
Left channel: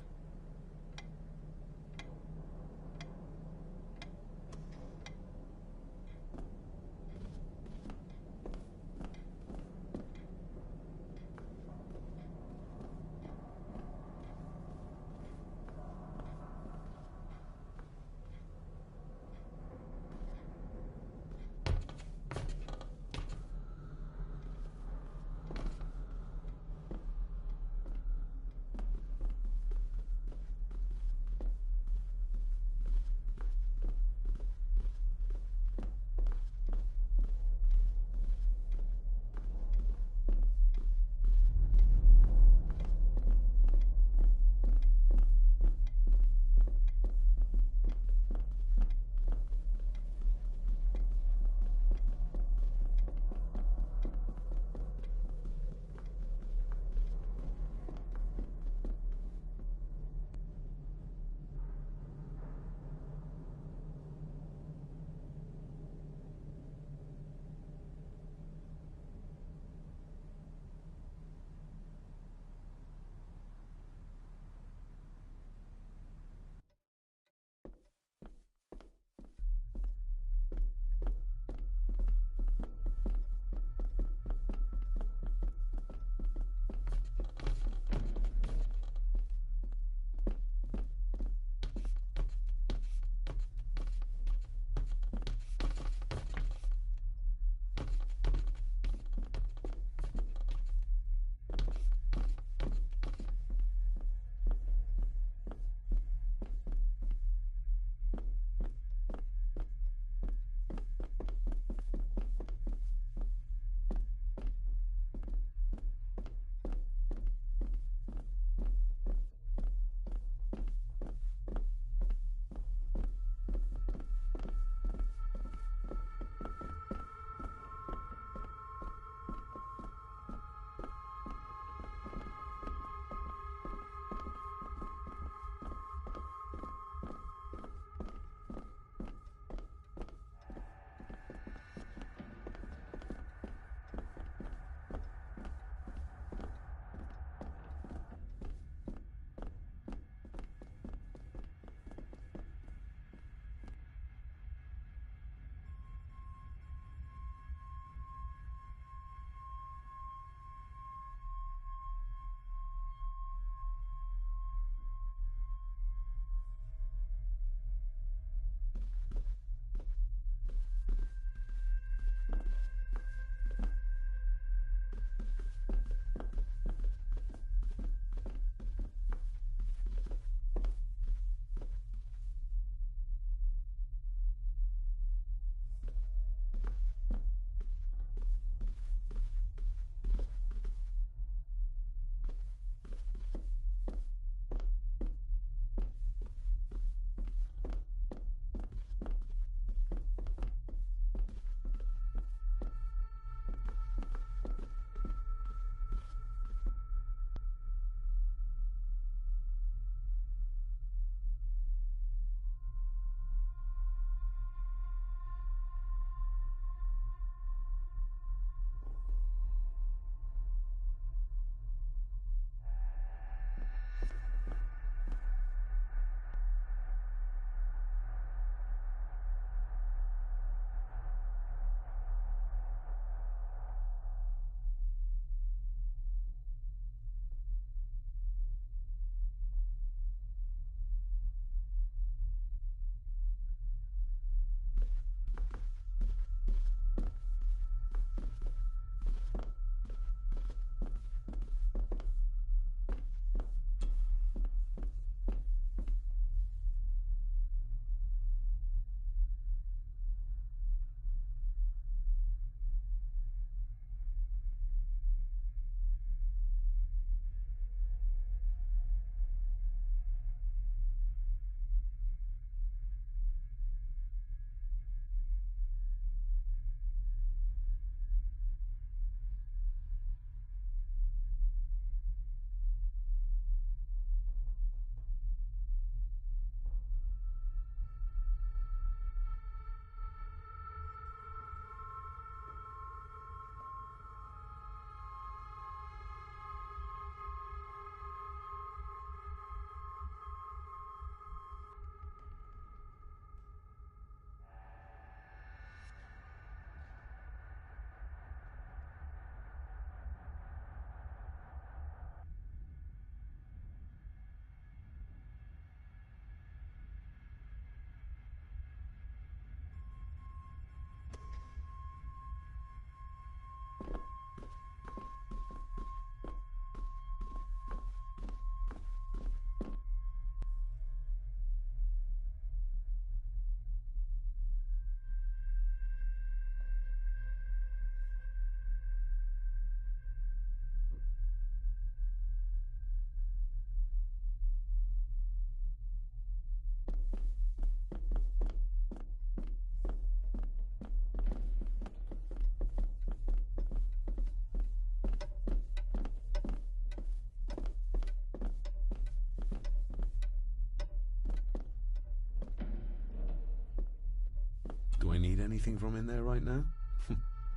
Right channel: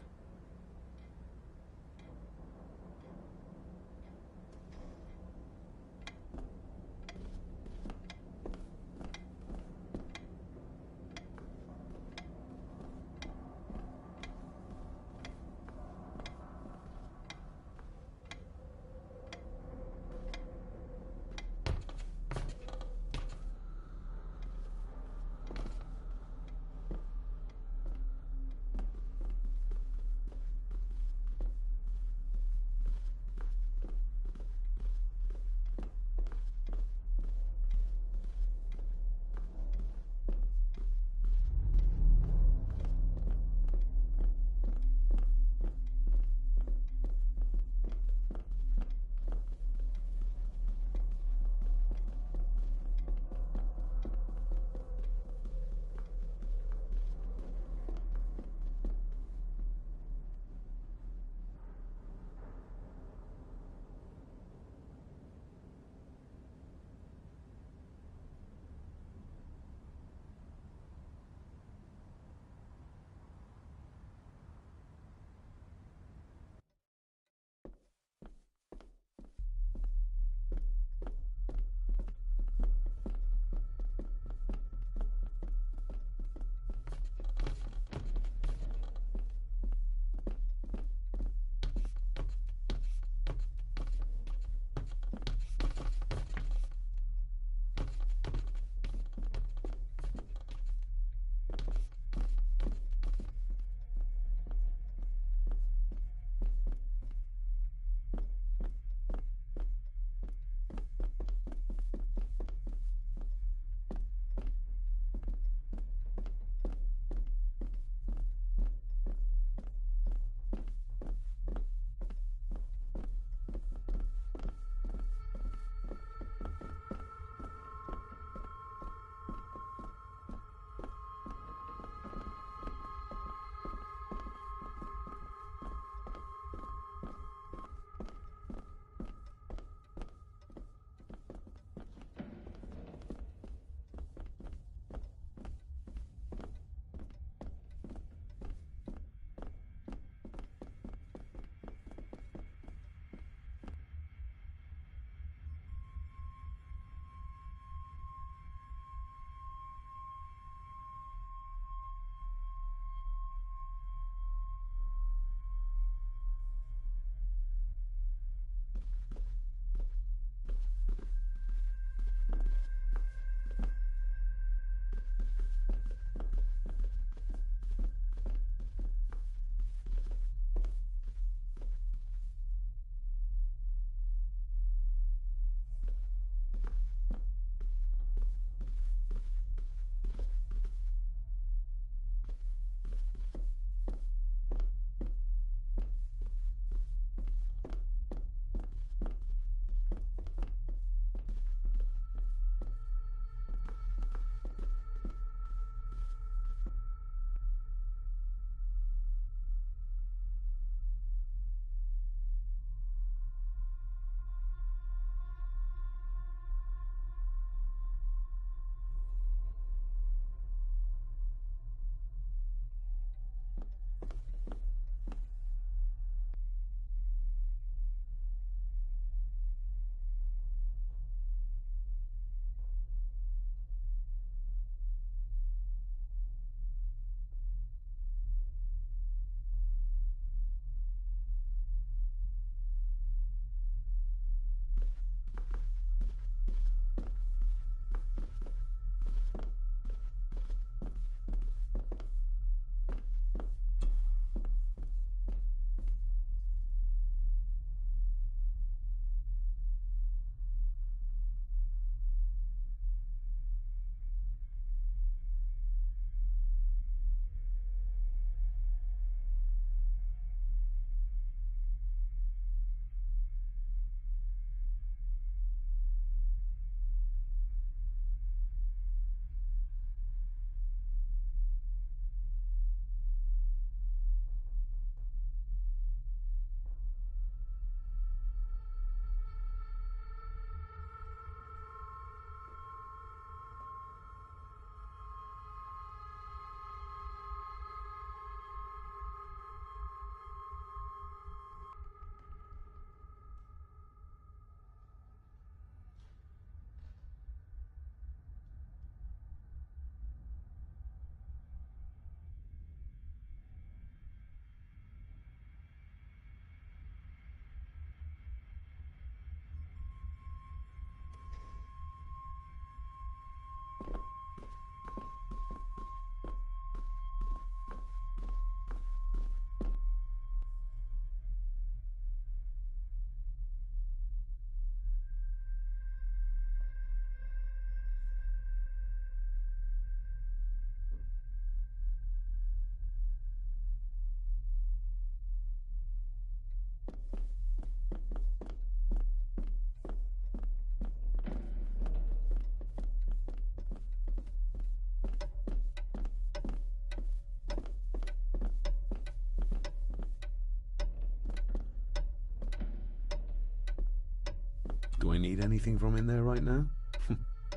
Do I need anything from in there right now?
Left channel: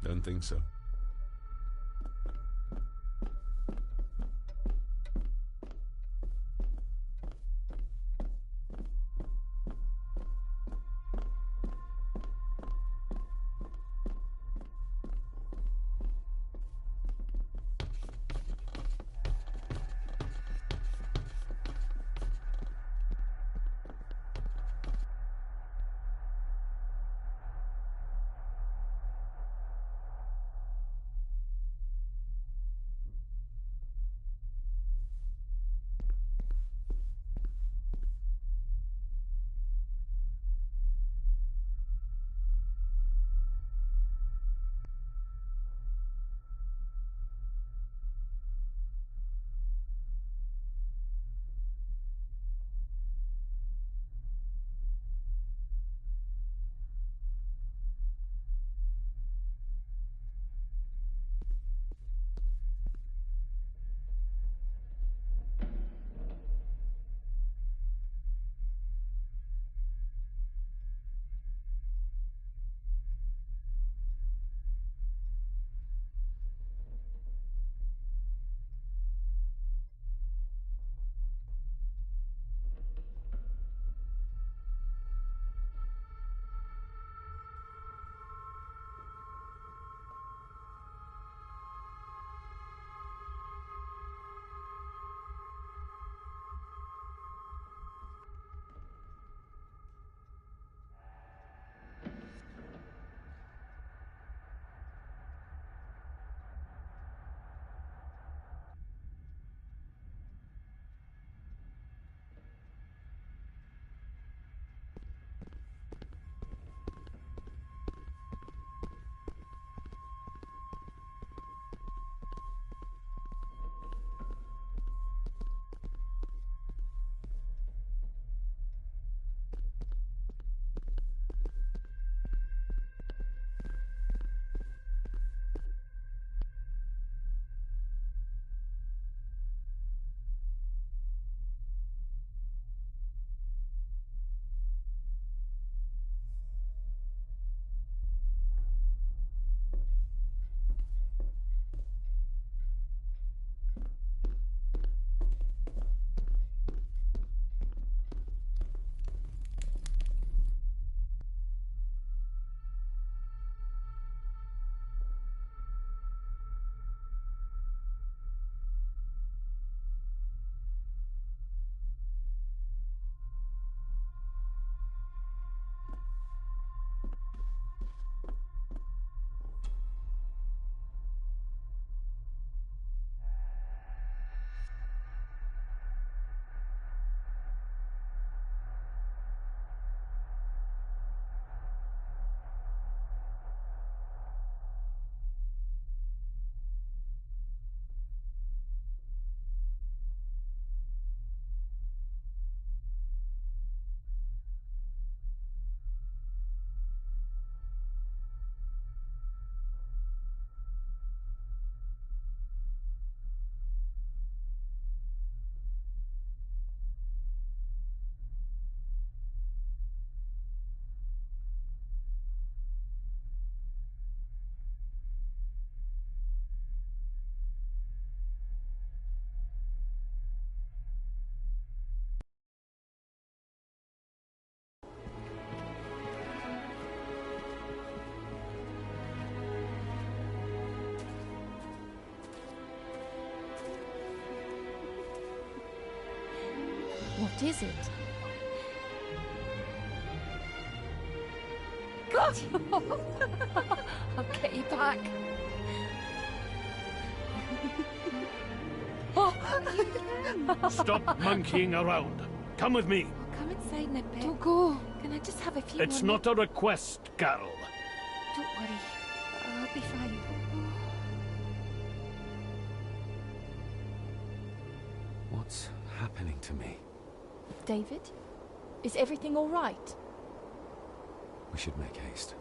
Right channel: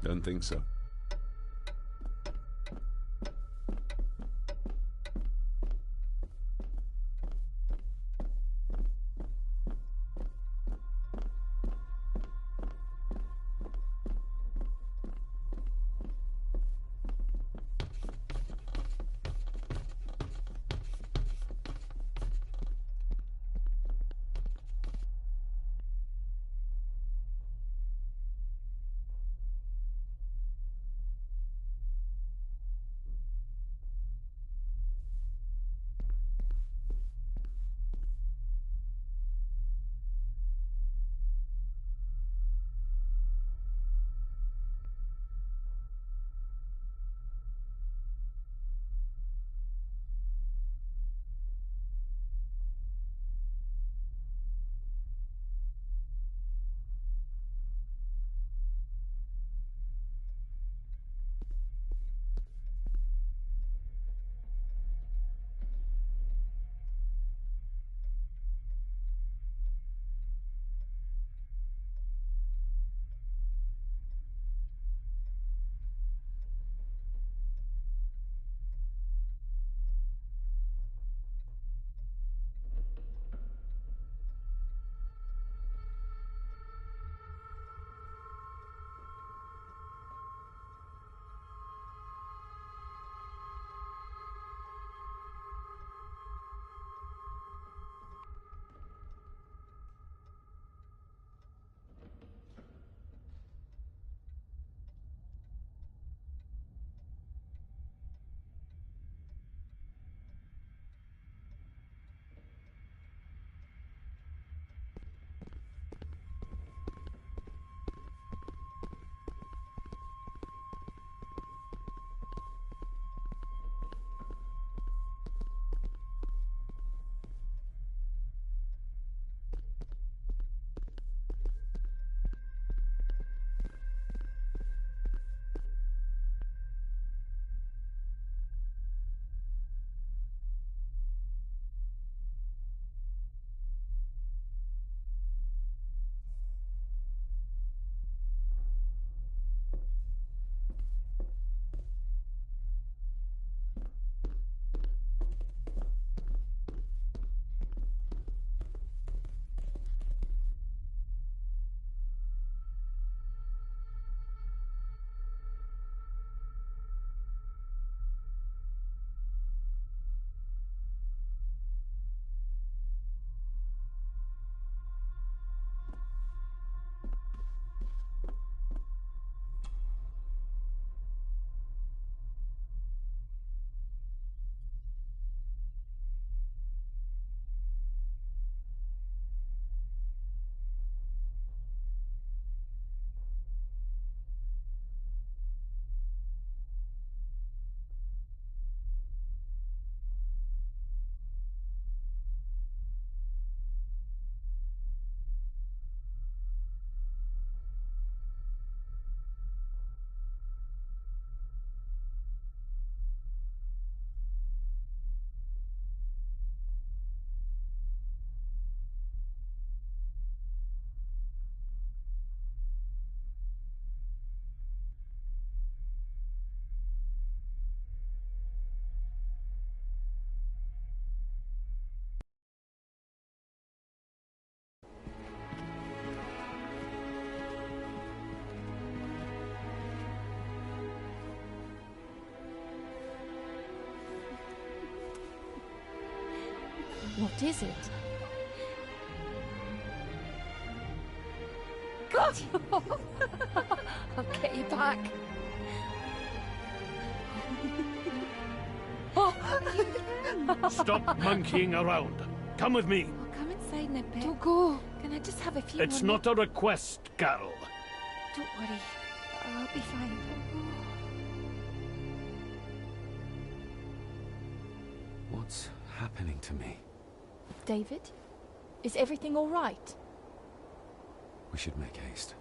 Don't think so. What is it? God! I'll get you back. Stop monkeying around. Come with me. I'll come inside in a bit. Don't go. Can I just have a few It's more not a request, Carol. Don't worry. I'll be fine. What's happening to me? David? Is everything all right? We should make haste.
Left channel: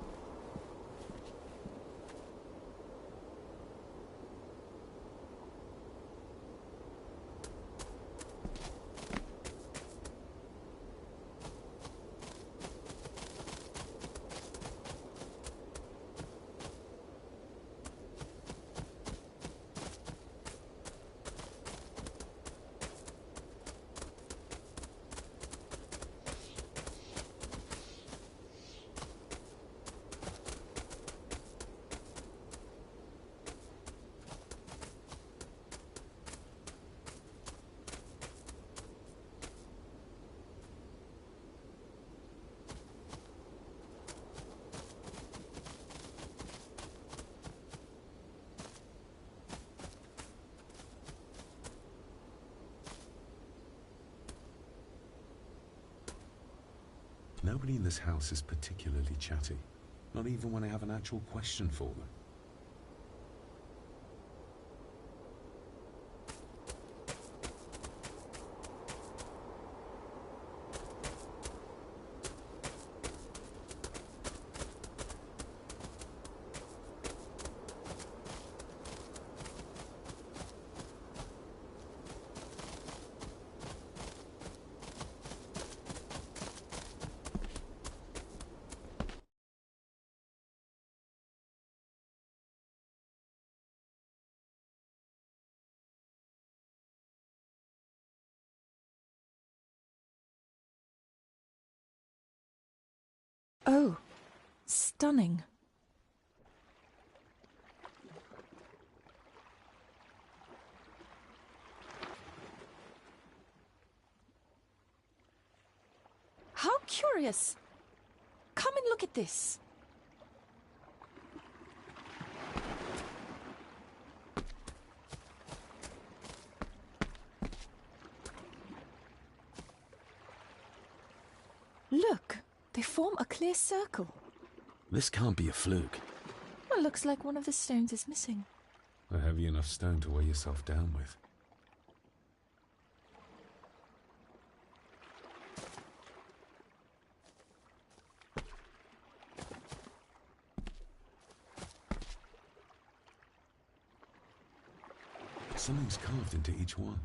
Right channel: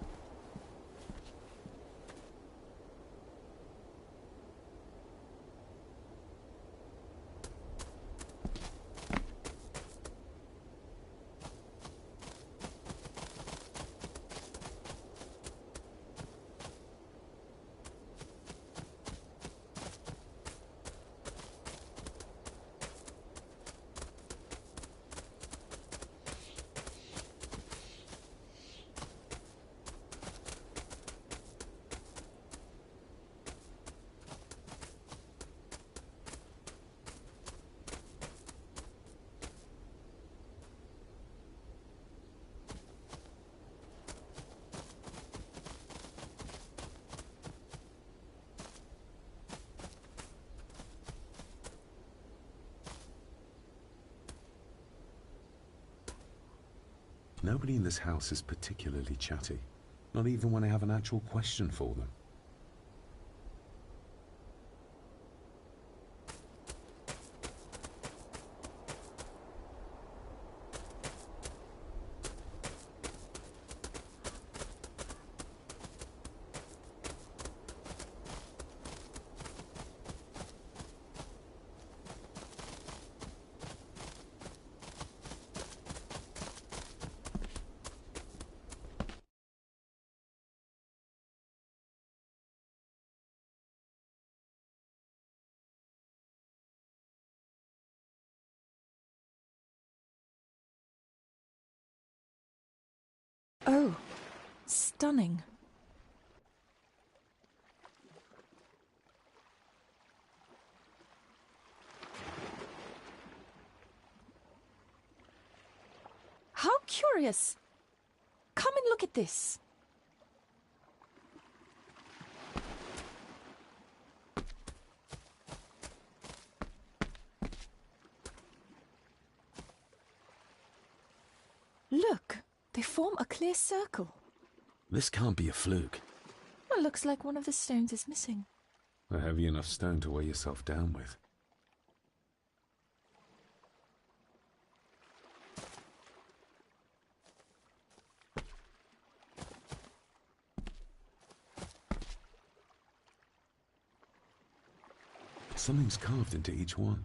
Nobody in this house is particularly chatty. Not even when I have an actual question for them. Oh, stunning. How curious. Come and look at this. Look. They form a clear circle. This can't be a fluke. Well, looks like one of the stones is missing. A heavy enough stone to weigh yourself down with. Something's carved into each one.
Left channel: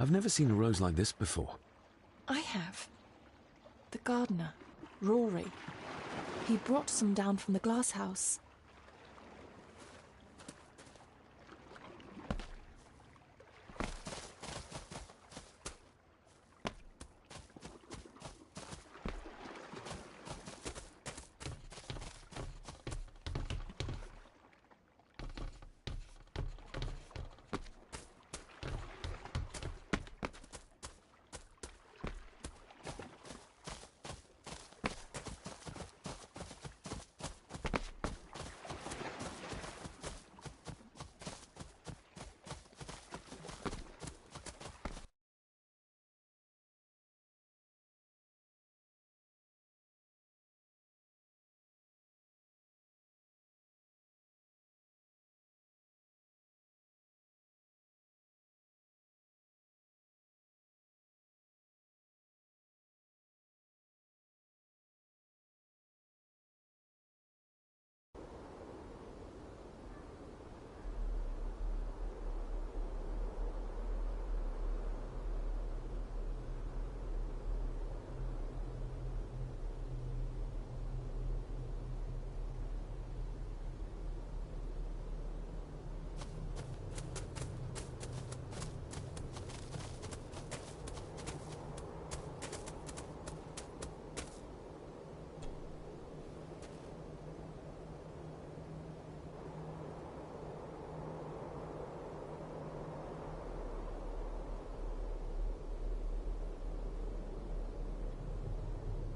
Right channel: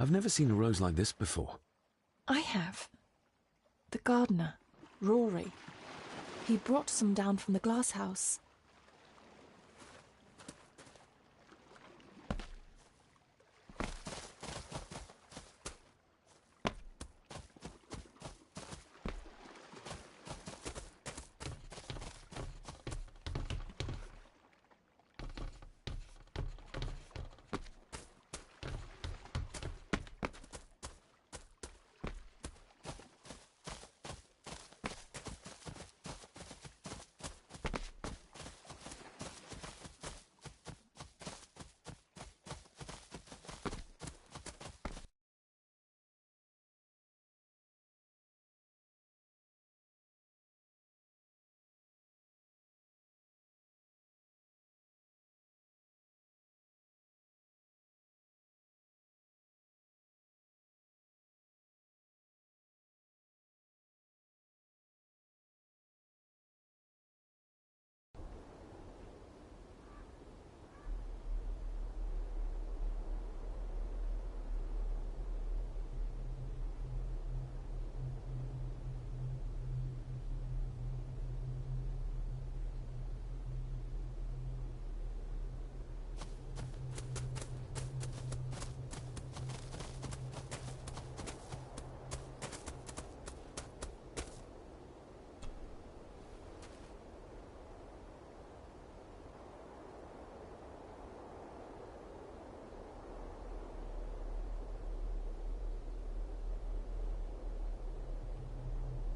I've never seen a rose like this before. I have. The gardener, Rory. He brought some down from the glass house.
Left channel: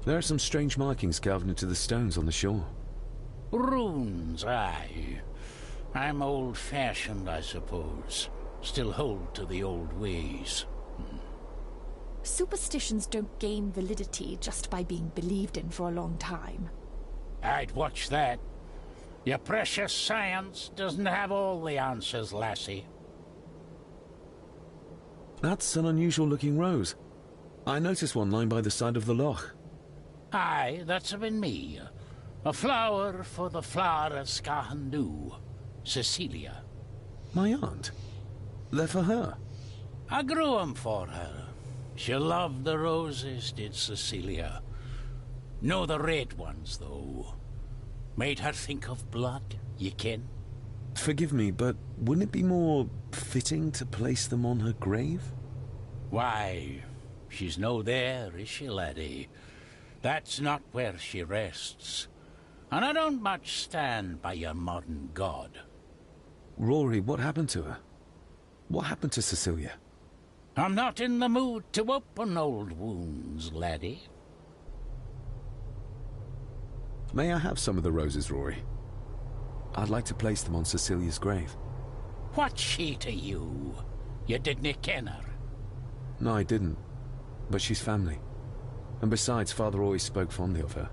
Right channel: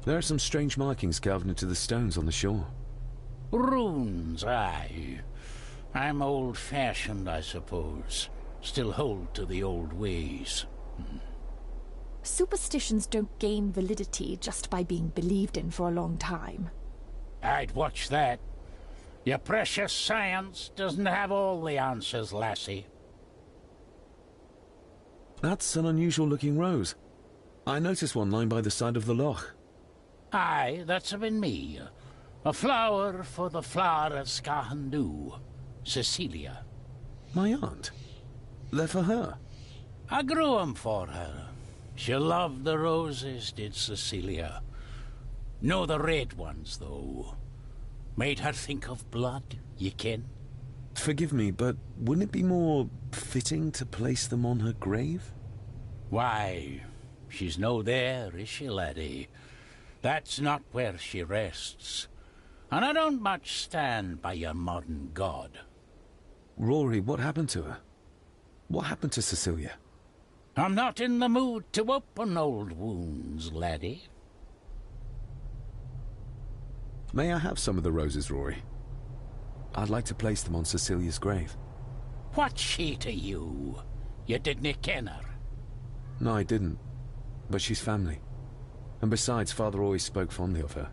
There are some strange markings carved into the stones on the shore. Runes, aye. I'm old-fashioned, I suppose. Still hold to the old ways. Superstitions don't gain validity just by being believed in for a long time. I'd watch that. Your precious science doesn't have all the answers, lassie. That's an unusual-looking rose. I noticed one lying by the side of the loch. Aye, that's been me. A flower for the flower of Scahandu, Cecilia. My aunt? They're for her? I grew 'em for her. She loved the roses, did Cecilia. No the red ones, though. Made her think of blood, ye ken. Forgive me, but wouldn't it be more fitting to place them on her grave? Why, she's no there, is she, laddie? That's not where she rests. And I don't much stand by your modern god. Rory, what happened to her? What happened to Cecilia? I'm not in the mood to open old wounds, laddie. May I have some of the roses, Rory? I'd like to place them on Cecilia's grave. What's she to you? You didn't ken her? No, I didn't. But she's family. And besides, Father always spoke fondly of her.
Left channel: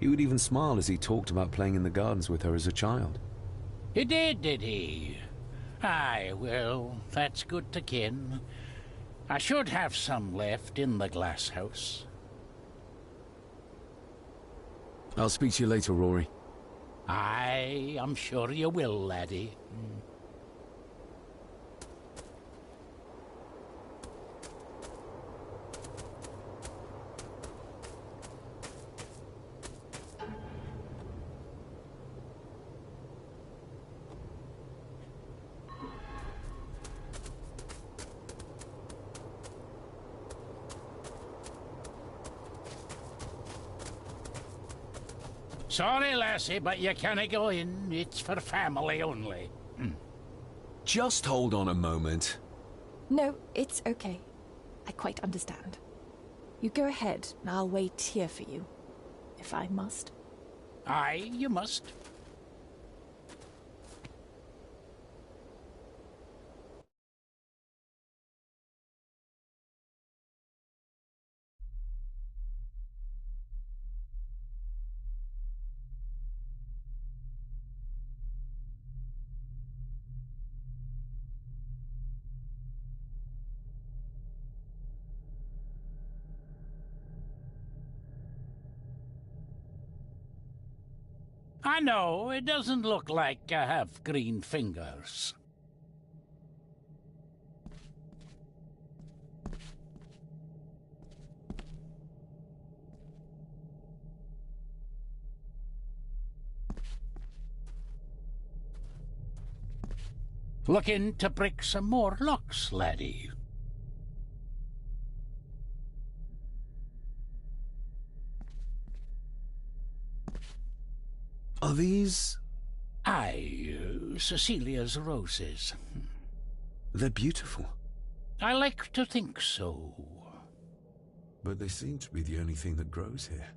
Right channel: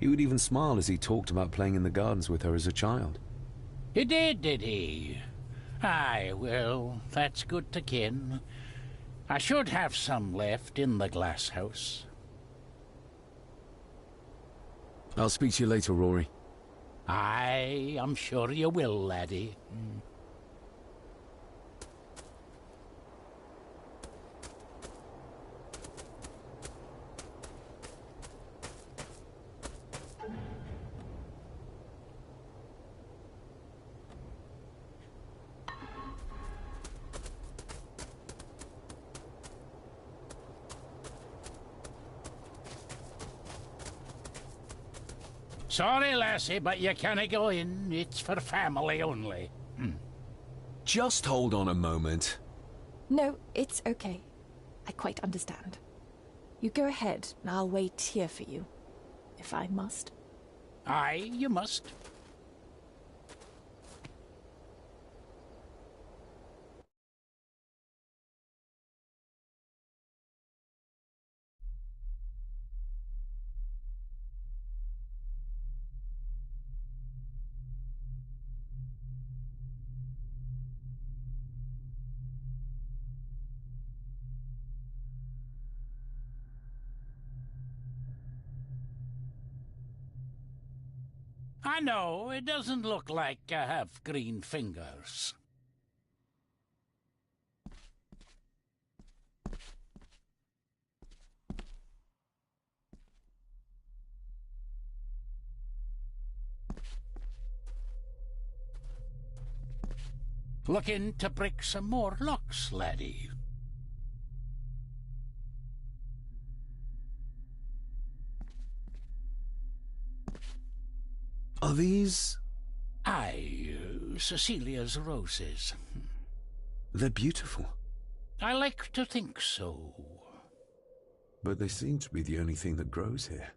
He would even smile as he talked about playing in the gardens with her as a child. He did he? Aye, well, that's good to ken. I should have some left in the glass house. I'll speak to you later, Rory. Aye, I'm sure you will, laddie. Sorry, lassie, but you can't go in. It's for family only. Just hold on a moment. No, it's okay. I quite understand. You go ahead, and I'll wait here for you, if I must. Aye, you must. I know, it doesn't look like I have green fingers. Looking to break some more locks, laddie. Are these... Aye, Cecilia's roses. They're beautiful. I like to think so. But they seem to be the only thing that grows here.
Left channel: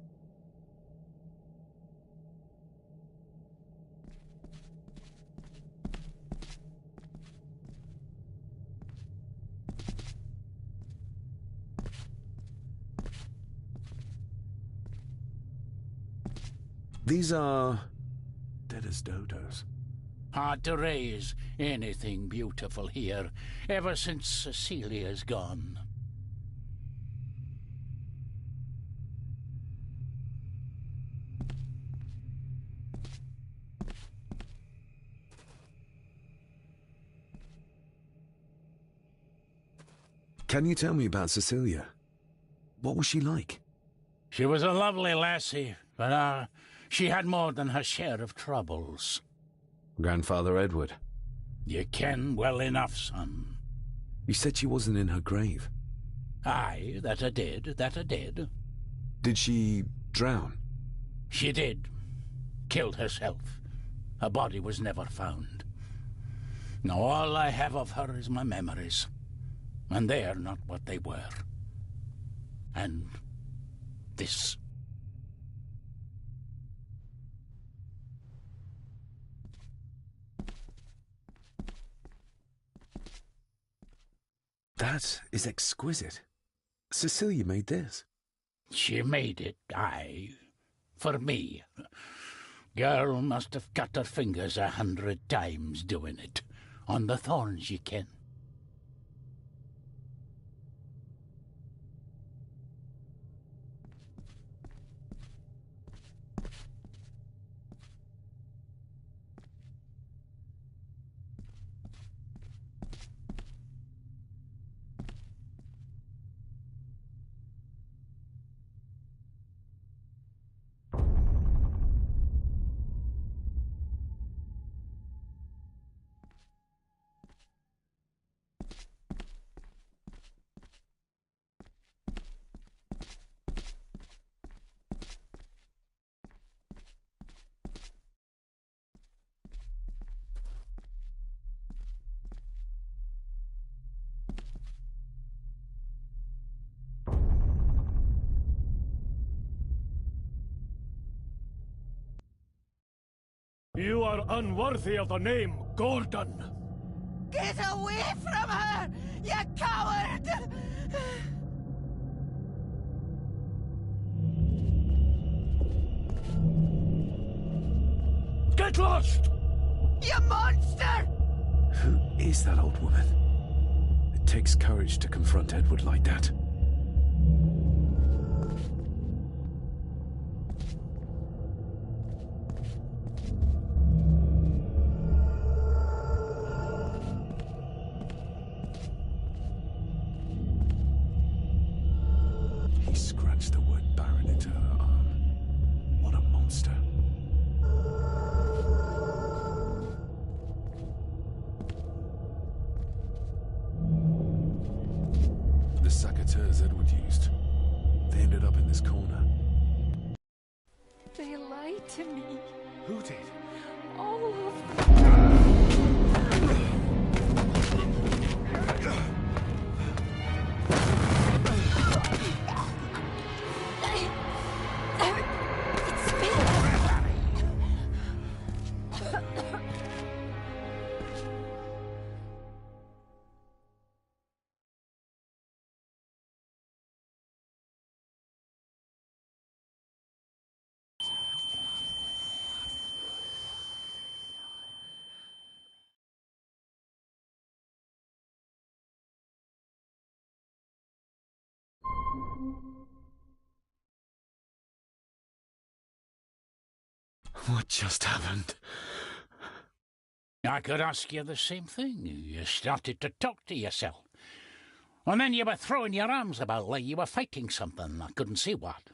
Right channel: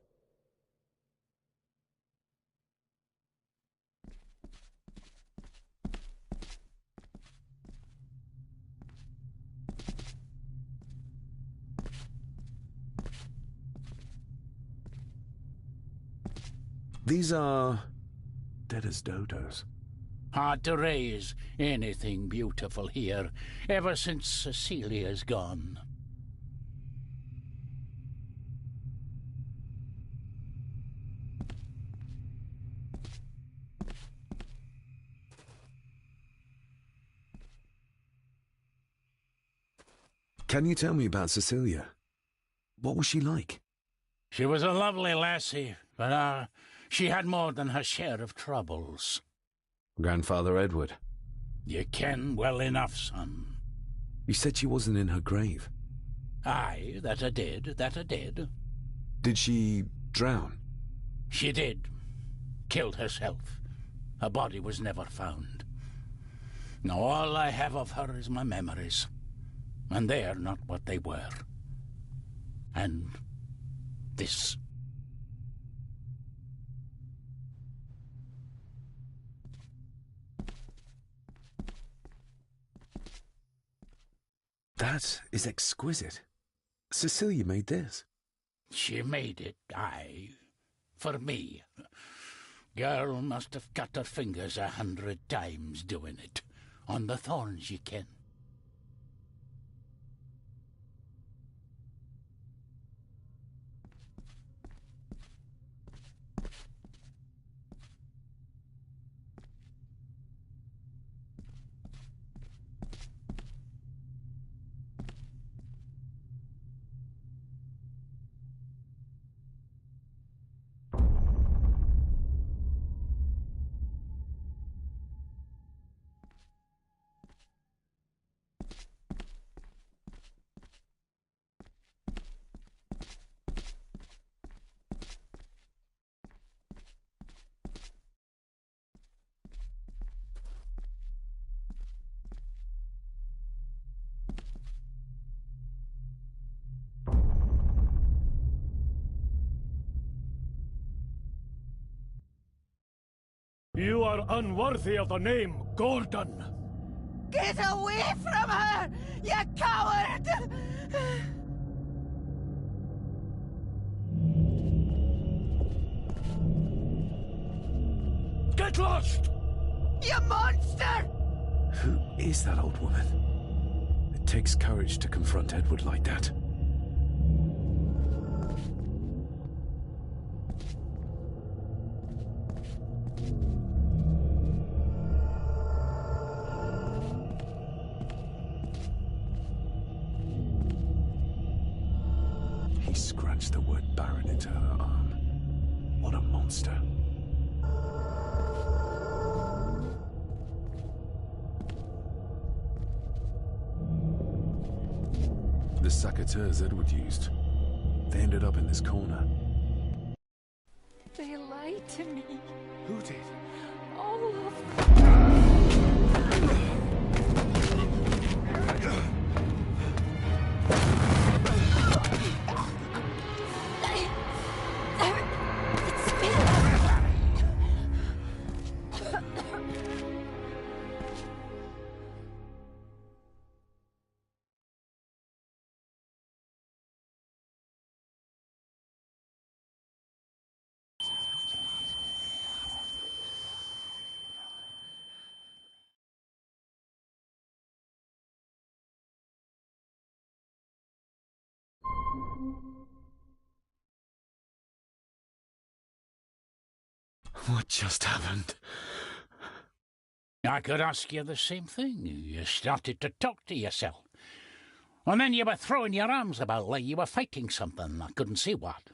These are... dead as dodos. Hard to raise anything beautiful here, ever since Cecilia's gone. Can you tell me about Cecilia? What was she like? She was a lovely lassie, but she had more than her share of troubles. Grandfather Edward. You ken well enough, son. You said she wasn't in her grave. Aye, that I did. Did she drown? She did. Killed herself. Her body was never found. Now all I have of her is my memories. And they're not what they were. And this. That is exquisite. Cecilia made this. She made it, aye. For me. Girl must have cut her fingers 100 times doing it. On the thorns, ye ken. You are unworthy of the name Gordon. Get away from her, you coward! Get lost! You monster! Who is that old woman? It takes courage to confront Edward like that. He scratched the word Baron into her arm. What a monster. The saboteurs Edward used. They ended up in this corner. They lied to me. Who did? All of them. What just happened? I could ask you the same thing. You started to talk to yourself. And then you were throwing your arms about like you were fighting something. I couldn't see what.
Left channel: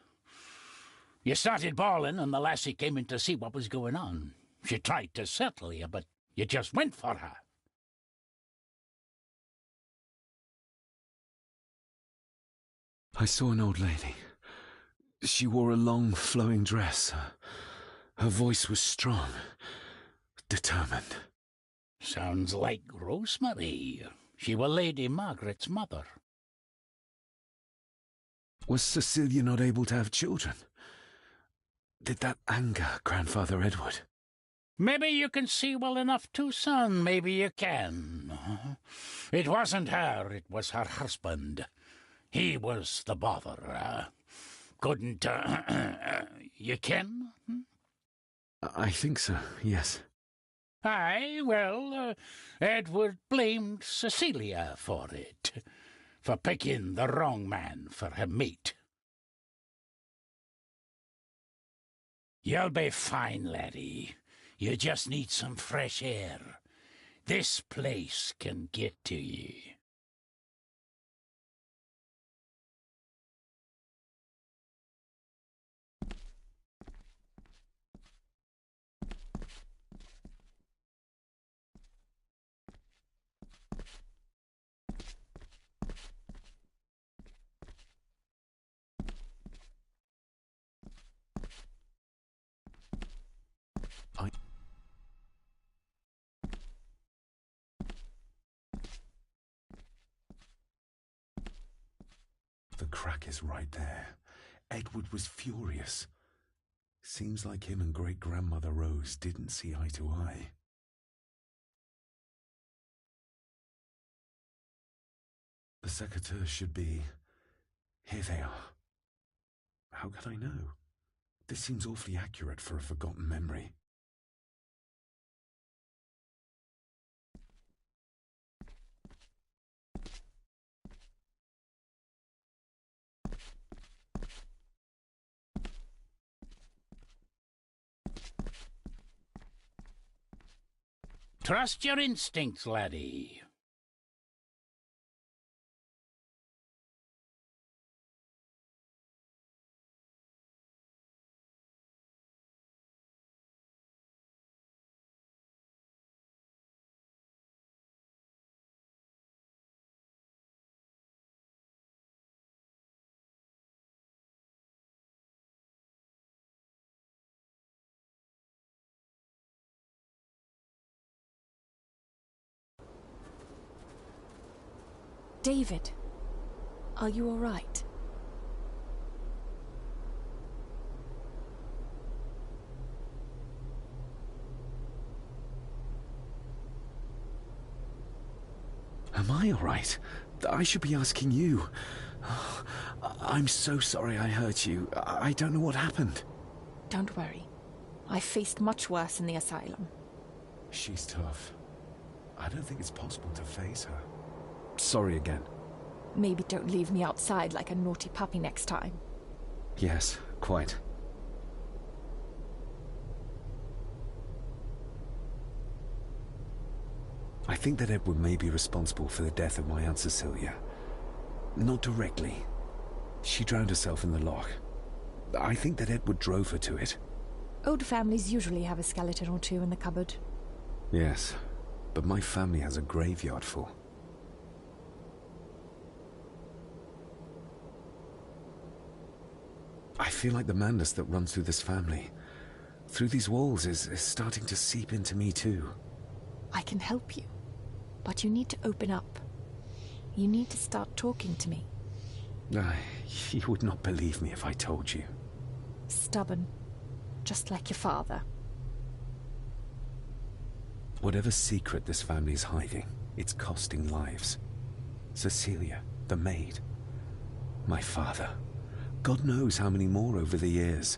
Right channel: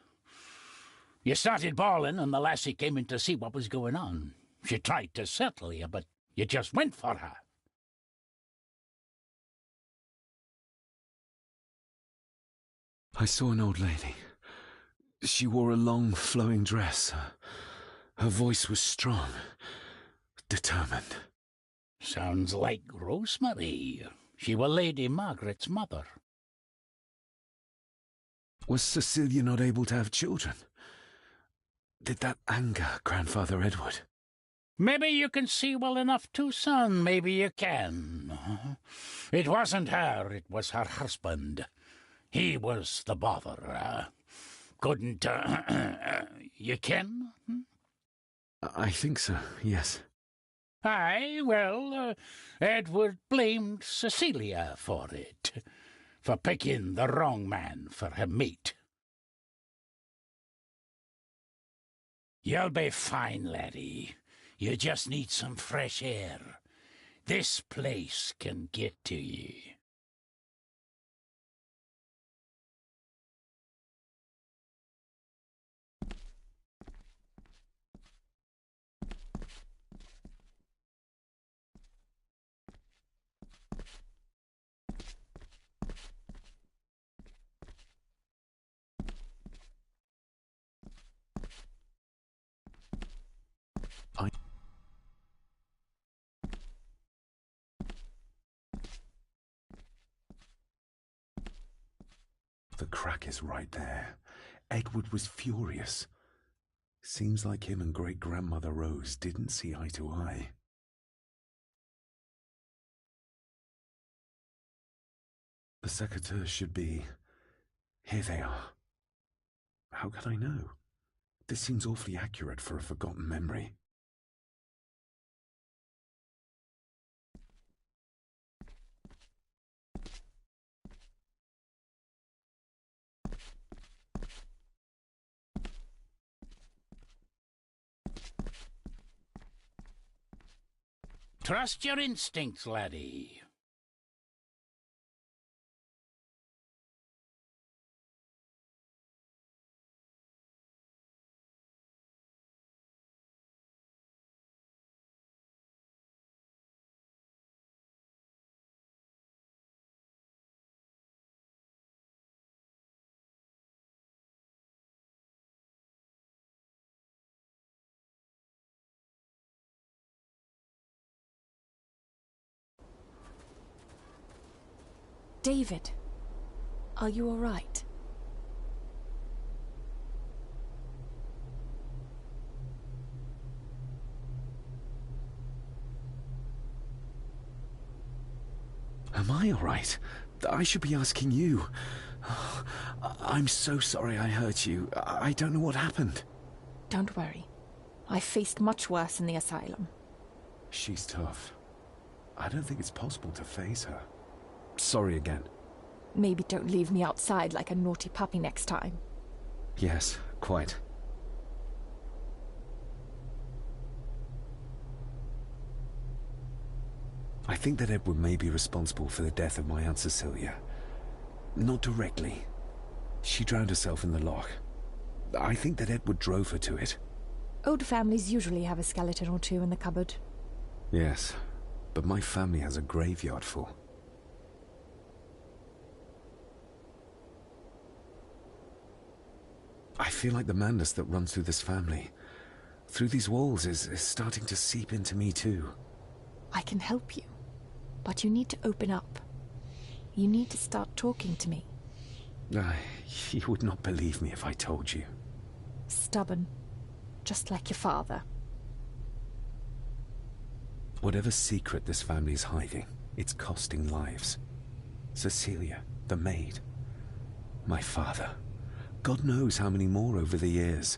You started bawling and the lassie came in to see what was going on. She tried to settle you, but you just went for her. I saw an old lady. She wore a long, flowing dress. Her voice was strong, determined. Sounds like Rosemary. She were Lady Margaret's mother. Was Cecilia not able to have children? Did that anger Grandfather Edward? Maybe you can see well enough too, son. Maybe you can. It wasn't her, it was her husband. He was the bother. Couldn't, you ken? I think so, yes. Aye, well, Edward blamed Cecilia for it, for picking the wrong man for her mate. You'll be fine, laddie. You just need some fresh air. This place can get to ye. The crack is right there. Edward was furious. Seems like him and great-grandmother Rose didn't see eye to eye. The secateurs should be... Here they are. How could I know? This seems awfully accurate for a forgotten memory. Trust your instincts, laddie. David, are you all right? Am I all right? I should be asking you. I'm so sorry I hurt you. I don't know what happened. Don't worry. I faced much worse in the asylum. She's tough. I don't think it's possible to face her. Sorry again. Maybe don't leave me outside like a naughty puppy next time. Yes, quite. I think that Edward may be responsible for the death of my Aunt Cecilia. Not directly. She drowned herself in the loch. I think that Edward drove her to it. Old families usually have a skeleton or two in the cupboard. Yes, but my family has a graveyard full. I feel like the madness that runs through this family, through these walls, is starting to seep into me too. I can help you, but you need to open up. You need to start talking to me. You would not believe me if I told you. Stubborn, just like your father. Whatever secret this family is hiding, it's costing lives. Cecilia, the maid, my father. God knows how many more over the years.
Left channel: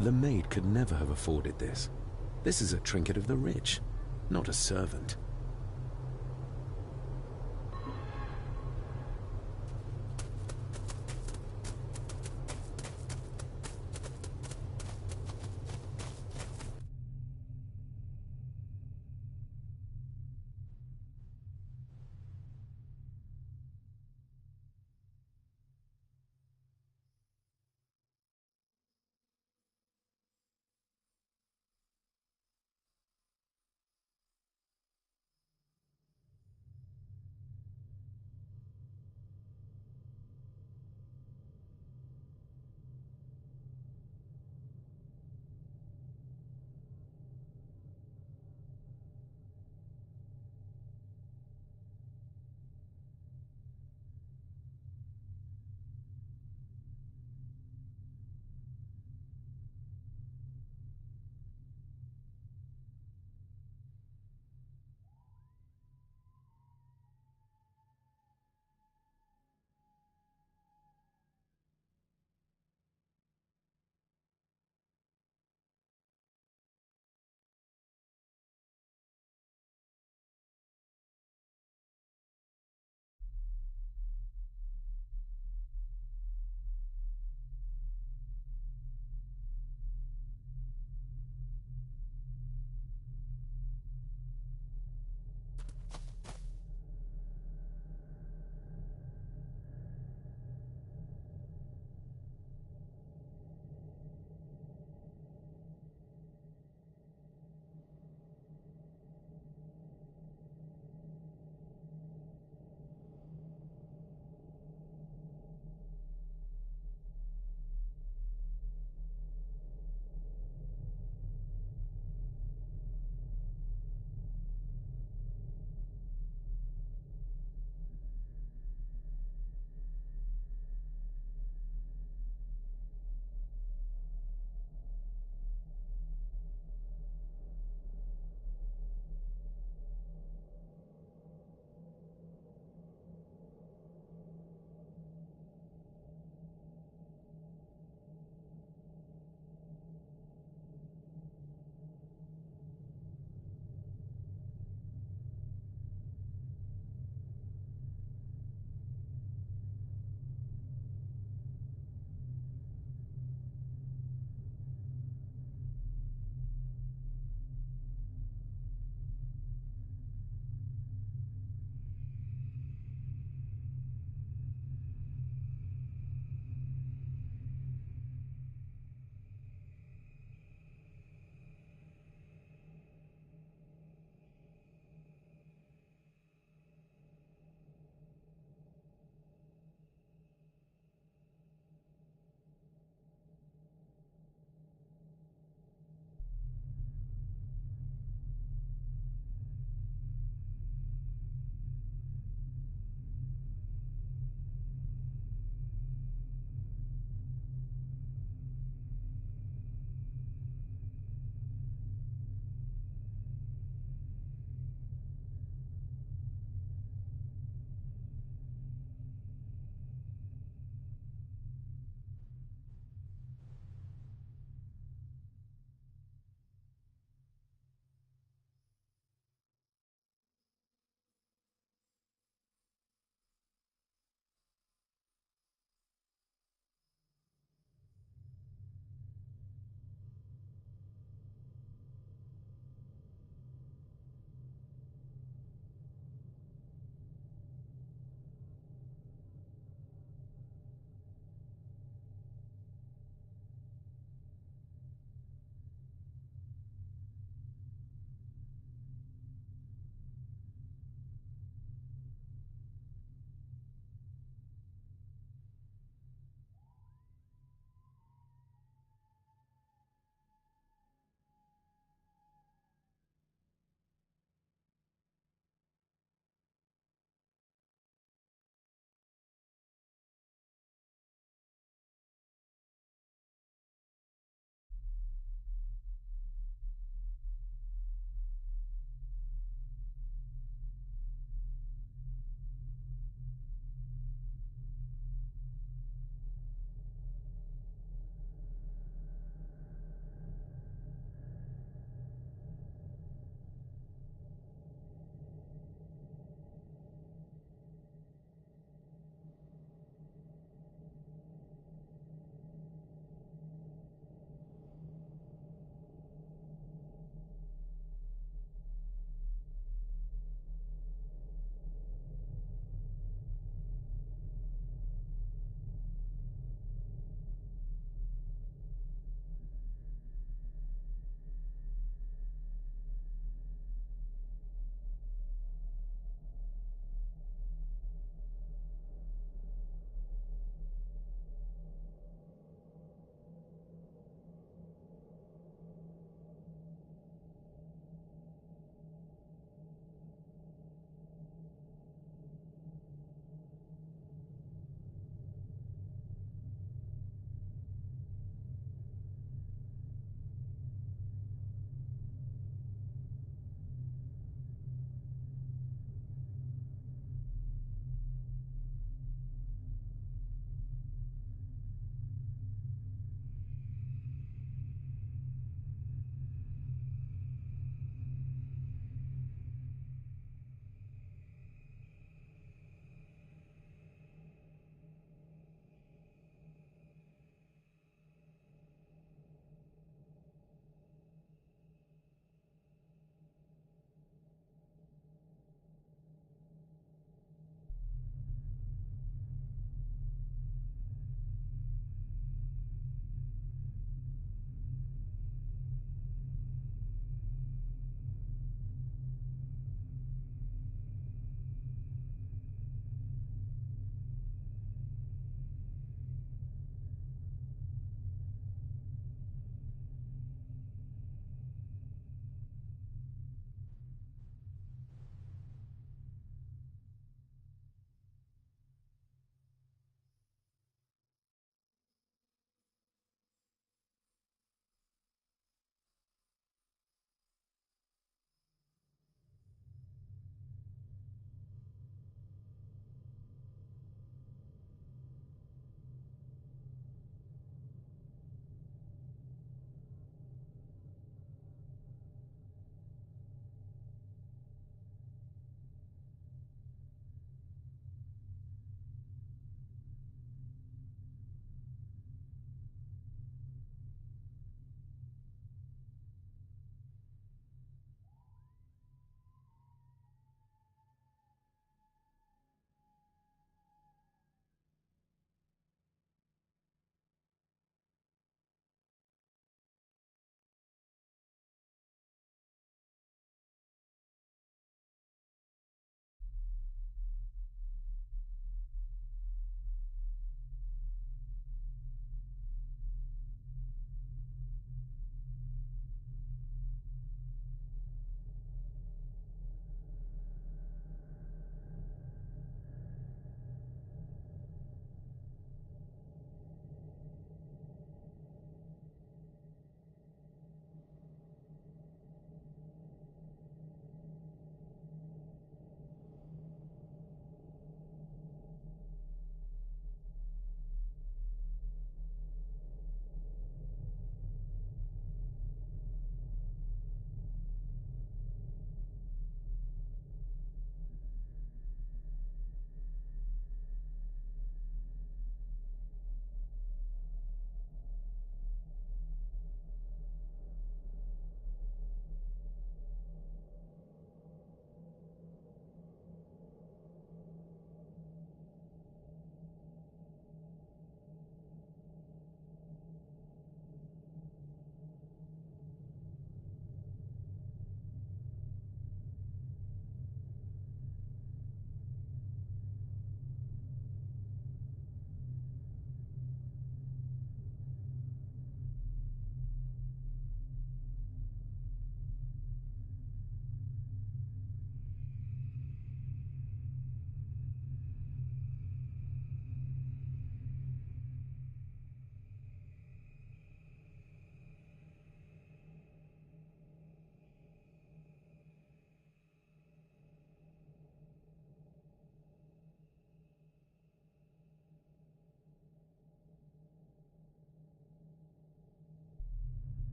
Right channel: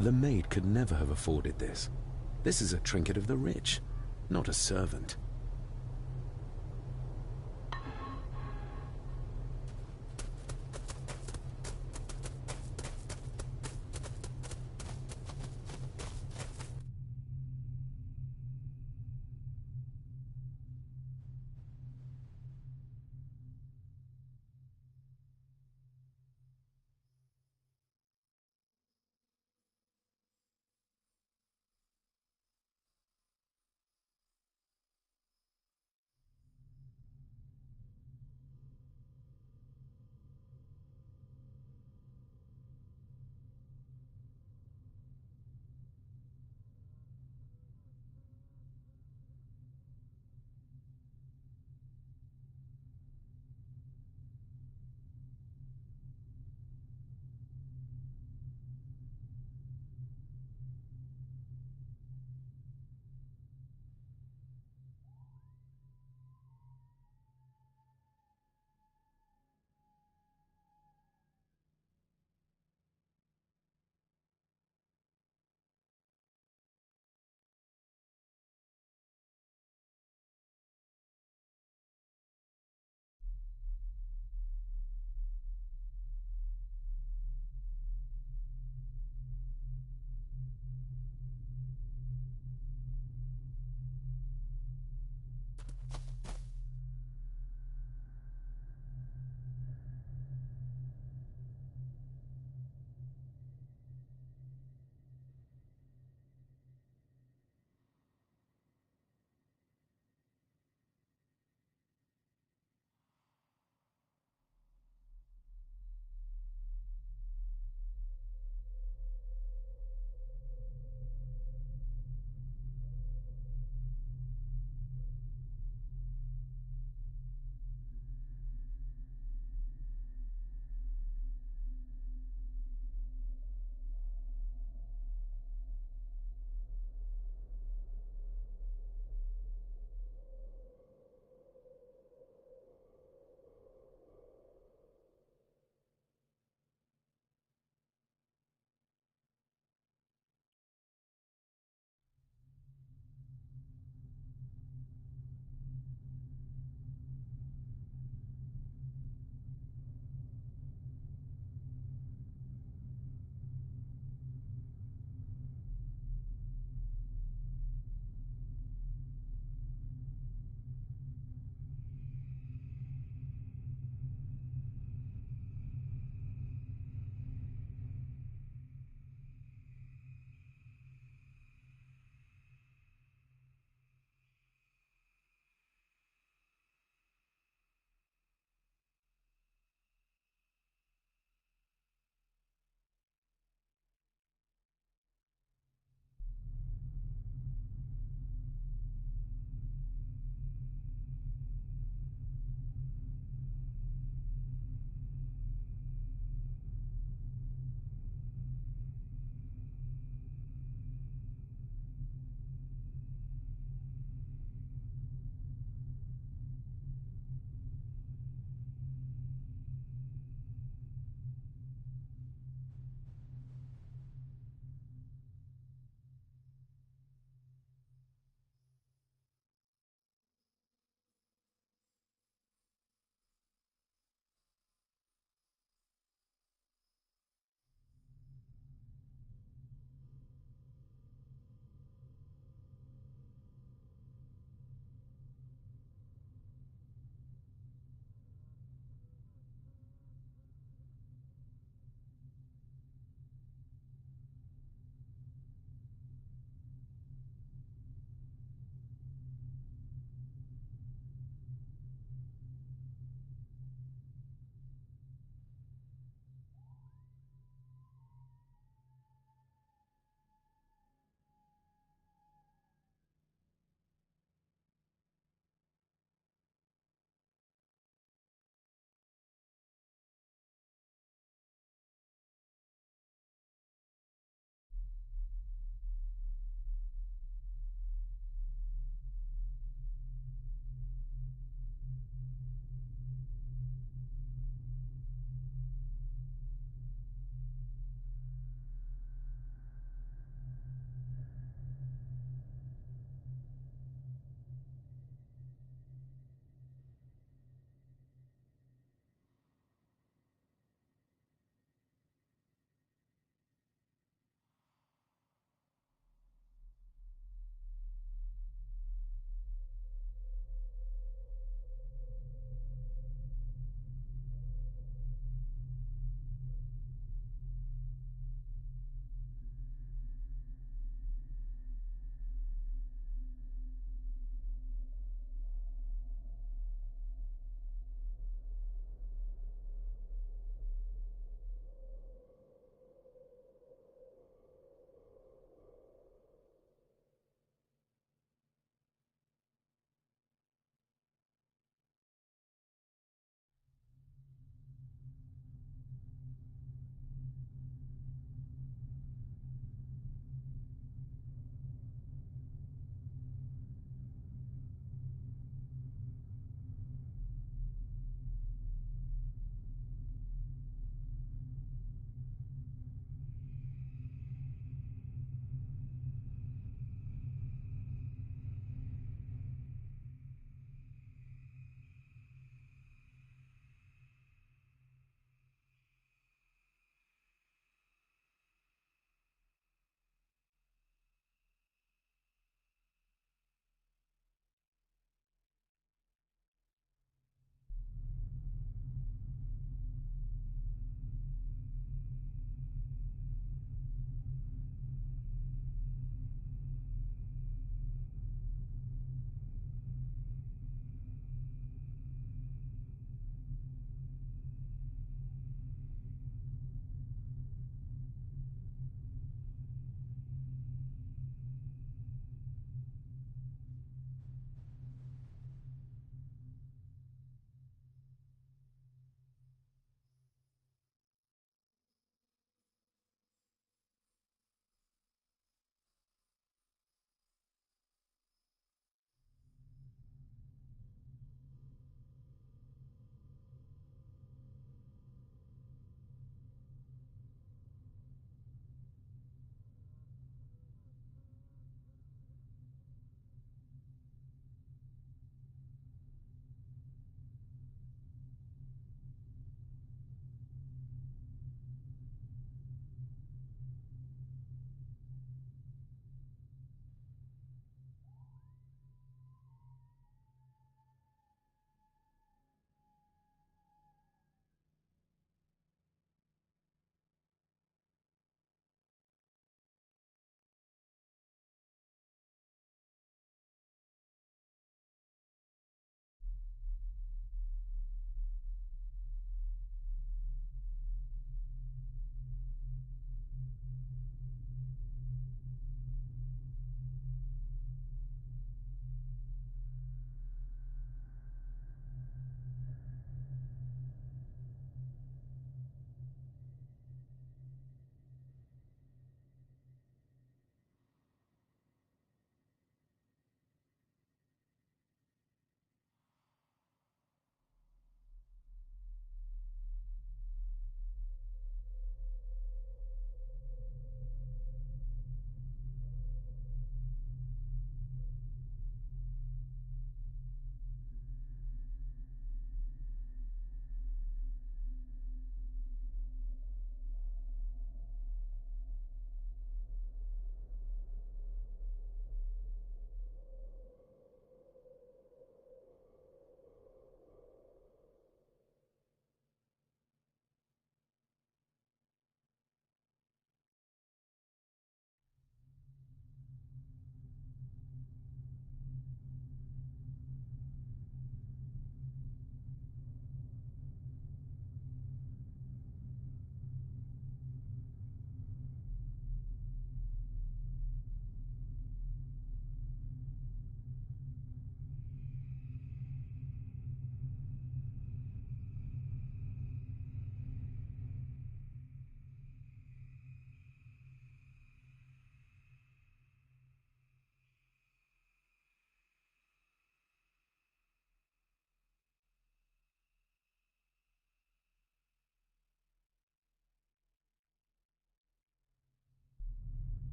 The maid could never have afforded this. This is a trinket of the rich, not a servant.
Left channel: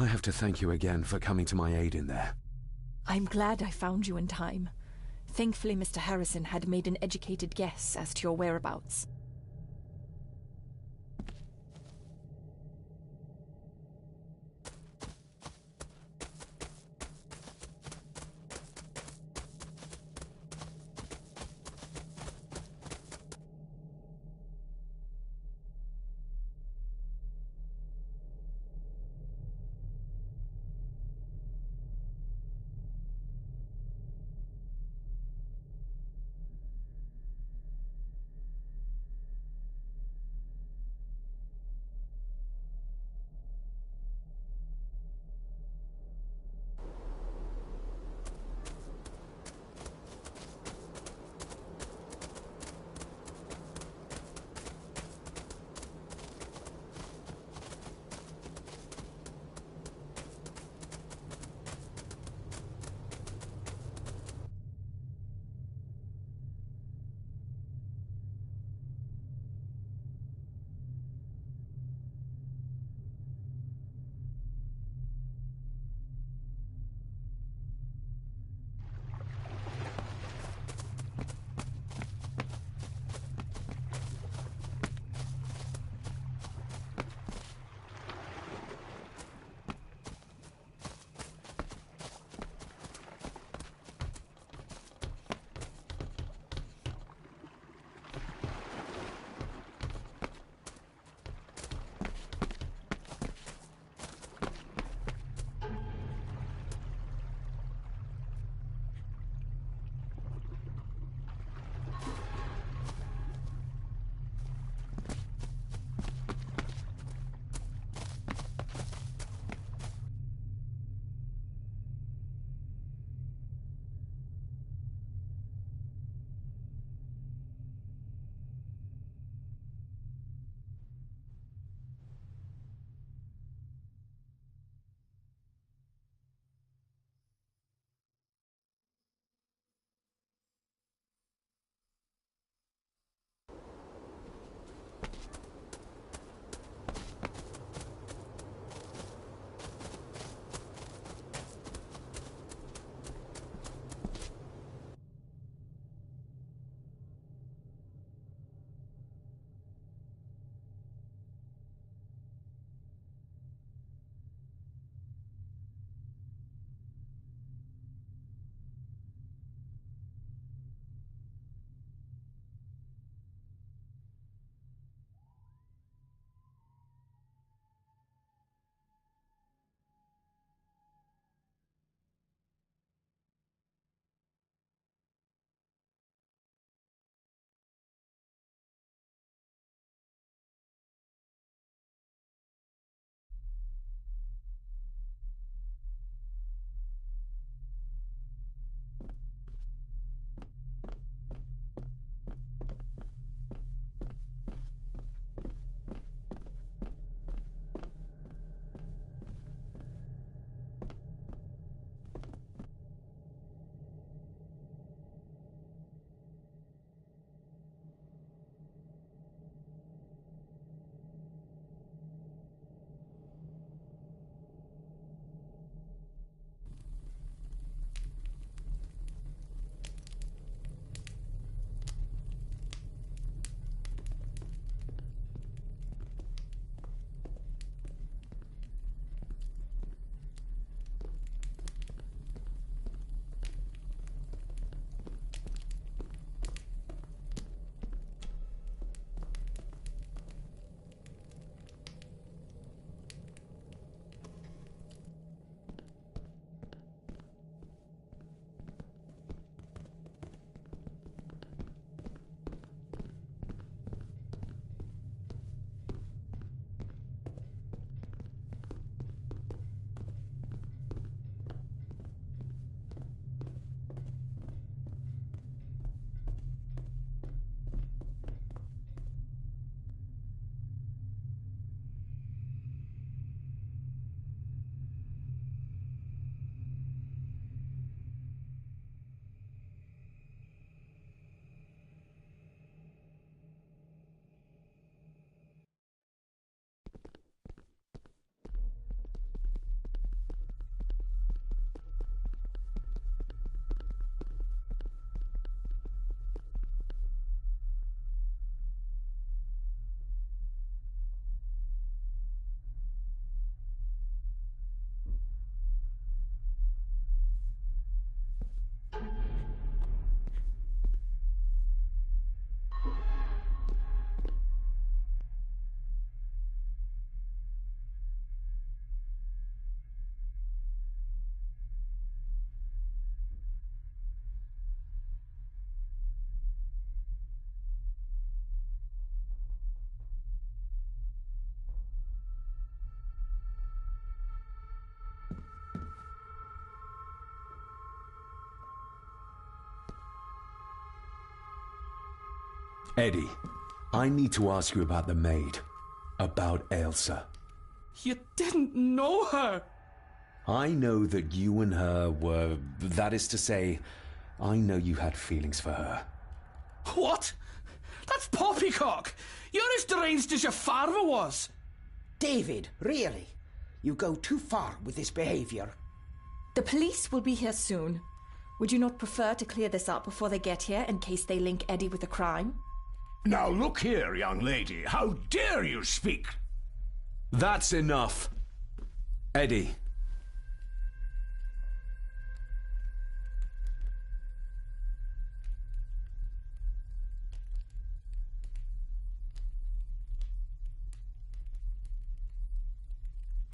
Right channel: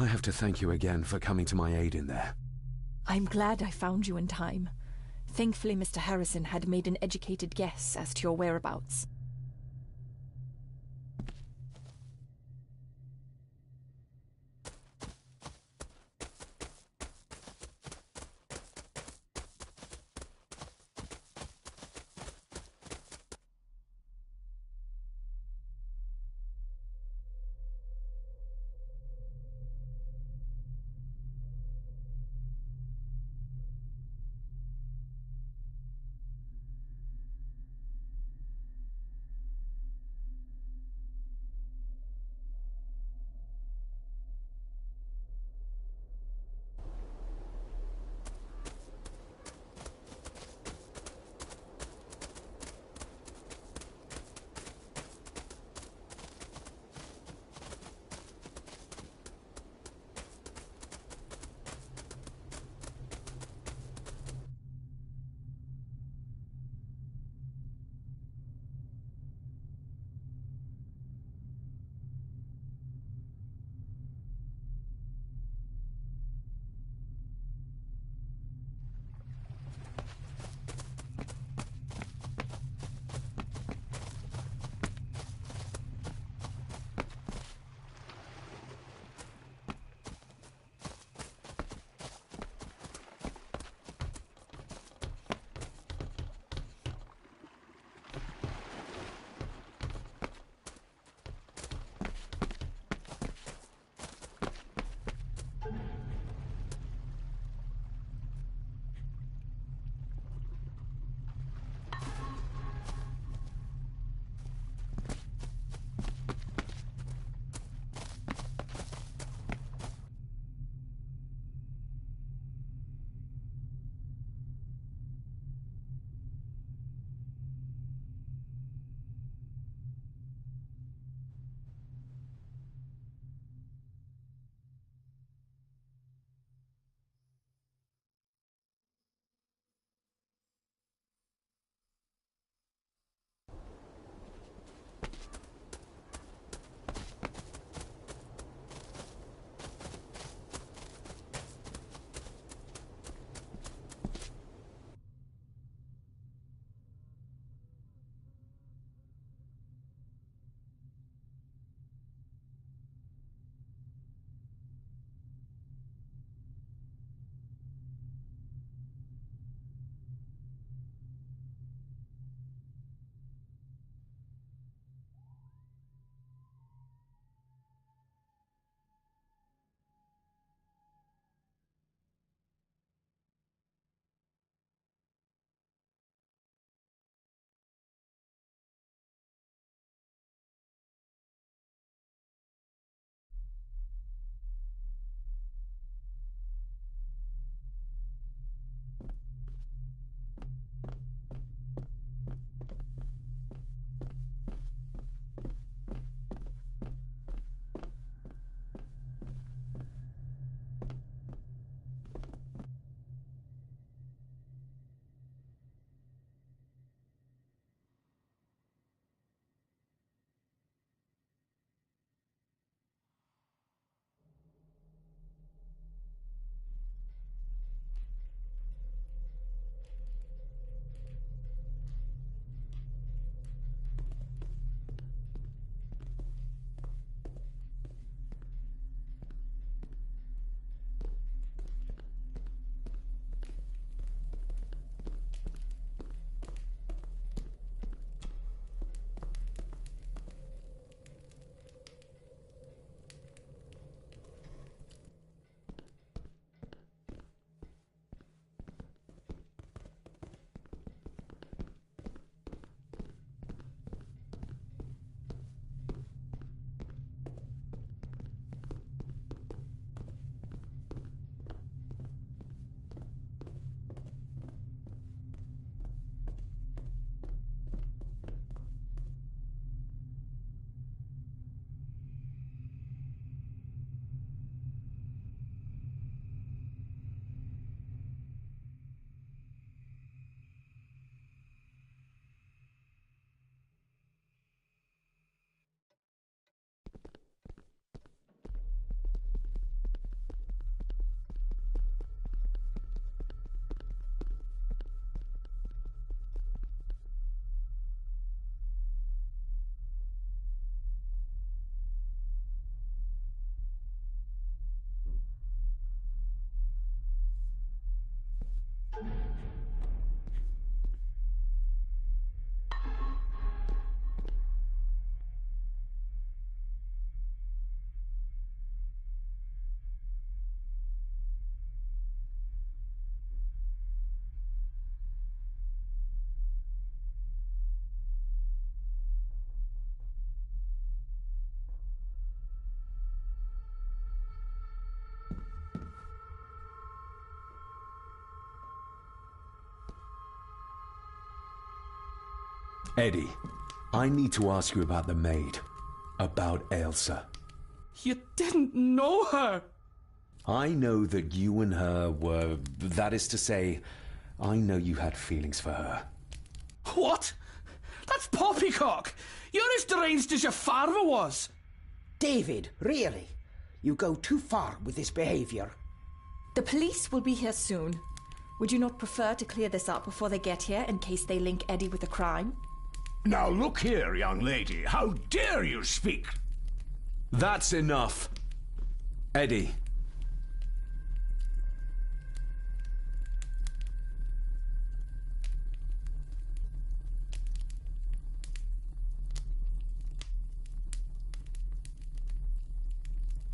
I have to thank you again for coming to my aid in there. I'm glad I found you in time. Thankfully, Mr. Harrison had made an educated guess as to your whereabouts. Eddie, I need to ask you about the maid. About Ailsa. You didn't know her! I know that you and her were... That is to say, I know you had feelings for her. What? That's poppycock! You're as deranged as your father was! David, really? You go too far with this behavior. The police will be here soon. Would you not prefer to clear this up before they get here in case they link Eddie with the crime? Now look here, young lady. How dare you speak? That's enough. Eddie.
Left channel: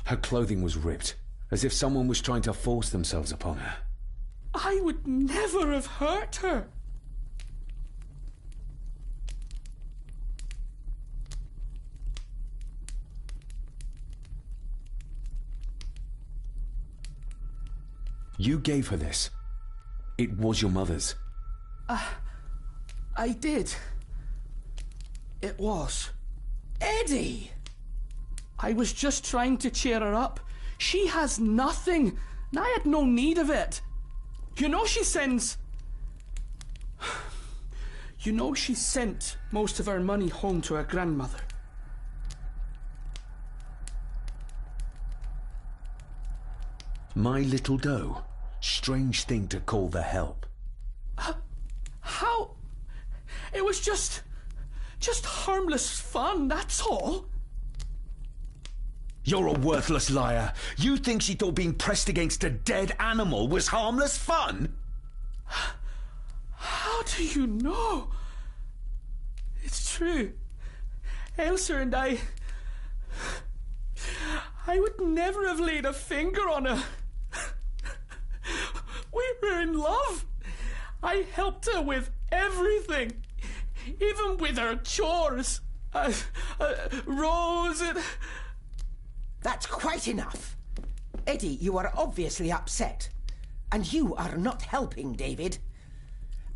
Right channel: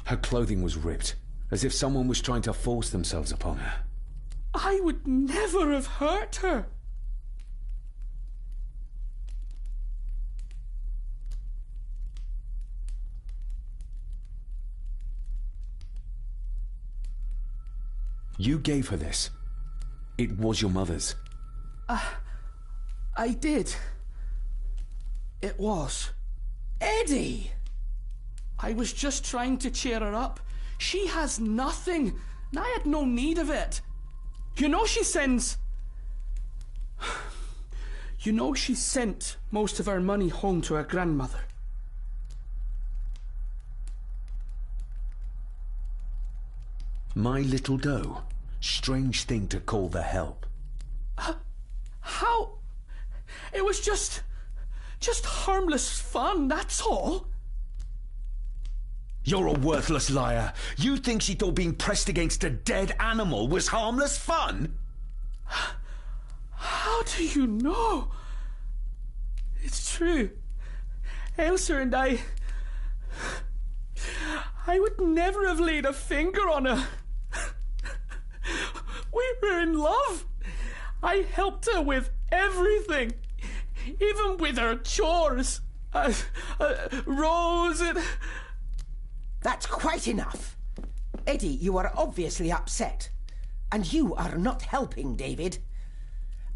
Her clothing was ripped, as if someone was trying to force themselves upon her. I would never have hurt her. You gave her this. It was your mother's. I did. It was. Eddie! I was just trying to cheer her up. She has nothing, and I had no need of it. You know she sends... You know she sent most of her money home to her grandmother. My little doe. Strange thing to call the help. How? It was just harmless fun, that's all. You're a worthless liar. You think she thought being pressed against a dead animal was harmless fun? How do you know? It's true. Ailsa and I would never have laid a finger on her. We were in love. I helped her with everything, even with her chores. Rose and... That's quite enough. Eddie, you are obviously upset. And you are not helping, David.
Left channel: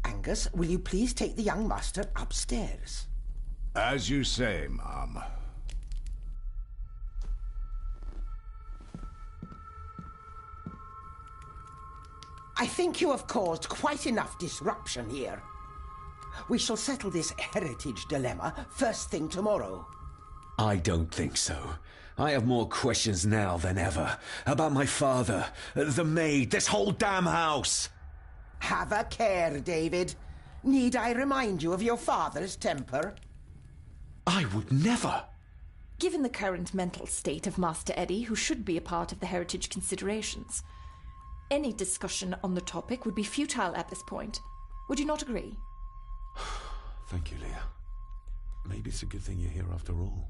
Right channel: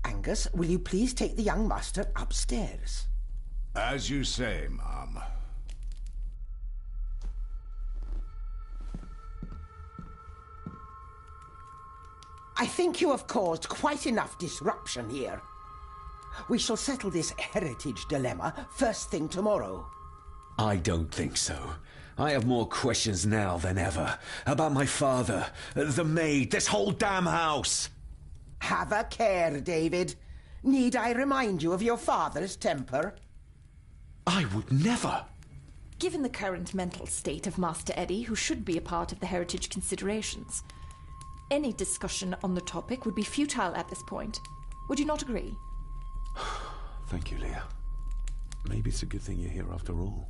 Angus, will you please take the young master upstairs? As you say, Mom. I think you have caused quite enough disruption here. We shall settle this heritage dilemma first thing tomorrow. I don't think so. I have more questions now than ever. About my father, the maid, this whole damn house. Have a care, David. Need I remind you of your father's temper? I would never. Given the current mental state of Master Eddie, who should be a part of the heritage considerations, any discussion on the topic would be futile at this point. Would you not agree? Thank you, Leah. Maybe it's a good thing you're here after all.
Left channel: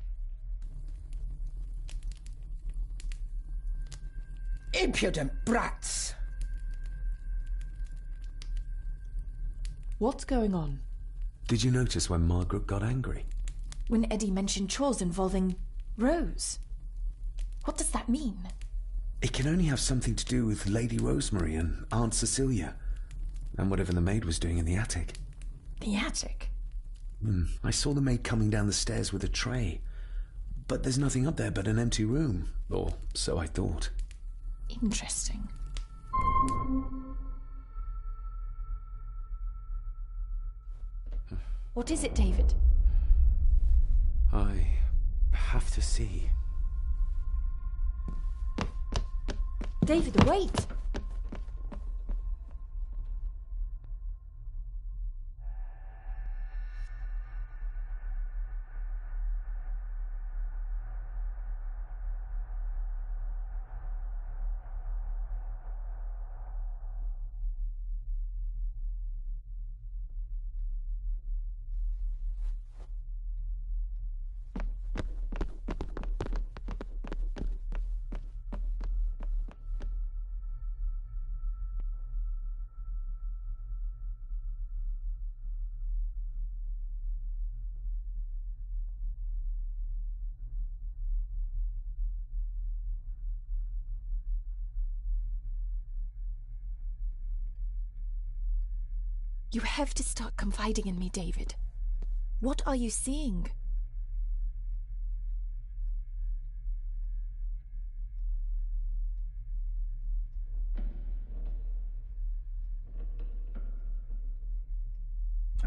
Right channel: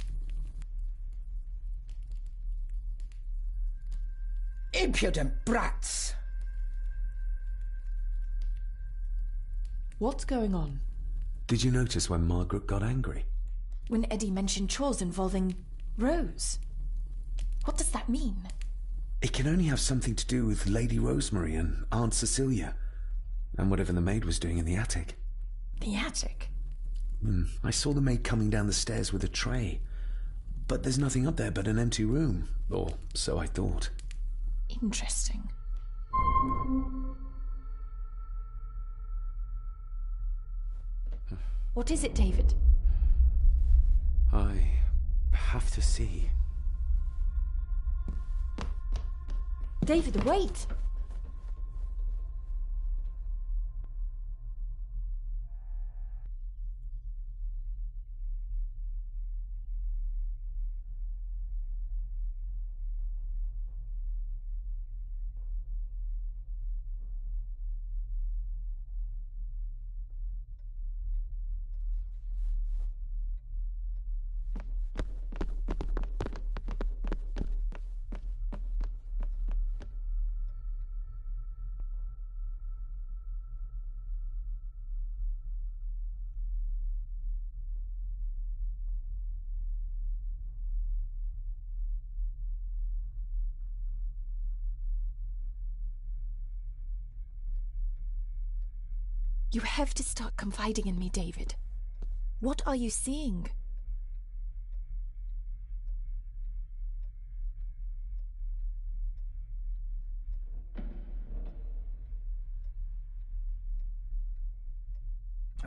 Impudent brats! What's going on? Did you notice when Margaret got angry? When Eddie mentioned chores involving Rose. What does that mean? It can only have something to do with Lady Rosemary and Aunt Cecilia, and whatever the maid was doing in the attic. The attic? I saw the maid coming down the stairs with a tray, but there's nothing up there but an empty room, or so I thought. Interesting. What is it, David? I have to see. David, wait! You have to start confiding in me, David. What are you seeing?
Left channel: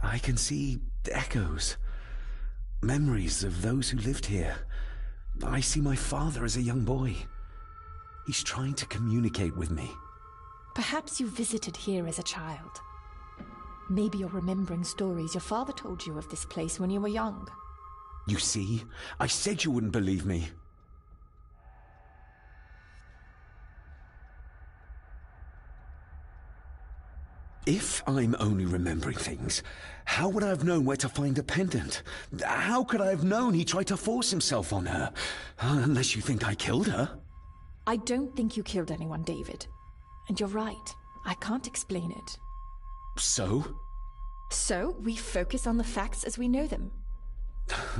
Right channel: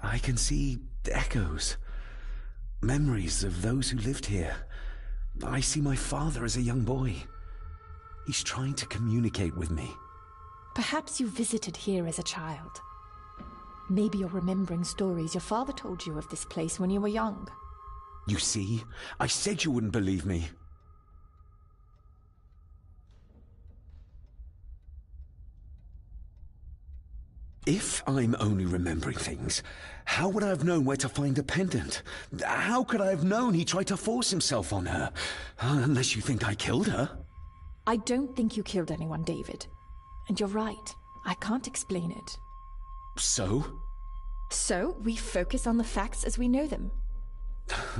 I can see echoes. Memories of those who lived here. I see my father as a young boy. He's trying to communicate with me. Perhaps you visited here as a child. Maybe you're remembering stories your father told you of this place when you were young. You see? I said you wouldn't believe me. If I'm only remembering things, how would I have known where to find a pendant? How could I have known he tried to force himself on her? Unless you think I killed her. I don't think you killed anyone, David. And you're right. I can't explain it. So? So, we focus on the facts as we know them.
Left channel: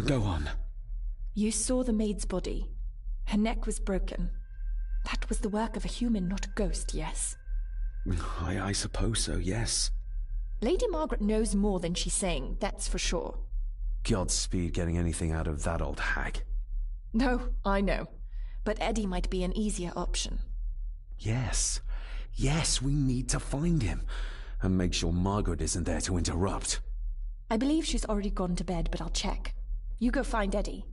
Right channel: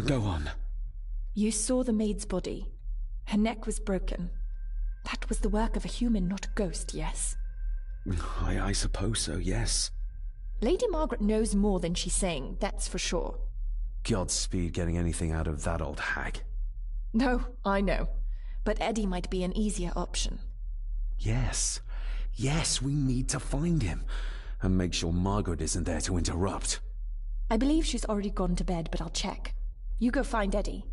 Go on. You saw the maid's body. Her neck was broken. That was the work of a human, not a ghost, yes? I suppose so, yes. Lady Margaret knows more than she's saying, that's for sure. Godspeed getting anything out of that old hag. No, I know. But Eddie might be an easier option. Yes. Yes, we need to find him. And make sure Margaret isn't there to interrupt. I believe she's already gone to bed, but I'll check. You go find Eddie.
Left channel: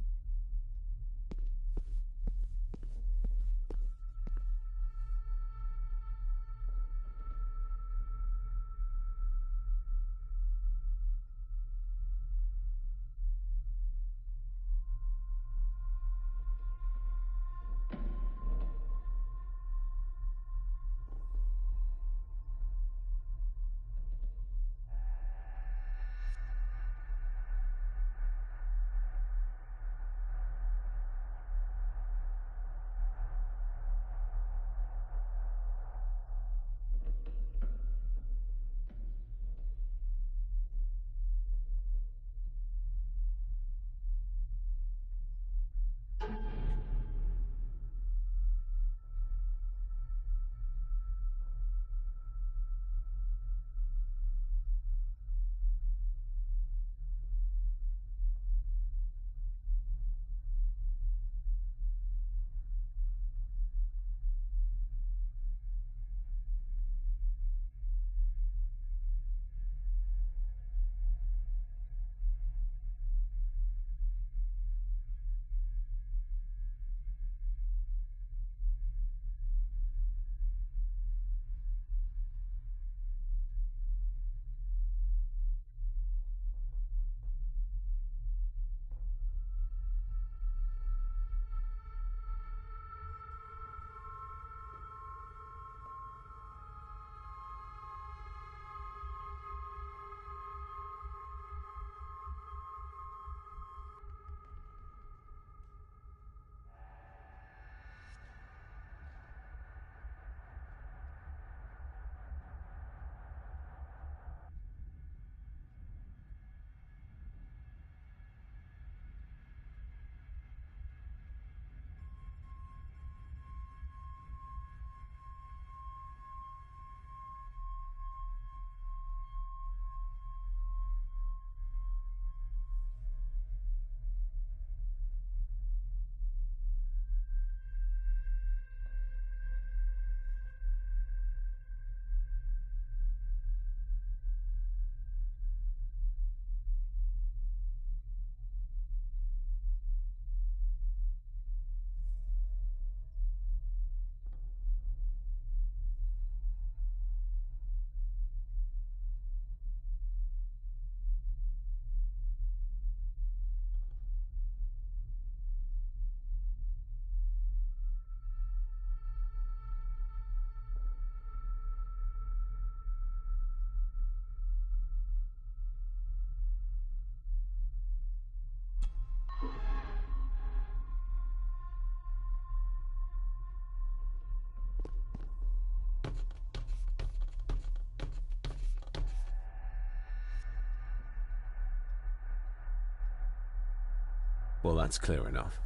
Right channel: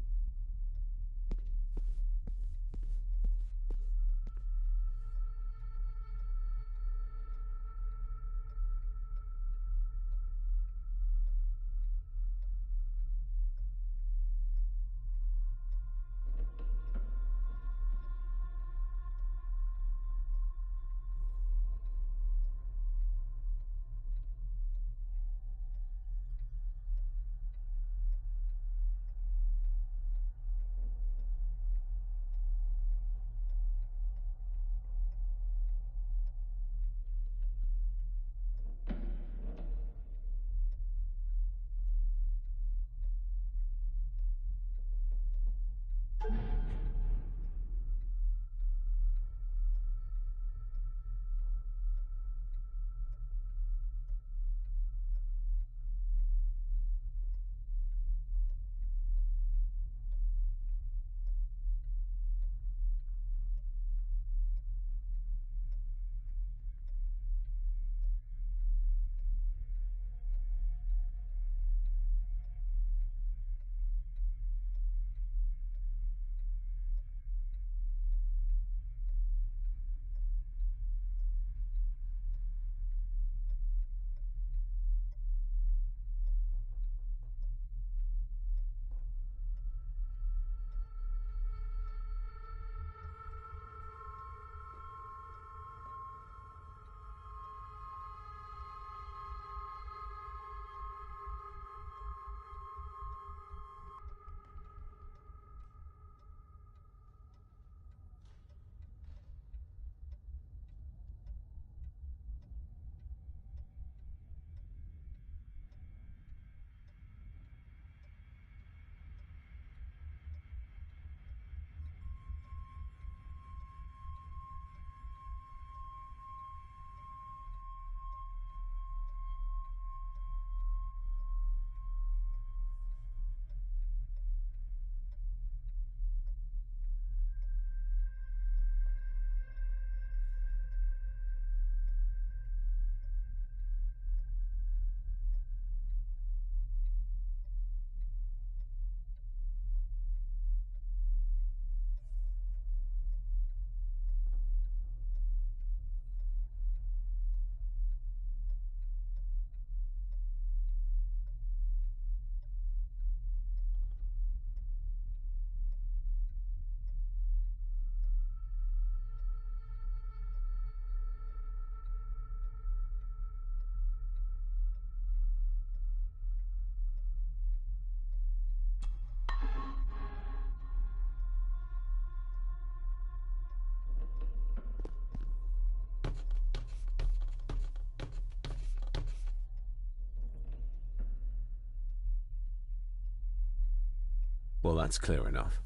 Well, that's clear enough.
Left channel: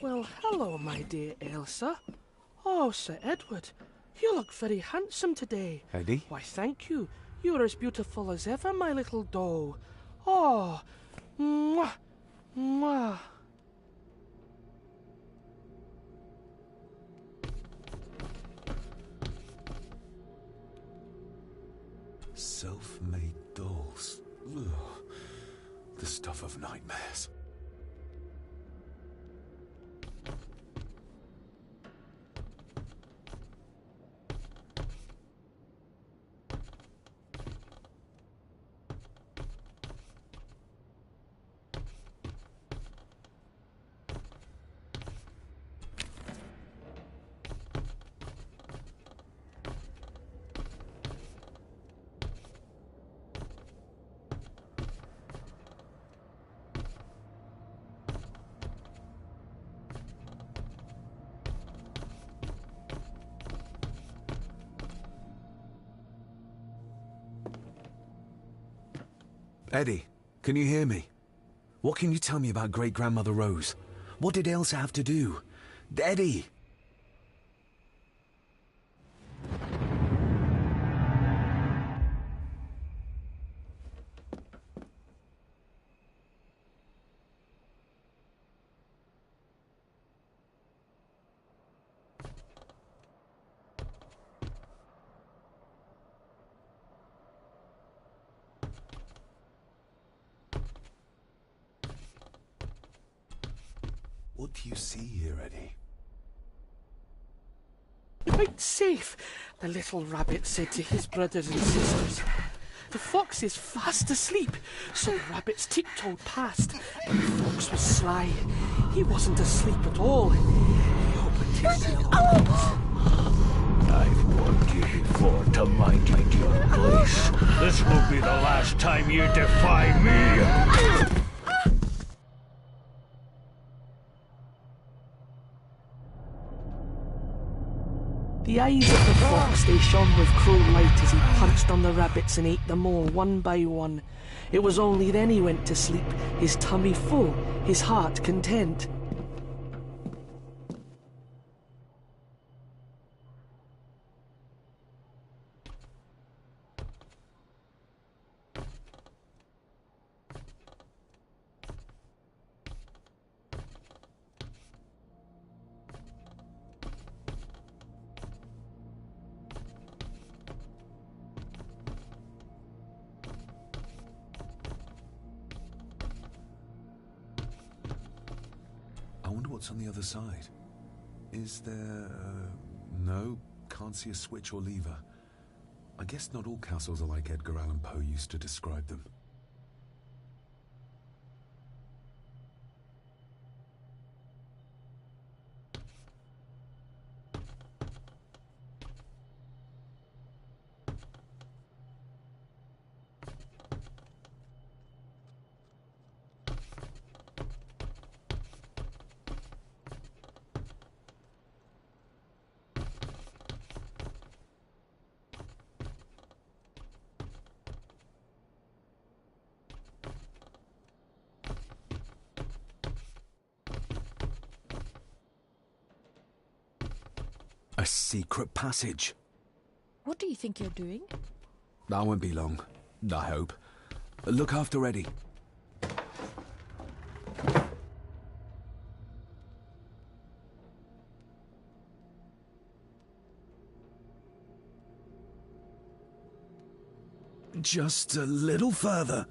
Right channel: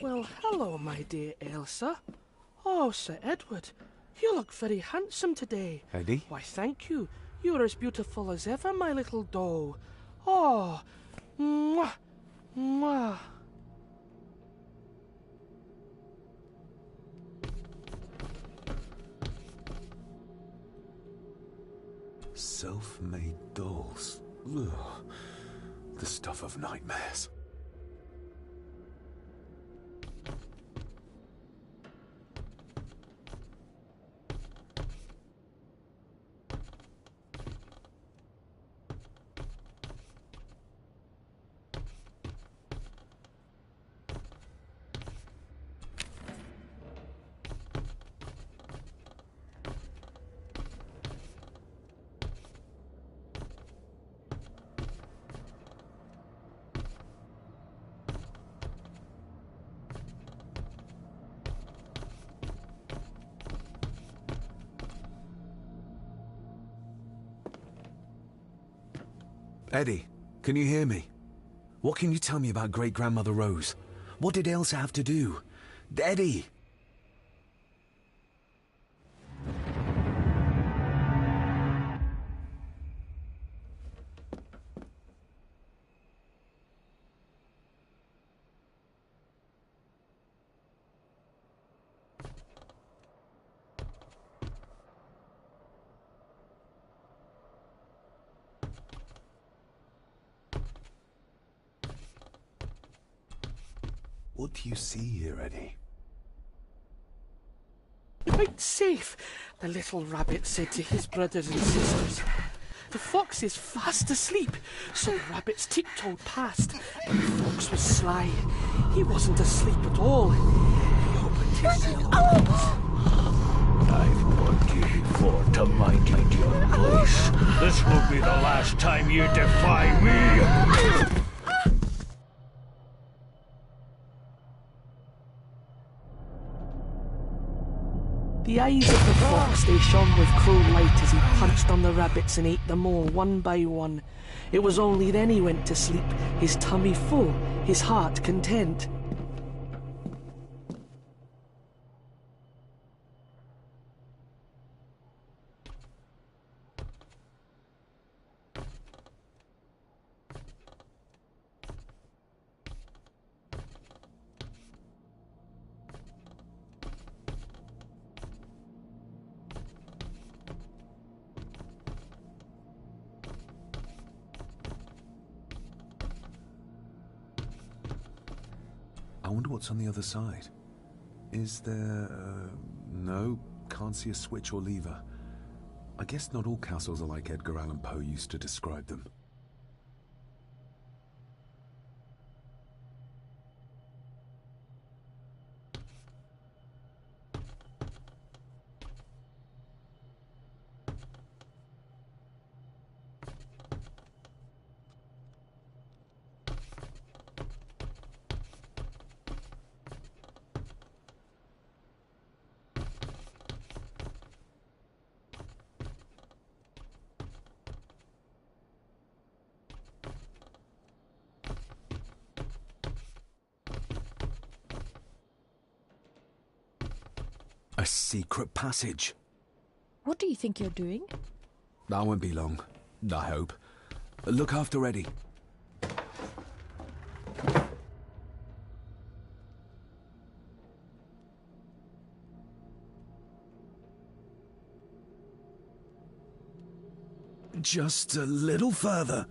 Well, hello, my dear Elsa. Oh, Sir Edward, you look very handsome today. Eddie? Why, thank you. You're as beautiful as ever, my little doe. Oh, mwah, mwah. Self-made dolls. Ugh. The stuff of nightmares. Eddie, can you hear me? What can you tell me about Great-Grandmother Rose? What did Elsa have to do? Eddie! What do you see here, Eddie? Quite safe, the little rabbit said to his brothers and sisters. The fox is fast asleep, so the rabbits tiptoed past, but the fox was sly. He wasn't asleep at all. He opened his yellow eyes. I've warned you before to mind your place. This will be the last time you defy me! The eyes of the fox, they shone with cruel light as he punched on the rabbits and ate them all one by one. It was only then he went to sleep, his tummy full, his heart content. I wonder what's on the other side. Is there... no, can't see a switch or lever. I guess not all castles are like Edgar Allan Poe used to describe them. A secret passage. What do you think you're doing? That won't be long, I hope. Look after Eddie. Just a little further.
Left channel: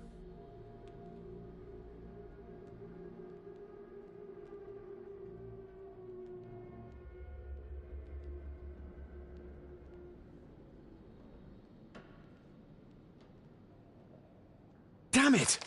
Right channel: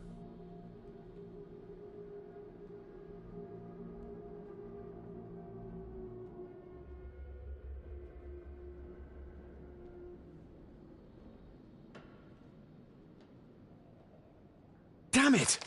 Damn it!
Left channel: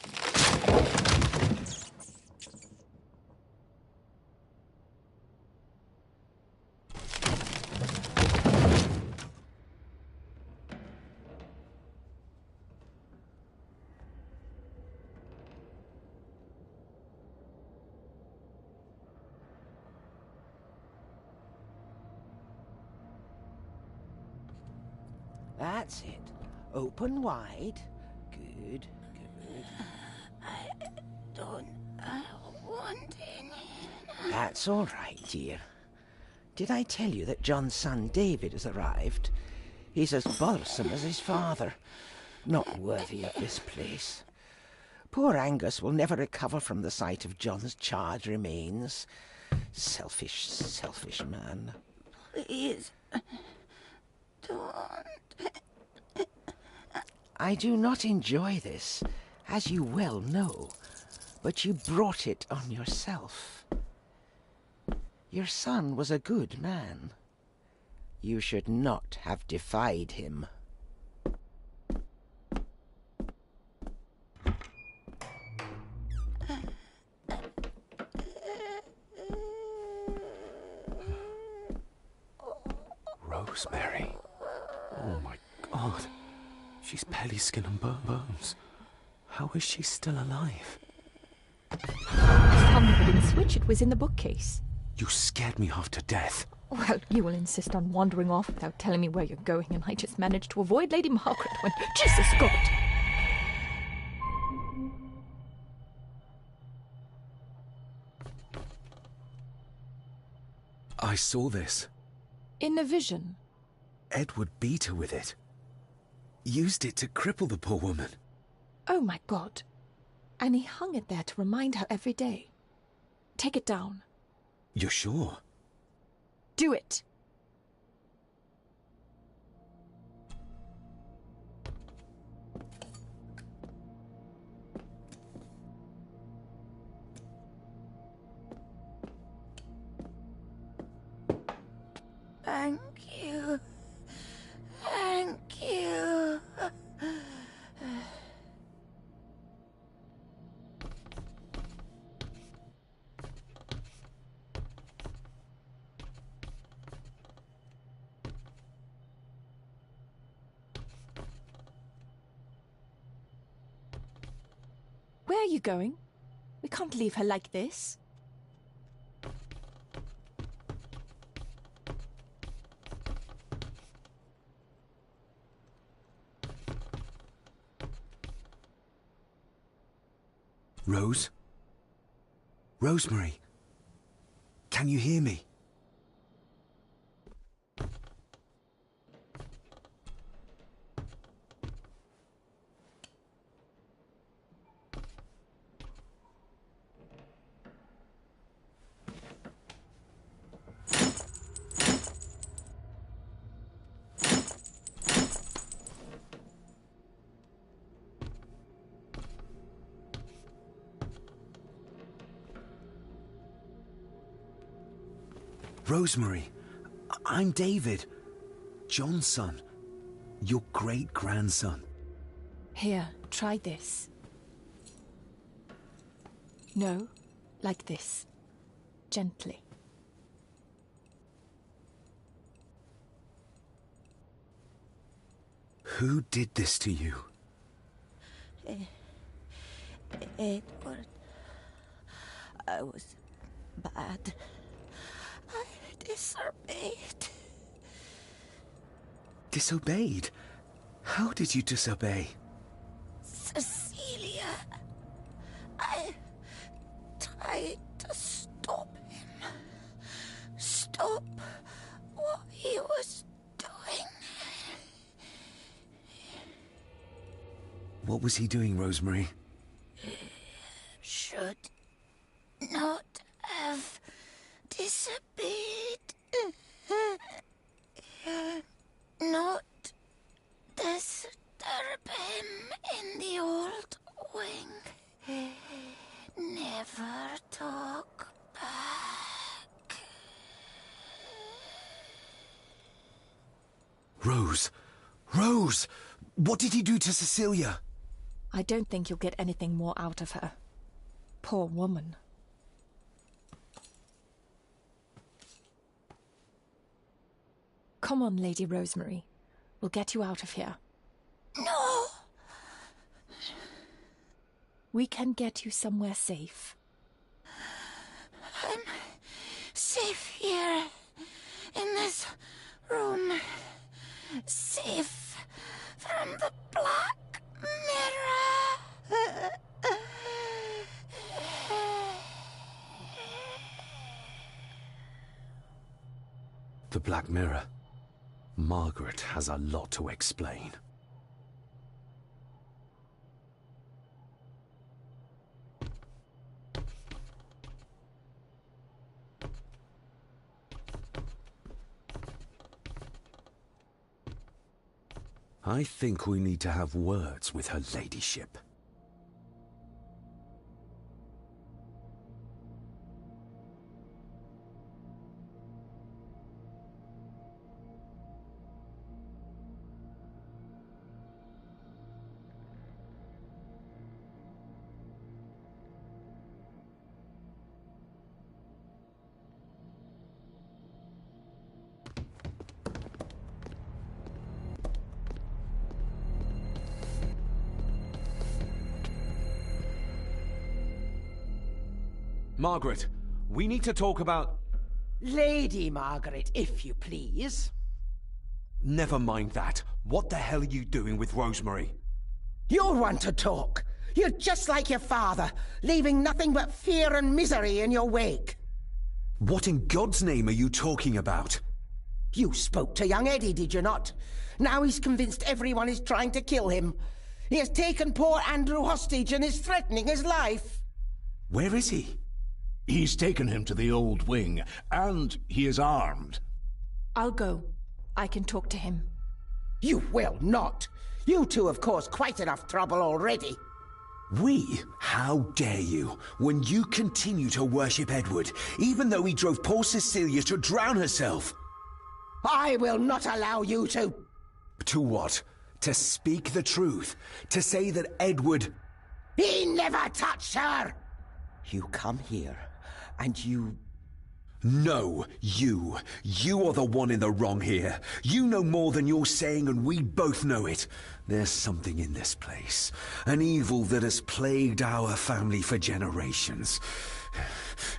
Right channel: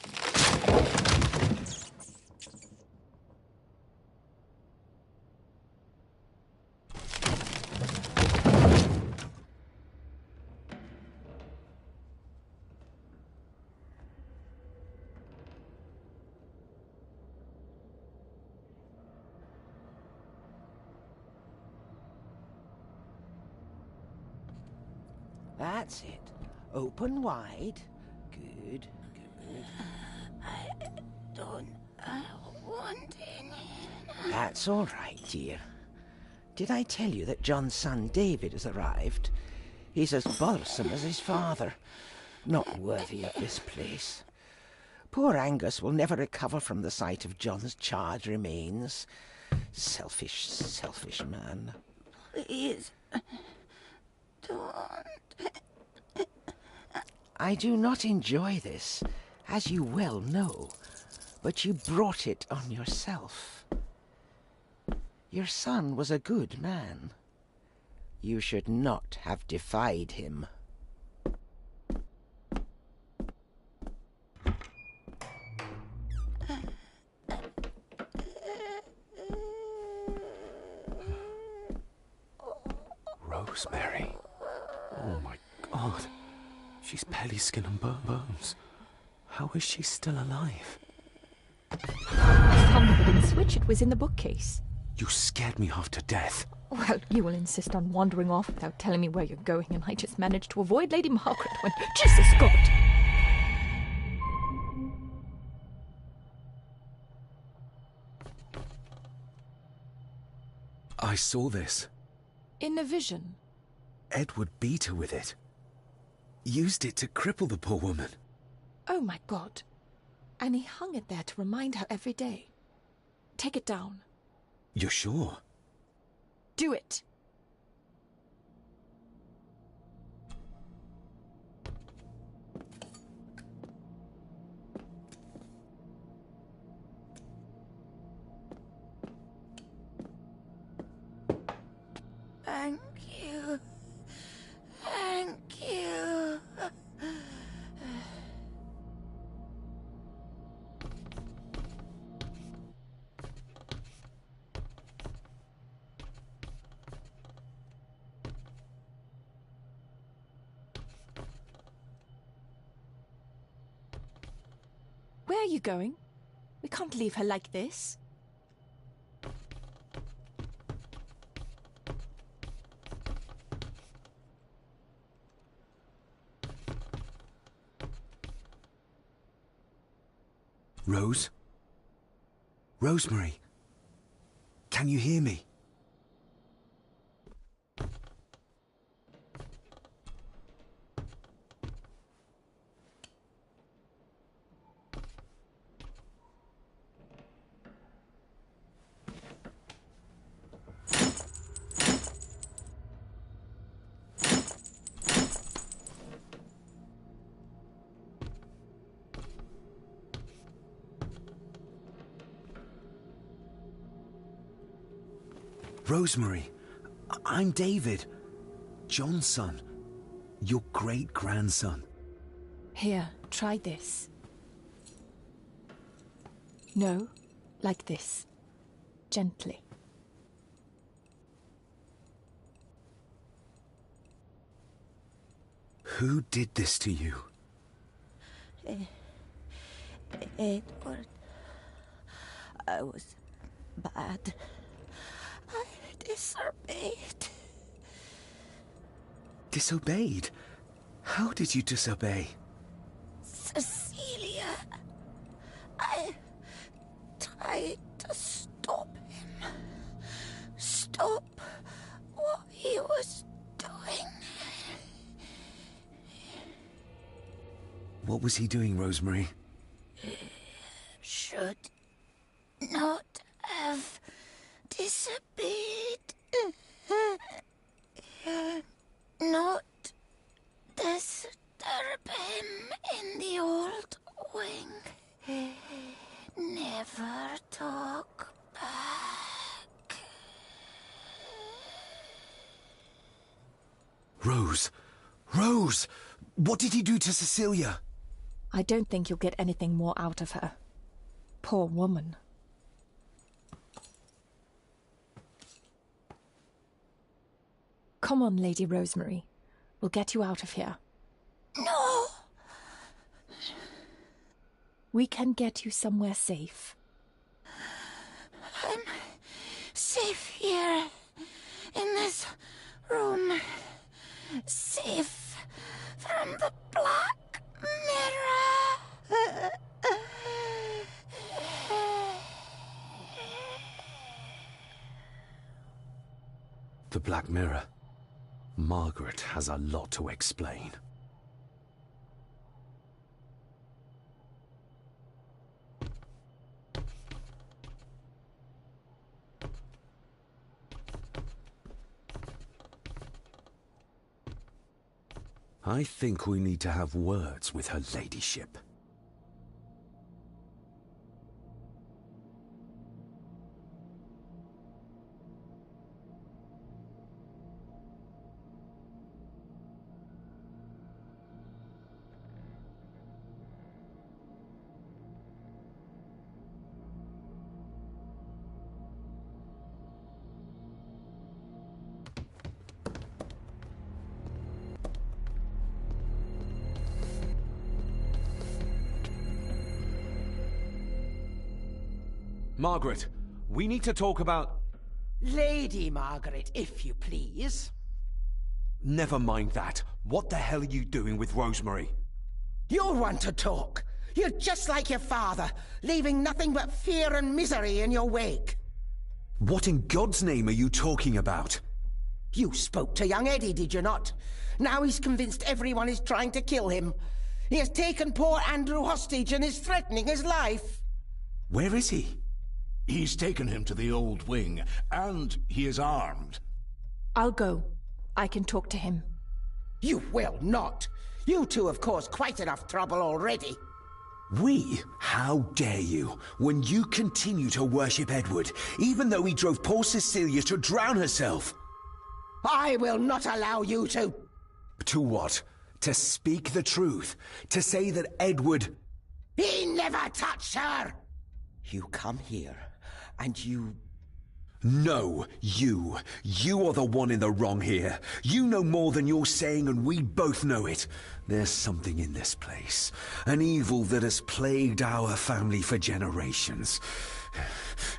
That's it. Open wide. Good, good. I don't want any. That's all right, dear. Did I tell you that John's son David has arrived? He's as bothersome as his father. Not worthy of this place. Poor Angus will never recover from the sight of John's charred remains. Selfish, selfish man. Please, don't. I do not enjoy this, as you well know, but you brought it on yourself. Your son was a good man. You should not have defied him. Rosemary. Oh my God. She's belly skin and bones. How is she still alive? I found the wooden switch. It was in the bookcase. You scared me half to death. Well, you will insist on wandering off without telling me where you're going, and I just managed to avoid Lady Margaret when... Jesus God! I saw this. In a vision. Edward beat her with it. Used it to cripple the poor woman. Oh my God. And he hung it there to remind her every day. Take it down. You're sure? Do it. Thank you. Thank you. Where are you going? We can't leave her like this. Rose? Rosemary? Can you hear me? Rosemary, I'm David, John's son, your great-grandson. Here, try this. No, like this. Gently. Who did this to you? Edward. I was bad. I disobeyed. Disobeyed? How did you disobey? Cecilia. I tried to stop him. Stop what he was doing. What was he doing, Rosemary? Should not have disobeyed. Not disturb him in the old wing. Never talk back. Rose! Rose! What did he do to Cecilia? I don't think you'll get anything more out of her. Poor woman. Come on, Lady Rosemary. We'll get you out of here. No! We can get you somewhere safe. I'm safe here, in this room. Safe from the Black Mirror. Black Mirror. Margaret has a lot to explain. I think we need to have words with her ladyship. Margaret, we need to talk about... Lady Margaret, if you please. Never mind that. What the hell are you doing with Rosemary? You want to talk. You're just like your father, leaving nothing but fear and misery in your wake. What in God's name are you talking about? You spoke to young Eddie, did you not? Now he's convinced everyone is trying to kill him. He has taken poor Andrew hostage and is threatening his life. Where is he? He's taken him to the old wing, and he is armed. I'll go. I can talk to him. You will not. You two have caused quite enough trouble already. We? How dare you, when you continue to worship Edward, even though he drove poor Cecilia to drown herself? I will not allow you to... To what? To speak the truth? To say that Edward... He never touched her! You come here, and you... No, you. You are the one in the wrong here. You know more than you're saying, and we both know it. There's something in this place. An evil that has plagued our family for generations.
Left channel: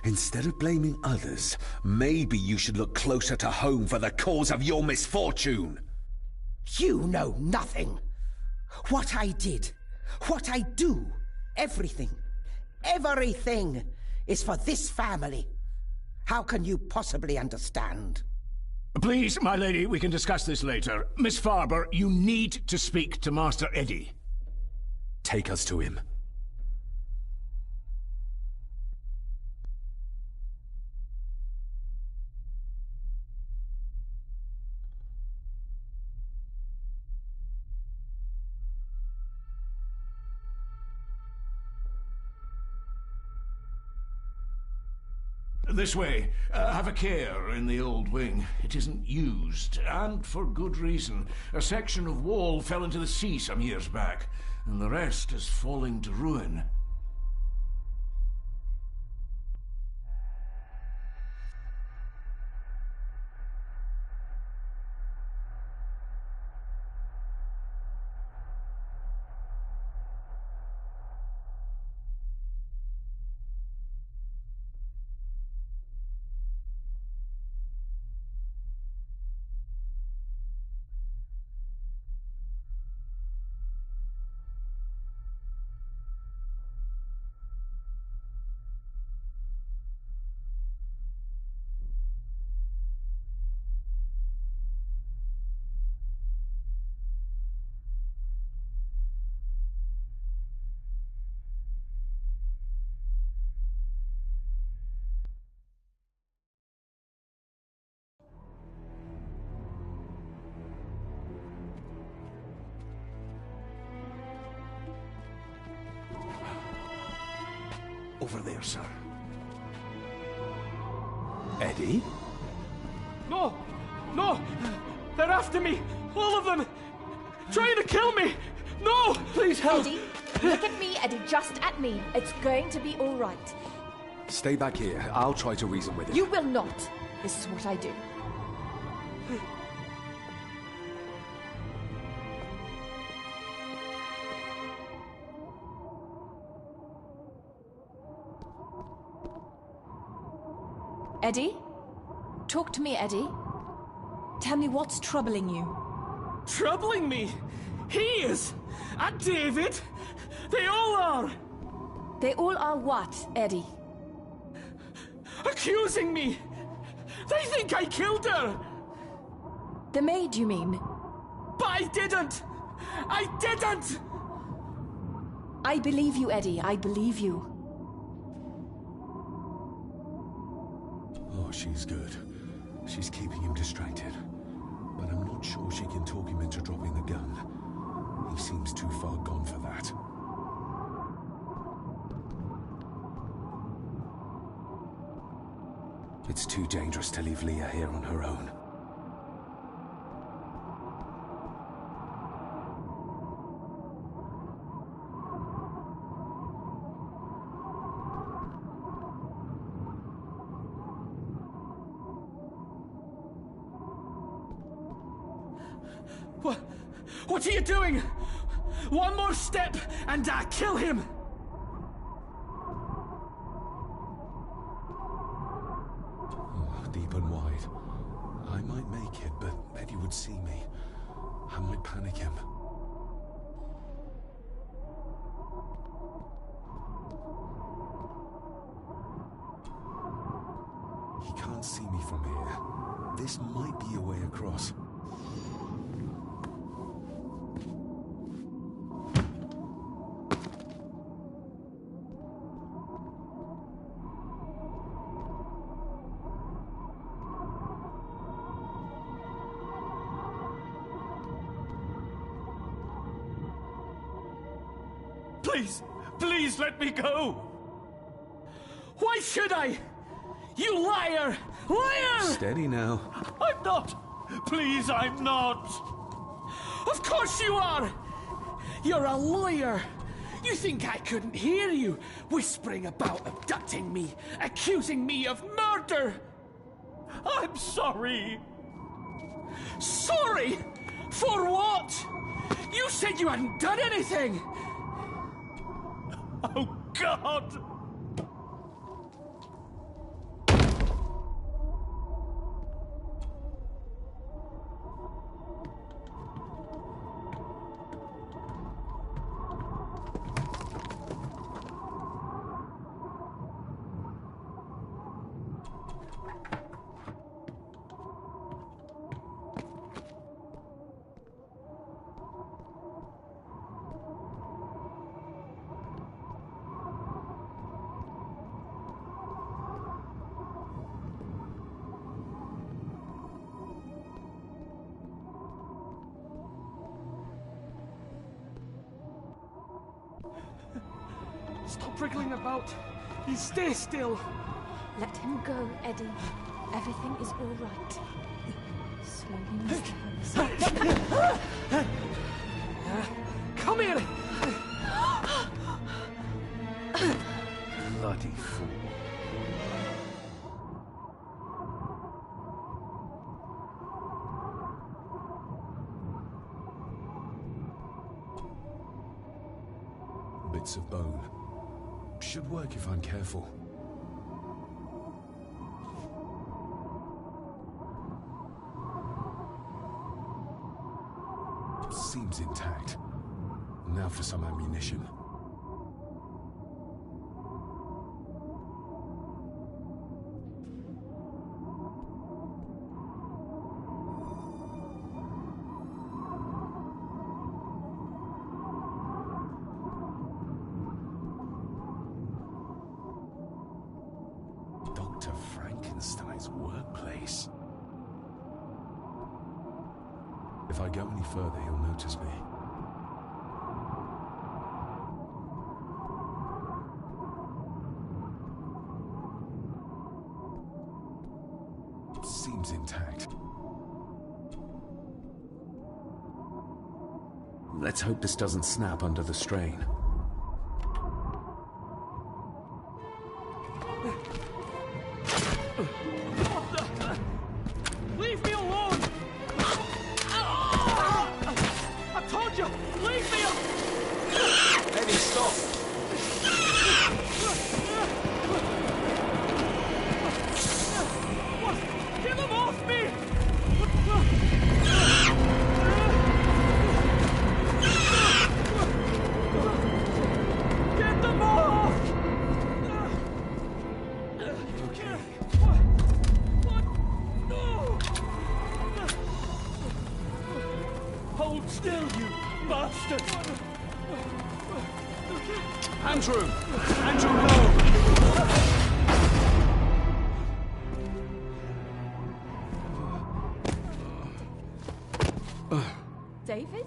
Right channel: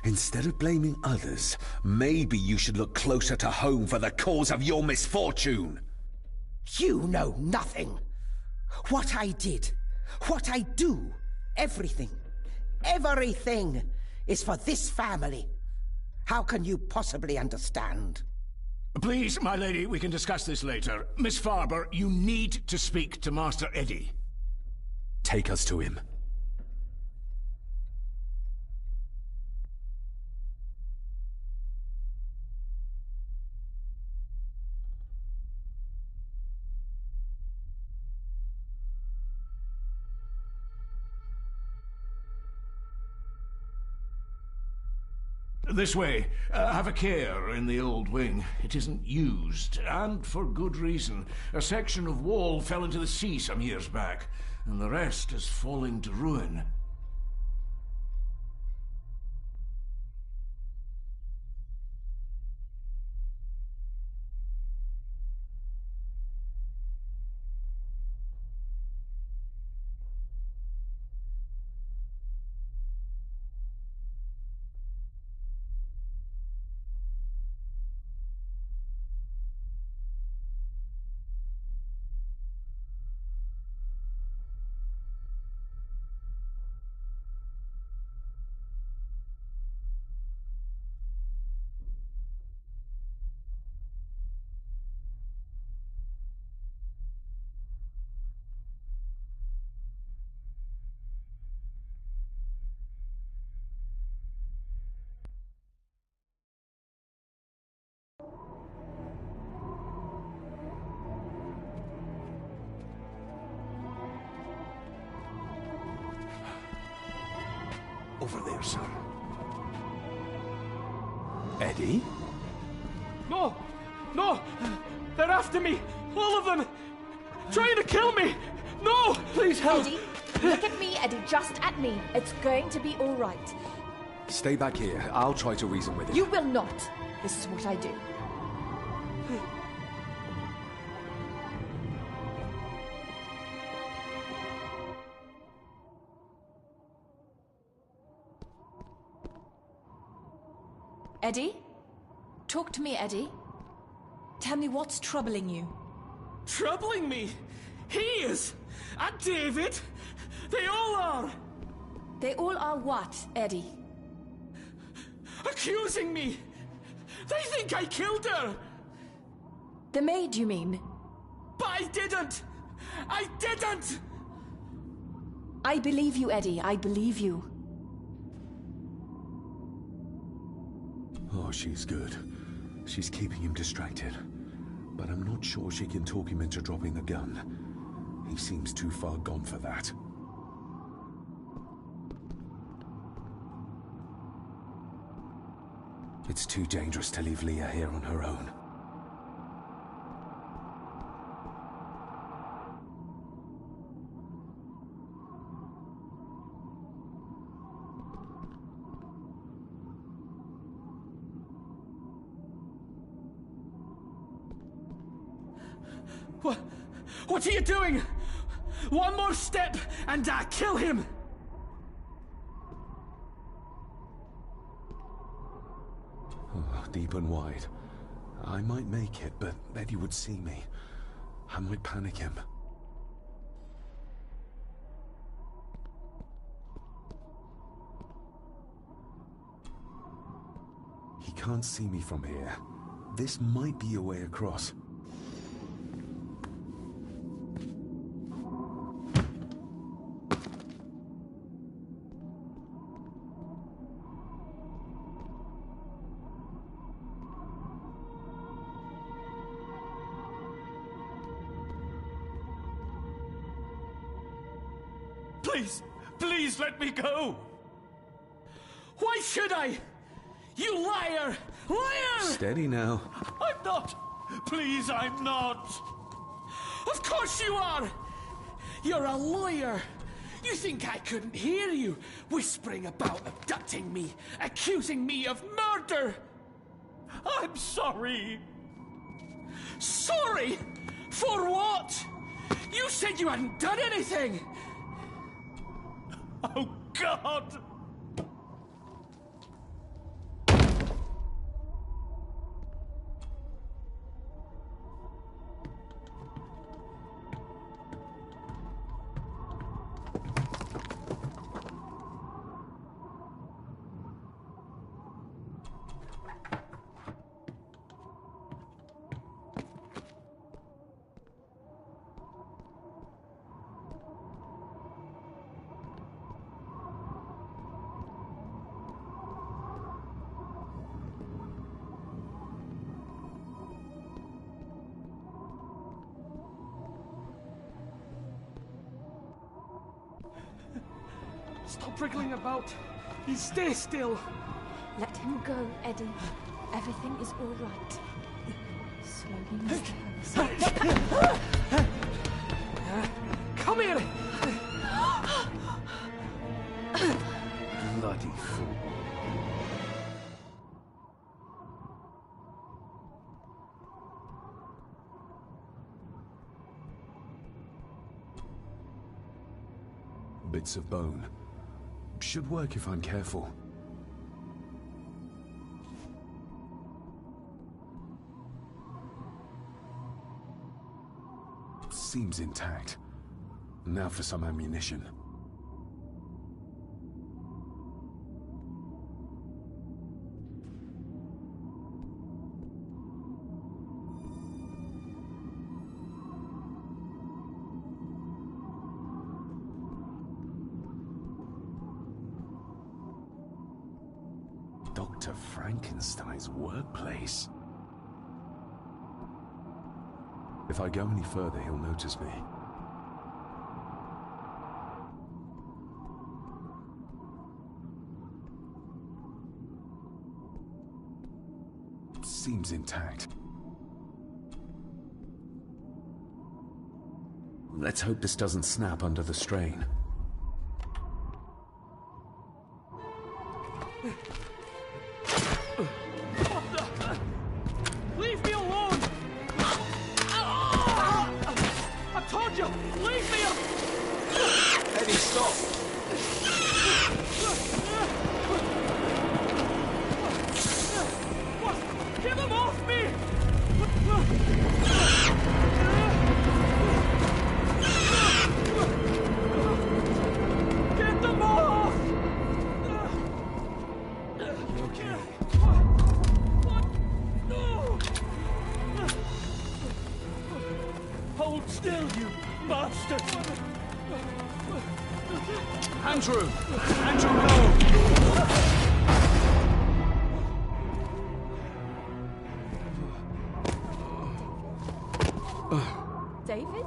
Instead of blaming others, maybe you should look closer to home for the cause of your misfortune. You know nothing. What I did, what I do, everything is for this family. How can you possibly understand? Please, my lady, we can discuss this later. Miss Farber, you need to speak to Master Eddie. Take us to him. This way. Have a care in the old wing. It isn't used, and for good reason. A section of wall fell into the sea some years back, and the rest is falling to ruin. Over there, sir. Eddie? No! No! They're after me! All of them! Trying to kill me! No! Please help! Eddie, look at me, Eddie, just at me. It's going to be all right. Stay back here. I'll try to reason with him. You will not. This is what I do. Eddie? Talk to me, Eddie. Tell me what's troubling you. Troubling me? He is! And David! They all are! They all are what, Eddie? Accusing me! They think I killed her! The maid, you mean? But I didn't! I didn't! I believe you, Eddie. I believe you. Oh, she's good. She's keeping him distracted. But I'm not sure she can talk him into dropping the gun. He seems too far gone for that. It's too dangerous to leave Leah here on her own. What are you doing? One more step and I kill him! Oh, deep and wide. I might make it, but Eddie would see me. I might panic him. He can't see me from here. This might be a way across. Please let me go! Why should I? You liar! Liar! Steady now. I'm not! Please, I'm not! Of course you are! You're a lawyer! You think I couldn't hear you whispering about abducting me, accusing me of murder? I'm sorry! Sorry? For what? You said you hadn't done anything! Oh, God! Stop wriggling about. You stay still. Let him go, Eddie. Everything is all right. Slowly, Mr. Harris. Come here! Bloody fool. Bits of bone. Should work if I'm careful. Seems intact. Now for some ammunition. Dr. Frankenstein's workplace. If I go any further, he'll notice me. Seems intact. Let's hope this doesn't snap under the strain. Leave me alone! I told you! Leave me alone! Eddie, stop! What? Get them off me! Get them off! You okay? What? No! Andrew! Andrew, no! David?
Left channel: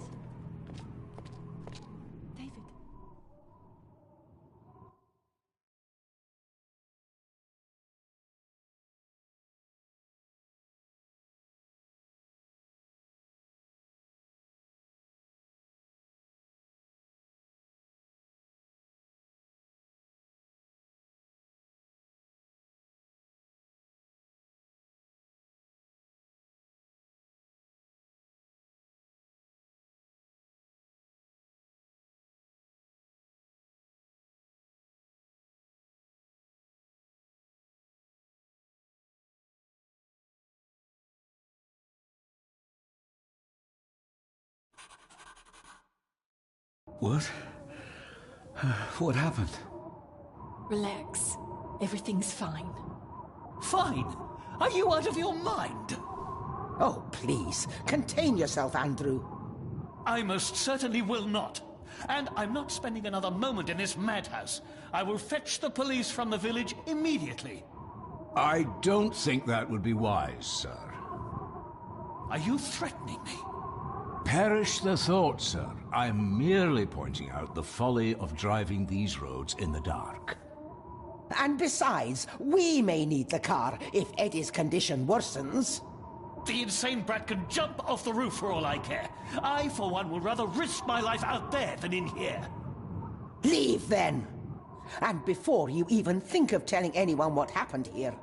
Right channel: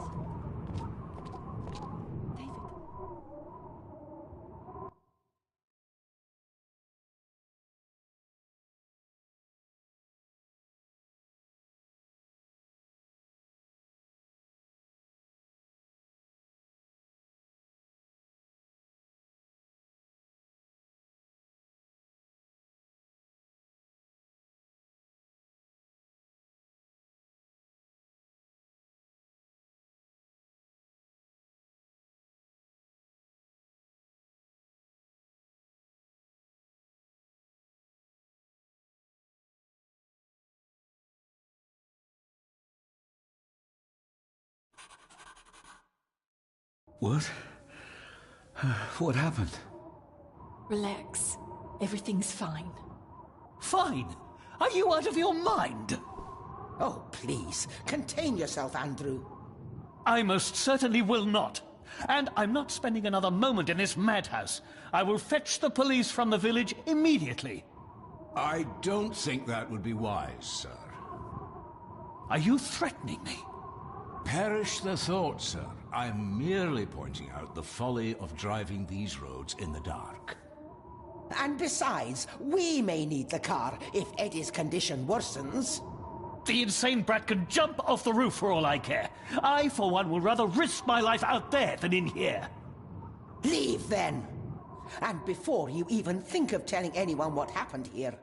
What? What happened? Relax. Everything's fine. Fine? Are you out of your mind? Oh, please, contain yourself, Andrew. I most certainly will not. And I'm not spending another moment in this madhouse. I will fetch the police from the village immediately. I don't think that would be wise, sir. Are you threatening me? Perish the thought, sir. I'm merely pointing out the folly of driving these roads in the dark. And besides, we may need the car if Eddie's condition worsens. The insane brat can jump off the roof for all I care. I, for one, will rather risk my life out there than in here. Leave, then. And before you even think of telling anyone what happened here,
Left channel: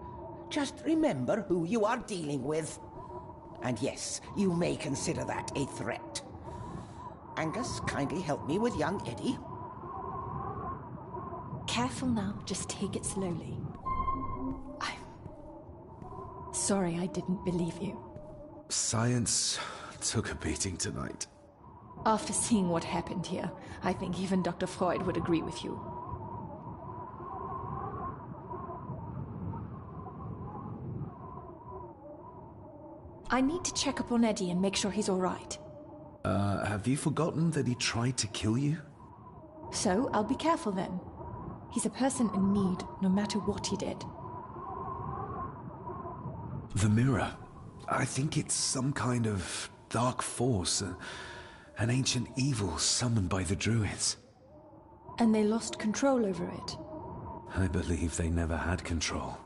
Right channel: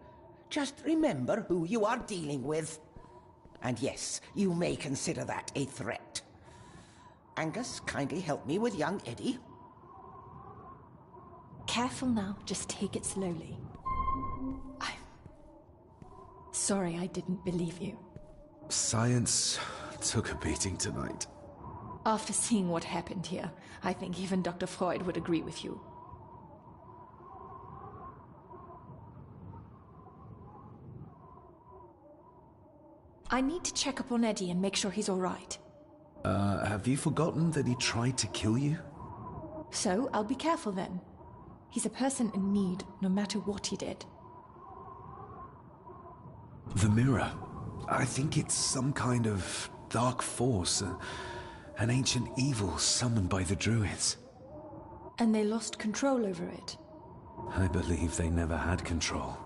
just remember who you are dealing with. And yes, you may consider that a threat. Angus, kindly help me with young Eddie. Careful now, just take it slowly. I'm sorry I didn't believe you. Science took a beating tonight. After seeing what happened here, I think even Dr. Freud would agree with you. I need to check up on Eddie and make sure he's all right. Have you forgotten that he tried to kill you? So, I'll be careful then. He's a person in need, no matter what he did. The mirror. I think it's some kind of dark force, an ancient evil summoned by the druids. And they lost control over it. I believe they never had control.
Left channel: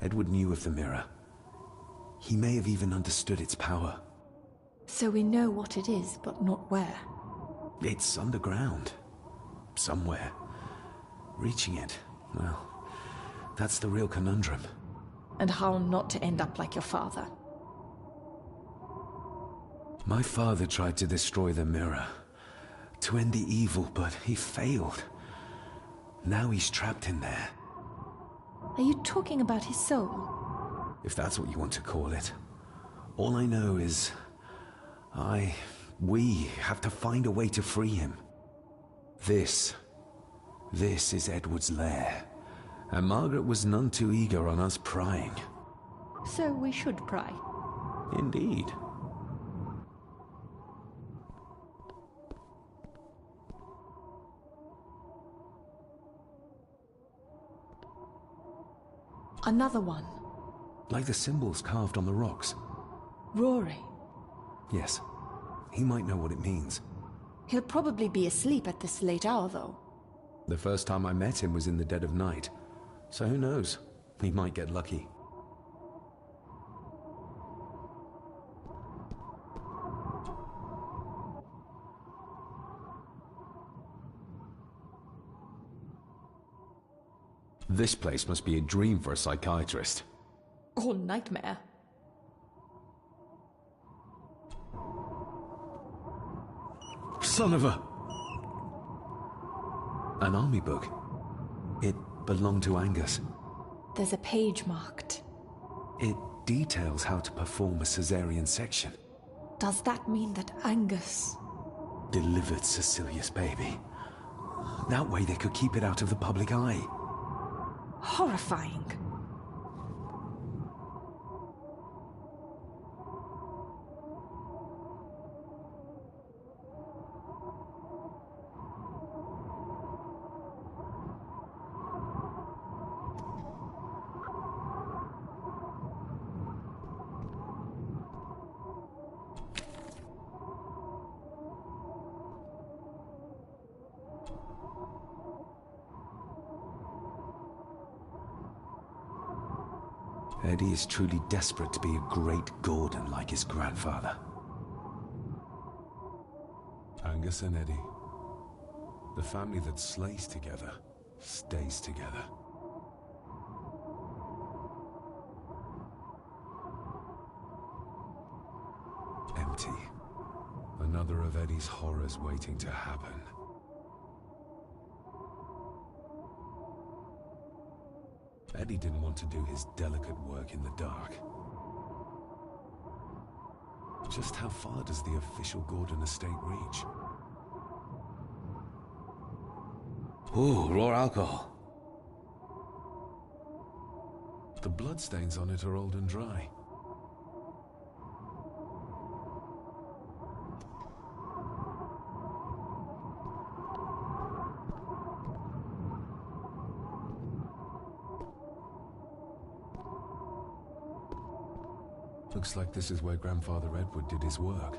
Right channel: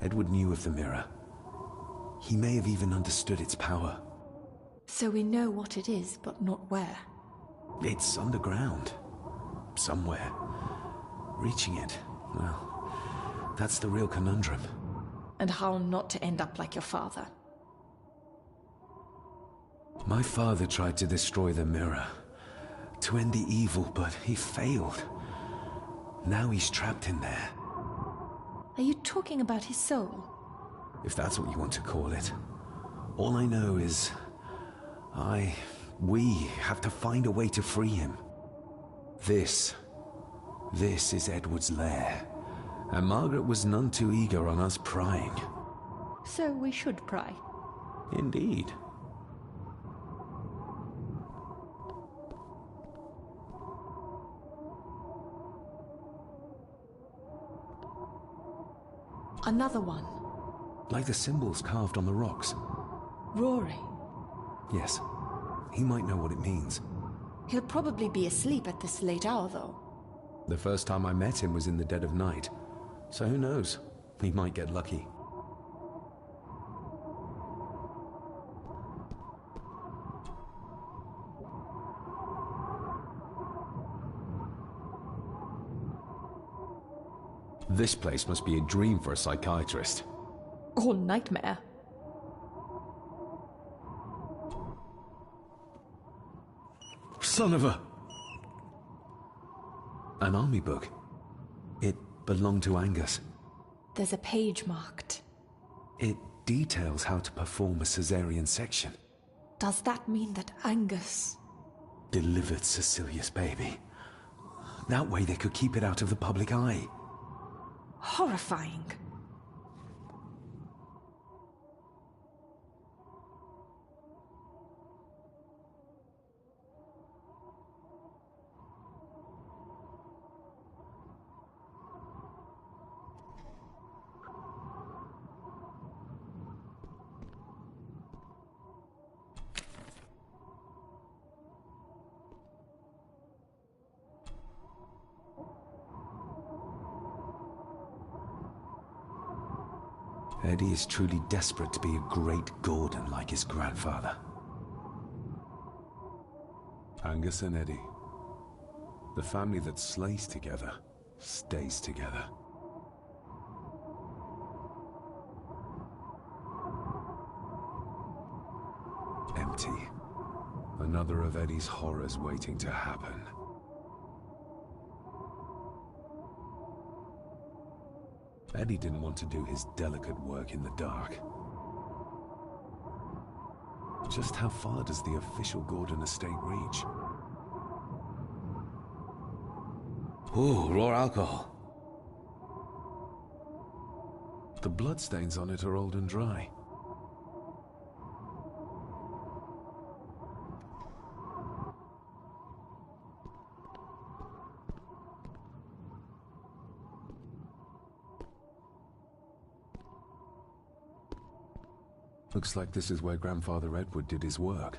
Edward knew of the mirror. He may have even understood its power. So we know what it is, but not where. It's underground. Somewhere. Reaching it, well, that's the real conundrum. And how not to end up like your father. My father tried to destroy the mirror, to end the evil, but he failed. Now he's trapped in there. Are you talking about his soul? If that's what you want to call it. All I know is... we have to find a way to free him. This is Edward's lair. And Margaret was none too eager on us prying. So we should pry. Indeed. Another one. Like the symbols carved on the rocks. Rory. Yes. He might know what it means. He'll probably be asleep at this late hour, though. The first time I met him was in the dead of night. So who knows? He might get lucky. This place must be a dream for a psychiatrist. Or nightmare. Son of a... An army book. It belonged to Angus. There's a page marked. It details how to perform a caesarean section. Does that mean that Angus... delivered Cecilia's baby? That way they could keep it out of the public eye. Horrifying. Eddie is truly desperate to be a great Gordon like his grandfather. Angus and Eddie. The family that slays together, stays together. Empty. Another of Eddie's horrors waiting to happen. Eddie didn't want to do his delicate work in the dark. Just how far does the official Gordon estate reach? Ooh, raw alcohol. The bloodstains on it are old and dry. Looks like this is where Grandfather Edward did his work.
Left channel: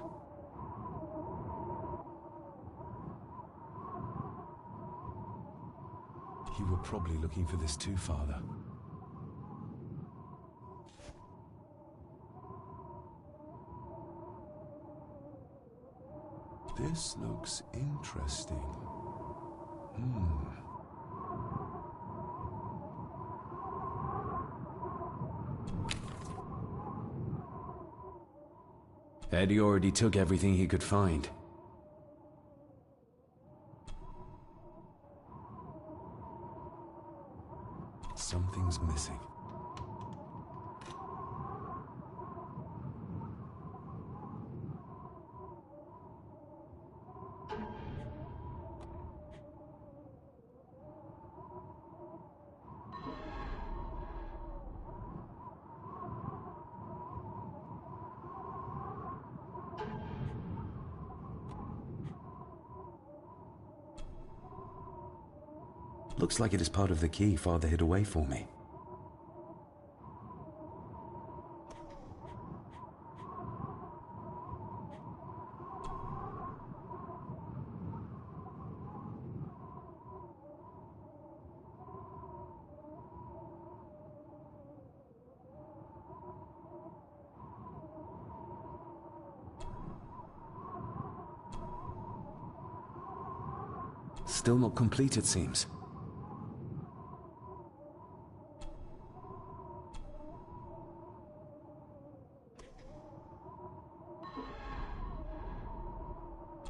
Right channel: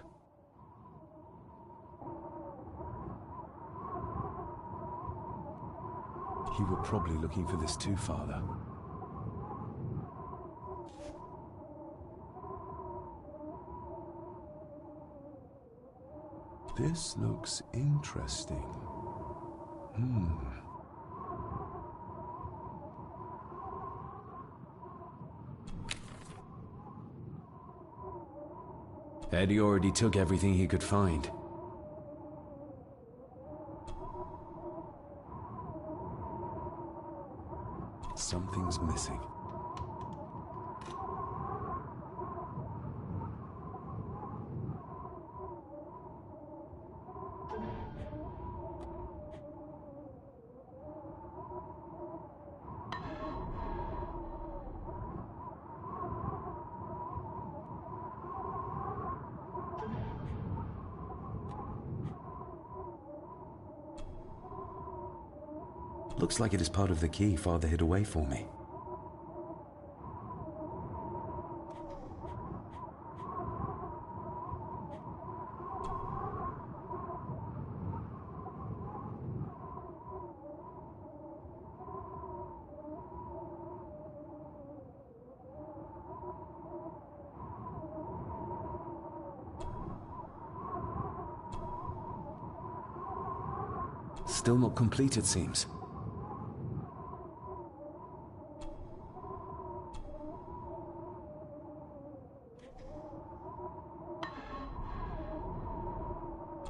You were probably looking for this too, Father. This looks interesting. Eddie already took everything he could find. Something's missing. Looks like it is part of the key Father hid away for me. Still not complete, it seems.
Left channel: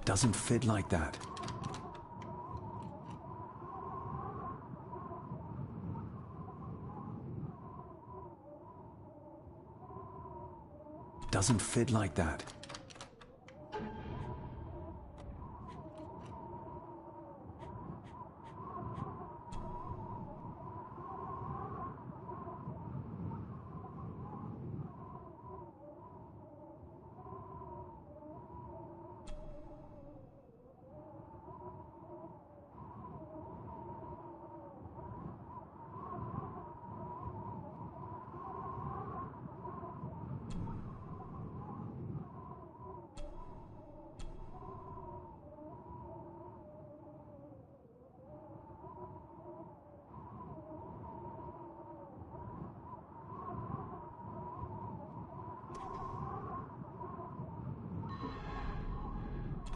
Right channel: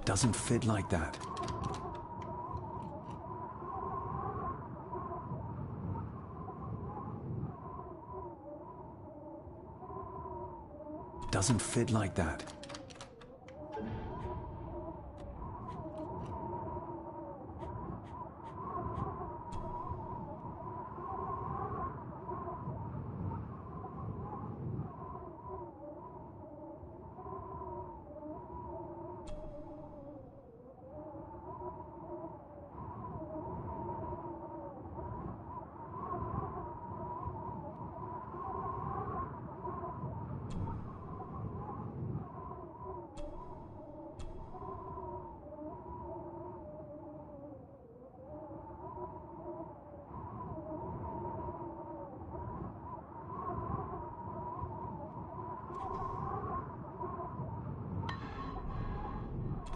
Doesn't fit like that. Doesn't fit like that.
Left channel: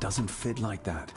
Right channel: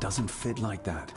Doesn't fit like that.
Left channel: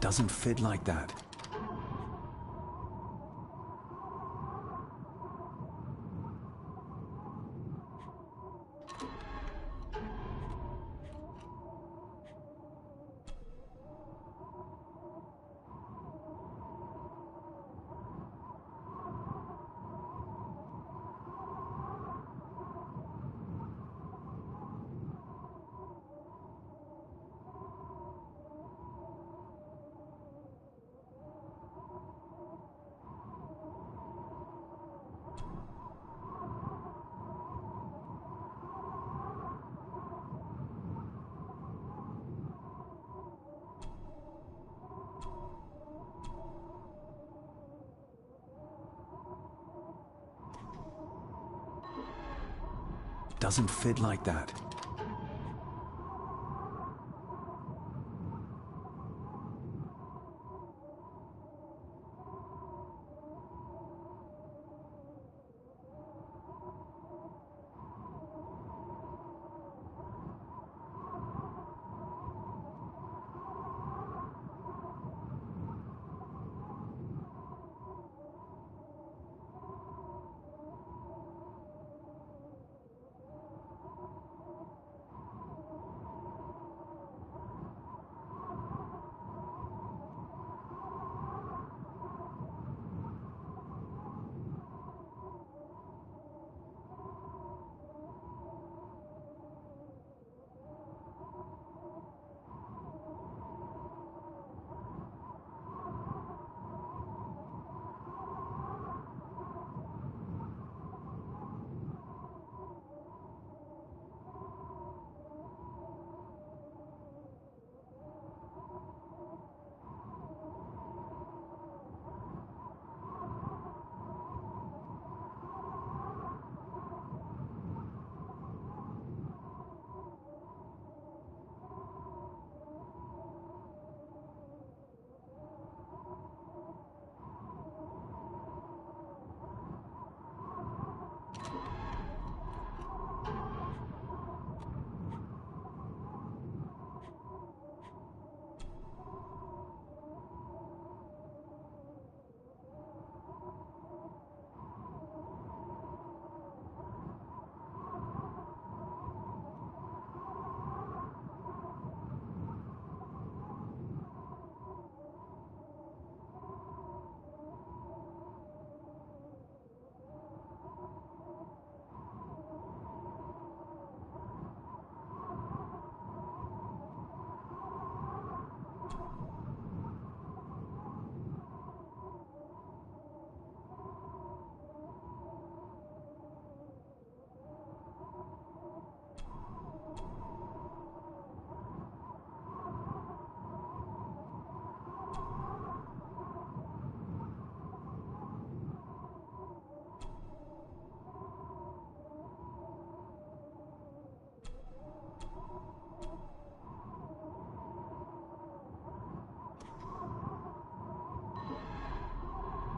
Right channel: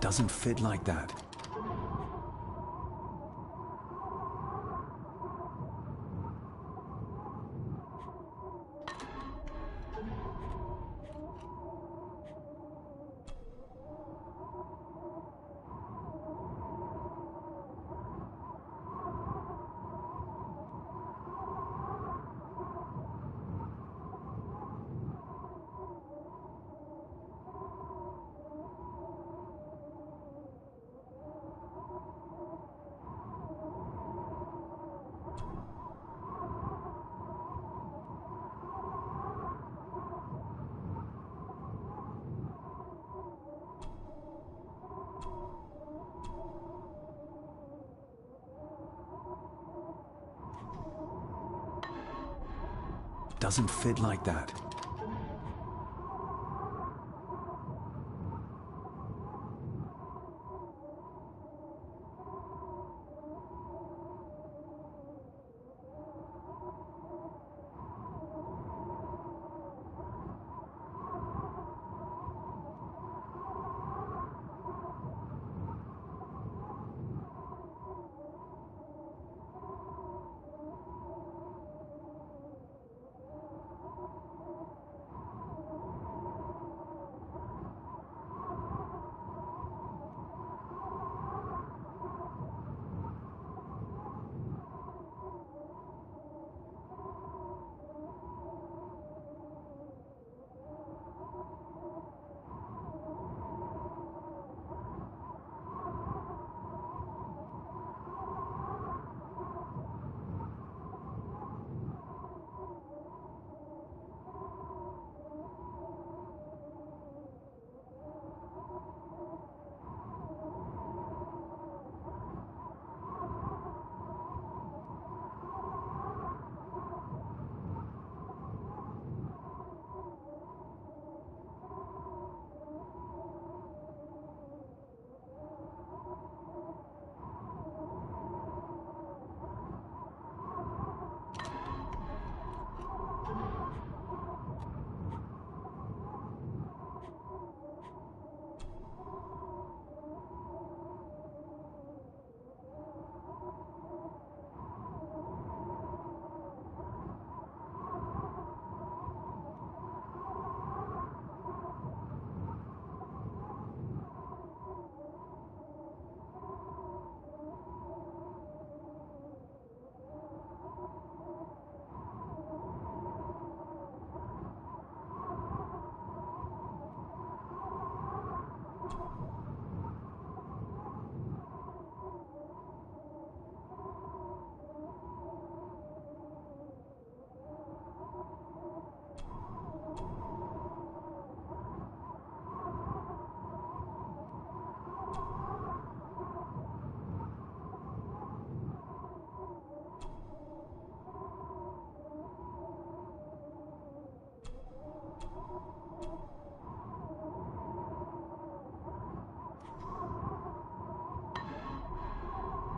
Doesn't fit like that. Doesn't fit like that.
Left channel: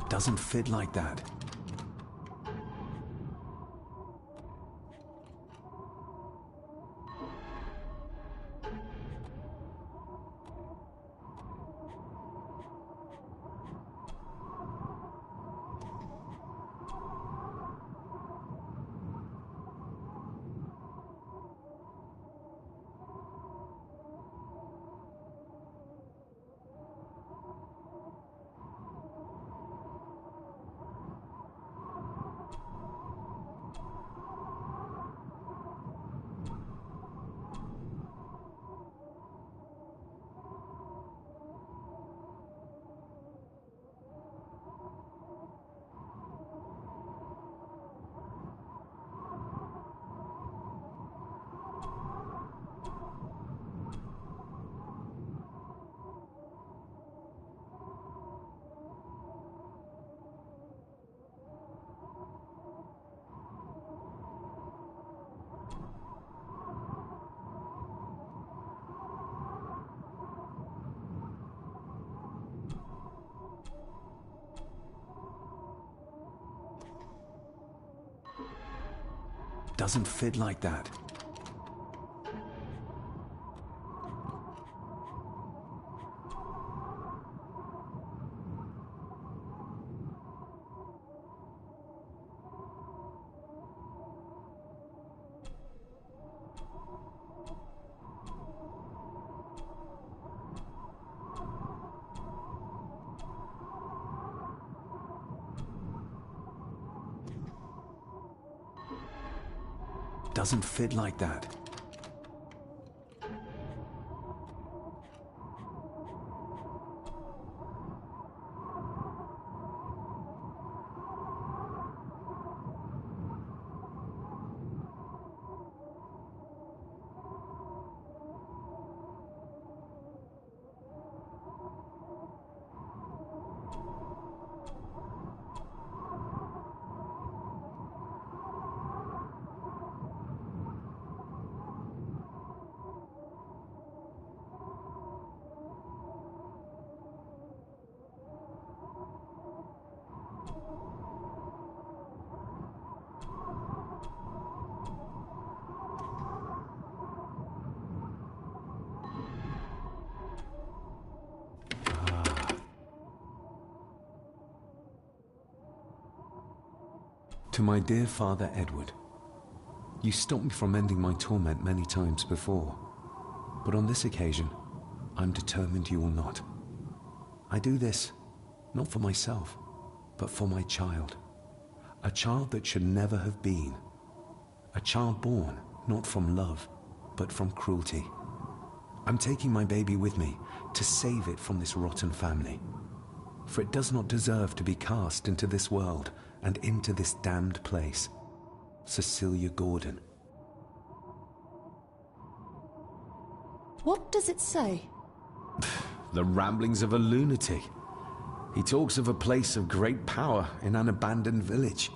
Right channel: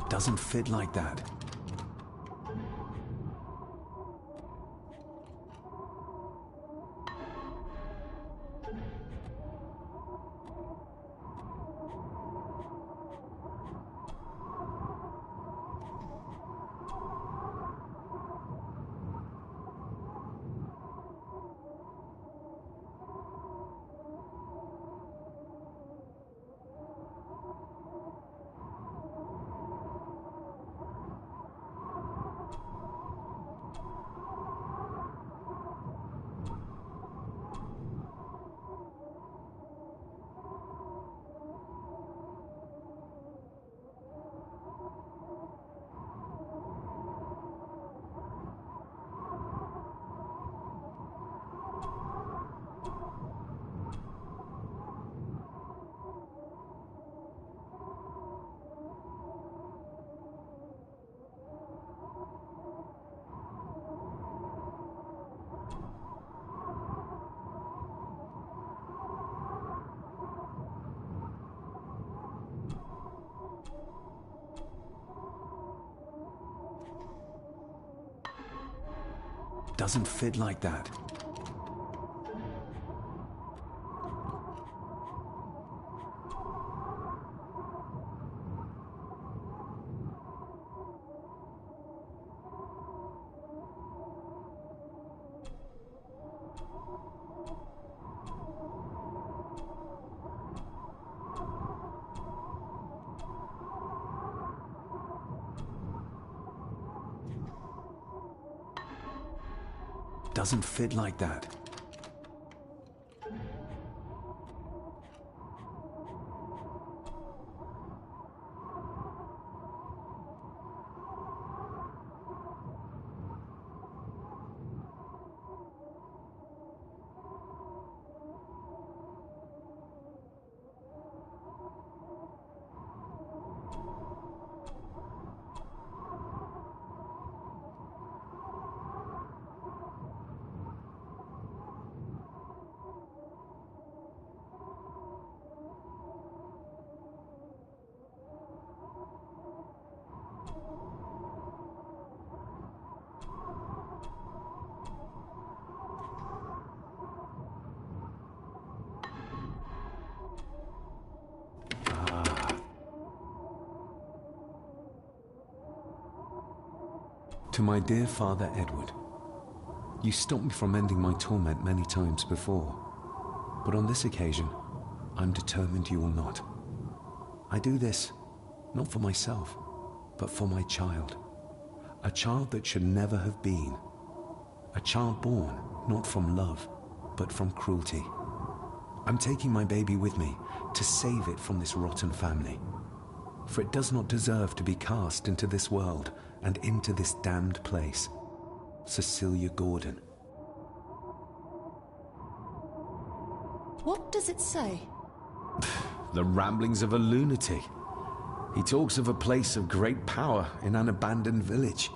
Doesn't fit like that. Doesn't fit like that. Doesn't fit like that. To my dear Father Edward, you stopped me from ending my torment many times before, but on this occasion, I'm determined you will not. I do this, not for myself, but for my child. A child that should never have been. A child born, not from love, but from cruelty. I'm taking my baby with me to save it from this rotten family. For it does not deserve to be cast into this world and into this damned place. Cecilia Gordon. What does it say? The ramblings of a lunatic. He talks of a place of great power in an abandoned village.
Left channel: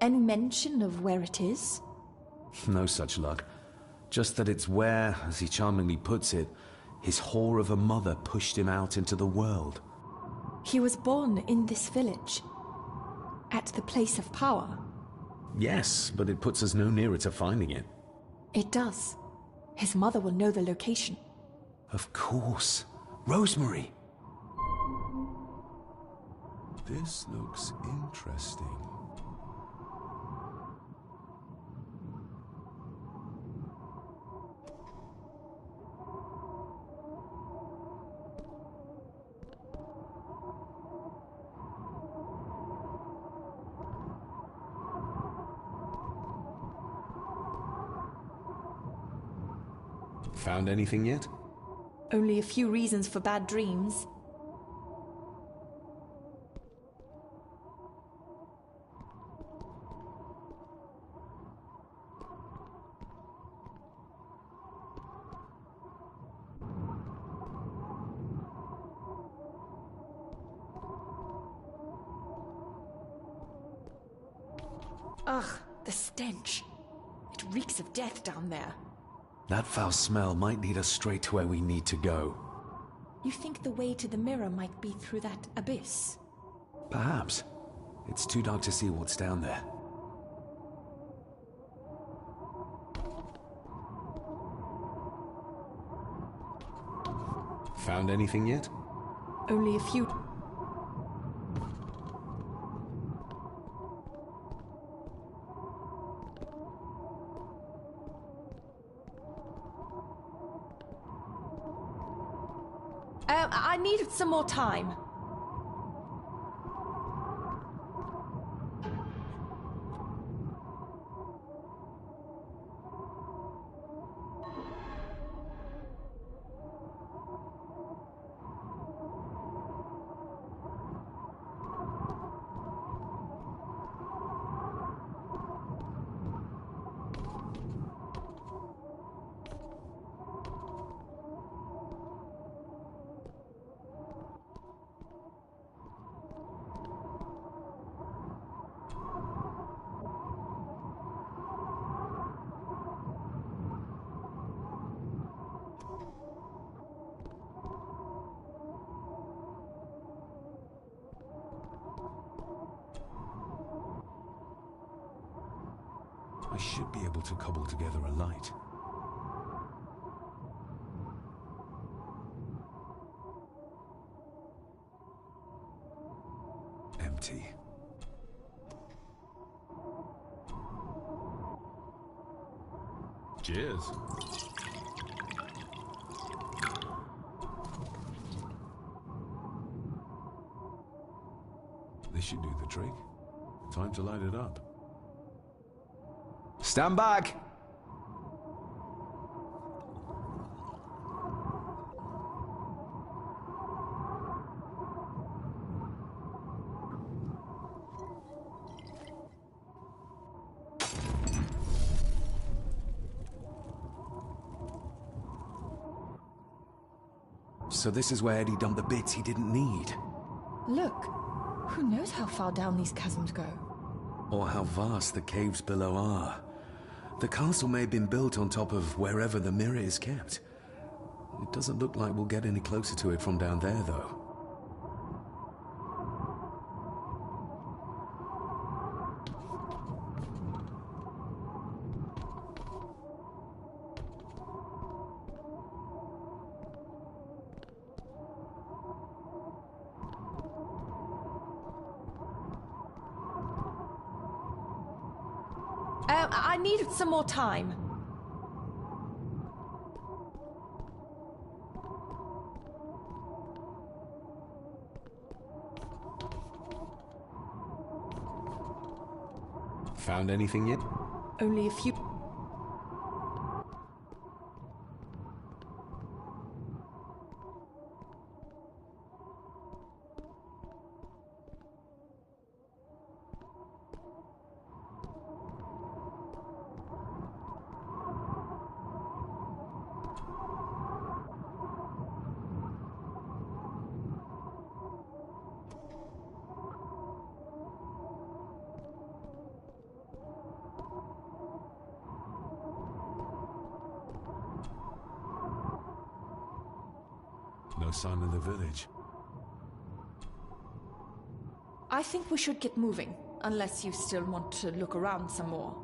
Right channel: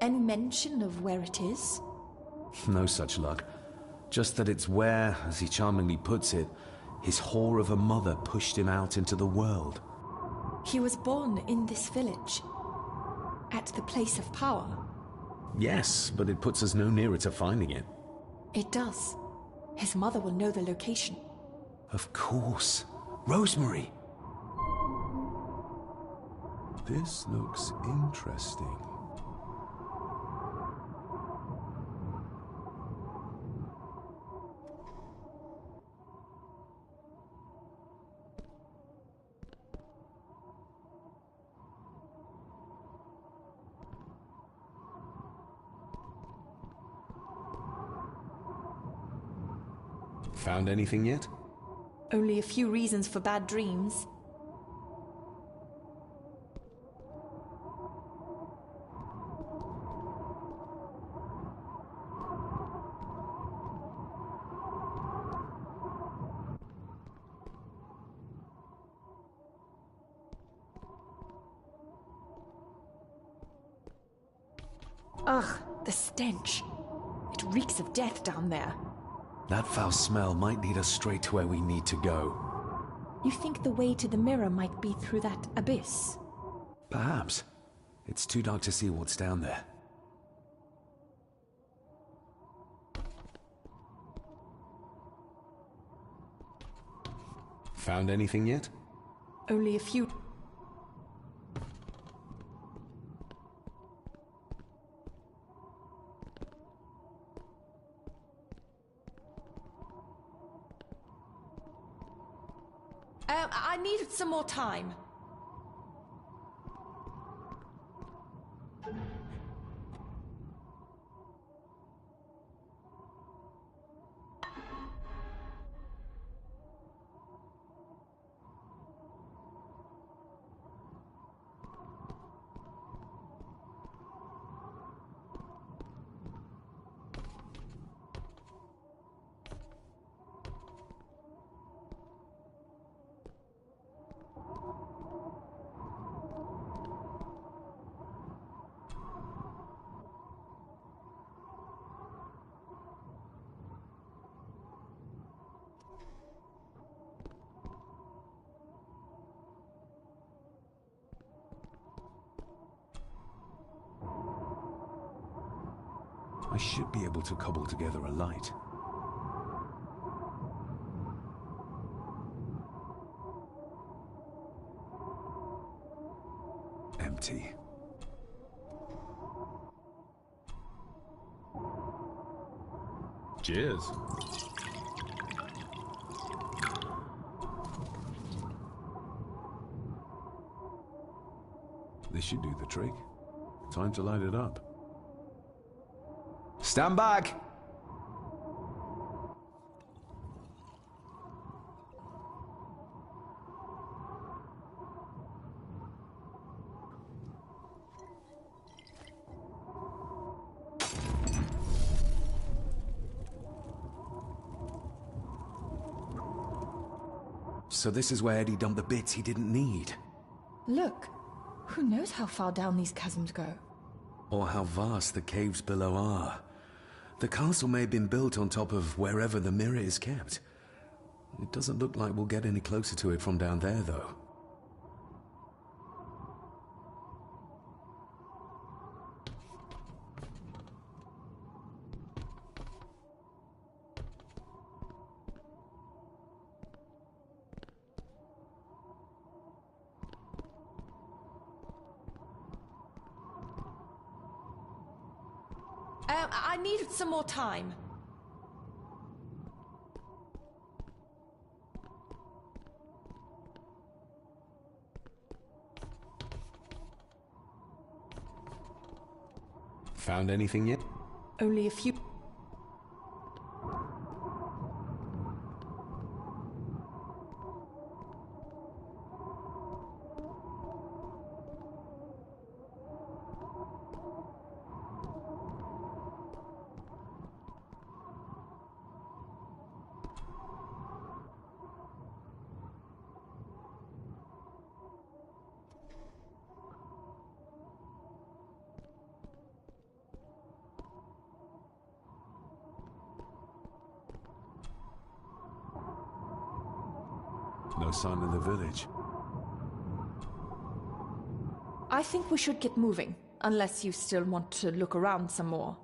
Any mention of where it is? No such luck. Just that it's where, as he charmingly puts it, his whore of a mother pushed him out into the world. He was born in this village. At the place of power. Yes, but it puts us no nearer to finding it. It does. His mother will know the location. Of course. Rosemary! This looks interesting. Found anything yet? Only a few reasons for bad dreams. Ugh, the stench. It reeks of death down there. That foul smell might lead us straight to where we need to go. You think the way to the mirror might be through that abyss? Perhaps. It's too dark to see what's down there. Found anything yet? Only a few... I needed some more time. I should be able to cobble together a light. Empty. Cheers. This should do the trick. Time to light it up. Stand back! So this is where Eddie dumped the bits he didn't need. Look, who knows how far down these chasms go? Or how vast the caves below are. The castle may have been built on top of wherever the mirror is kept. It doesn't look like we'll get any closer to it from down there, though. I needed some more time. Found anything yet? Only a few... No sign of the village. I think we should get moving, unless you still want to look around some more.